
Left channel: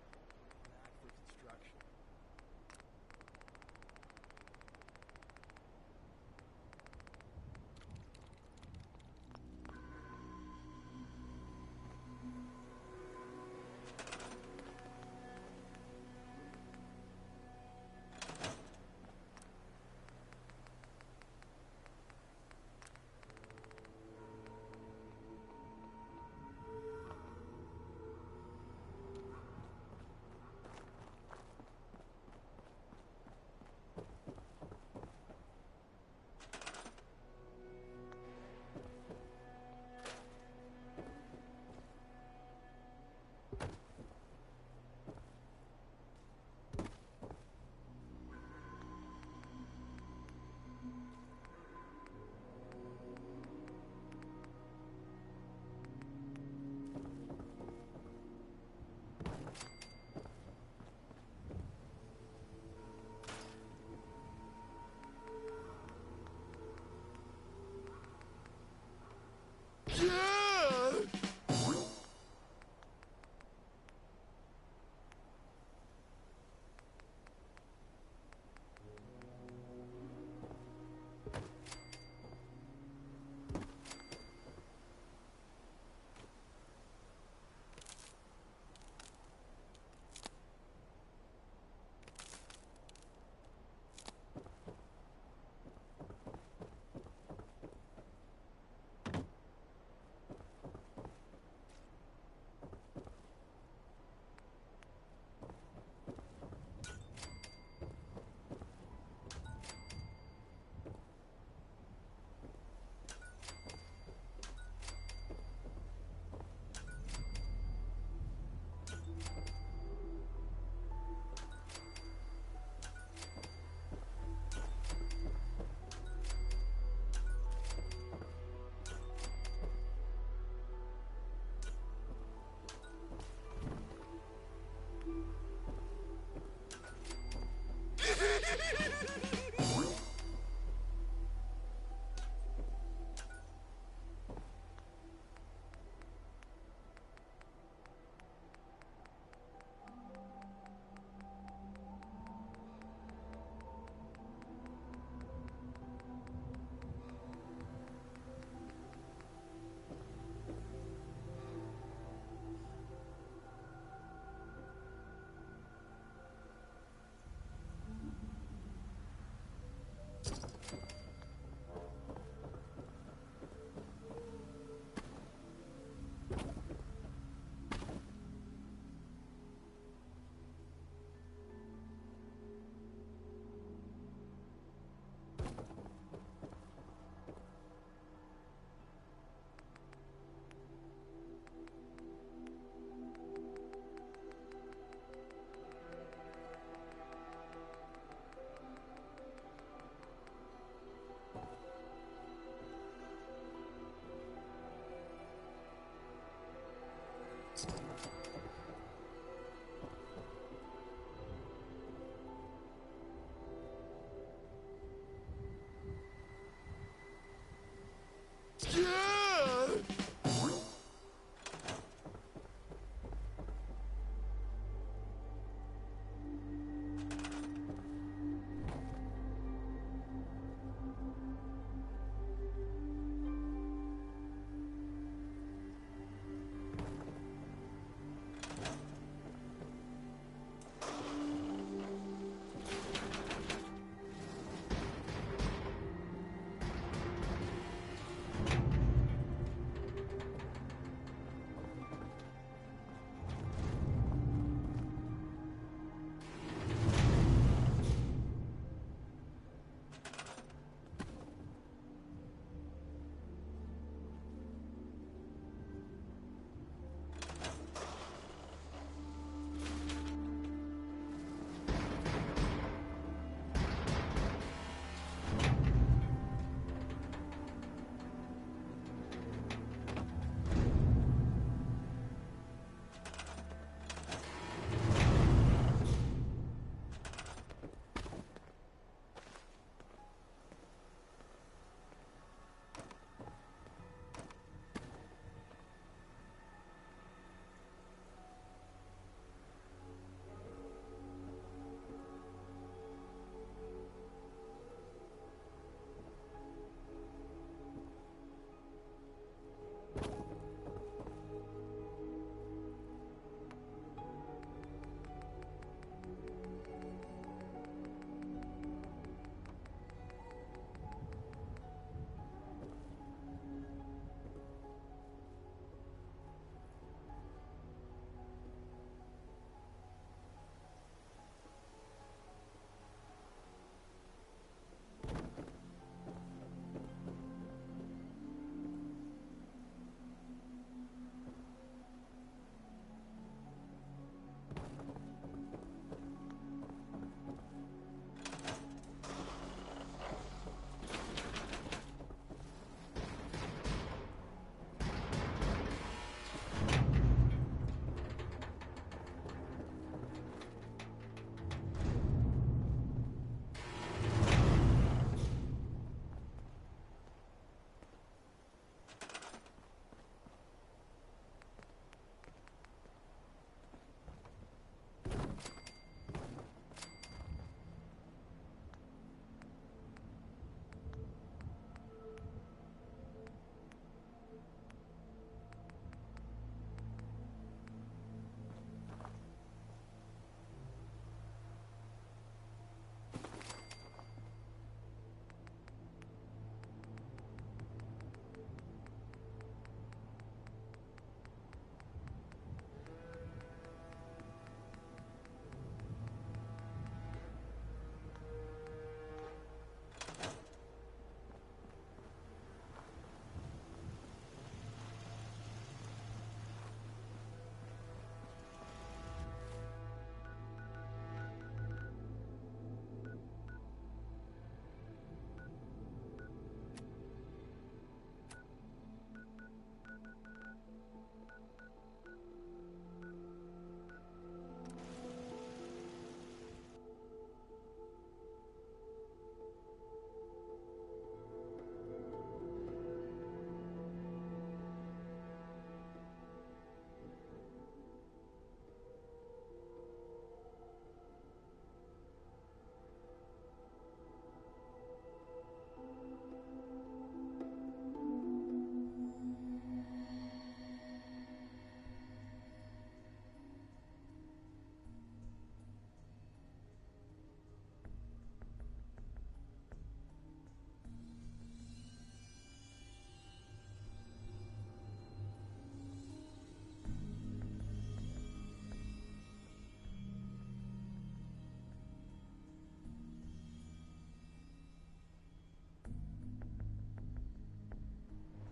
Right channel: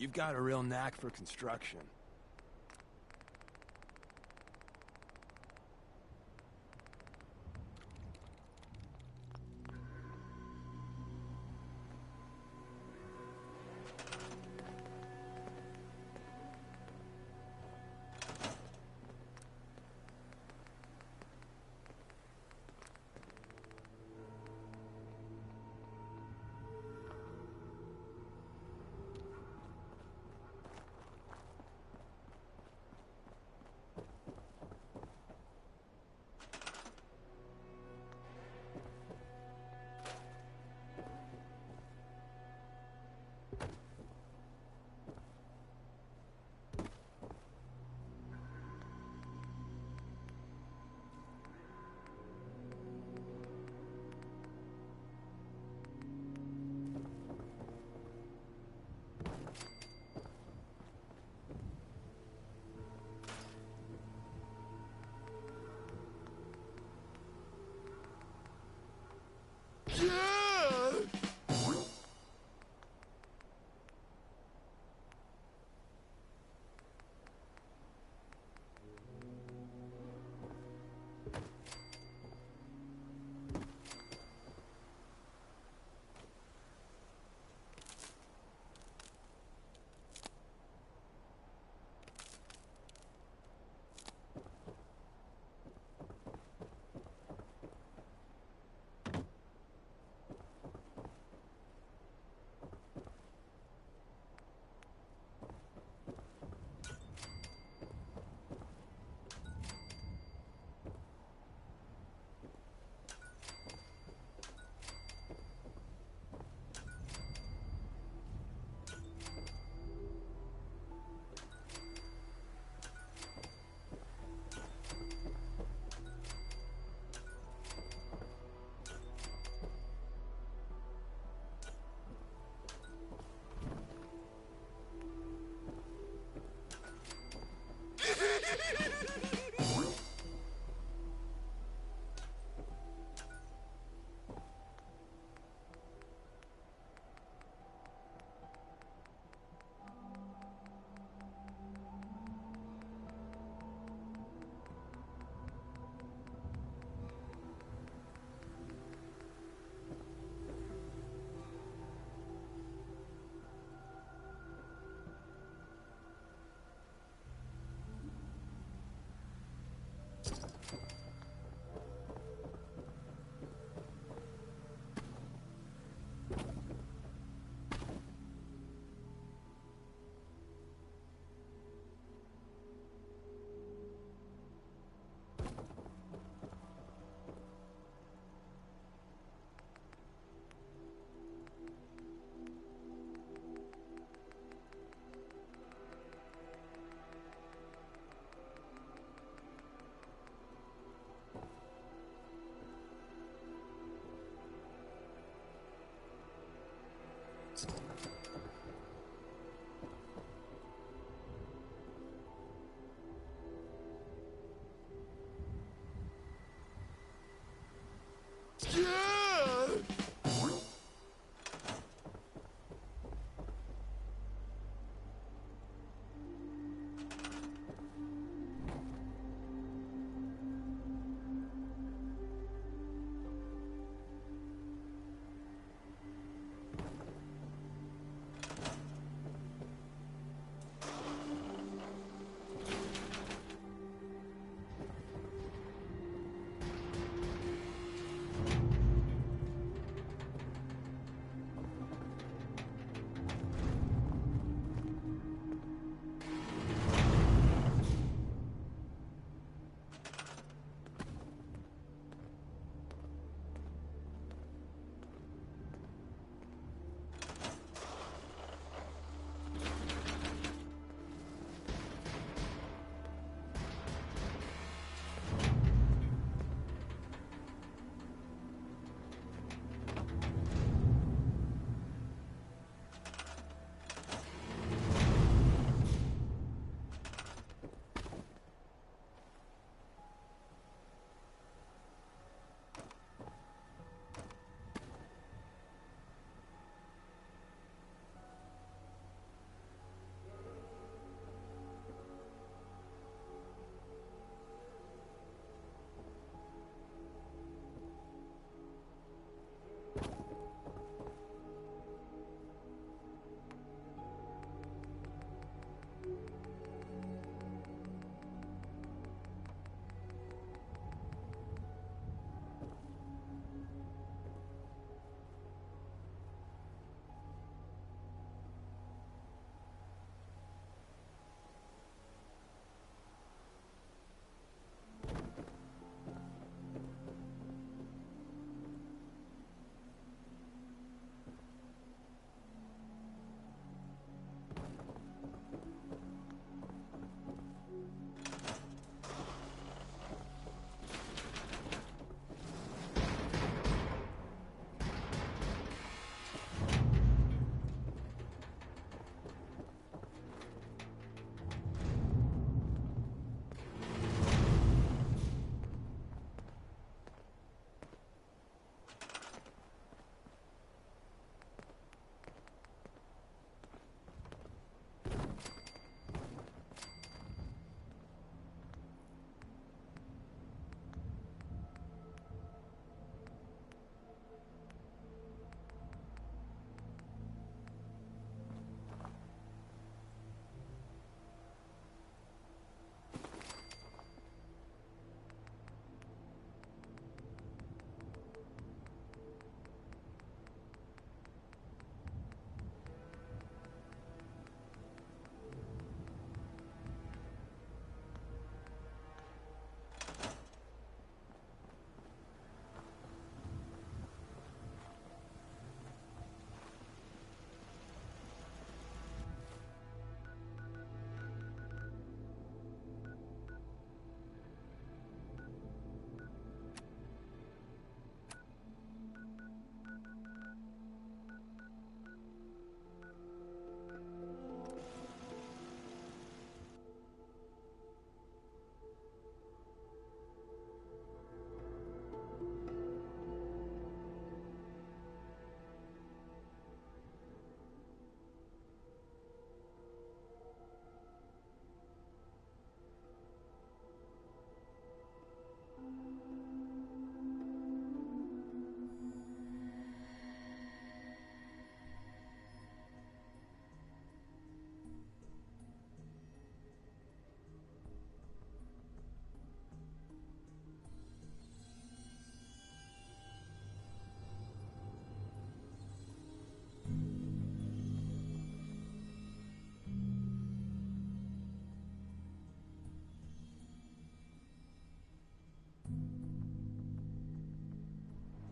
You've got a real knack for construction.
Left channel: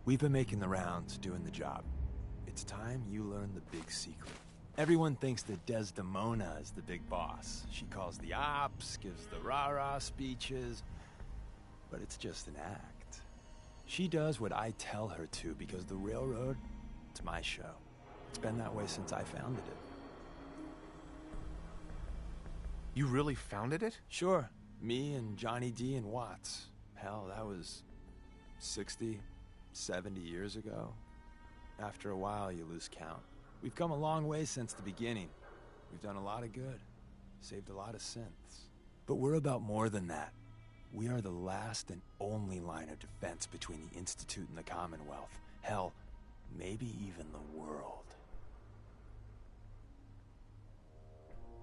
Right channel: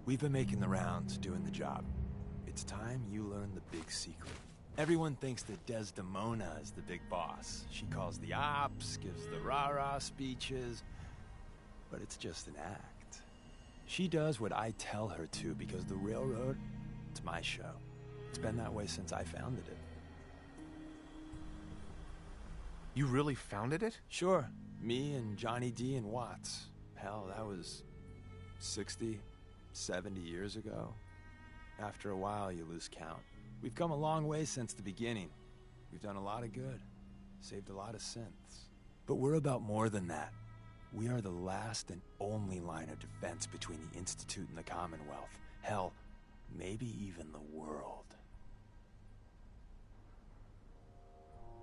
We've been making the rounds, doing the job. It's time you learn the big secret. Everyone thinks that Desdemona is the big boss. She calls the ops, gives the rah-rah speeches, but it's just an act. She does what I tell her to because the railroad, it's my show. It's been that way since I founded it. You really founded it? Sure. Me and Johnny D and Watts. Hell, that was 60, 70 years ago. After a while, you lose count. We've come a long way since the beginning. We've done a lot of good. Saved a lot of synths. But we're about more than that. We are the last and only line of defense between the Institute and the Commonwealth. Hell, maybe even the world.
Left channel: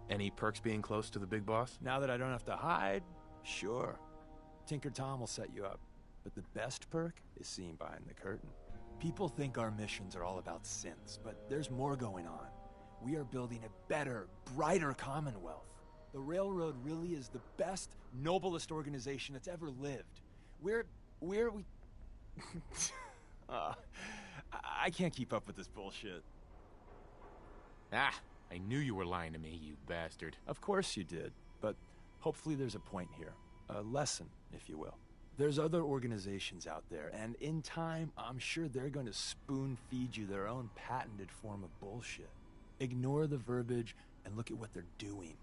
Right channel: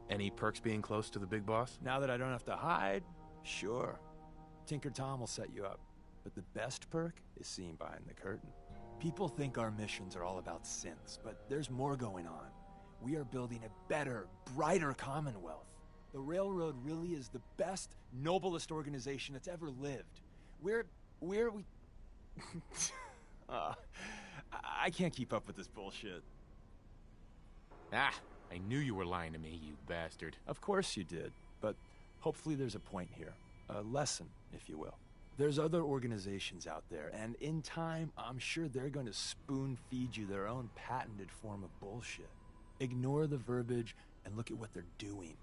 Any perks being close to the big boss? Now that I don't have to hide, sure. Tinker Tom will set you up. But the best perk is seeing behind the curtain. People think our missions are all about synths, but there's more going on. We are building a better, brighter Commonwealth. The Railroad really is the best, noblest organization that's ever lived. I can't keep up with this bullshit. Ah, I knew you were lying to me, you bastard. Of course you did, but hopefully there's a point here. A lesson, if you will. There's other organizations out there, and in time, I'm sure they're going to spoon-feed you their own patented form of bullshit. Ignore the verbiage and look at what they're doing.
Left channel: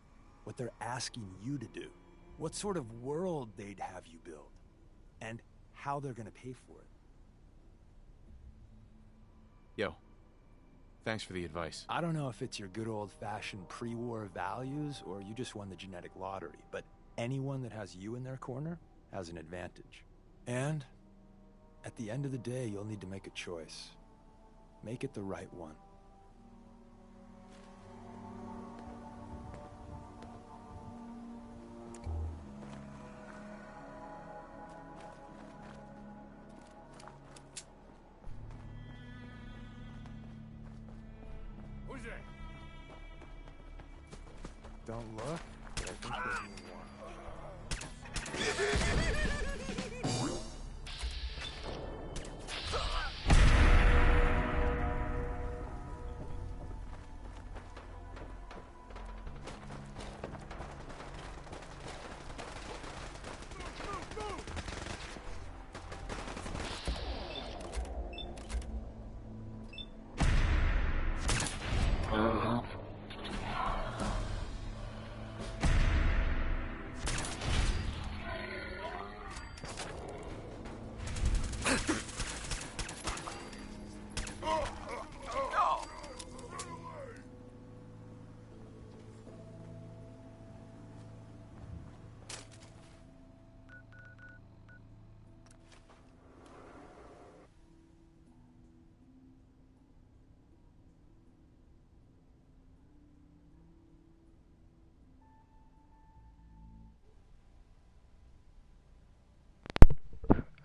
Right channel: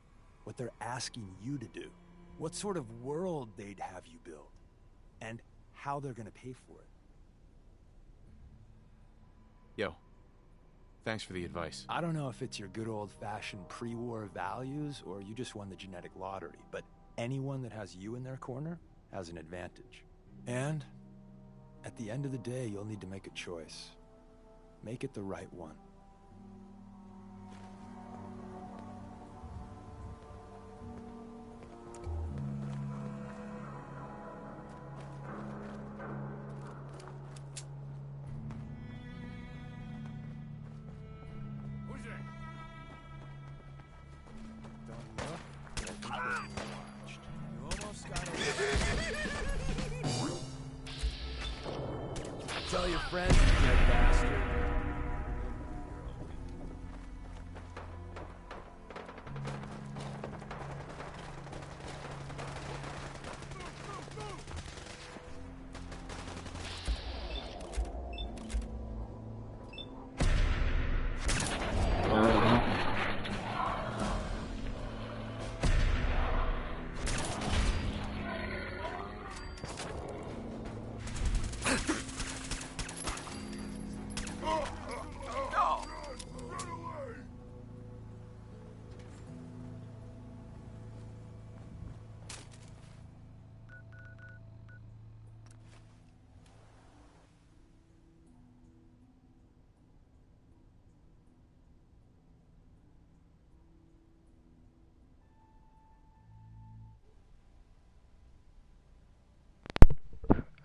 What they're asking you to do. What sort of world they'd have you build. And how they're going to pay for it. Yo, thanks for the advice. I don't know if it's your good old-fashioned pre-war values or you just won the genetic lottery, but anyone that has you in their corner has an advantage. And at the end of the day, you'll need to make a choice. Make it the right one. Who's there? Don't look, but I think we're being watched. Tell your friends.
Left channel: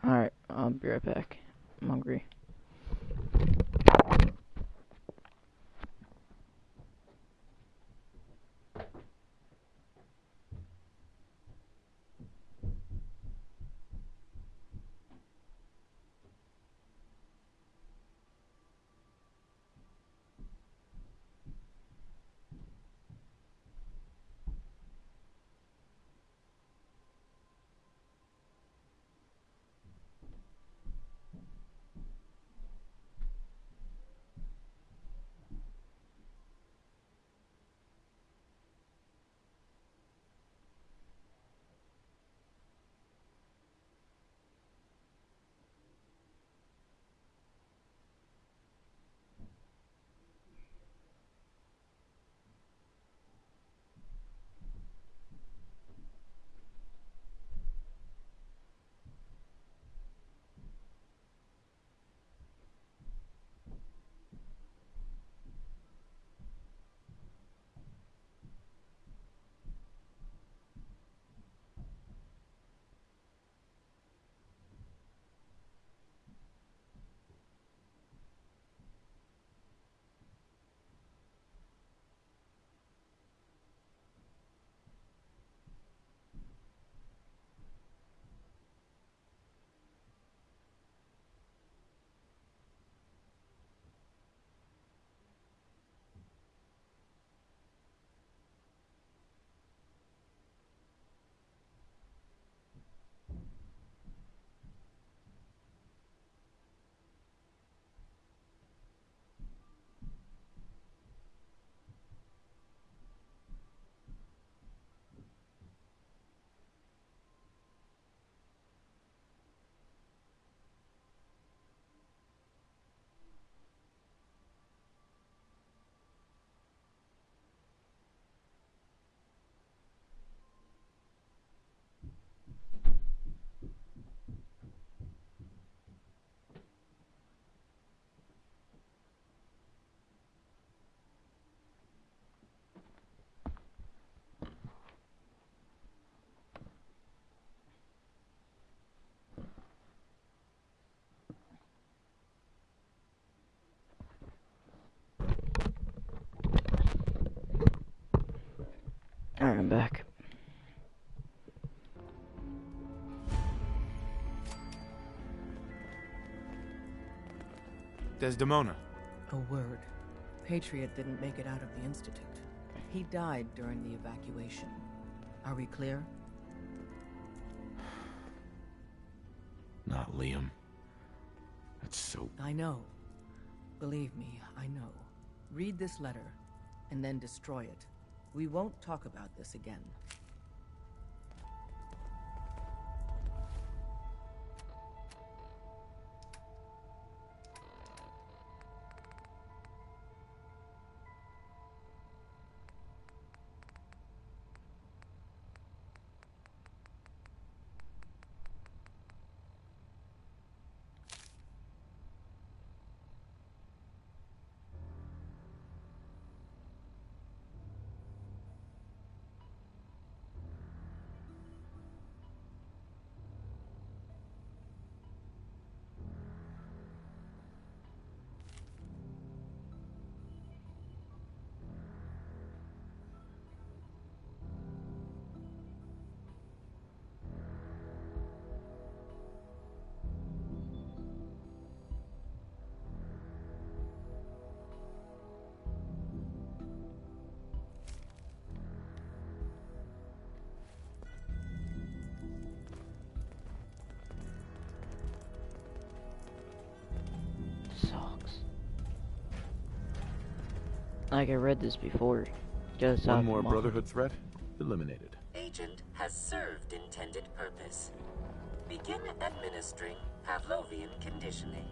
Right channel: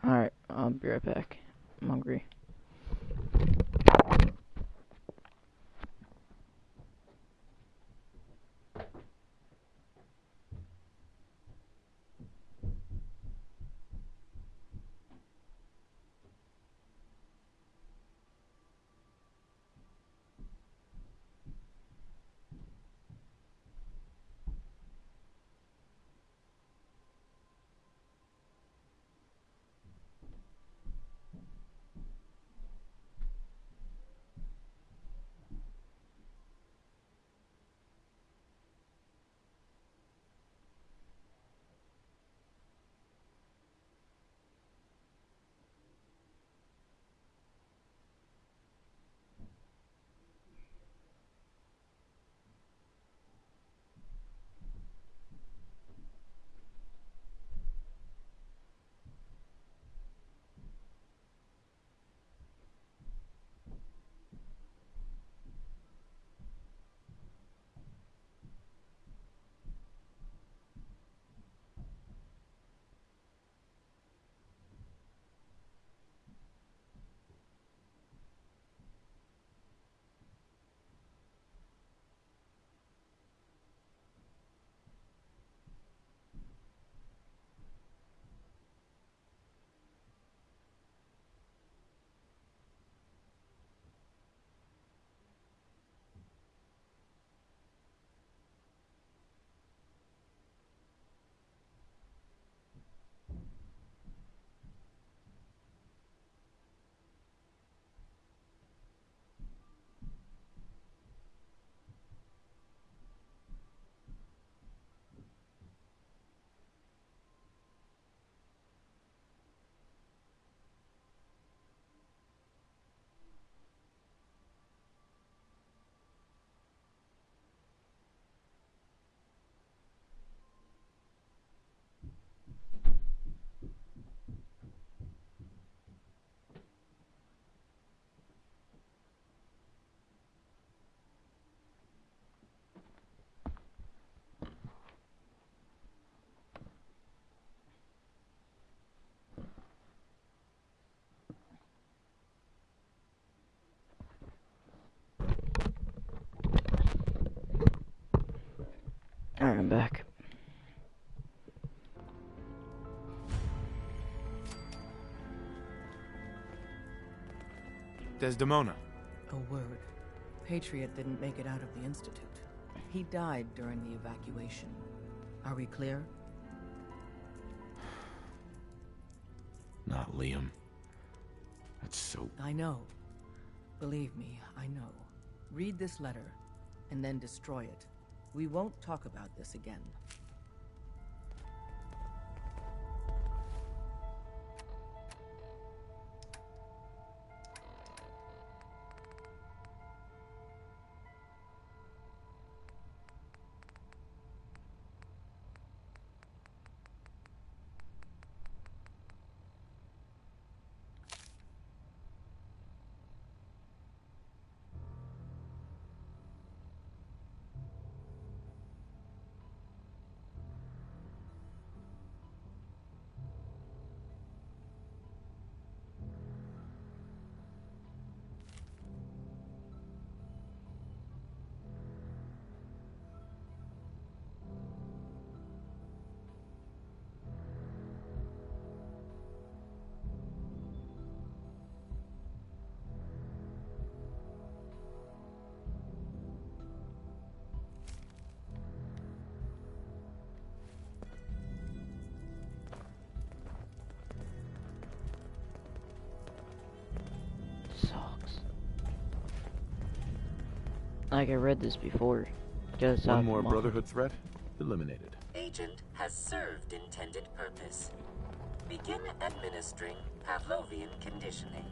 Alright, I'll be right back. I'm hungry. Alright, I'm back. Desdemona. A word. Patriot didn't make it out of the Institute. He died during the evacuation. Are we clear? Not Liam. That's so... I know. Believe me, I know. Read this letter, and then destroy it. We won't talk about this again. Sucks. Like I read this before. Just One more Brotherhood threat? Eliminated. Agent has served intended purpose. Begin administering Pavlovian conditioning.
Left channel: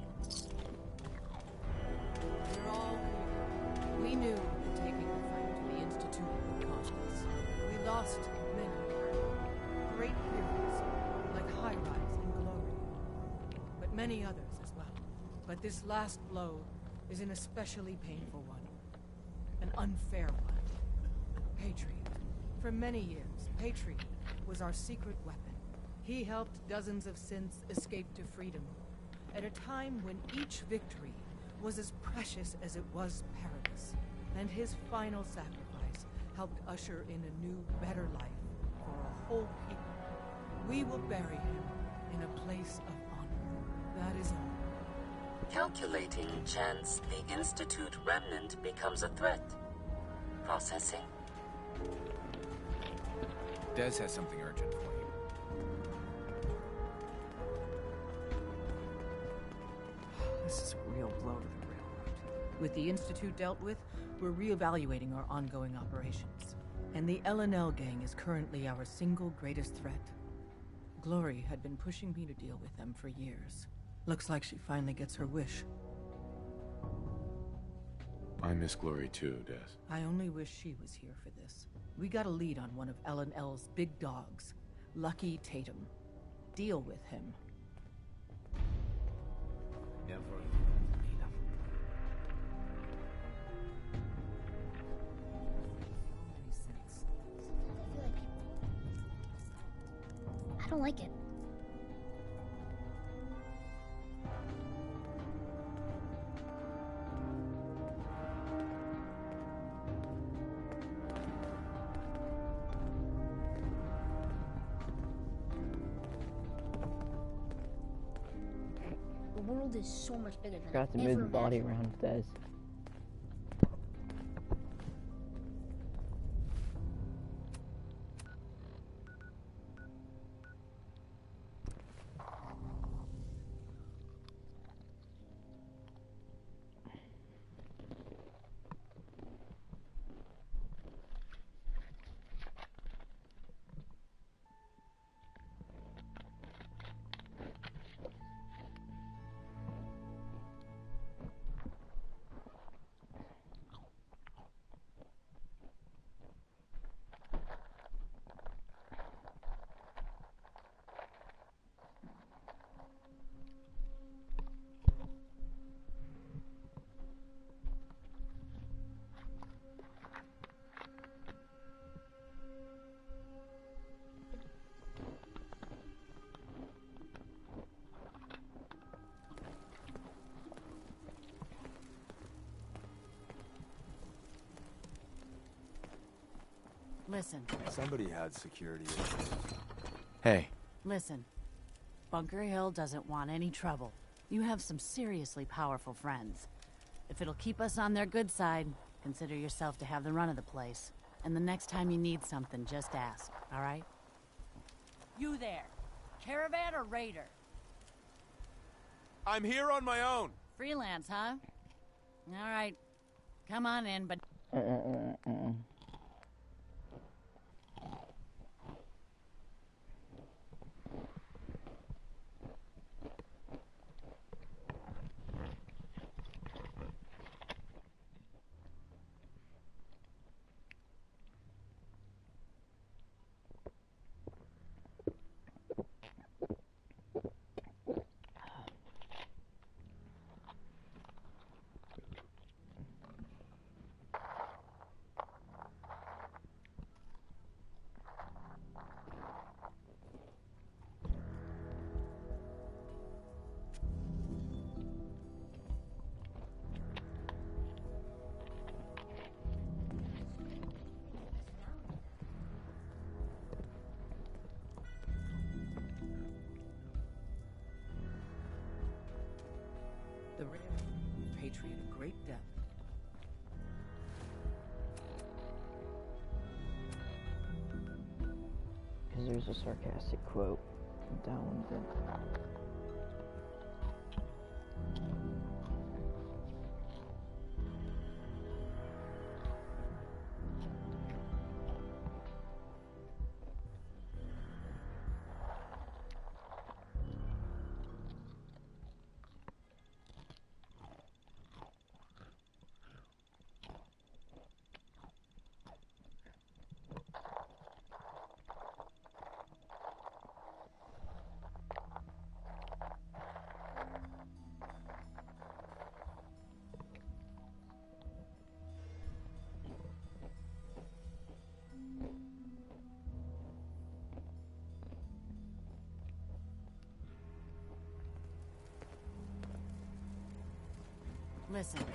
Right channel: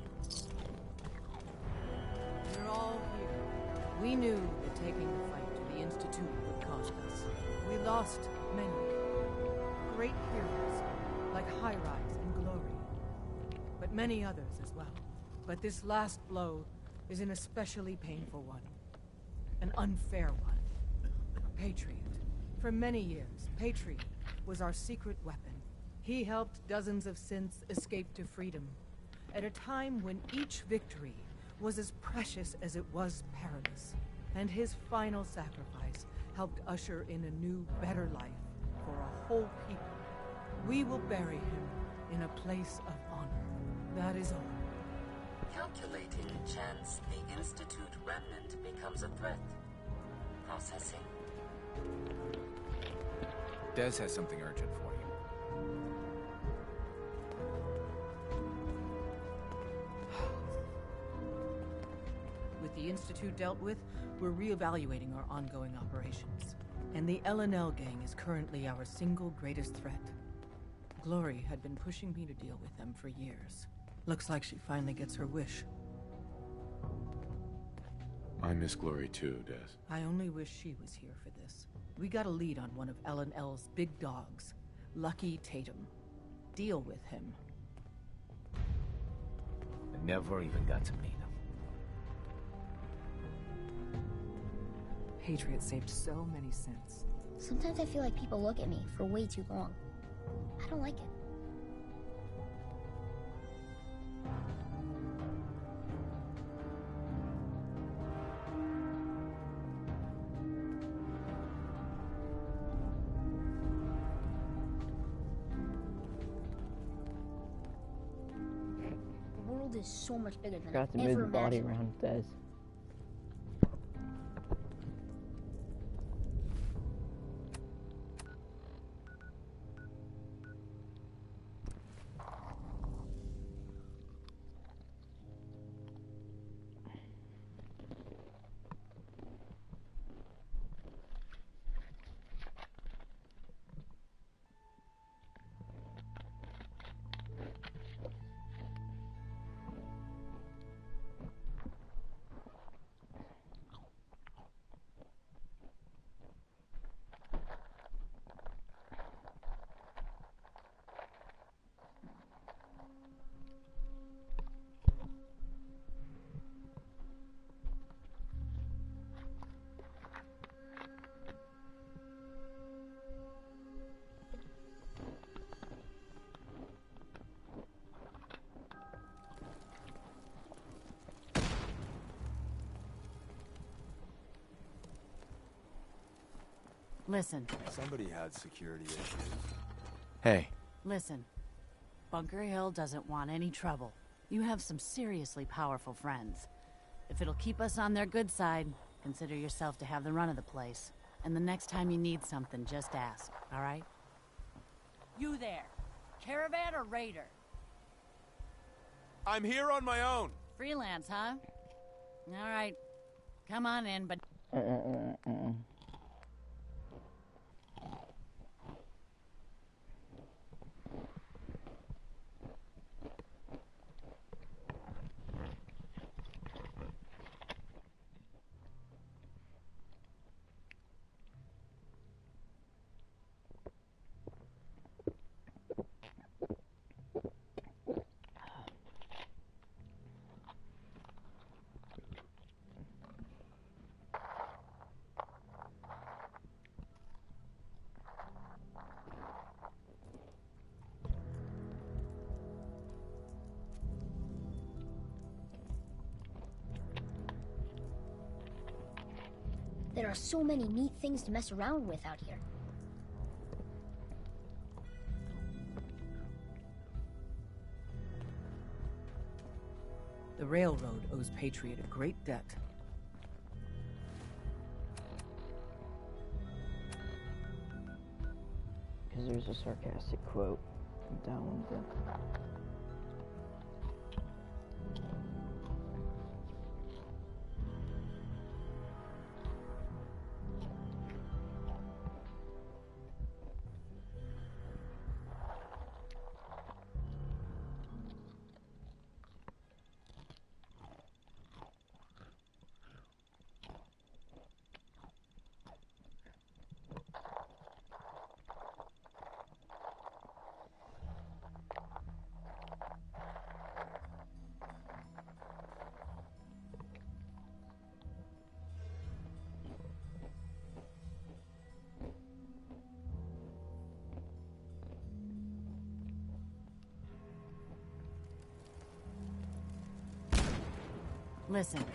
We're all here. We knew that taking the fight to the Institute would cost us. We lost many. Great heroes, like High Rise and Glory. But many others as well. But this last blow is an especially painful one. An unfair one. Patriot. For many years, Patriot was our secret weapon. He helped dozens of synths escape to freedom, at a time when each victory was as precious as it was perilous. And his final sacrifice helped usher in a new, better life for a whole people. We will bury him in a place of honor. That is all. Calculating chance the Institute remnant becomes a threat. Processing. Des has something urgent for you. This is a real blow. With the Institute dealt with, we're reevaluating our ongoing operations. And the LNL gang is currently our single greatest threat. Glory had been pushing me to deal with them for years. Looks like she finally gets her wish. I miss Glory too, Des. I only wish she was here for this. We got a lead on one of LNL's big dogs, Lucky Tatum. Deal with him. I never even got to meet him. Patriot saved so many synths. Sometimes I feel like people look at me for way too long. I don't like it. The world is so much bigger than Got to I move ever the body imagined. around, Des. Listen. Somebody had security issues. Hey. Listen. Bunker Hill doesn't want any trouble. You have some seriously powerful friends. If it'll keep us on their good side, consider yourself to have the run of the place. And the next time you need something, just ask, all right? You there. Caravan or raider? I'm here on my own. Freelance, huh? All right. Come on in, but... There are so many neat things to mess around with out here. The railroad owes Patriot a great debt. Because there's a sarcastic quote down one thing. Listen.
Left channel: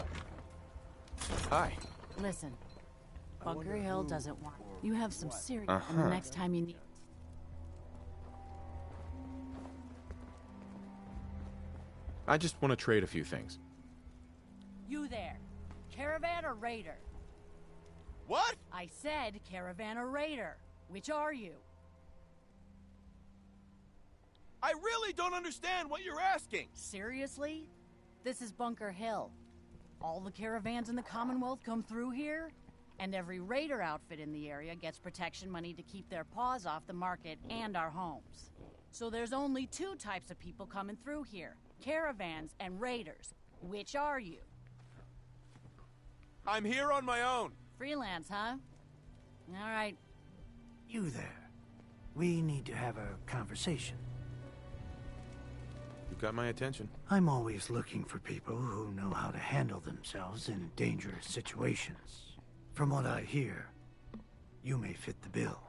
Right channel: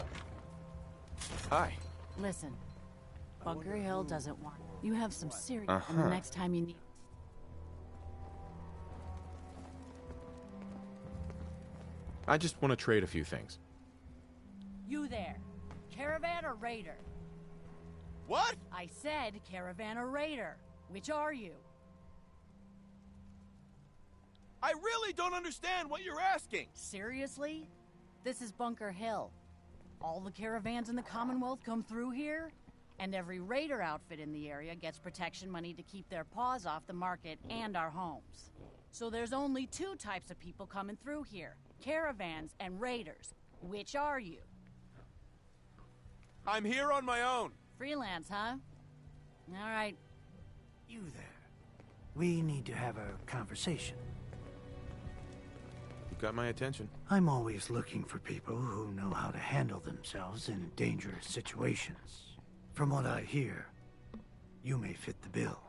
Hi. Listen. Bunker Hill doesn't want... You have some serious... And the next time you need... I just want to trade a few things. You there. Caravan or raider? What? I said caravan or raider. Which are you? I really don't understand what you're asking. Seriously? This is Bunker Hill. All the caravans in the Commonwealth come through here, and every raider outfit in the area gets protection money to keep their paws off the market and our homes. So there's only two types of people coming through here, caravans and raiders. Which are you? I'm here on my own. Freelance, huh? All right. You there. We need to have a conversation. You got my attention. I'm always looking for people who know how to handle themselves in dangerous situations. From what I hear, you may fit the bill.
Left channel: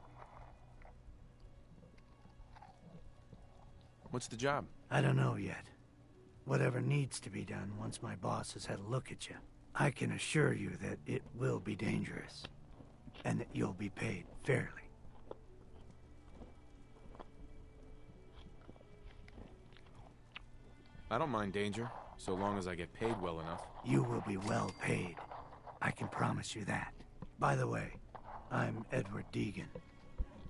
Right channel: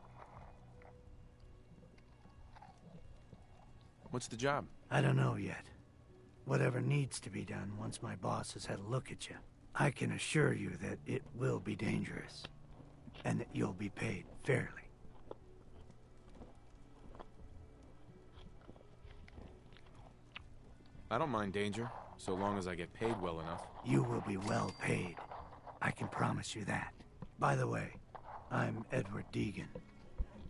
What's the job? I don't know yet. Whatever needs to be done once my boss has had a look at you. I can assure you that it will be dangerous, and that you'll be paid fairly. I don't mind danger, so long as I get paid well enough. You will be well paid. I can promise you that. By the way, I'm Edward Deegan.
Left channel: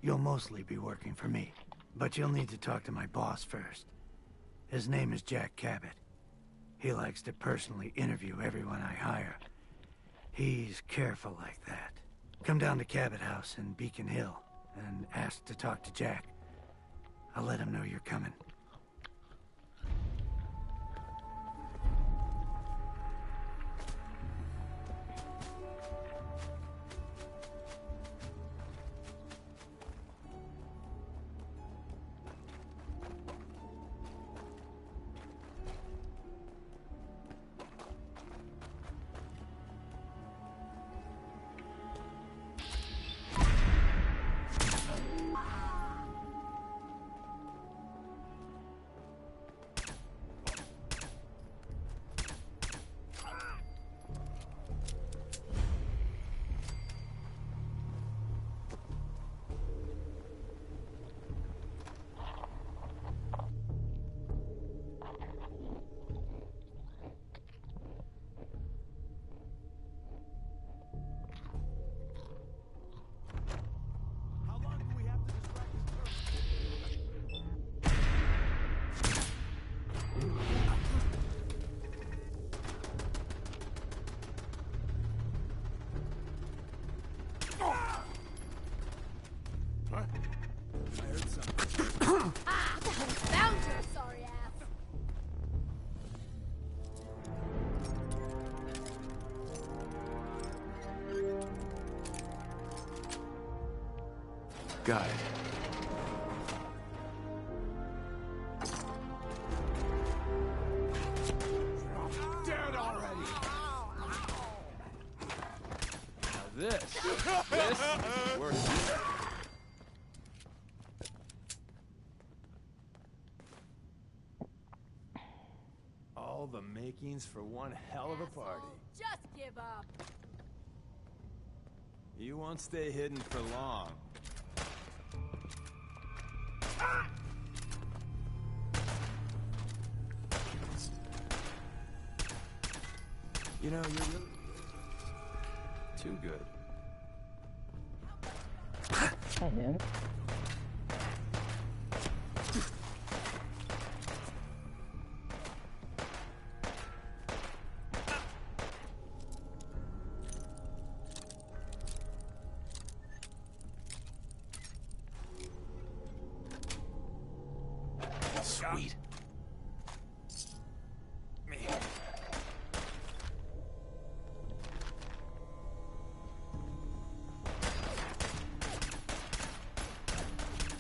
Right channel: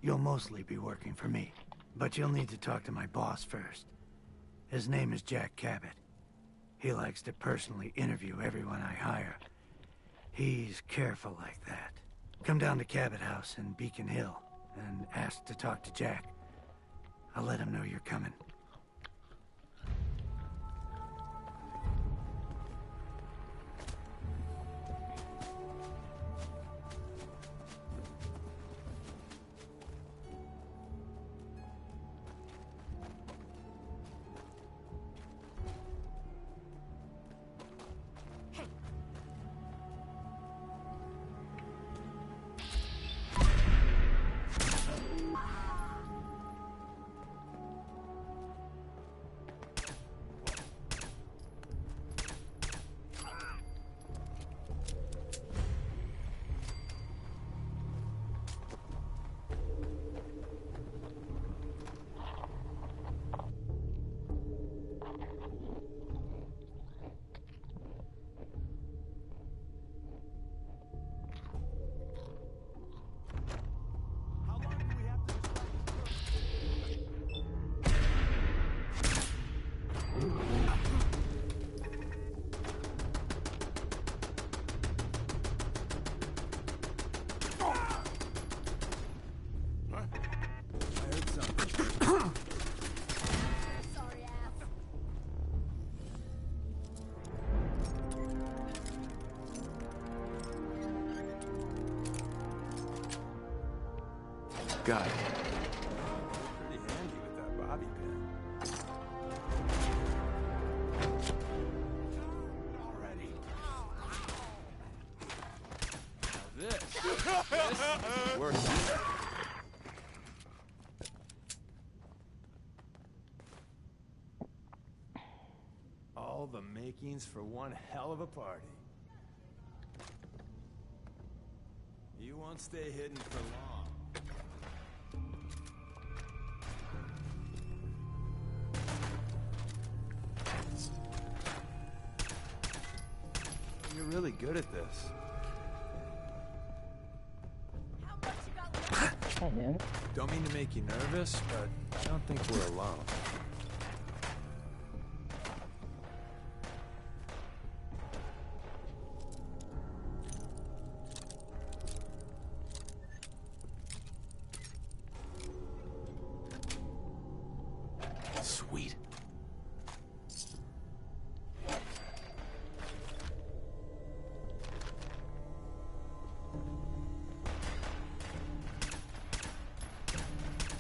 You'll mostly be working for me, but you'll need to talk to my boss first. His name is Jack Cabot. He likes to personally interview everyone I hire. He's careful like that. Come down to Cabot House in Beacon Hill and ask to talk to Jack. I'll let him know you're coming. Got it. Dead already. Now this is worth it. All the makings for one hell of a party. Just give up. You won't stay hidden for long. You know, you're really good at this. Too good. Hi, him. Don't mean to make you nervous, but I don't think we're alone. Sweet.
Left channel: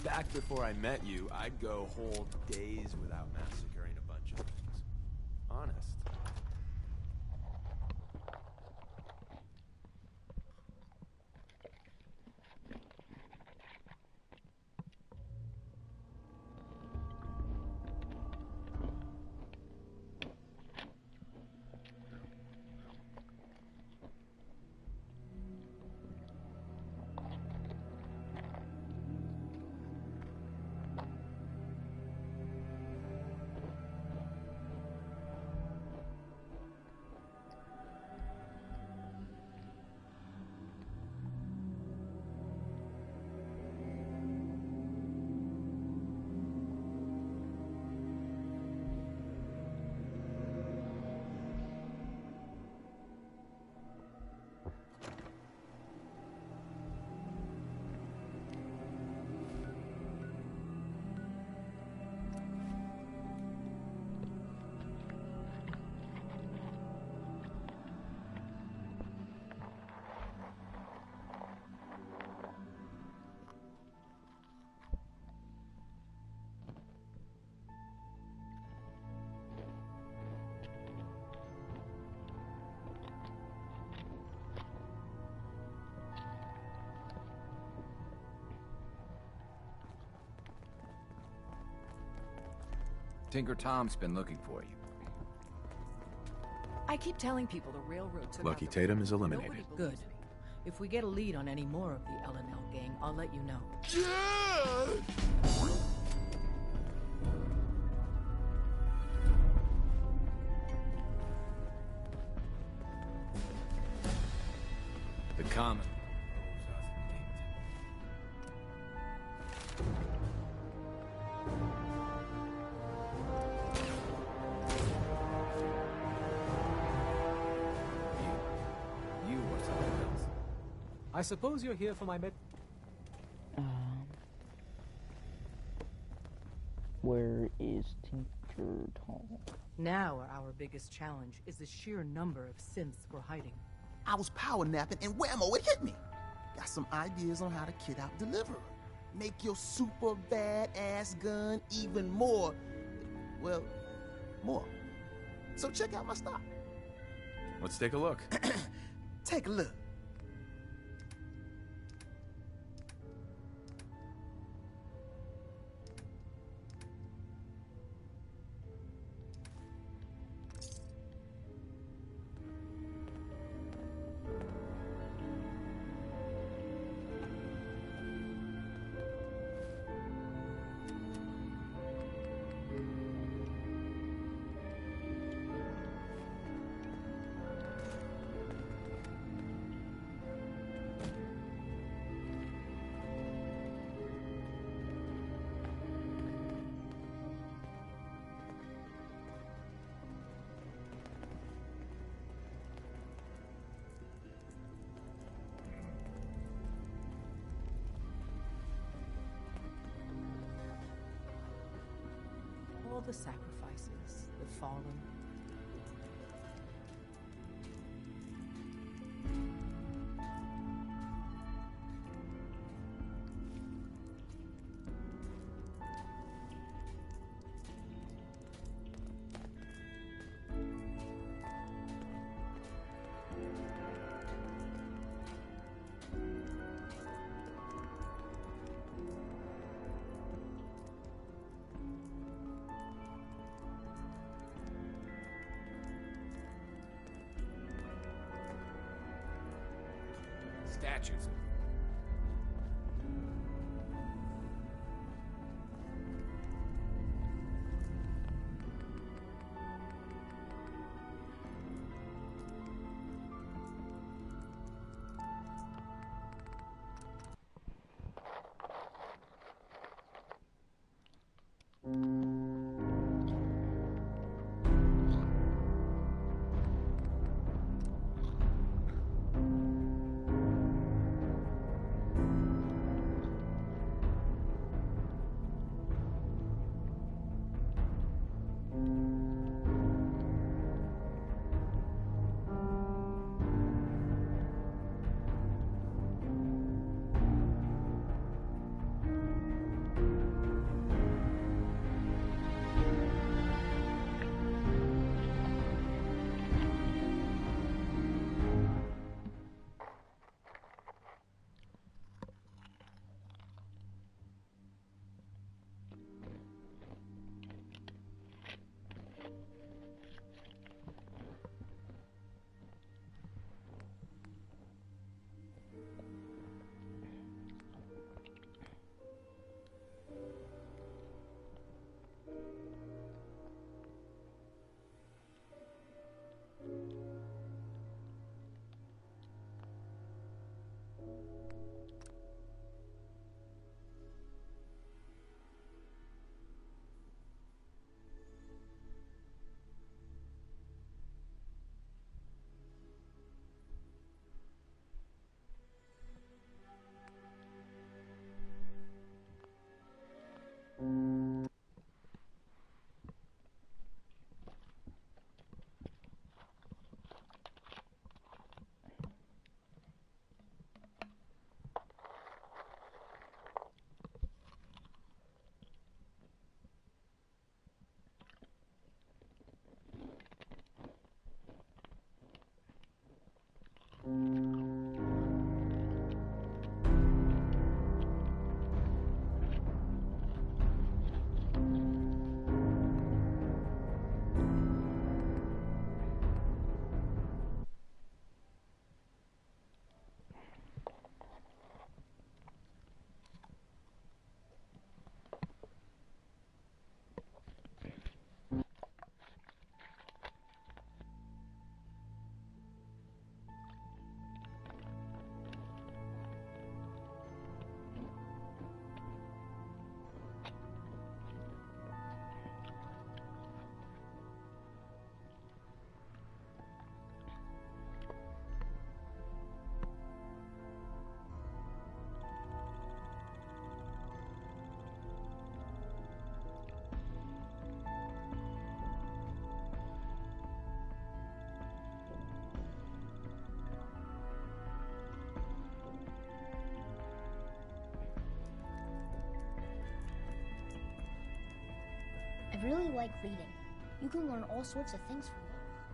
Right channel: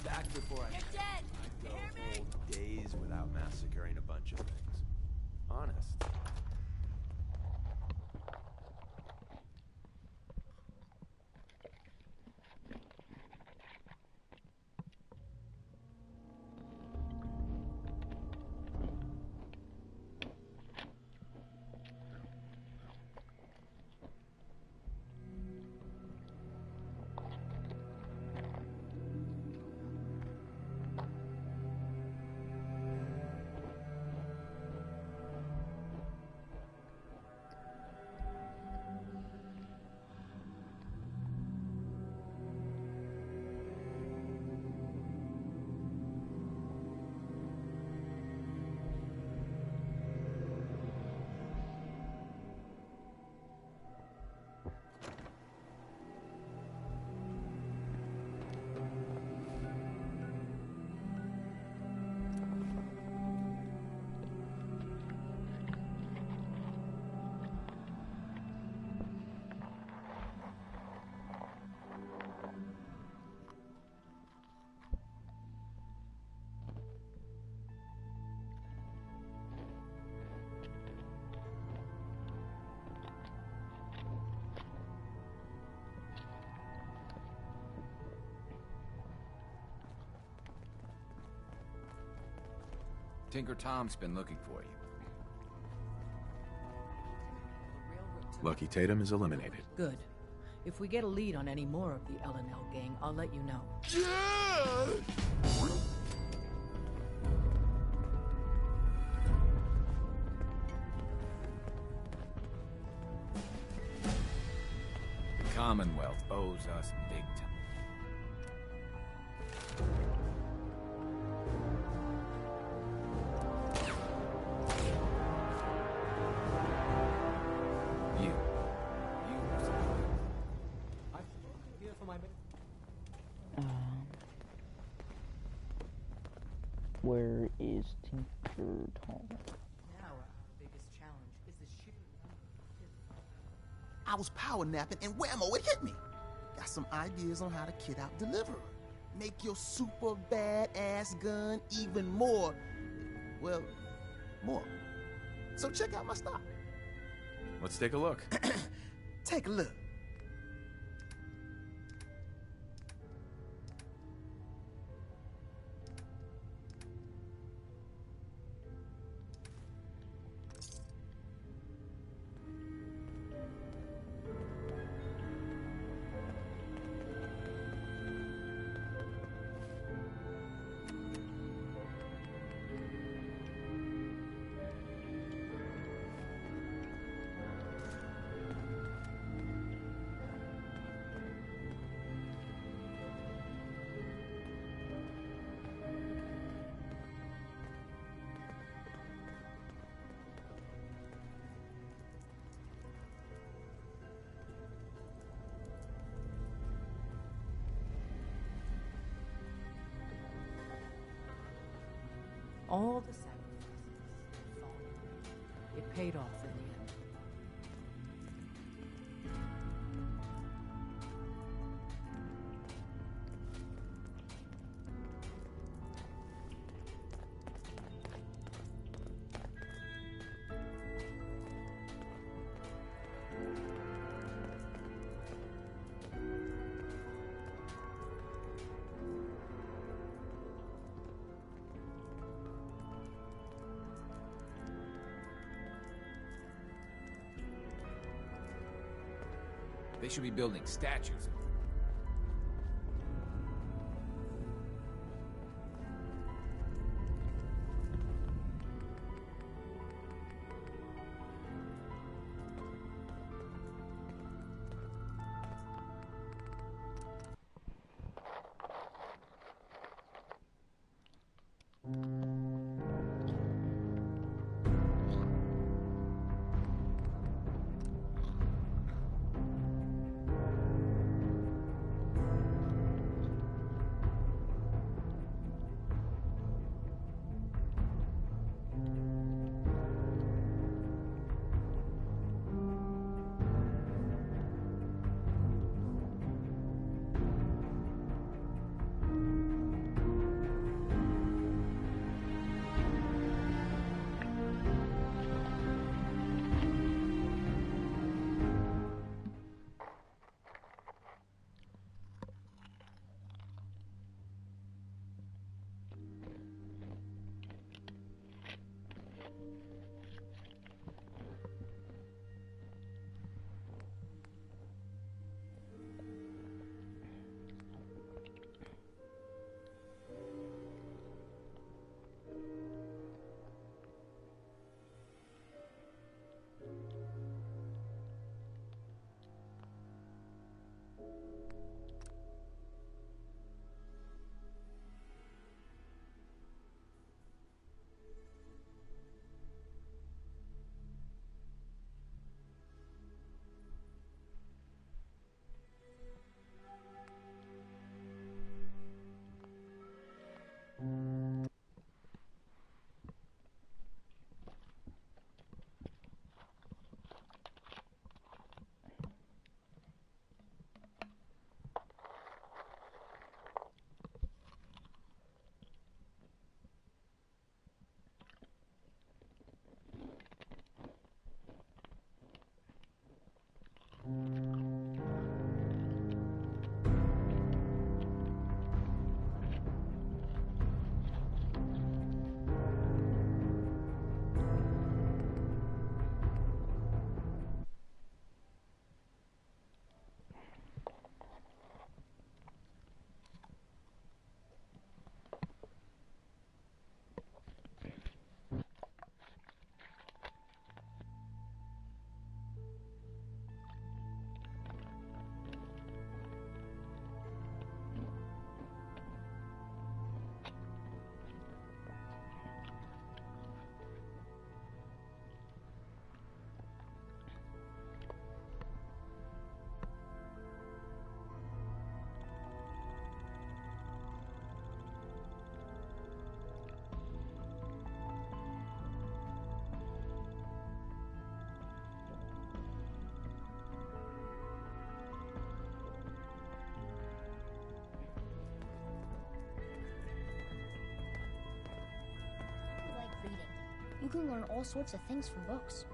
Back before I met you, I'd go whole days without massacring a bunch of things. Honest. Tinker Tom's been looking for you. I keep telling people the railroad took Lucky out Tatum is eliminated. Good. If we get a lead on any more of the L&L gang, I'll let you know. The Commonwealth owes us big time. You or something else. I suppose you're here for my Where is Tinker Tom? Now our biggest challenge is the sheer number of synths we're hiding. I was power napping and whammo, it hit me. Got some ideas on how to kit out Deliverer. Make your super badass gun even more, well, more. So check out my stock. Let's take a look. Take a look. All the sacrifices, the fallen, it paid off in the end. should be building statues of. I really like reading. You can learn all sorts of things from books.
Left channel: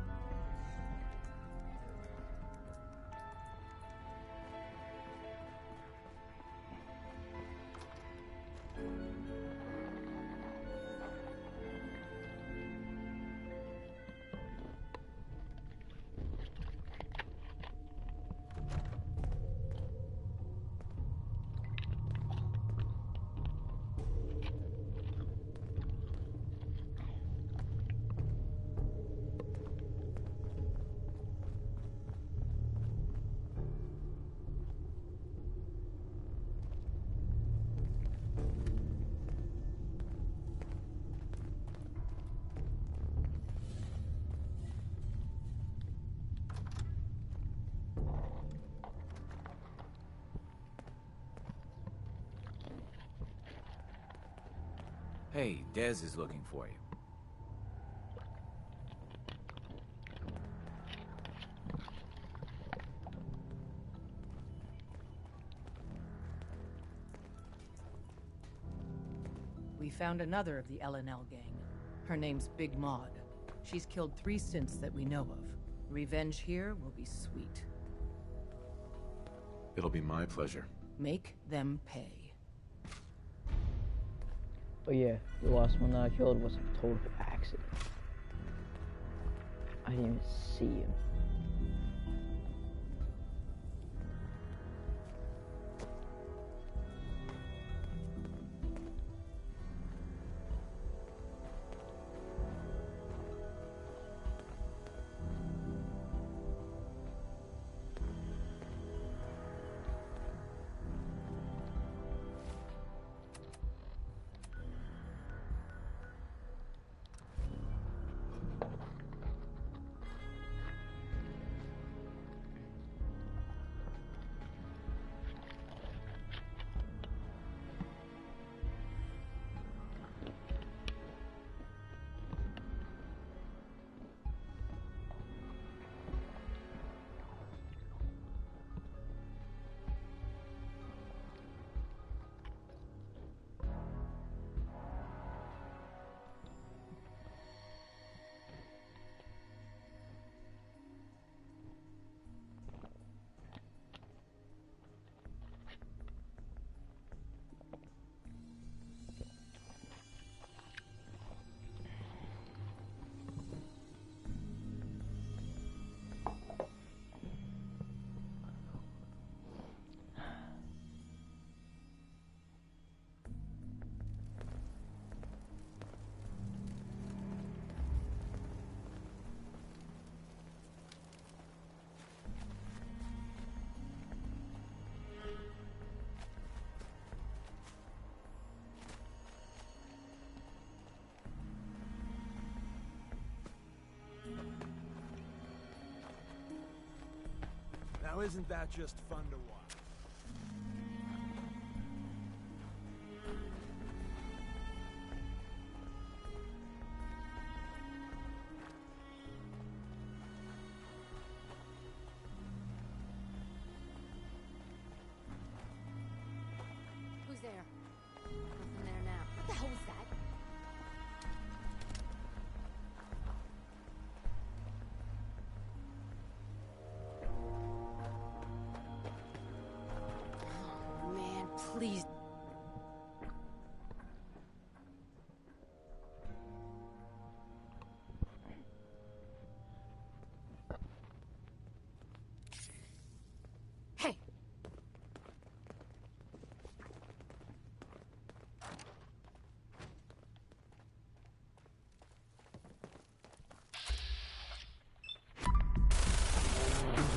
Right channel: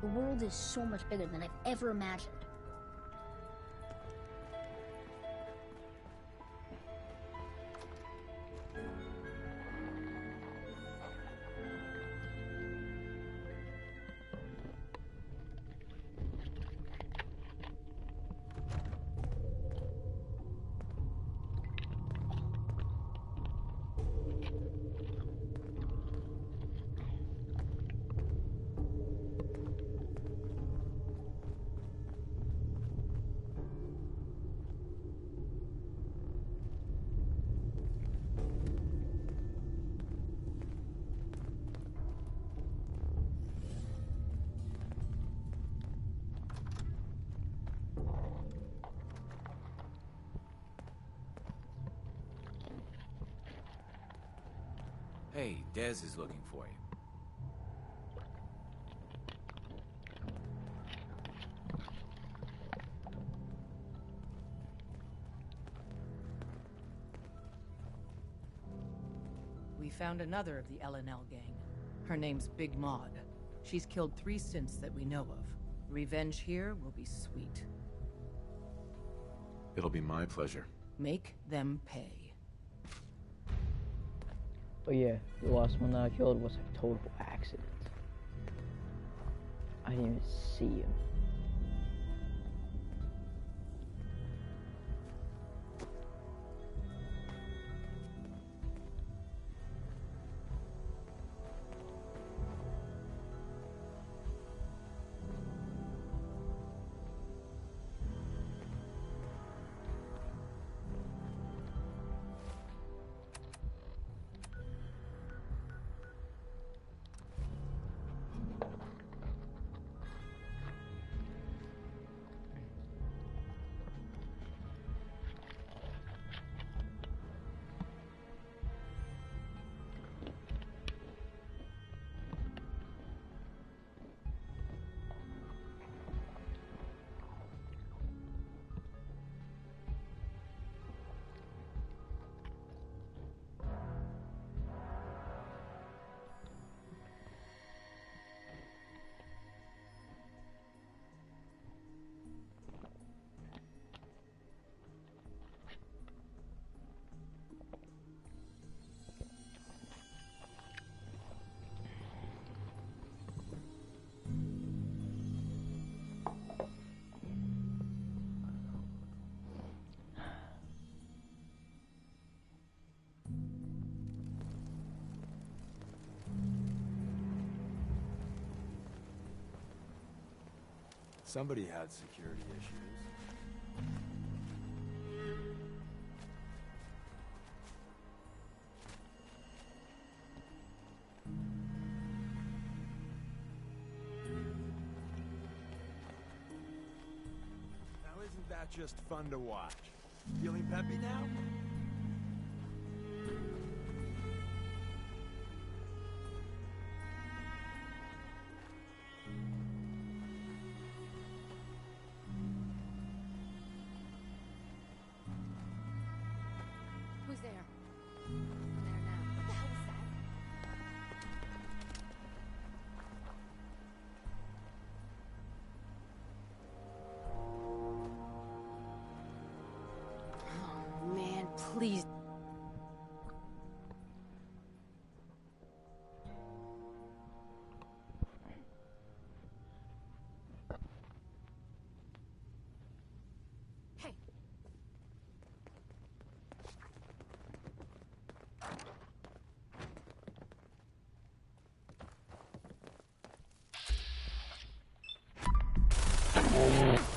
The world is so much bigger than I've ever imagined. Hey, Dez is looking for you. We found another of the LNL gang. Her name's Big Maud. She's killed 3 synths that we know of. Revenge here will be sweet. It'll be my pleasure. Make them pay. But yeah, the last one that I killed was a total accident. I didn't even see him. Somebody had security issues. Now isn't that just fun to watch? Feeling peppy now? Who's there? Nothing there now. What the hell was that? Oh, man, please. Hey.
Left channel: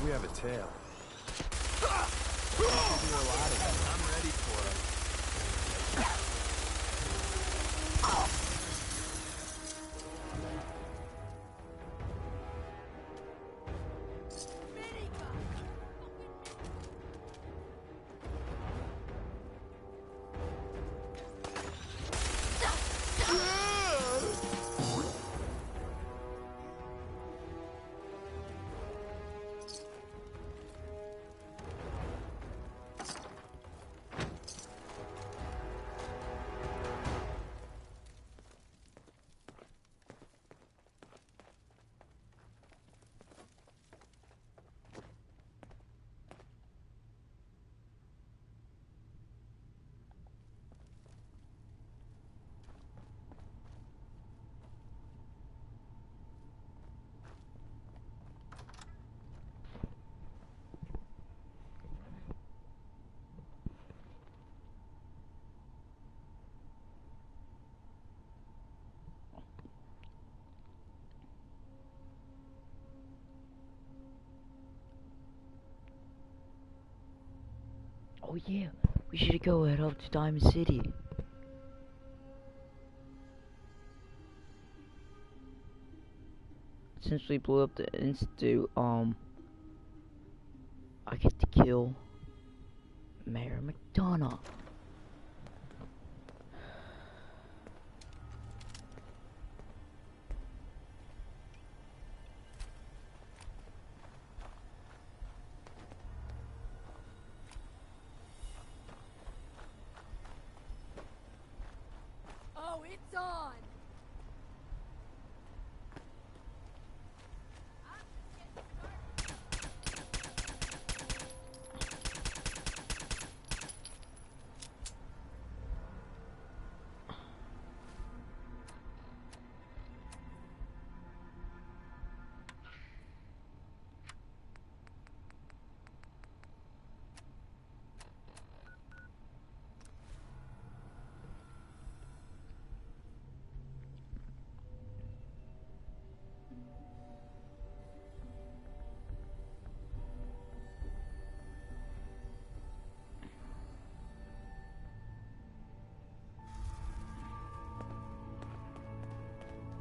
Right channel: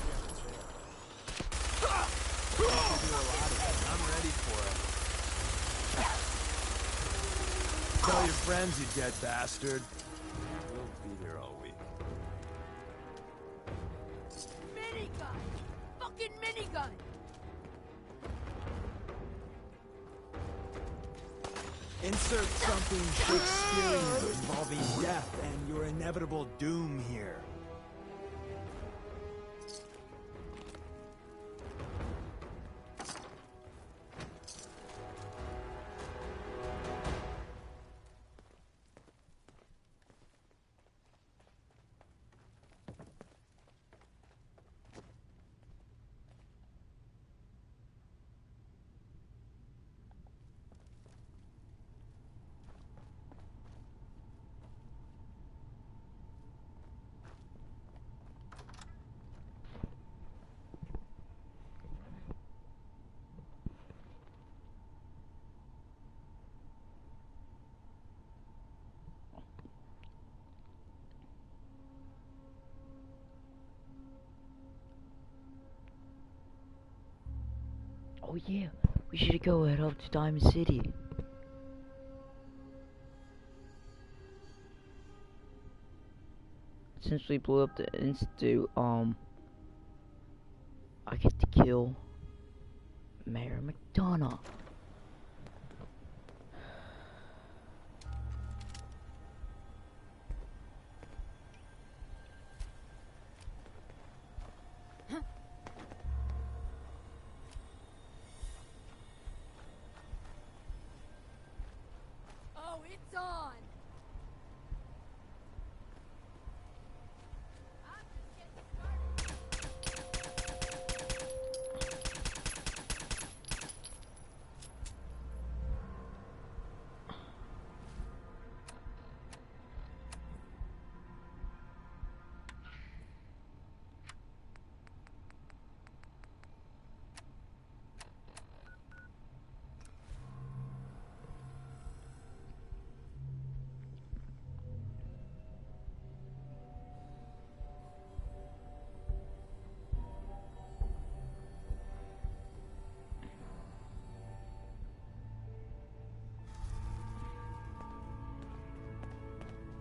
We have a tail. Do a lot of it. I'm ready for it. Tell your friends, you dead bastard. Be here all week. Minigun! Fucking minigun! Insert something involving death and your inevitable doom here. Oh yeah, we should go head up to Diamond City. Since we blew up the Institute, I get to kill Mayor McDonough.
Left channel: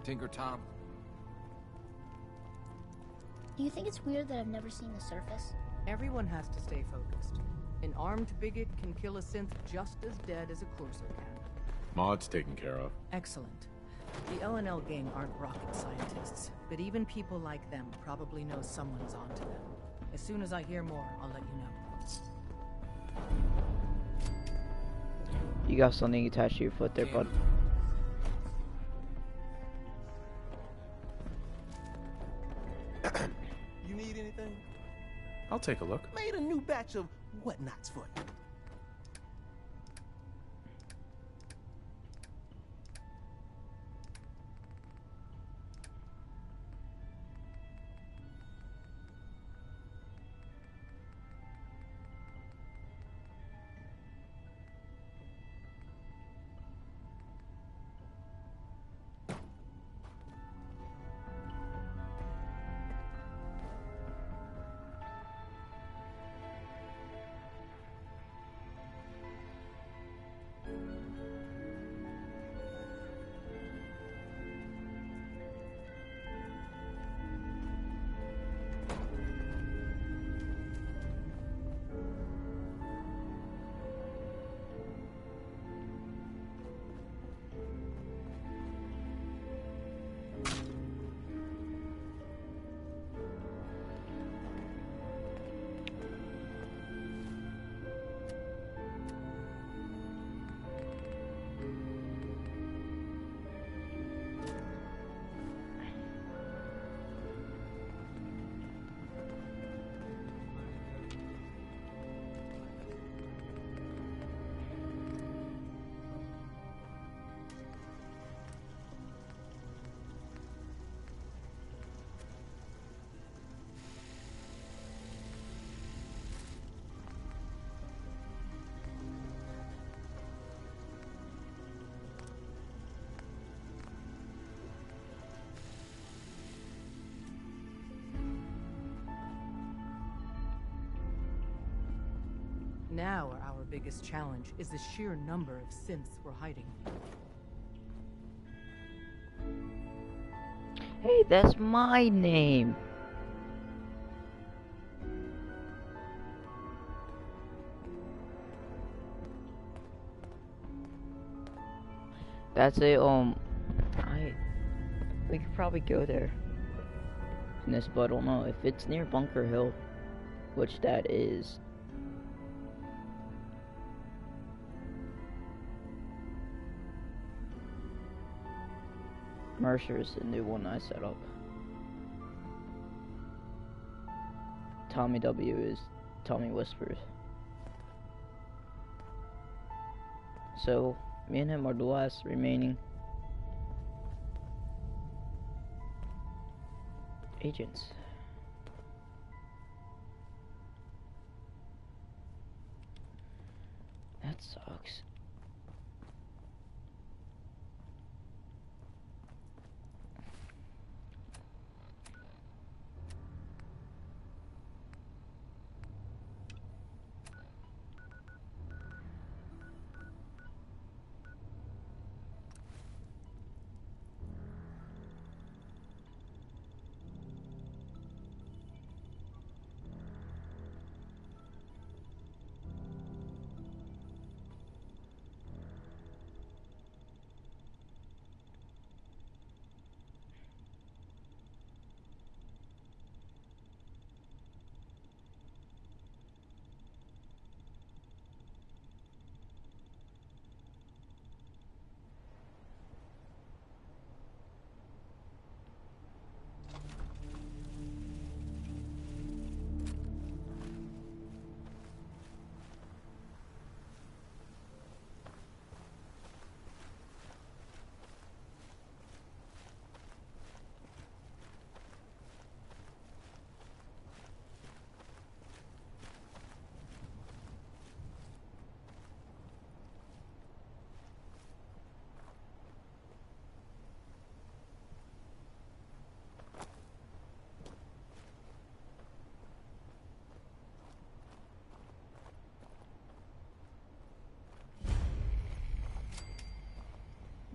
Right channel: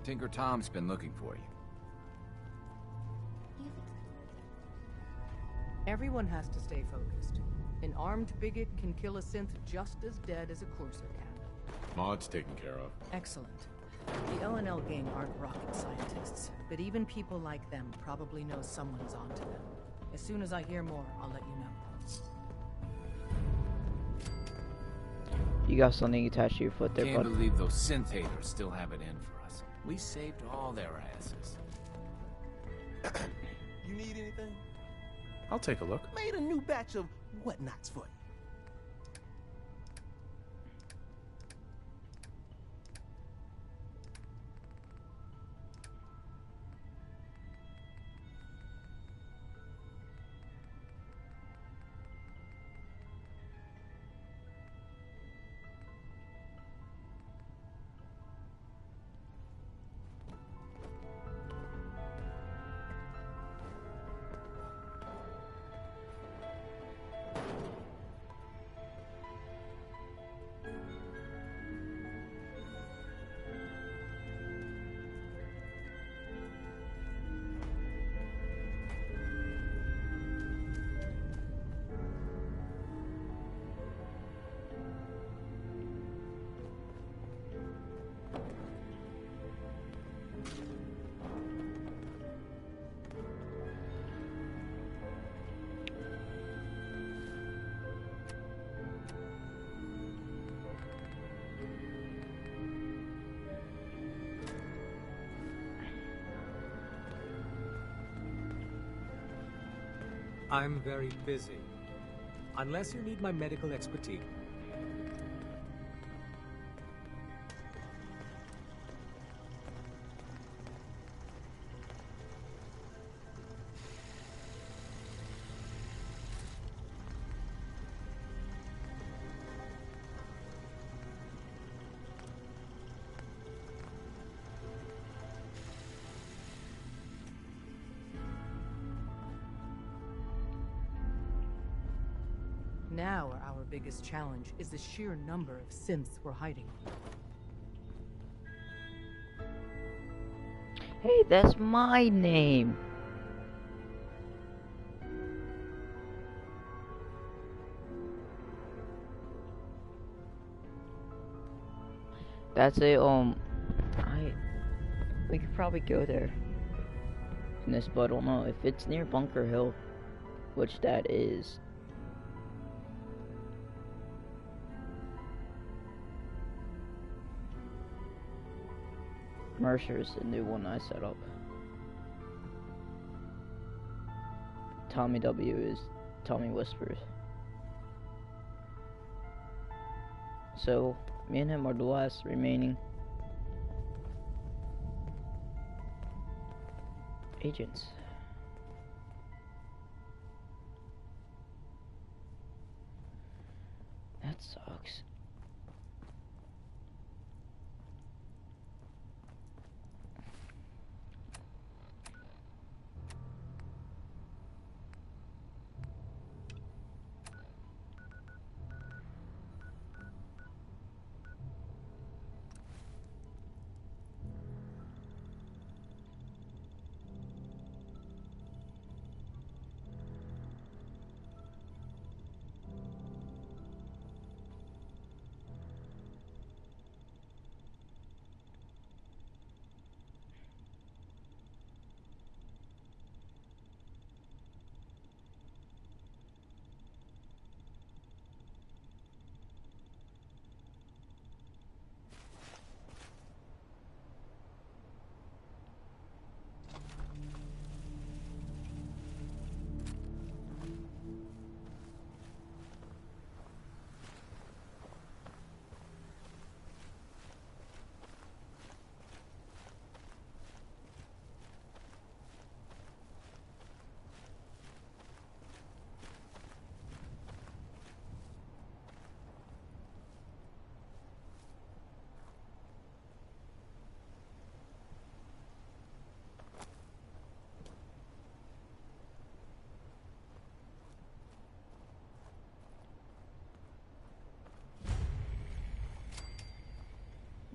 Tinker Tom's been looking for you. Do you think it's weird that I've never seen the surface? Everyone has to stay focused. An armed bigot can kill a synth just as dead as a courser can. Maud's taken care of. Excellent. The L&L gang aren't rocket scientists, but even people like them probably know someone's onto them. As soon as I hear more, I'll let you know. You got something attached to your foot there, Can't bud. believe those synth haters still have it in for us. We saved all their asses. You need anything? I'll take a look. Made a new batch of whatnots for you. I'm very busy. Unless you need my medical expertise. Now our biggest challenge is the sheer number of synths we're hiding. Hey, that's my name. That's a we could probably go there in this, but I don't know if it's near Bunker Hill, which that is. Mercer's the new one I set up. Tommy W is Tommy Whispers. So, me and him are the last remaining agents. That sucks.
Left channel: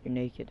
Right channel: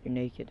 You're naked.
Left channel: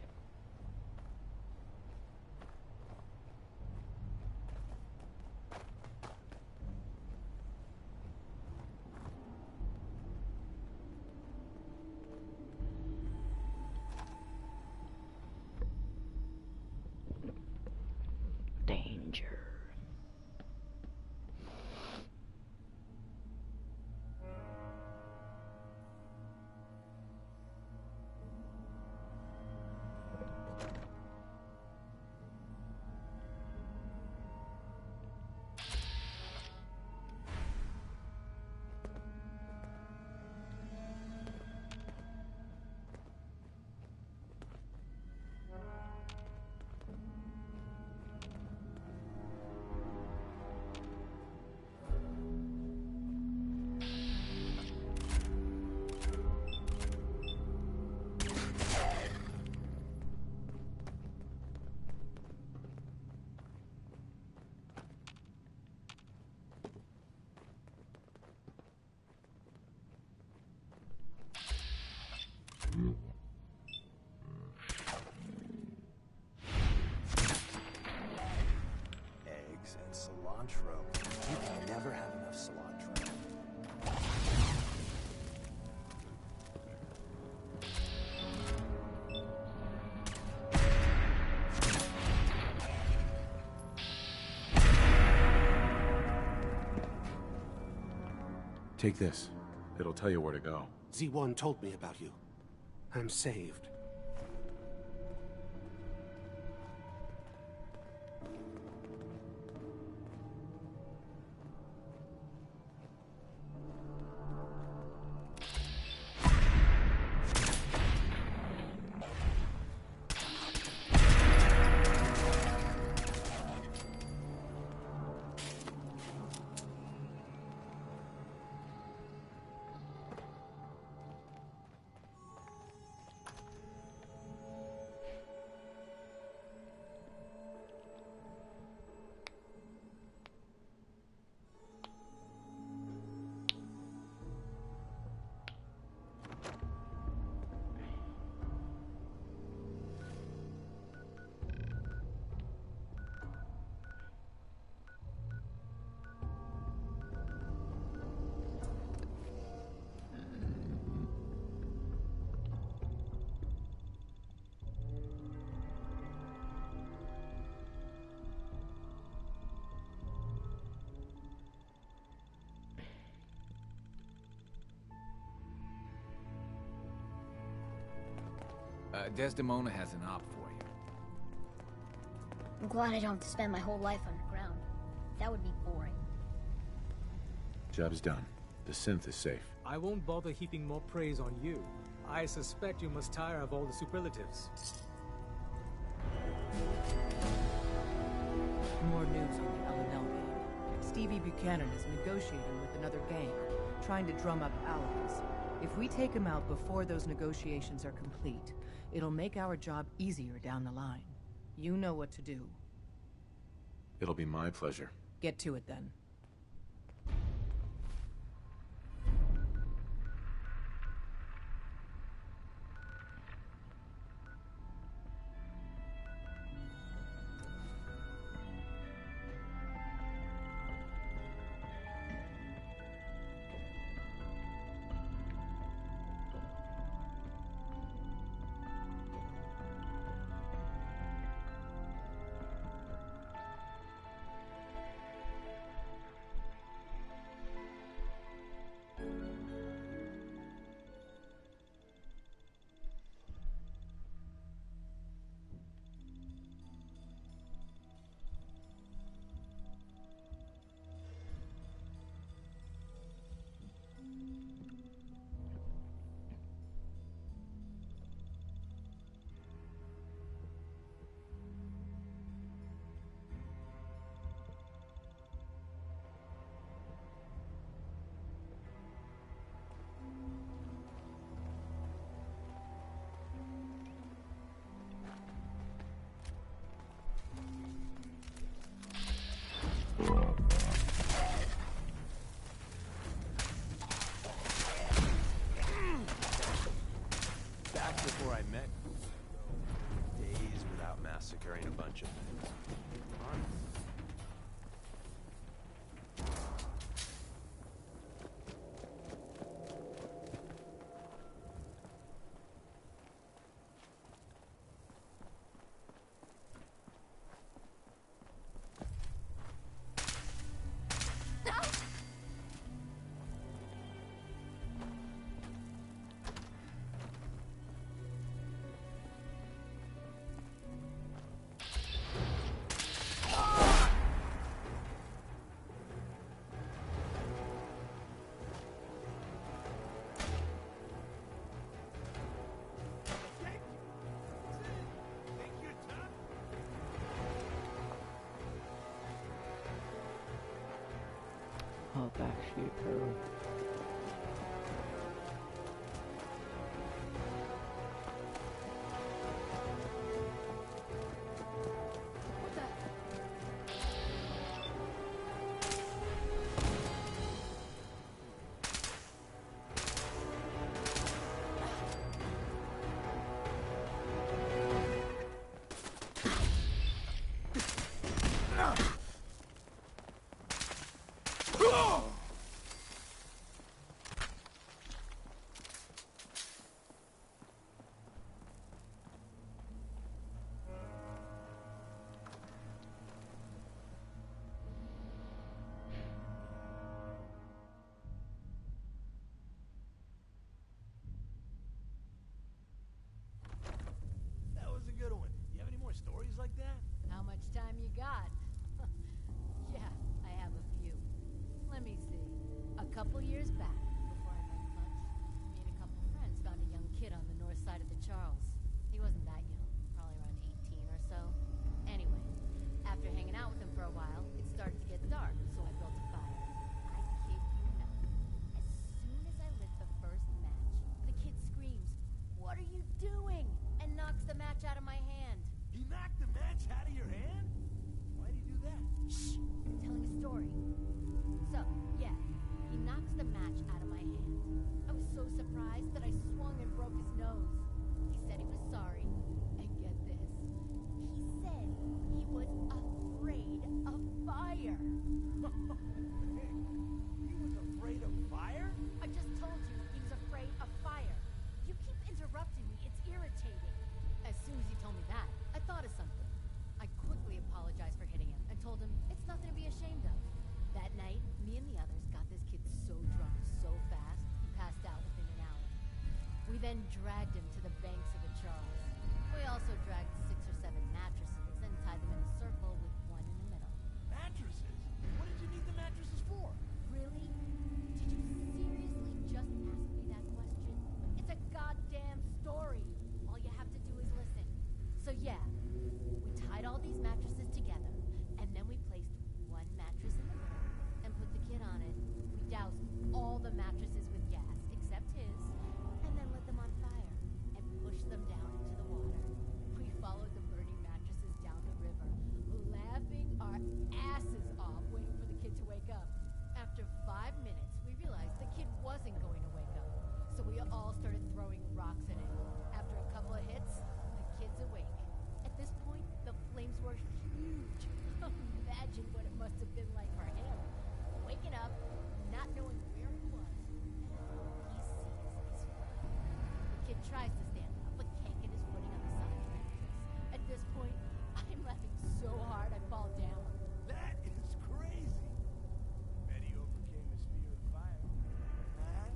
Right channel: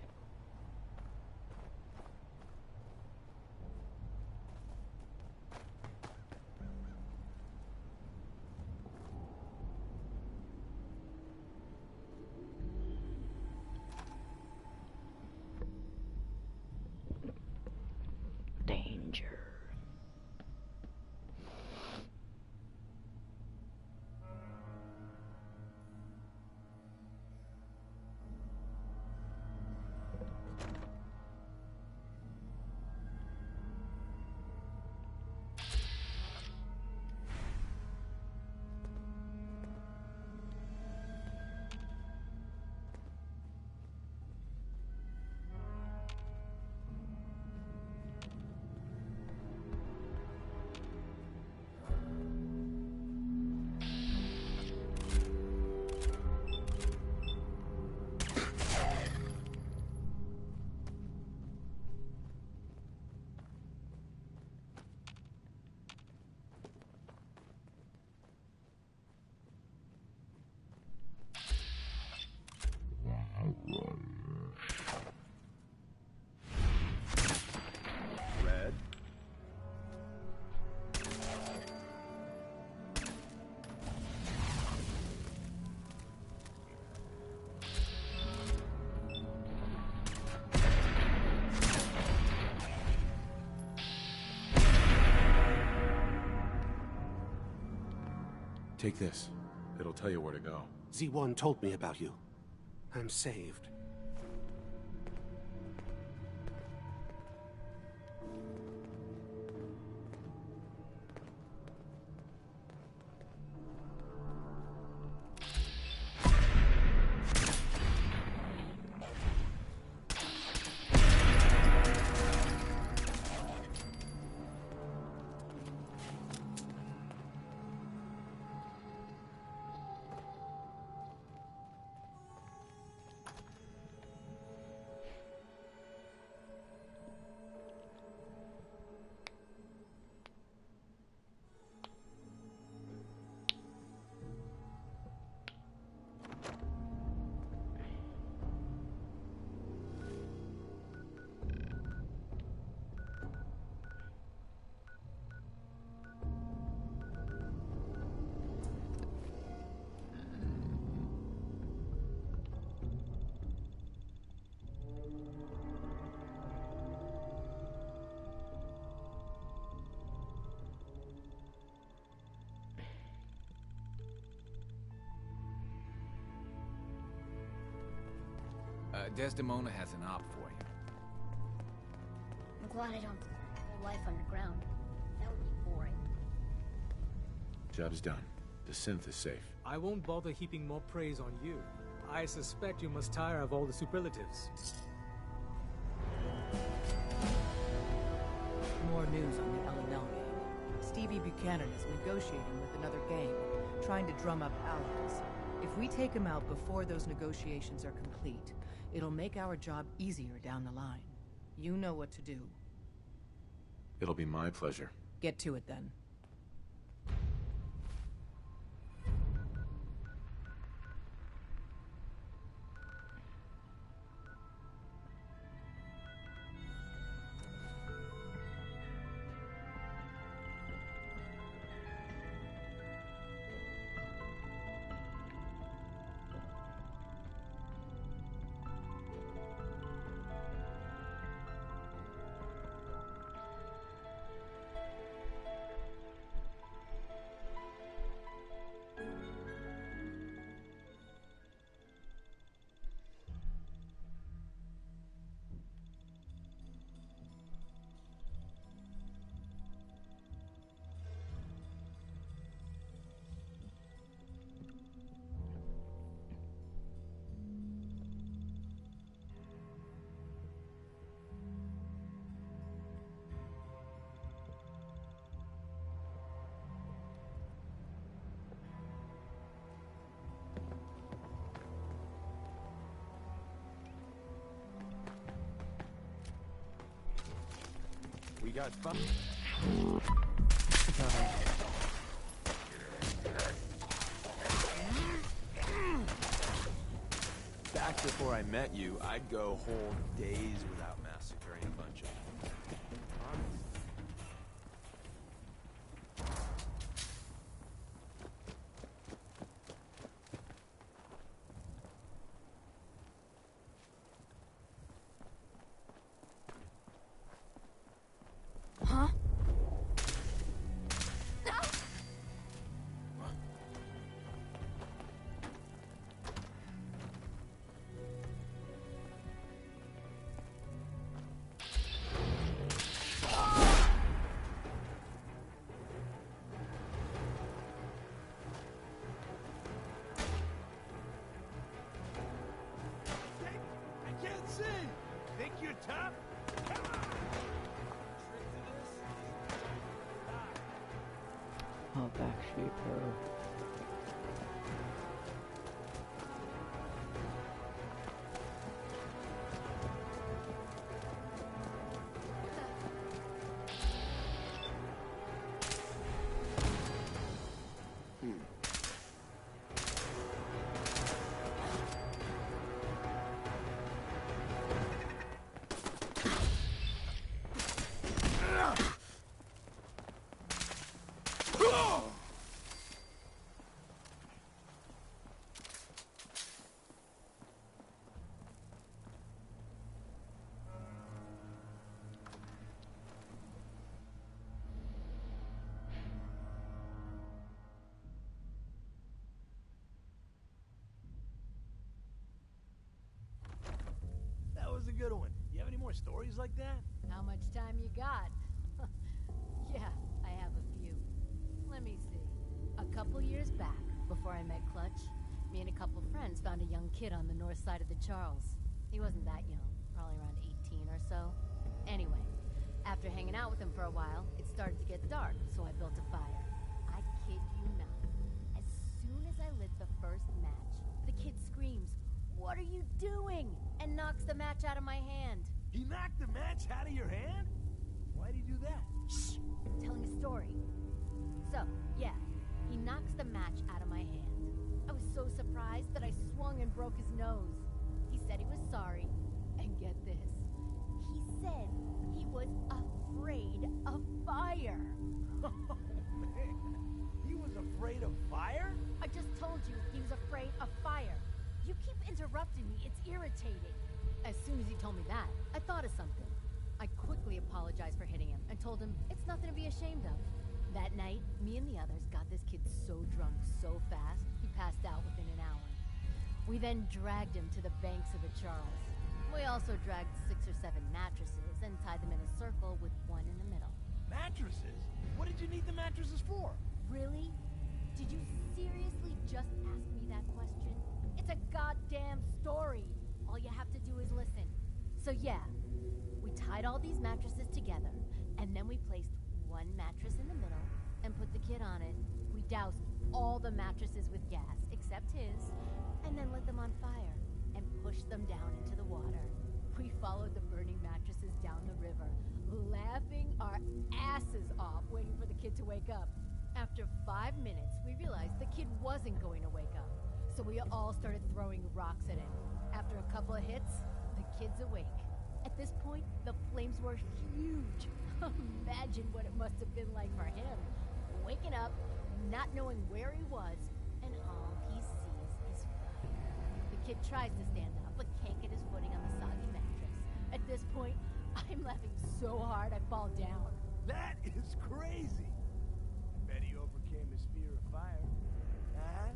Bread, eggs, and cilantro. I'll never have enough cilantro. Take this. It'll tell you where to go. Z1 told me about you. I'm saved. Desdemona has an op for you. I'm glad I don't have to spend my whole life underground. That would be boring. Job's done. The synth is safe. I won't bother heaping more praise on you. I suspect you must tire of all the superlatives. More news on the L&L gang. Stevie Buchanan is negotiating with another gang, trying to drum up allies. If we take him out before those negotiations are complete, it'll make our job easier down the line. You know what to do. It'll be my pleasure. Get to it then. We got fun. Back before I met you, I'd go whole days without massacring a bunch of things. Honest. Huh? I can't see. Think you're tough? Oh, Backstreet Hero. What the? more stories like that? How much time you got? Yeah, I have a few. Let me see. A couple years back, before I met Clutch, me and a couple friends found a young kid on the north side of the Charles. He wasn't that young, probably around 18 or so. Anyway, after hanging out with him for a while, it started to get dark, so I built a fire. I kid you not. As soon as I lit the first match, the kid screams, "What are you doing?" and knocks the match out of my hand. He knocked the match out of your hand? Why'd he do that? Shh! I'm telling a story. So, yeah, he knocks the match out of my hand. I was so surprised that I swung and broke his nose. He said he was sorry, and get this. He said he was afraid of fire. Oh, man. He was afraid of fire? I just told you he was afraid of fire. You keep interrupting me. It's irritating. As soon as he told me that, I thought of something. I quickly apologized for hitting him and told him it's nothing to be ashamed of. That night, me and the others got this kid so drunk so fast, he passed out within an hour. We then dragged him to the banks of the Charles. We also dragged 6 or 7 mattresses and tied them in a circle with one in the middle. Mattresses? What did you need the mattresses for? Really? Did you seriously just ask me that question? It's a goddamn story. All you have to do is listen. So yeah, we tied all these mattresses together, and then we placed one mattress in the middle and put the kid on it. We doused all the mattresses with gas, except his, and then lit them on fire and pushed them down into the water. We followed the burning mattresses down the river, laughing our asses off, waiting for the kid to wake up. After 5 minutes, we realized the kid wasn't going to wake up, so we all started throwing rocks at him. After a couple of hits, the kid's awake. At this point, the flames were huge. Imagine what it must have been like for him. Waking up, not knowing where he was, and all he sees is fire. The kid tries to stand up, but can't get his footing on the soggy mattress. At this point, I'm laughing so hard I fall down. That is crazy. Bet he overcame his fear of fire. Huh?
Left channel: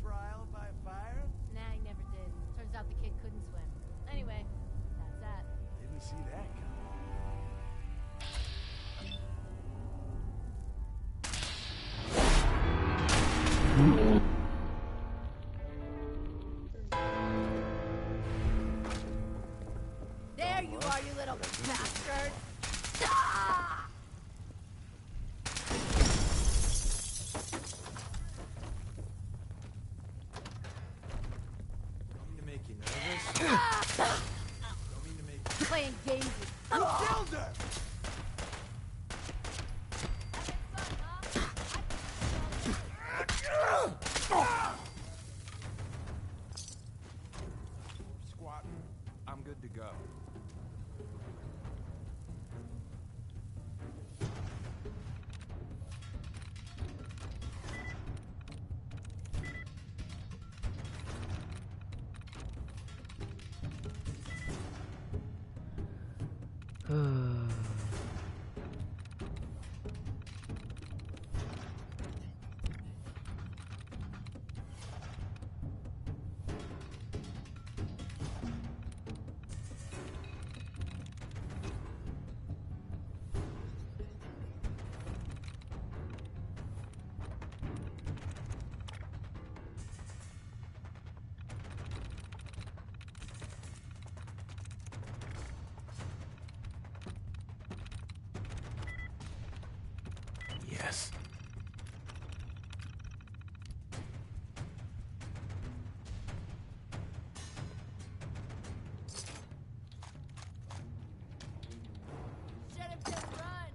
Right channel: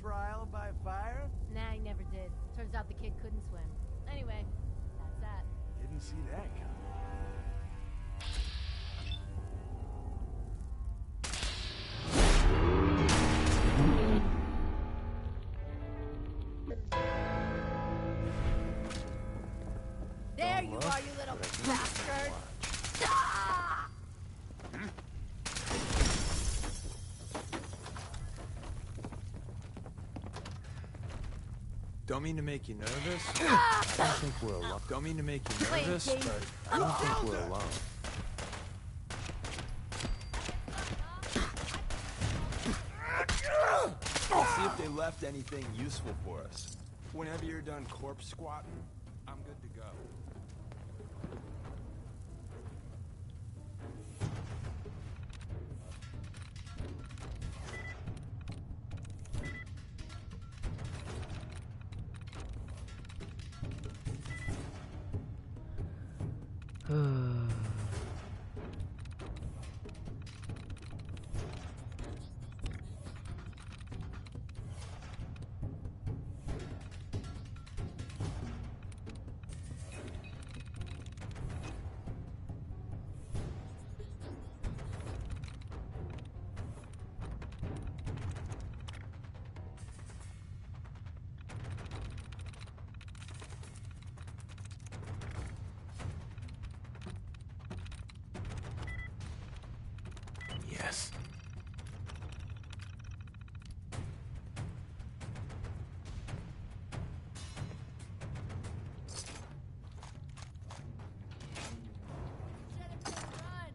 Trial by fire? Nah, he never did. Turns out the kid couldn't swim. Anyway, that's that. Didn't see that coming. There you are, you little bastard! Ah! Don't mean to make you nervous. I think we're alone. Don't mean to make you Playing nervous, games. but I think we're alone. See if they left anything useful for us. Whenever you're done corpse squatting, I'm good to go. Yes. Jennifer, run!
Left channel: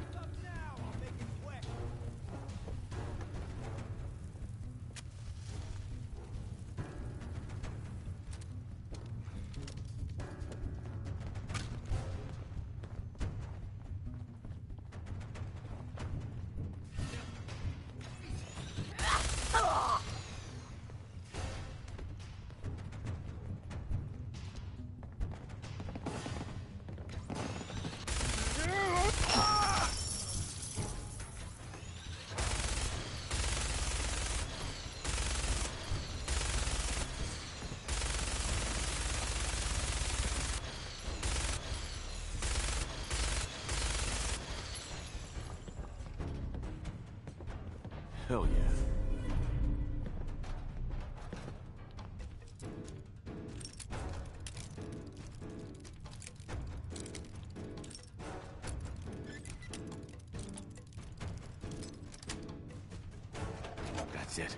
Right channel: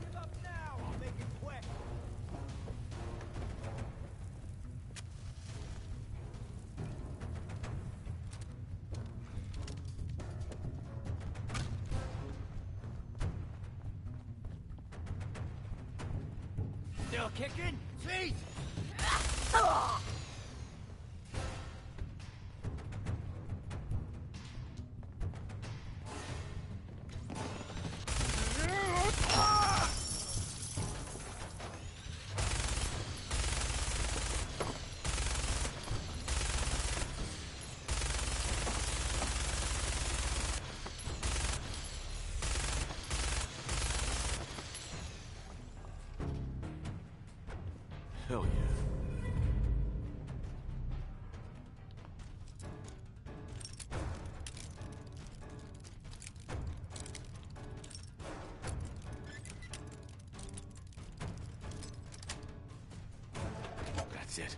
Get up now! I'll make it quick! Still kicking? Feet! Hell yeah. That's it.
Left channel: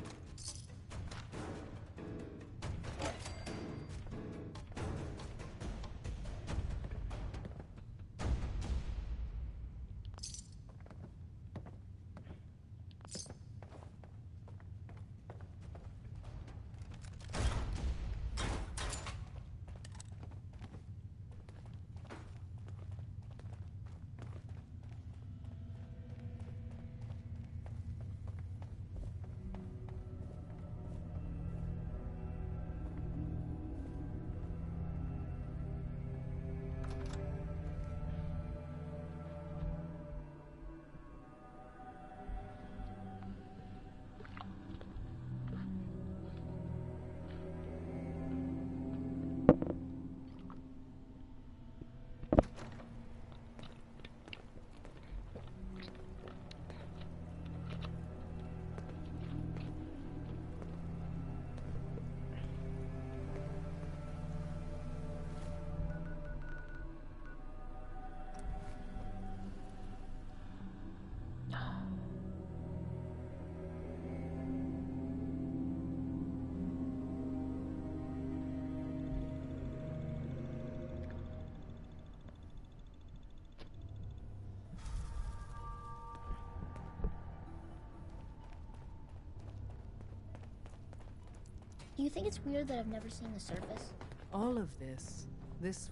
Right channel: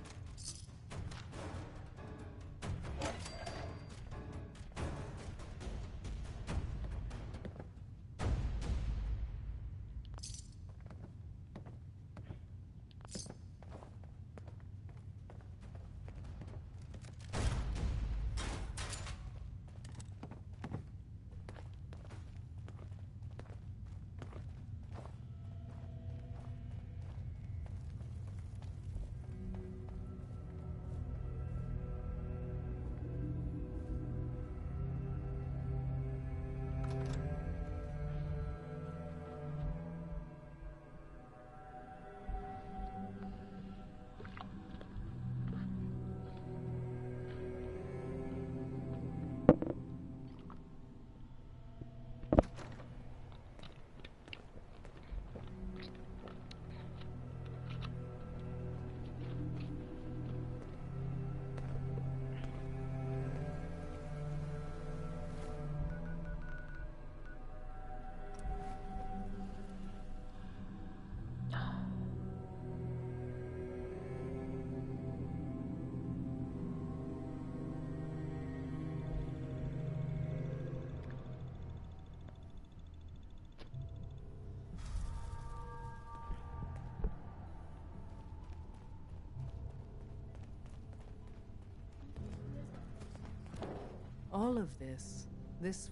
Do you think it's weird that I've never seen the surface? All of this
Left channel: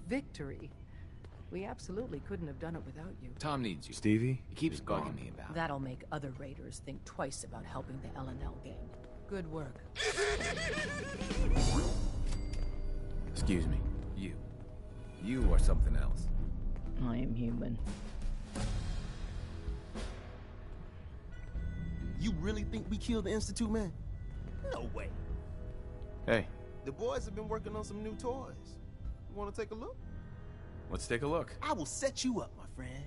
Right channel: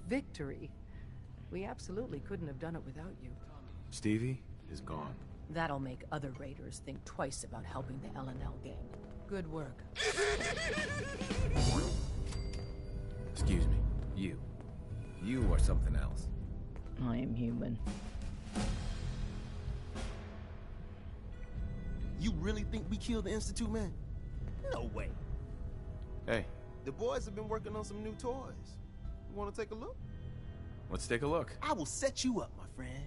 victory, we absolutely couldn't have done it without you. Tom needs you. Stevie? He keeps bugging me about it. That'll make other raiders think twice about helping the L&L gang. Good work. Excuse me. You are something else. I am human. You really think we killed the Institute, man? No way. Hey, The boys have been working on some new toys. You want to take a look? let's take a look. I will set you up, my friend.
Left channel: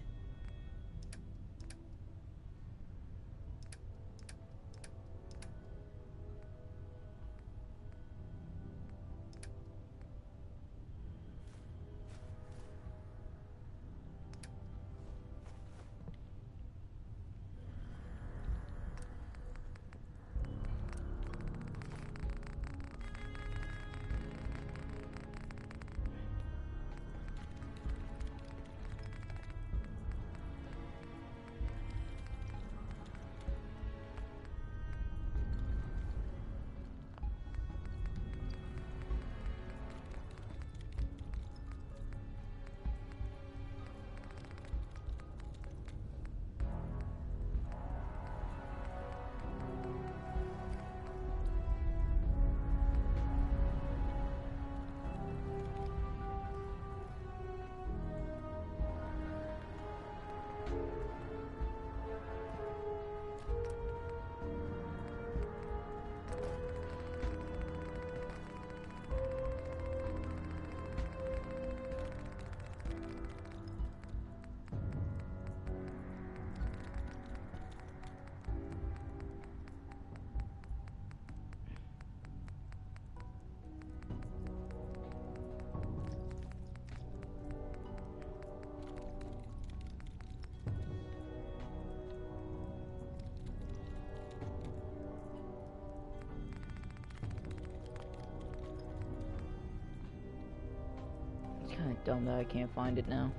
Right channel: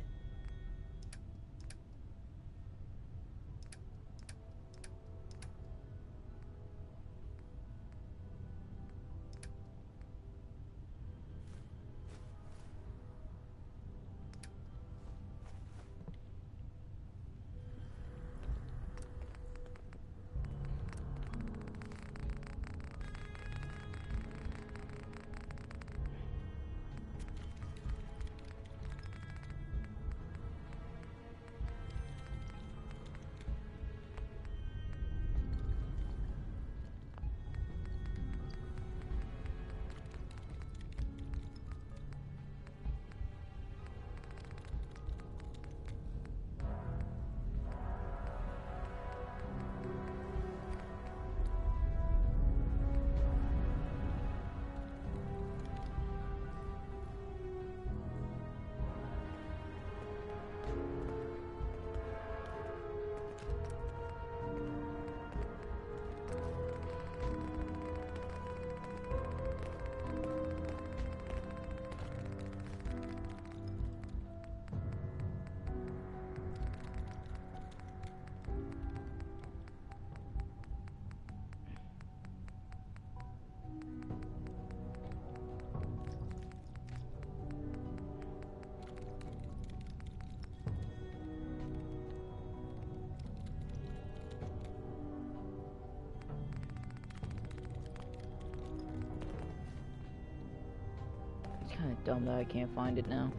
It's kind of dumb that I can't find it now.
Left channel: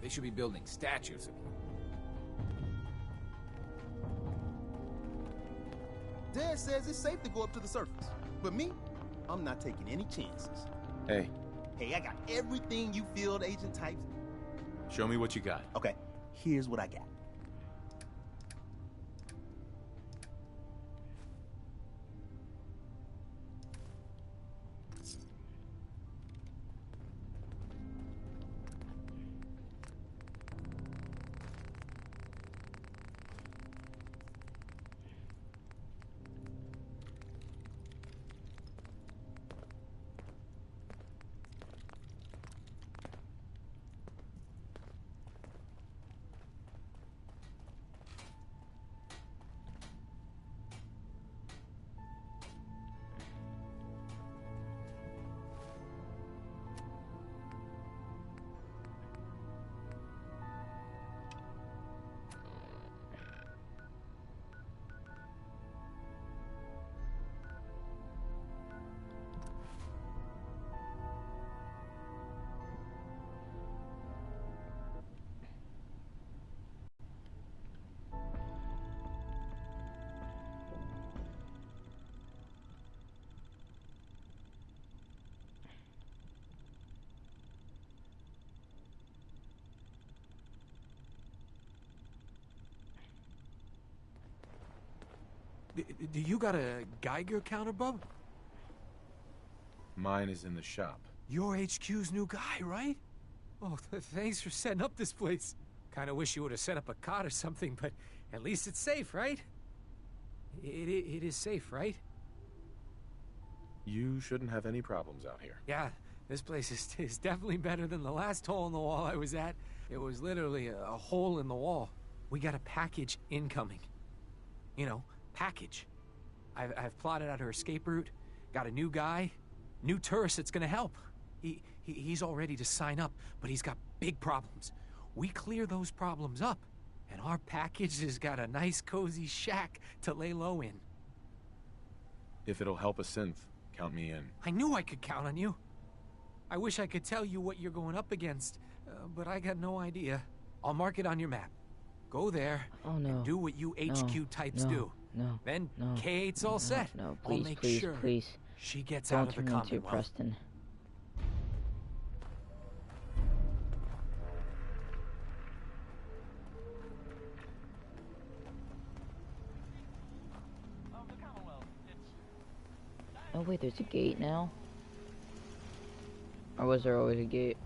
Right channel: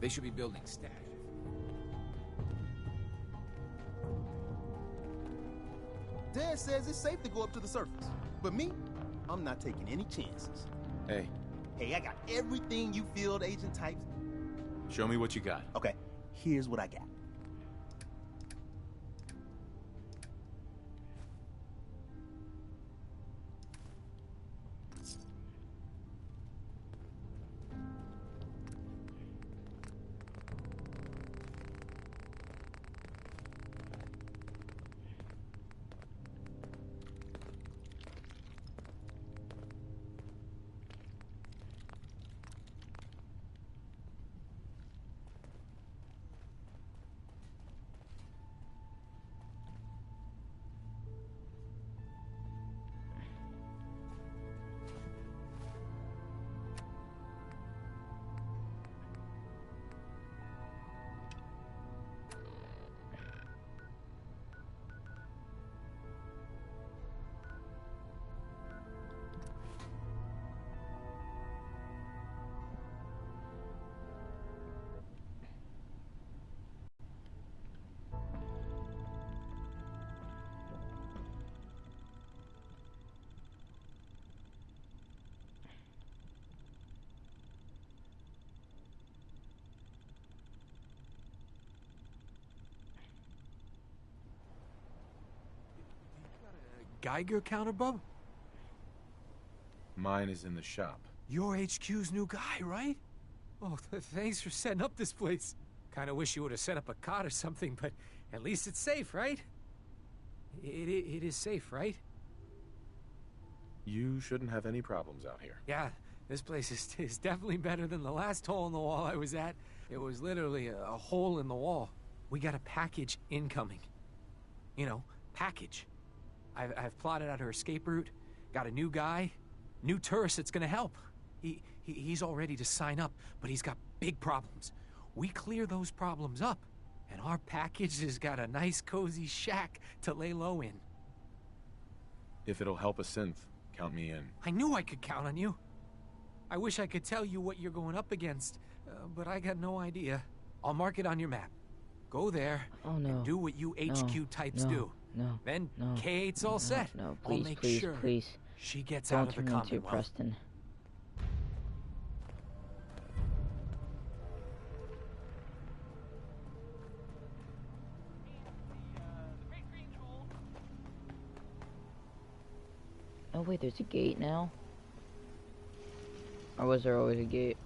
They should be building statues. Dad says it's safe to go up to the surface. But me, I'm not taking any chances. Hey, Hey, I got everything you field agent types. show me what you got. Okay, here's what I got. Do you got a Geiger counter, bub? Mine is in the shop. You're HQ's new guy, right? Oh, thanks for setting up this place. Kinda wish you would have set up a cot or something, but at least it's safe, right? It is safe, right? You shouldn't have any problems out here. Yeah, this place is definitely better than the last hole in the wall I was at. It was literally a hole in the wall. We got a package incoming. You know, package. I've plotted out her escape route, got a new guy, new tourist that's gonna help. He's all ready to sign up, but he's got big problems. We clear those problems up, and our package has got a nice cozy shack to lay low in. If it'll help a synth, count me in. I knew I could count on you. I wish I could tell you what you're going up against, but I got no idea. I'll mark it on your map. Go there and do what you HQ types do. Then K8's all set. No, I'll please, make please, sure please. she gets Don't out of the turn me into Commonwealth. Preston. Oh wait, there's a gate now? Or was there always a gate?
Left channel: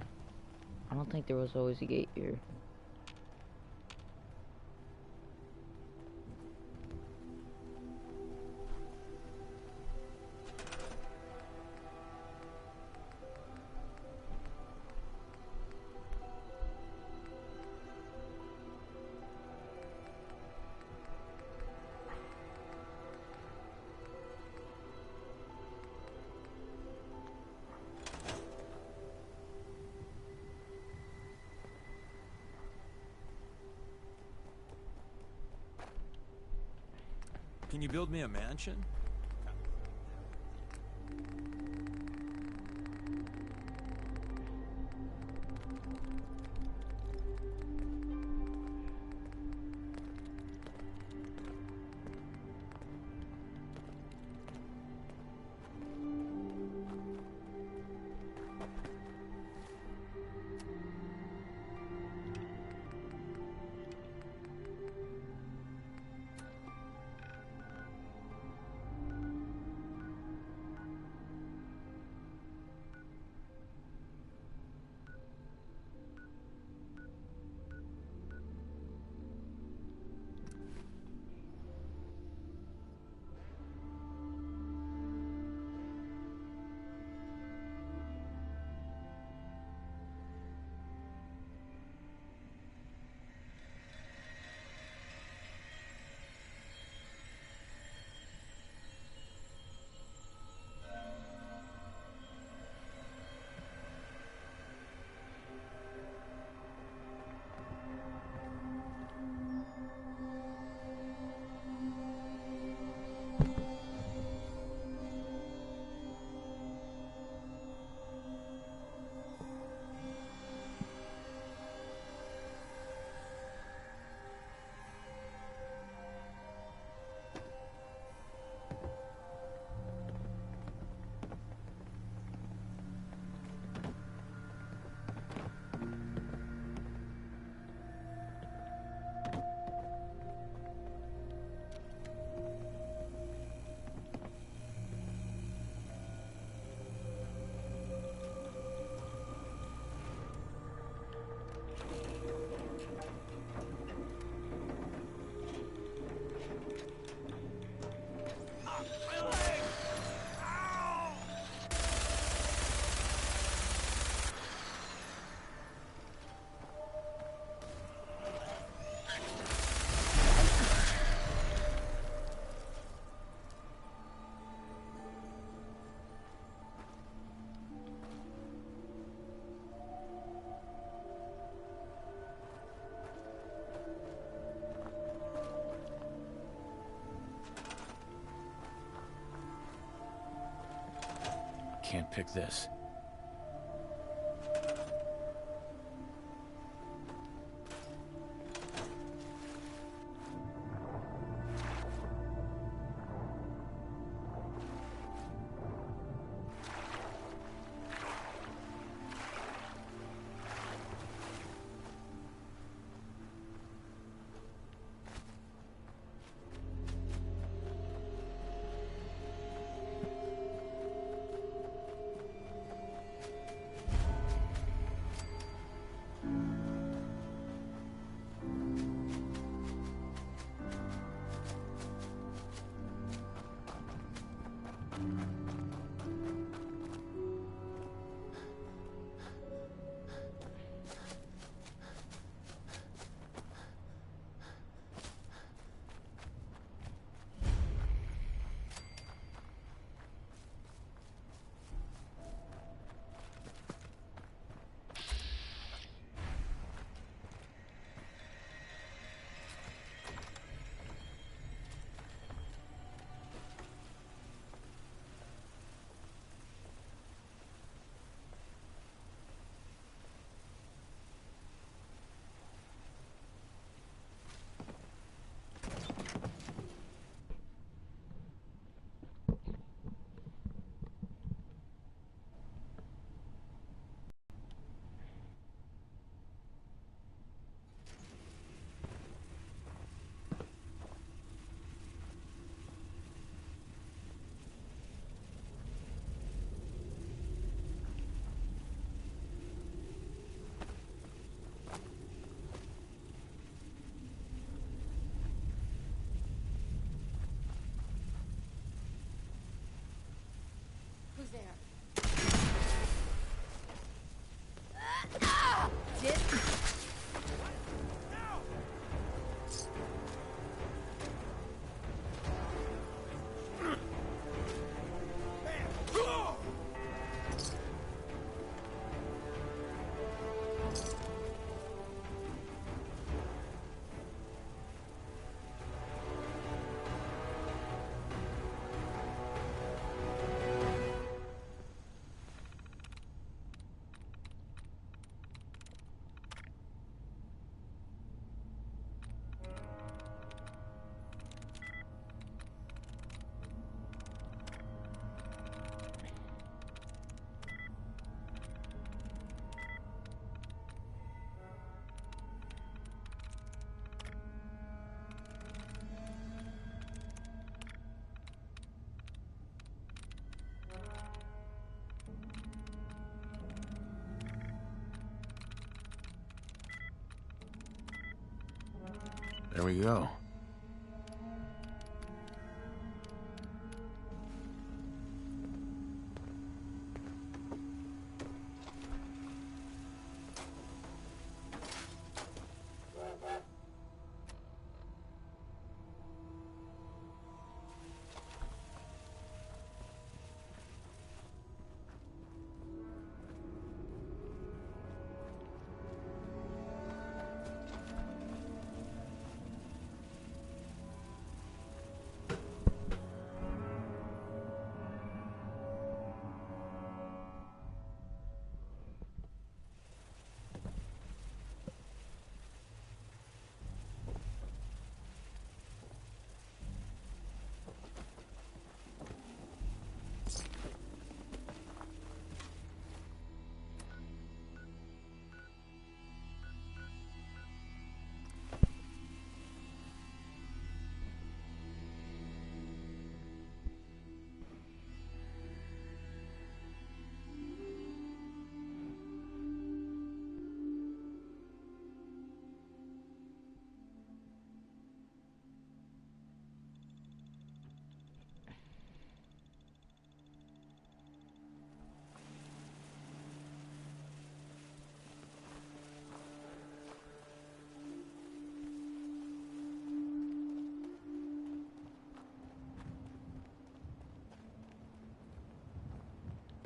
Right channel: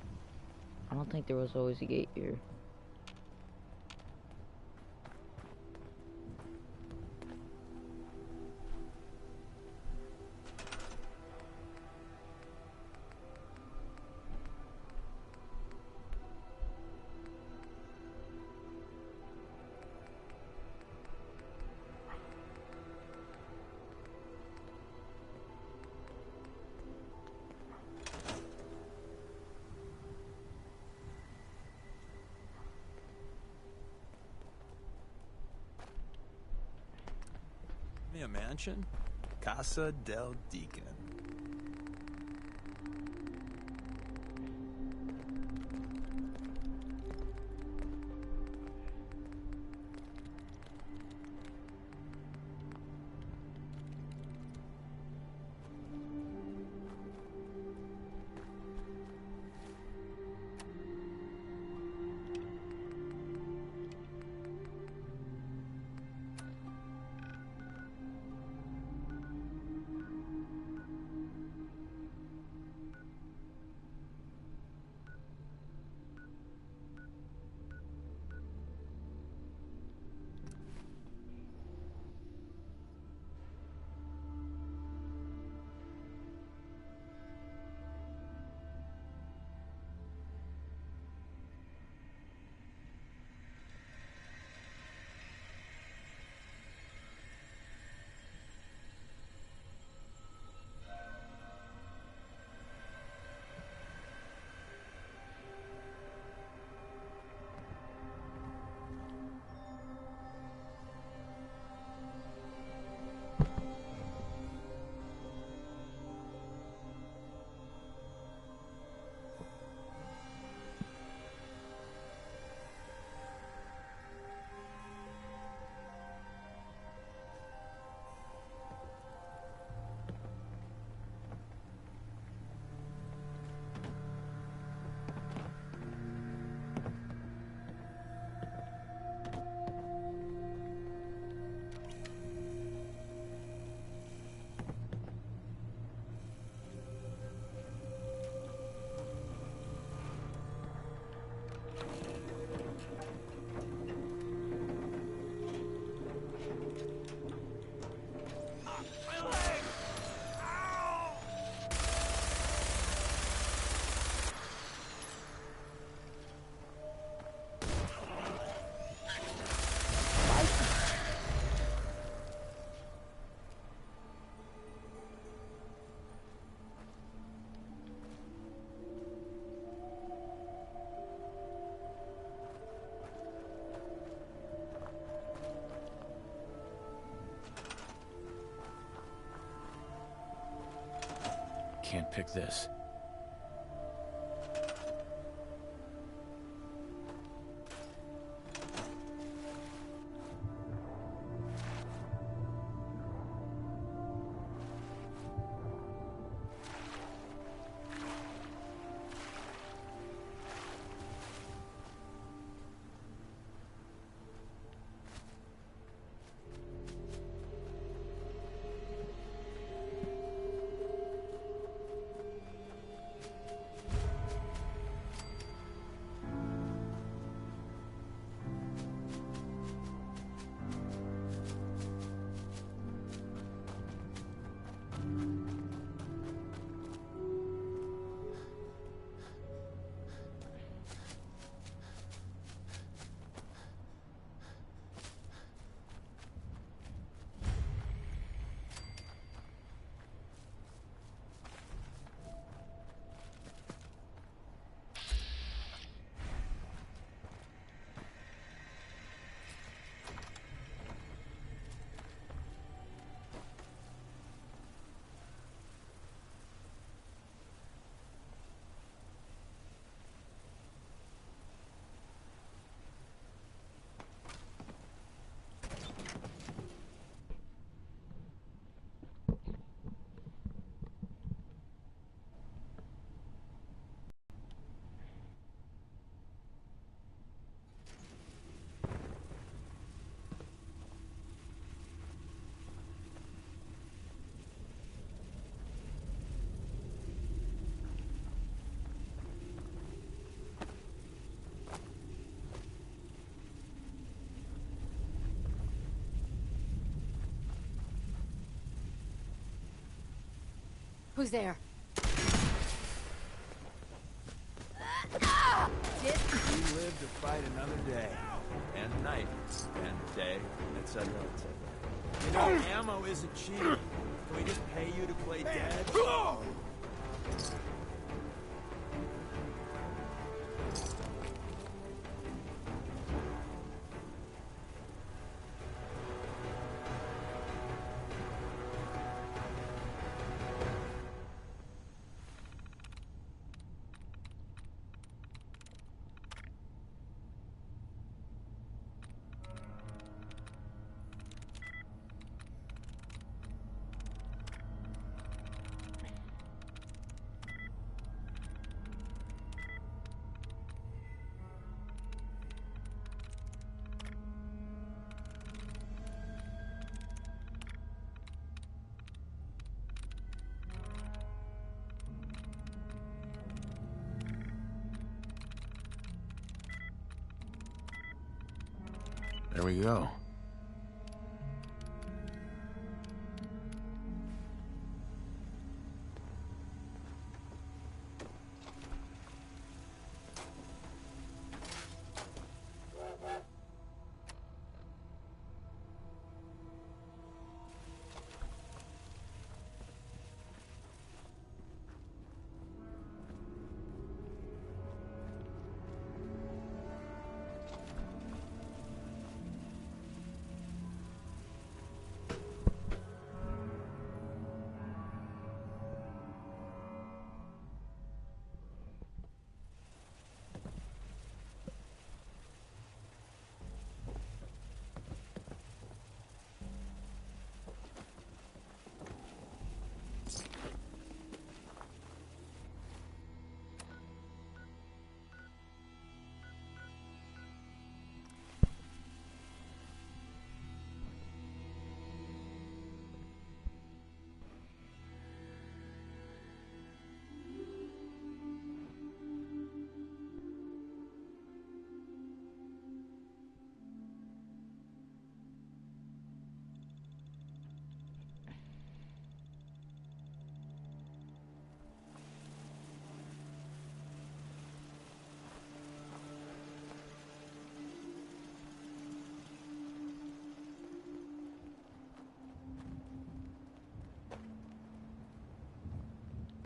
I don't think there was always a gate here. Can you build me a mansion? Casa del Deacon. Can't pick this. Who's there? We live to fight another day. And night. And day. Etc. You know, ammo isn't cheap. We didn't pay you to play dead. There we go.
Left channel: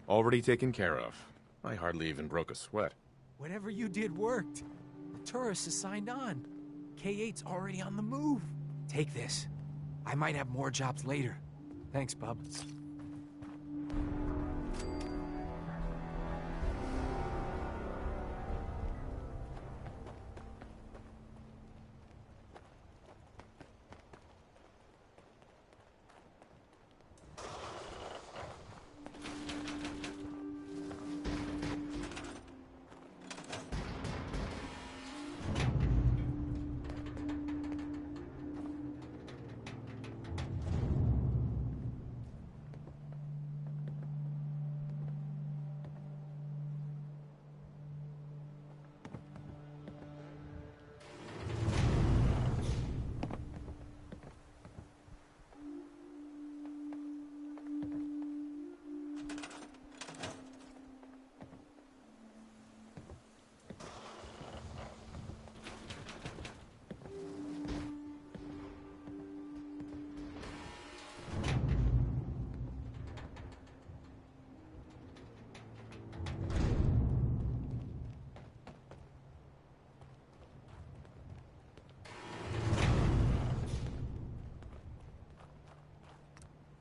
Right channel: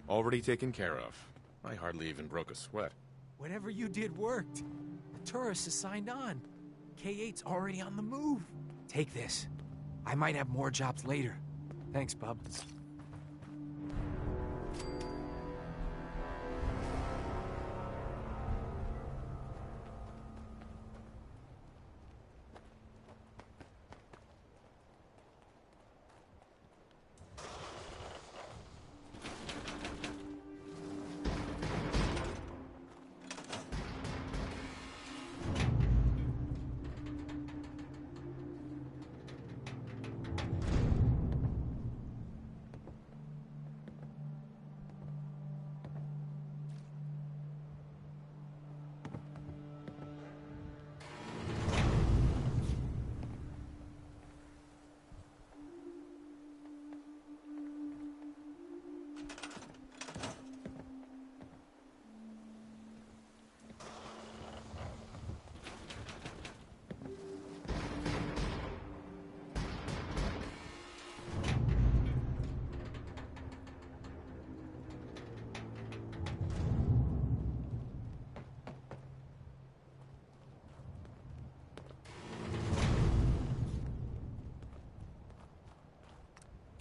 Already taken care of. I hardly even broke a sweat. Whatever you did worked. The tourists has signed on. K8's already on the move. Take this. I might have more jobs later. Thanks, bub.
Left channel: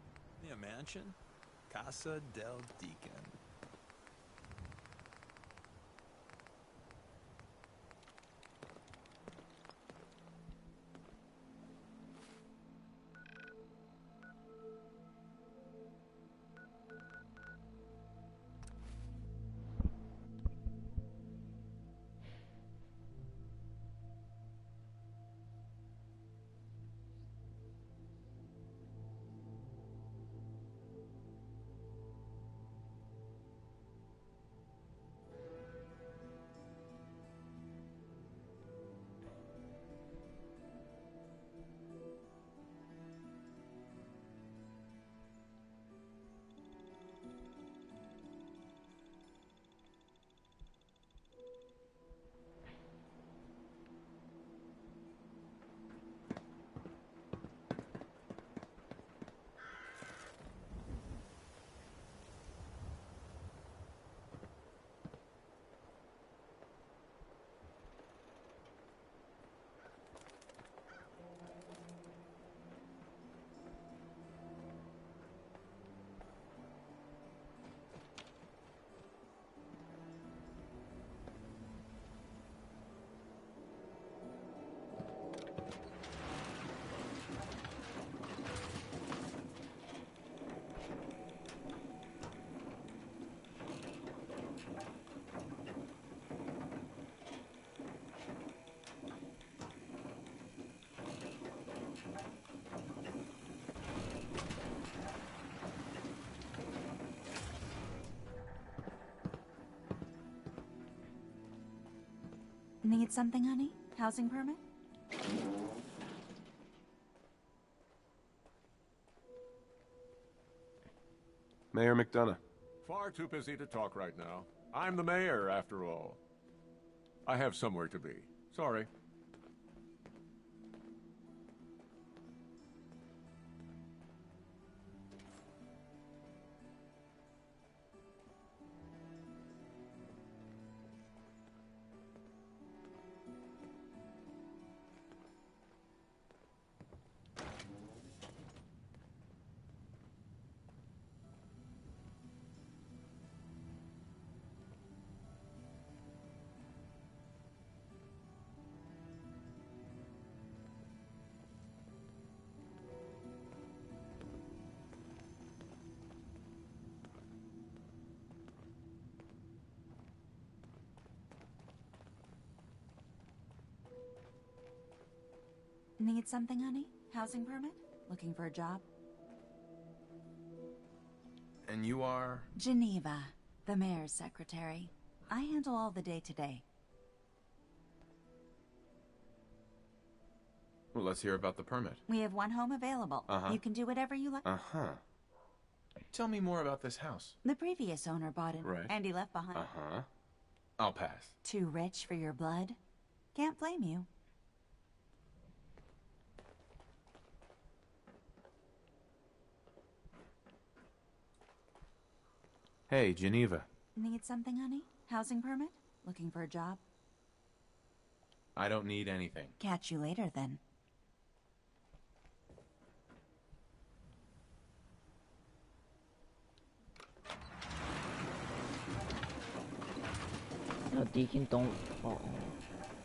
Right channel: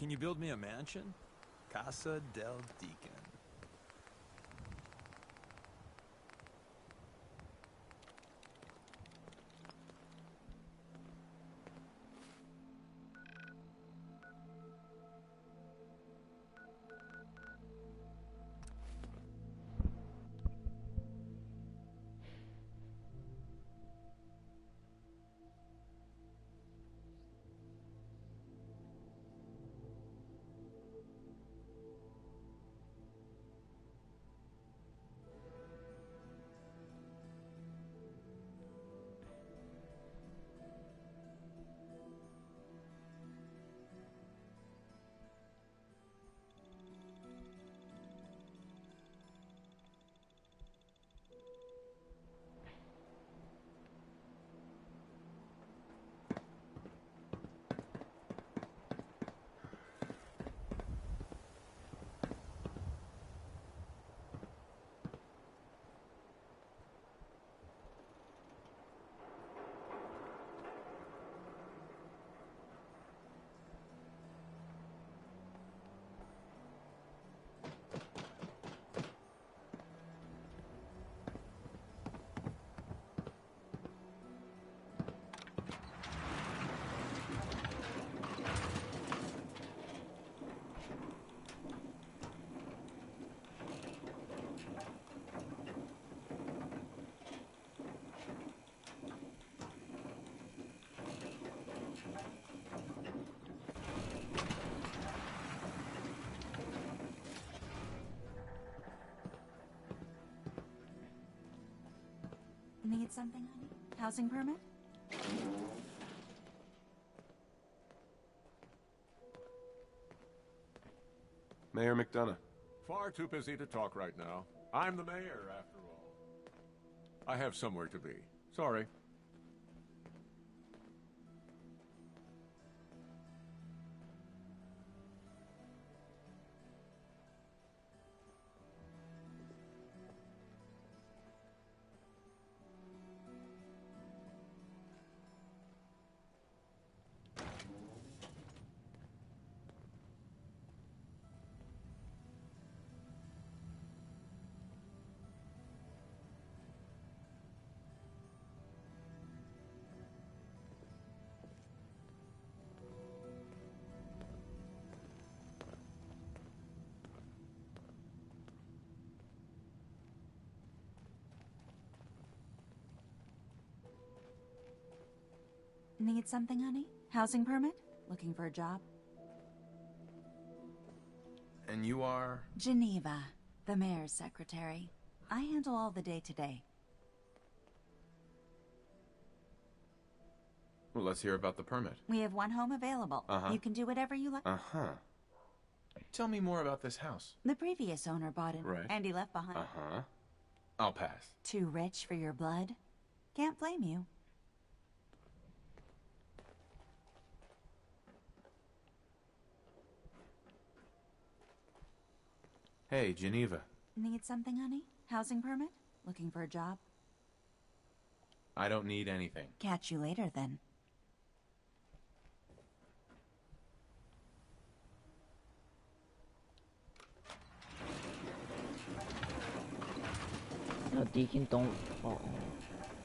Can you build me a mansion? Casa del Deacon. Need something, honey? Housing permit? Mayor McDonough. Far too busy to talk right now. I'm the mayor, after all. I have somewhere to be. Sorry. Need something, honey? Housing permit? Looking for a job? And you are? Geneva, the mayor's secretary. I handle all the day-to-day. Well, let's hear about the permit. We have one home available. Uh-huh. You can do whatever you like. Uh-huh. Tell me more about this house. The previous owner bought it, Right. and he left behind. Uh-huh. I'll pass. Too rich for your blood? Can't blame you. Hey, Geneva. Need something, honey? Housing permit? Looking for a job? I don't need anything. Catch you later, then. No, Deacon, don't fall.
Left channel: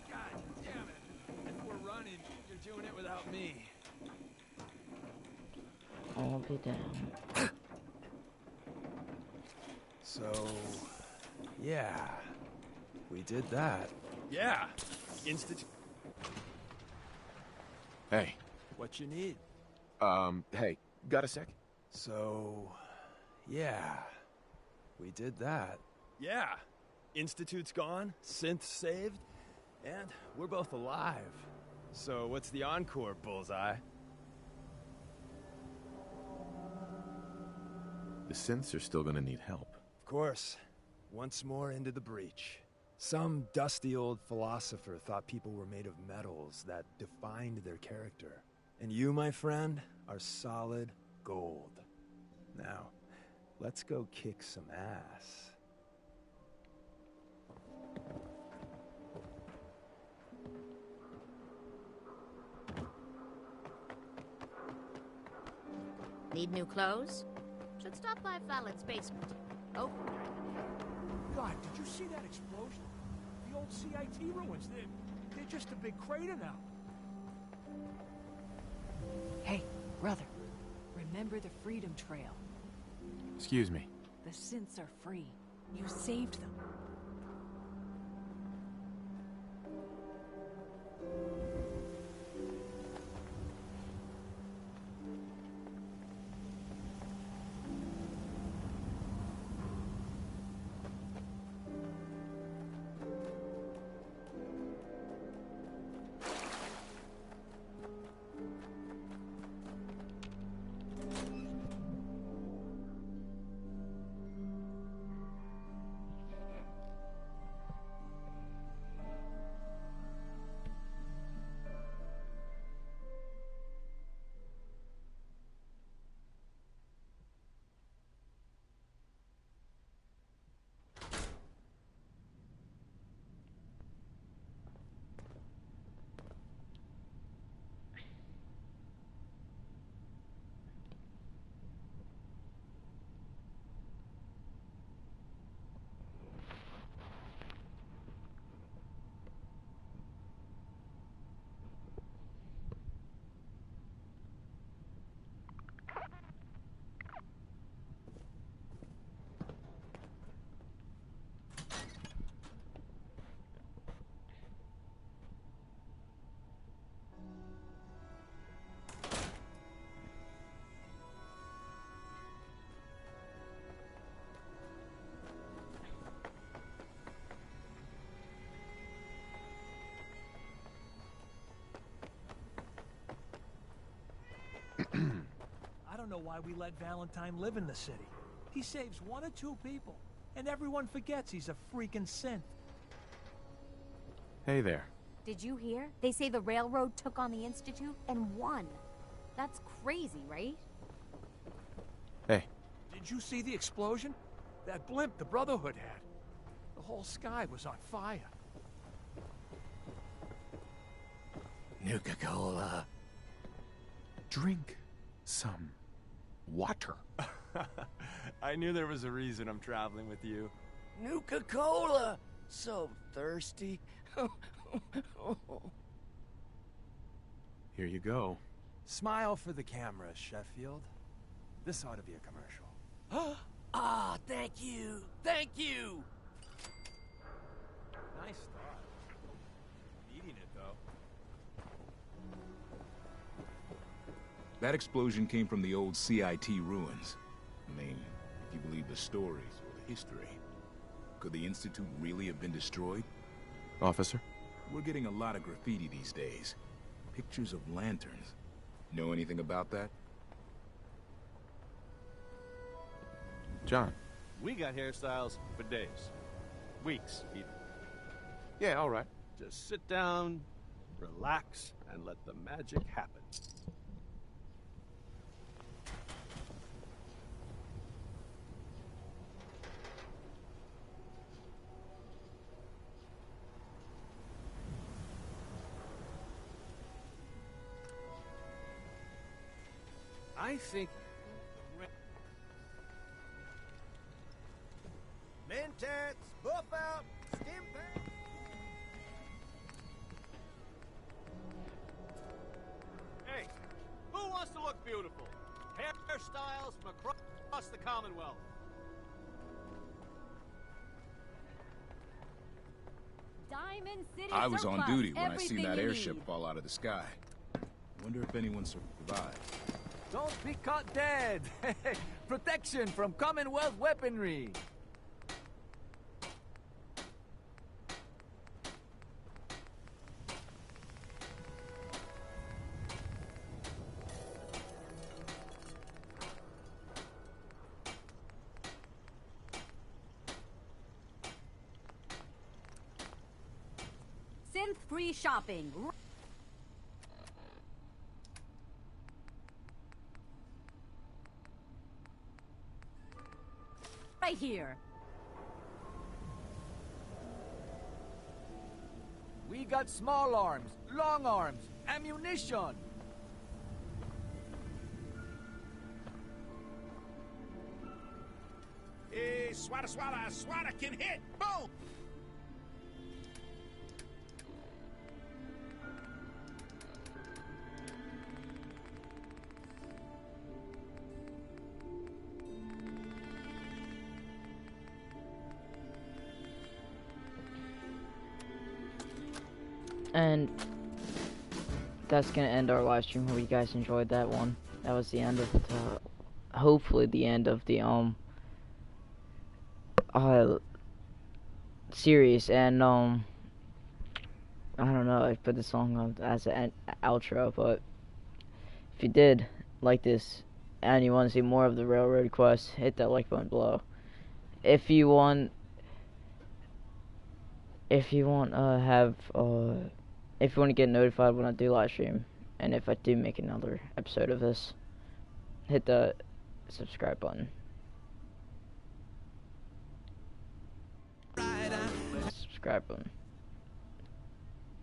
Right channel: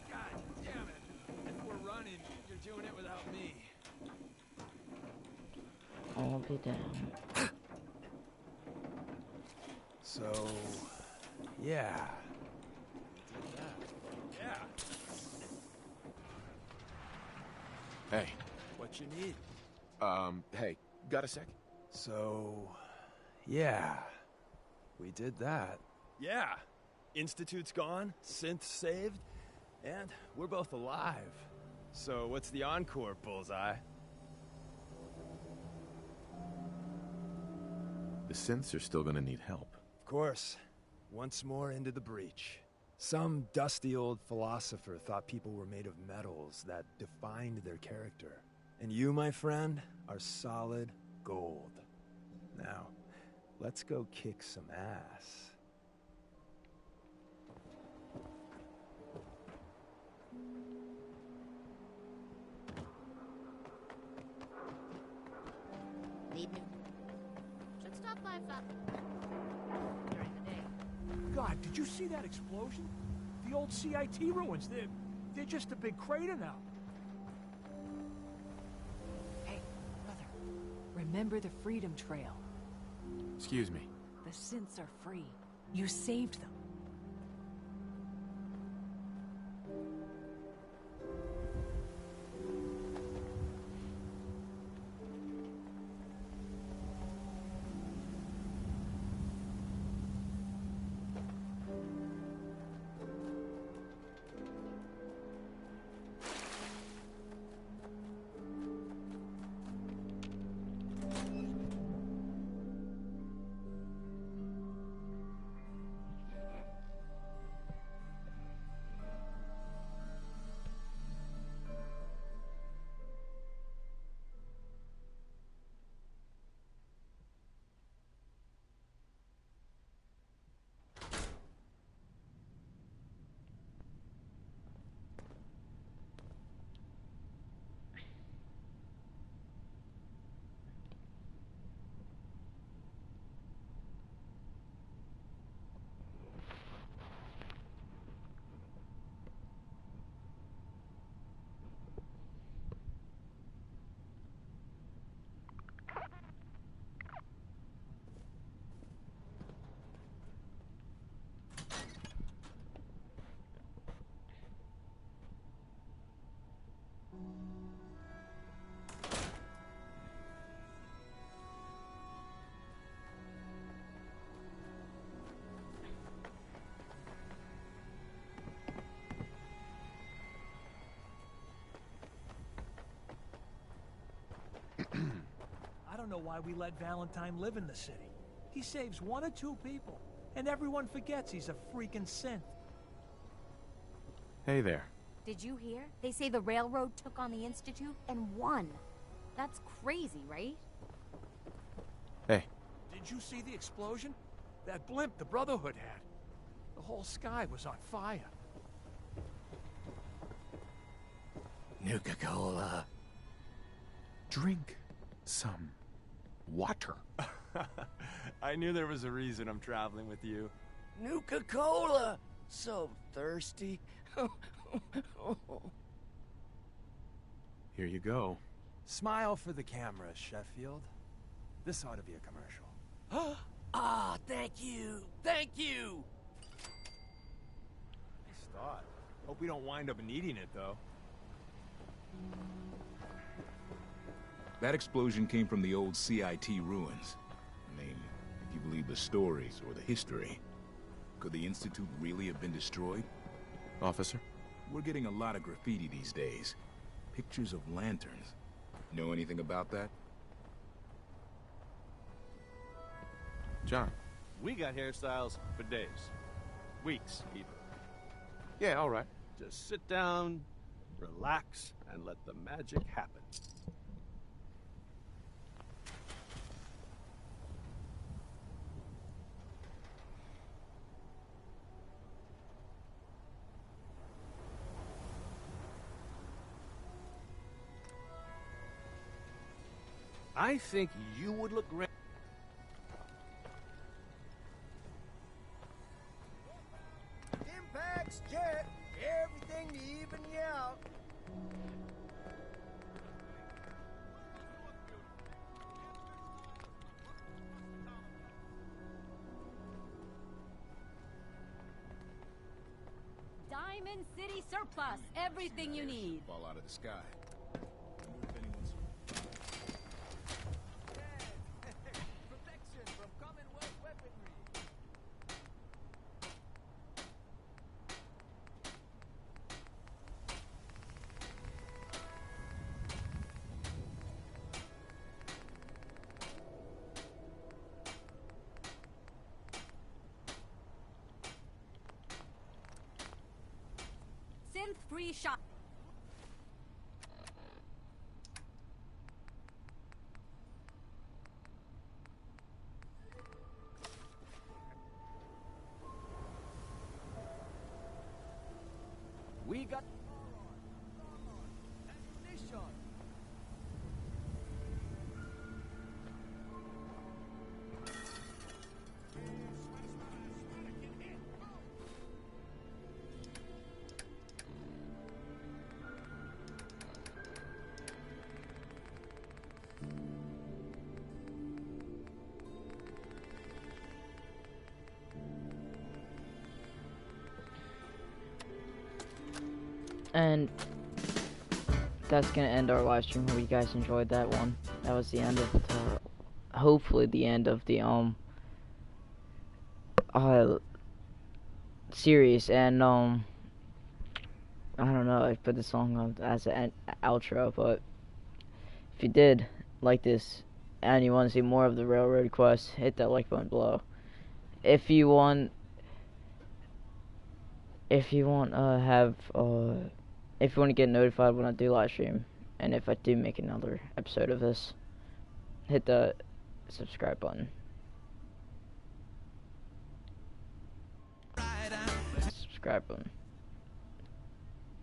God damn it. If we're running, you're doing it without me. I'll be down. So, yeah, we did that. Yeah. Hey. What you need? Hey, got a sec? So, yeah, we did that. Yeah. Institute's gone, Synth's saved, and we're both alive. So what's the encore, Bullseye? The synths are still gonna need help. Of course. Once more into the breach. Some dusty old philosopher thought people were made of metals that defined their character. And you, my friend, are solid gold. Now, let's go kick some ass. Need new clothes? Should stop by Fallon's basement. Open during the day. God, did you see that explosion? The old CIT ruins. They're just a big crater now. Hey, brother. Remember the Freedom Trail. Excuse me. The synths are free. You saved them. why we let Valentine live in the city. He saves 1 or 2 people, and everyone forgets he's a freaking synth. Hey there. Did you hear? They say the railroad took on the Institute and won. That's crazy, right? Hey. Did you see the explosion? That blimp the Brotherhood had. The whole sky was on fire. Nuka-Cola. Drink some water. I knew there was a reason I'm traveling with you. Nuka-Cola! So thirsty. Here you go. Smile for the camera, Sheffield. This ought to be a commercial. Ah, thank you! Thank you! Nice thought. Hope we don't wind up needing it, though. That explosion came from the old CIT ruins. I mean, if you believe the stories or the history, could the Institute really have been destroyed? Officer? We're getting a lot of graffiti these days. Pictures of lanterns. Know anything about that? John. We got hairstyles for days. Weeks, even. Yeah, all right. Just sit down, relax, and let the magic happen. I think you would look great. Mentats, buff out, stim packs, jet, everything to even you out. Hey, who wants to look beautiful? Hairstyles from across the Commonwealth. Diamond City I was surplus. on duty when I Everything seen that you airship need. fall out of the sky. Wonder if anyone survived. Don't be caught dead. Protection from Commonwealth weaponry. Synth-free shopping. Right here. We got small arms, long arms, ammunition. Hey, swada, can hit. Boom! And that's gonna end our live stream. Hope you guys enjoyed that one. That was the end of the, hopefully the end of the series. And I don't know, I put the song on as an outro, but if you did like this and you want to see more of the Railroad Quest, hit that like button below. If you want if you want to get notified when I do live stream, and if I do make another episode of this, hit the subscribe button. Subscribe button.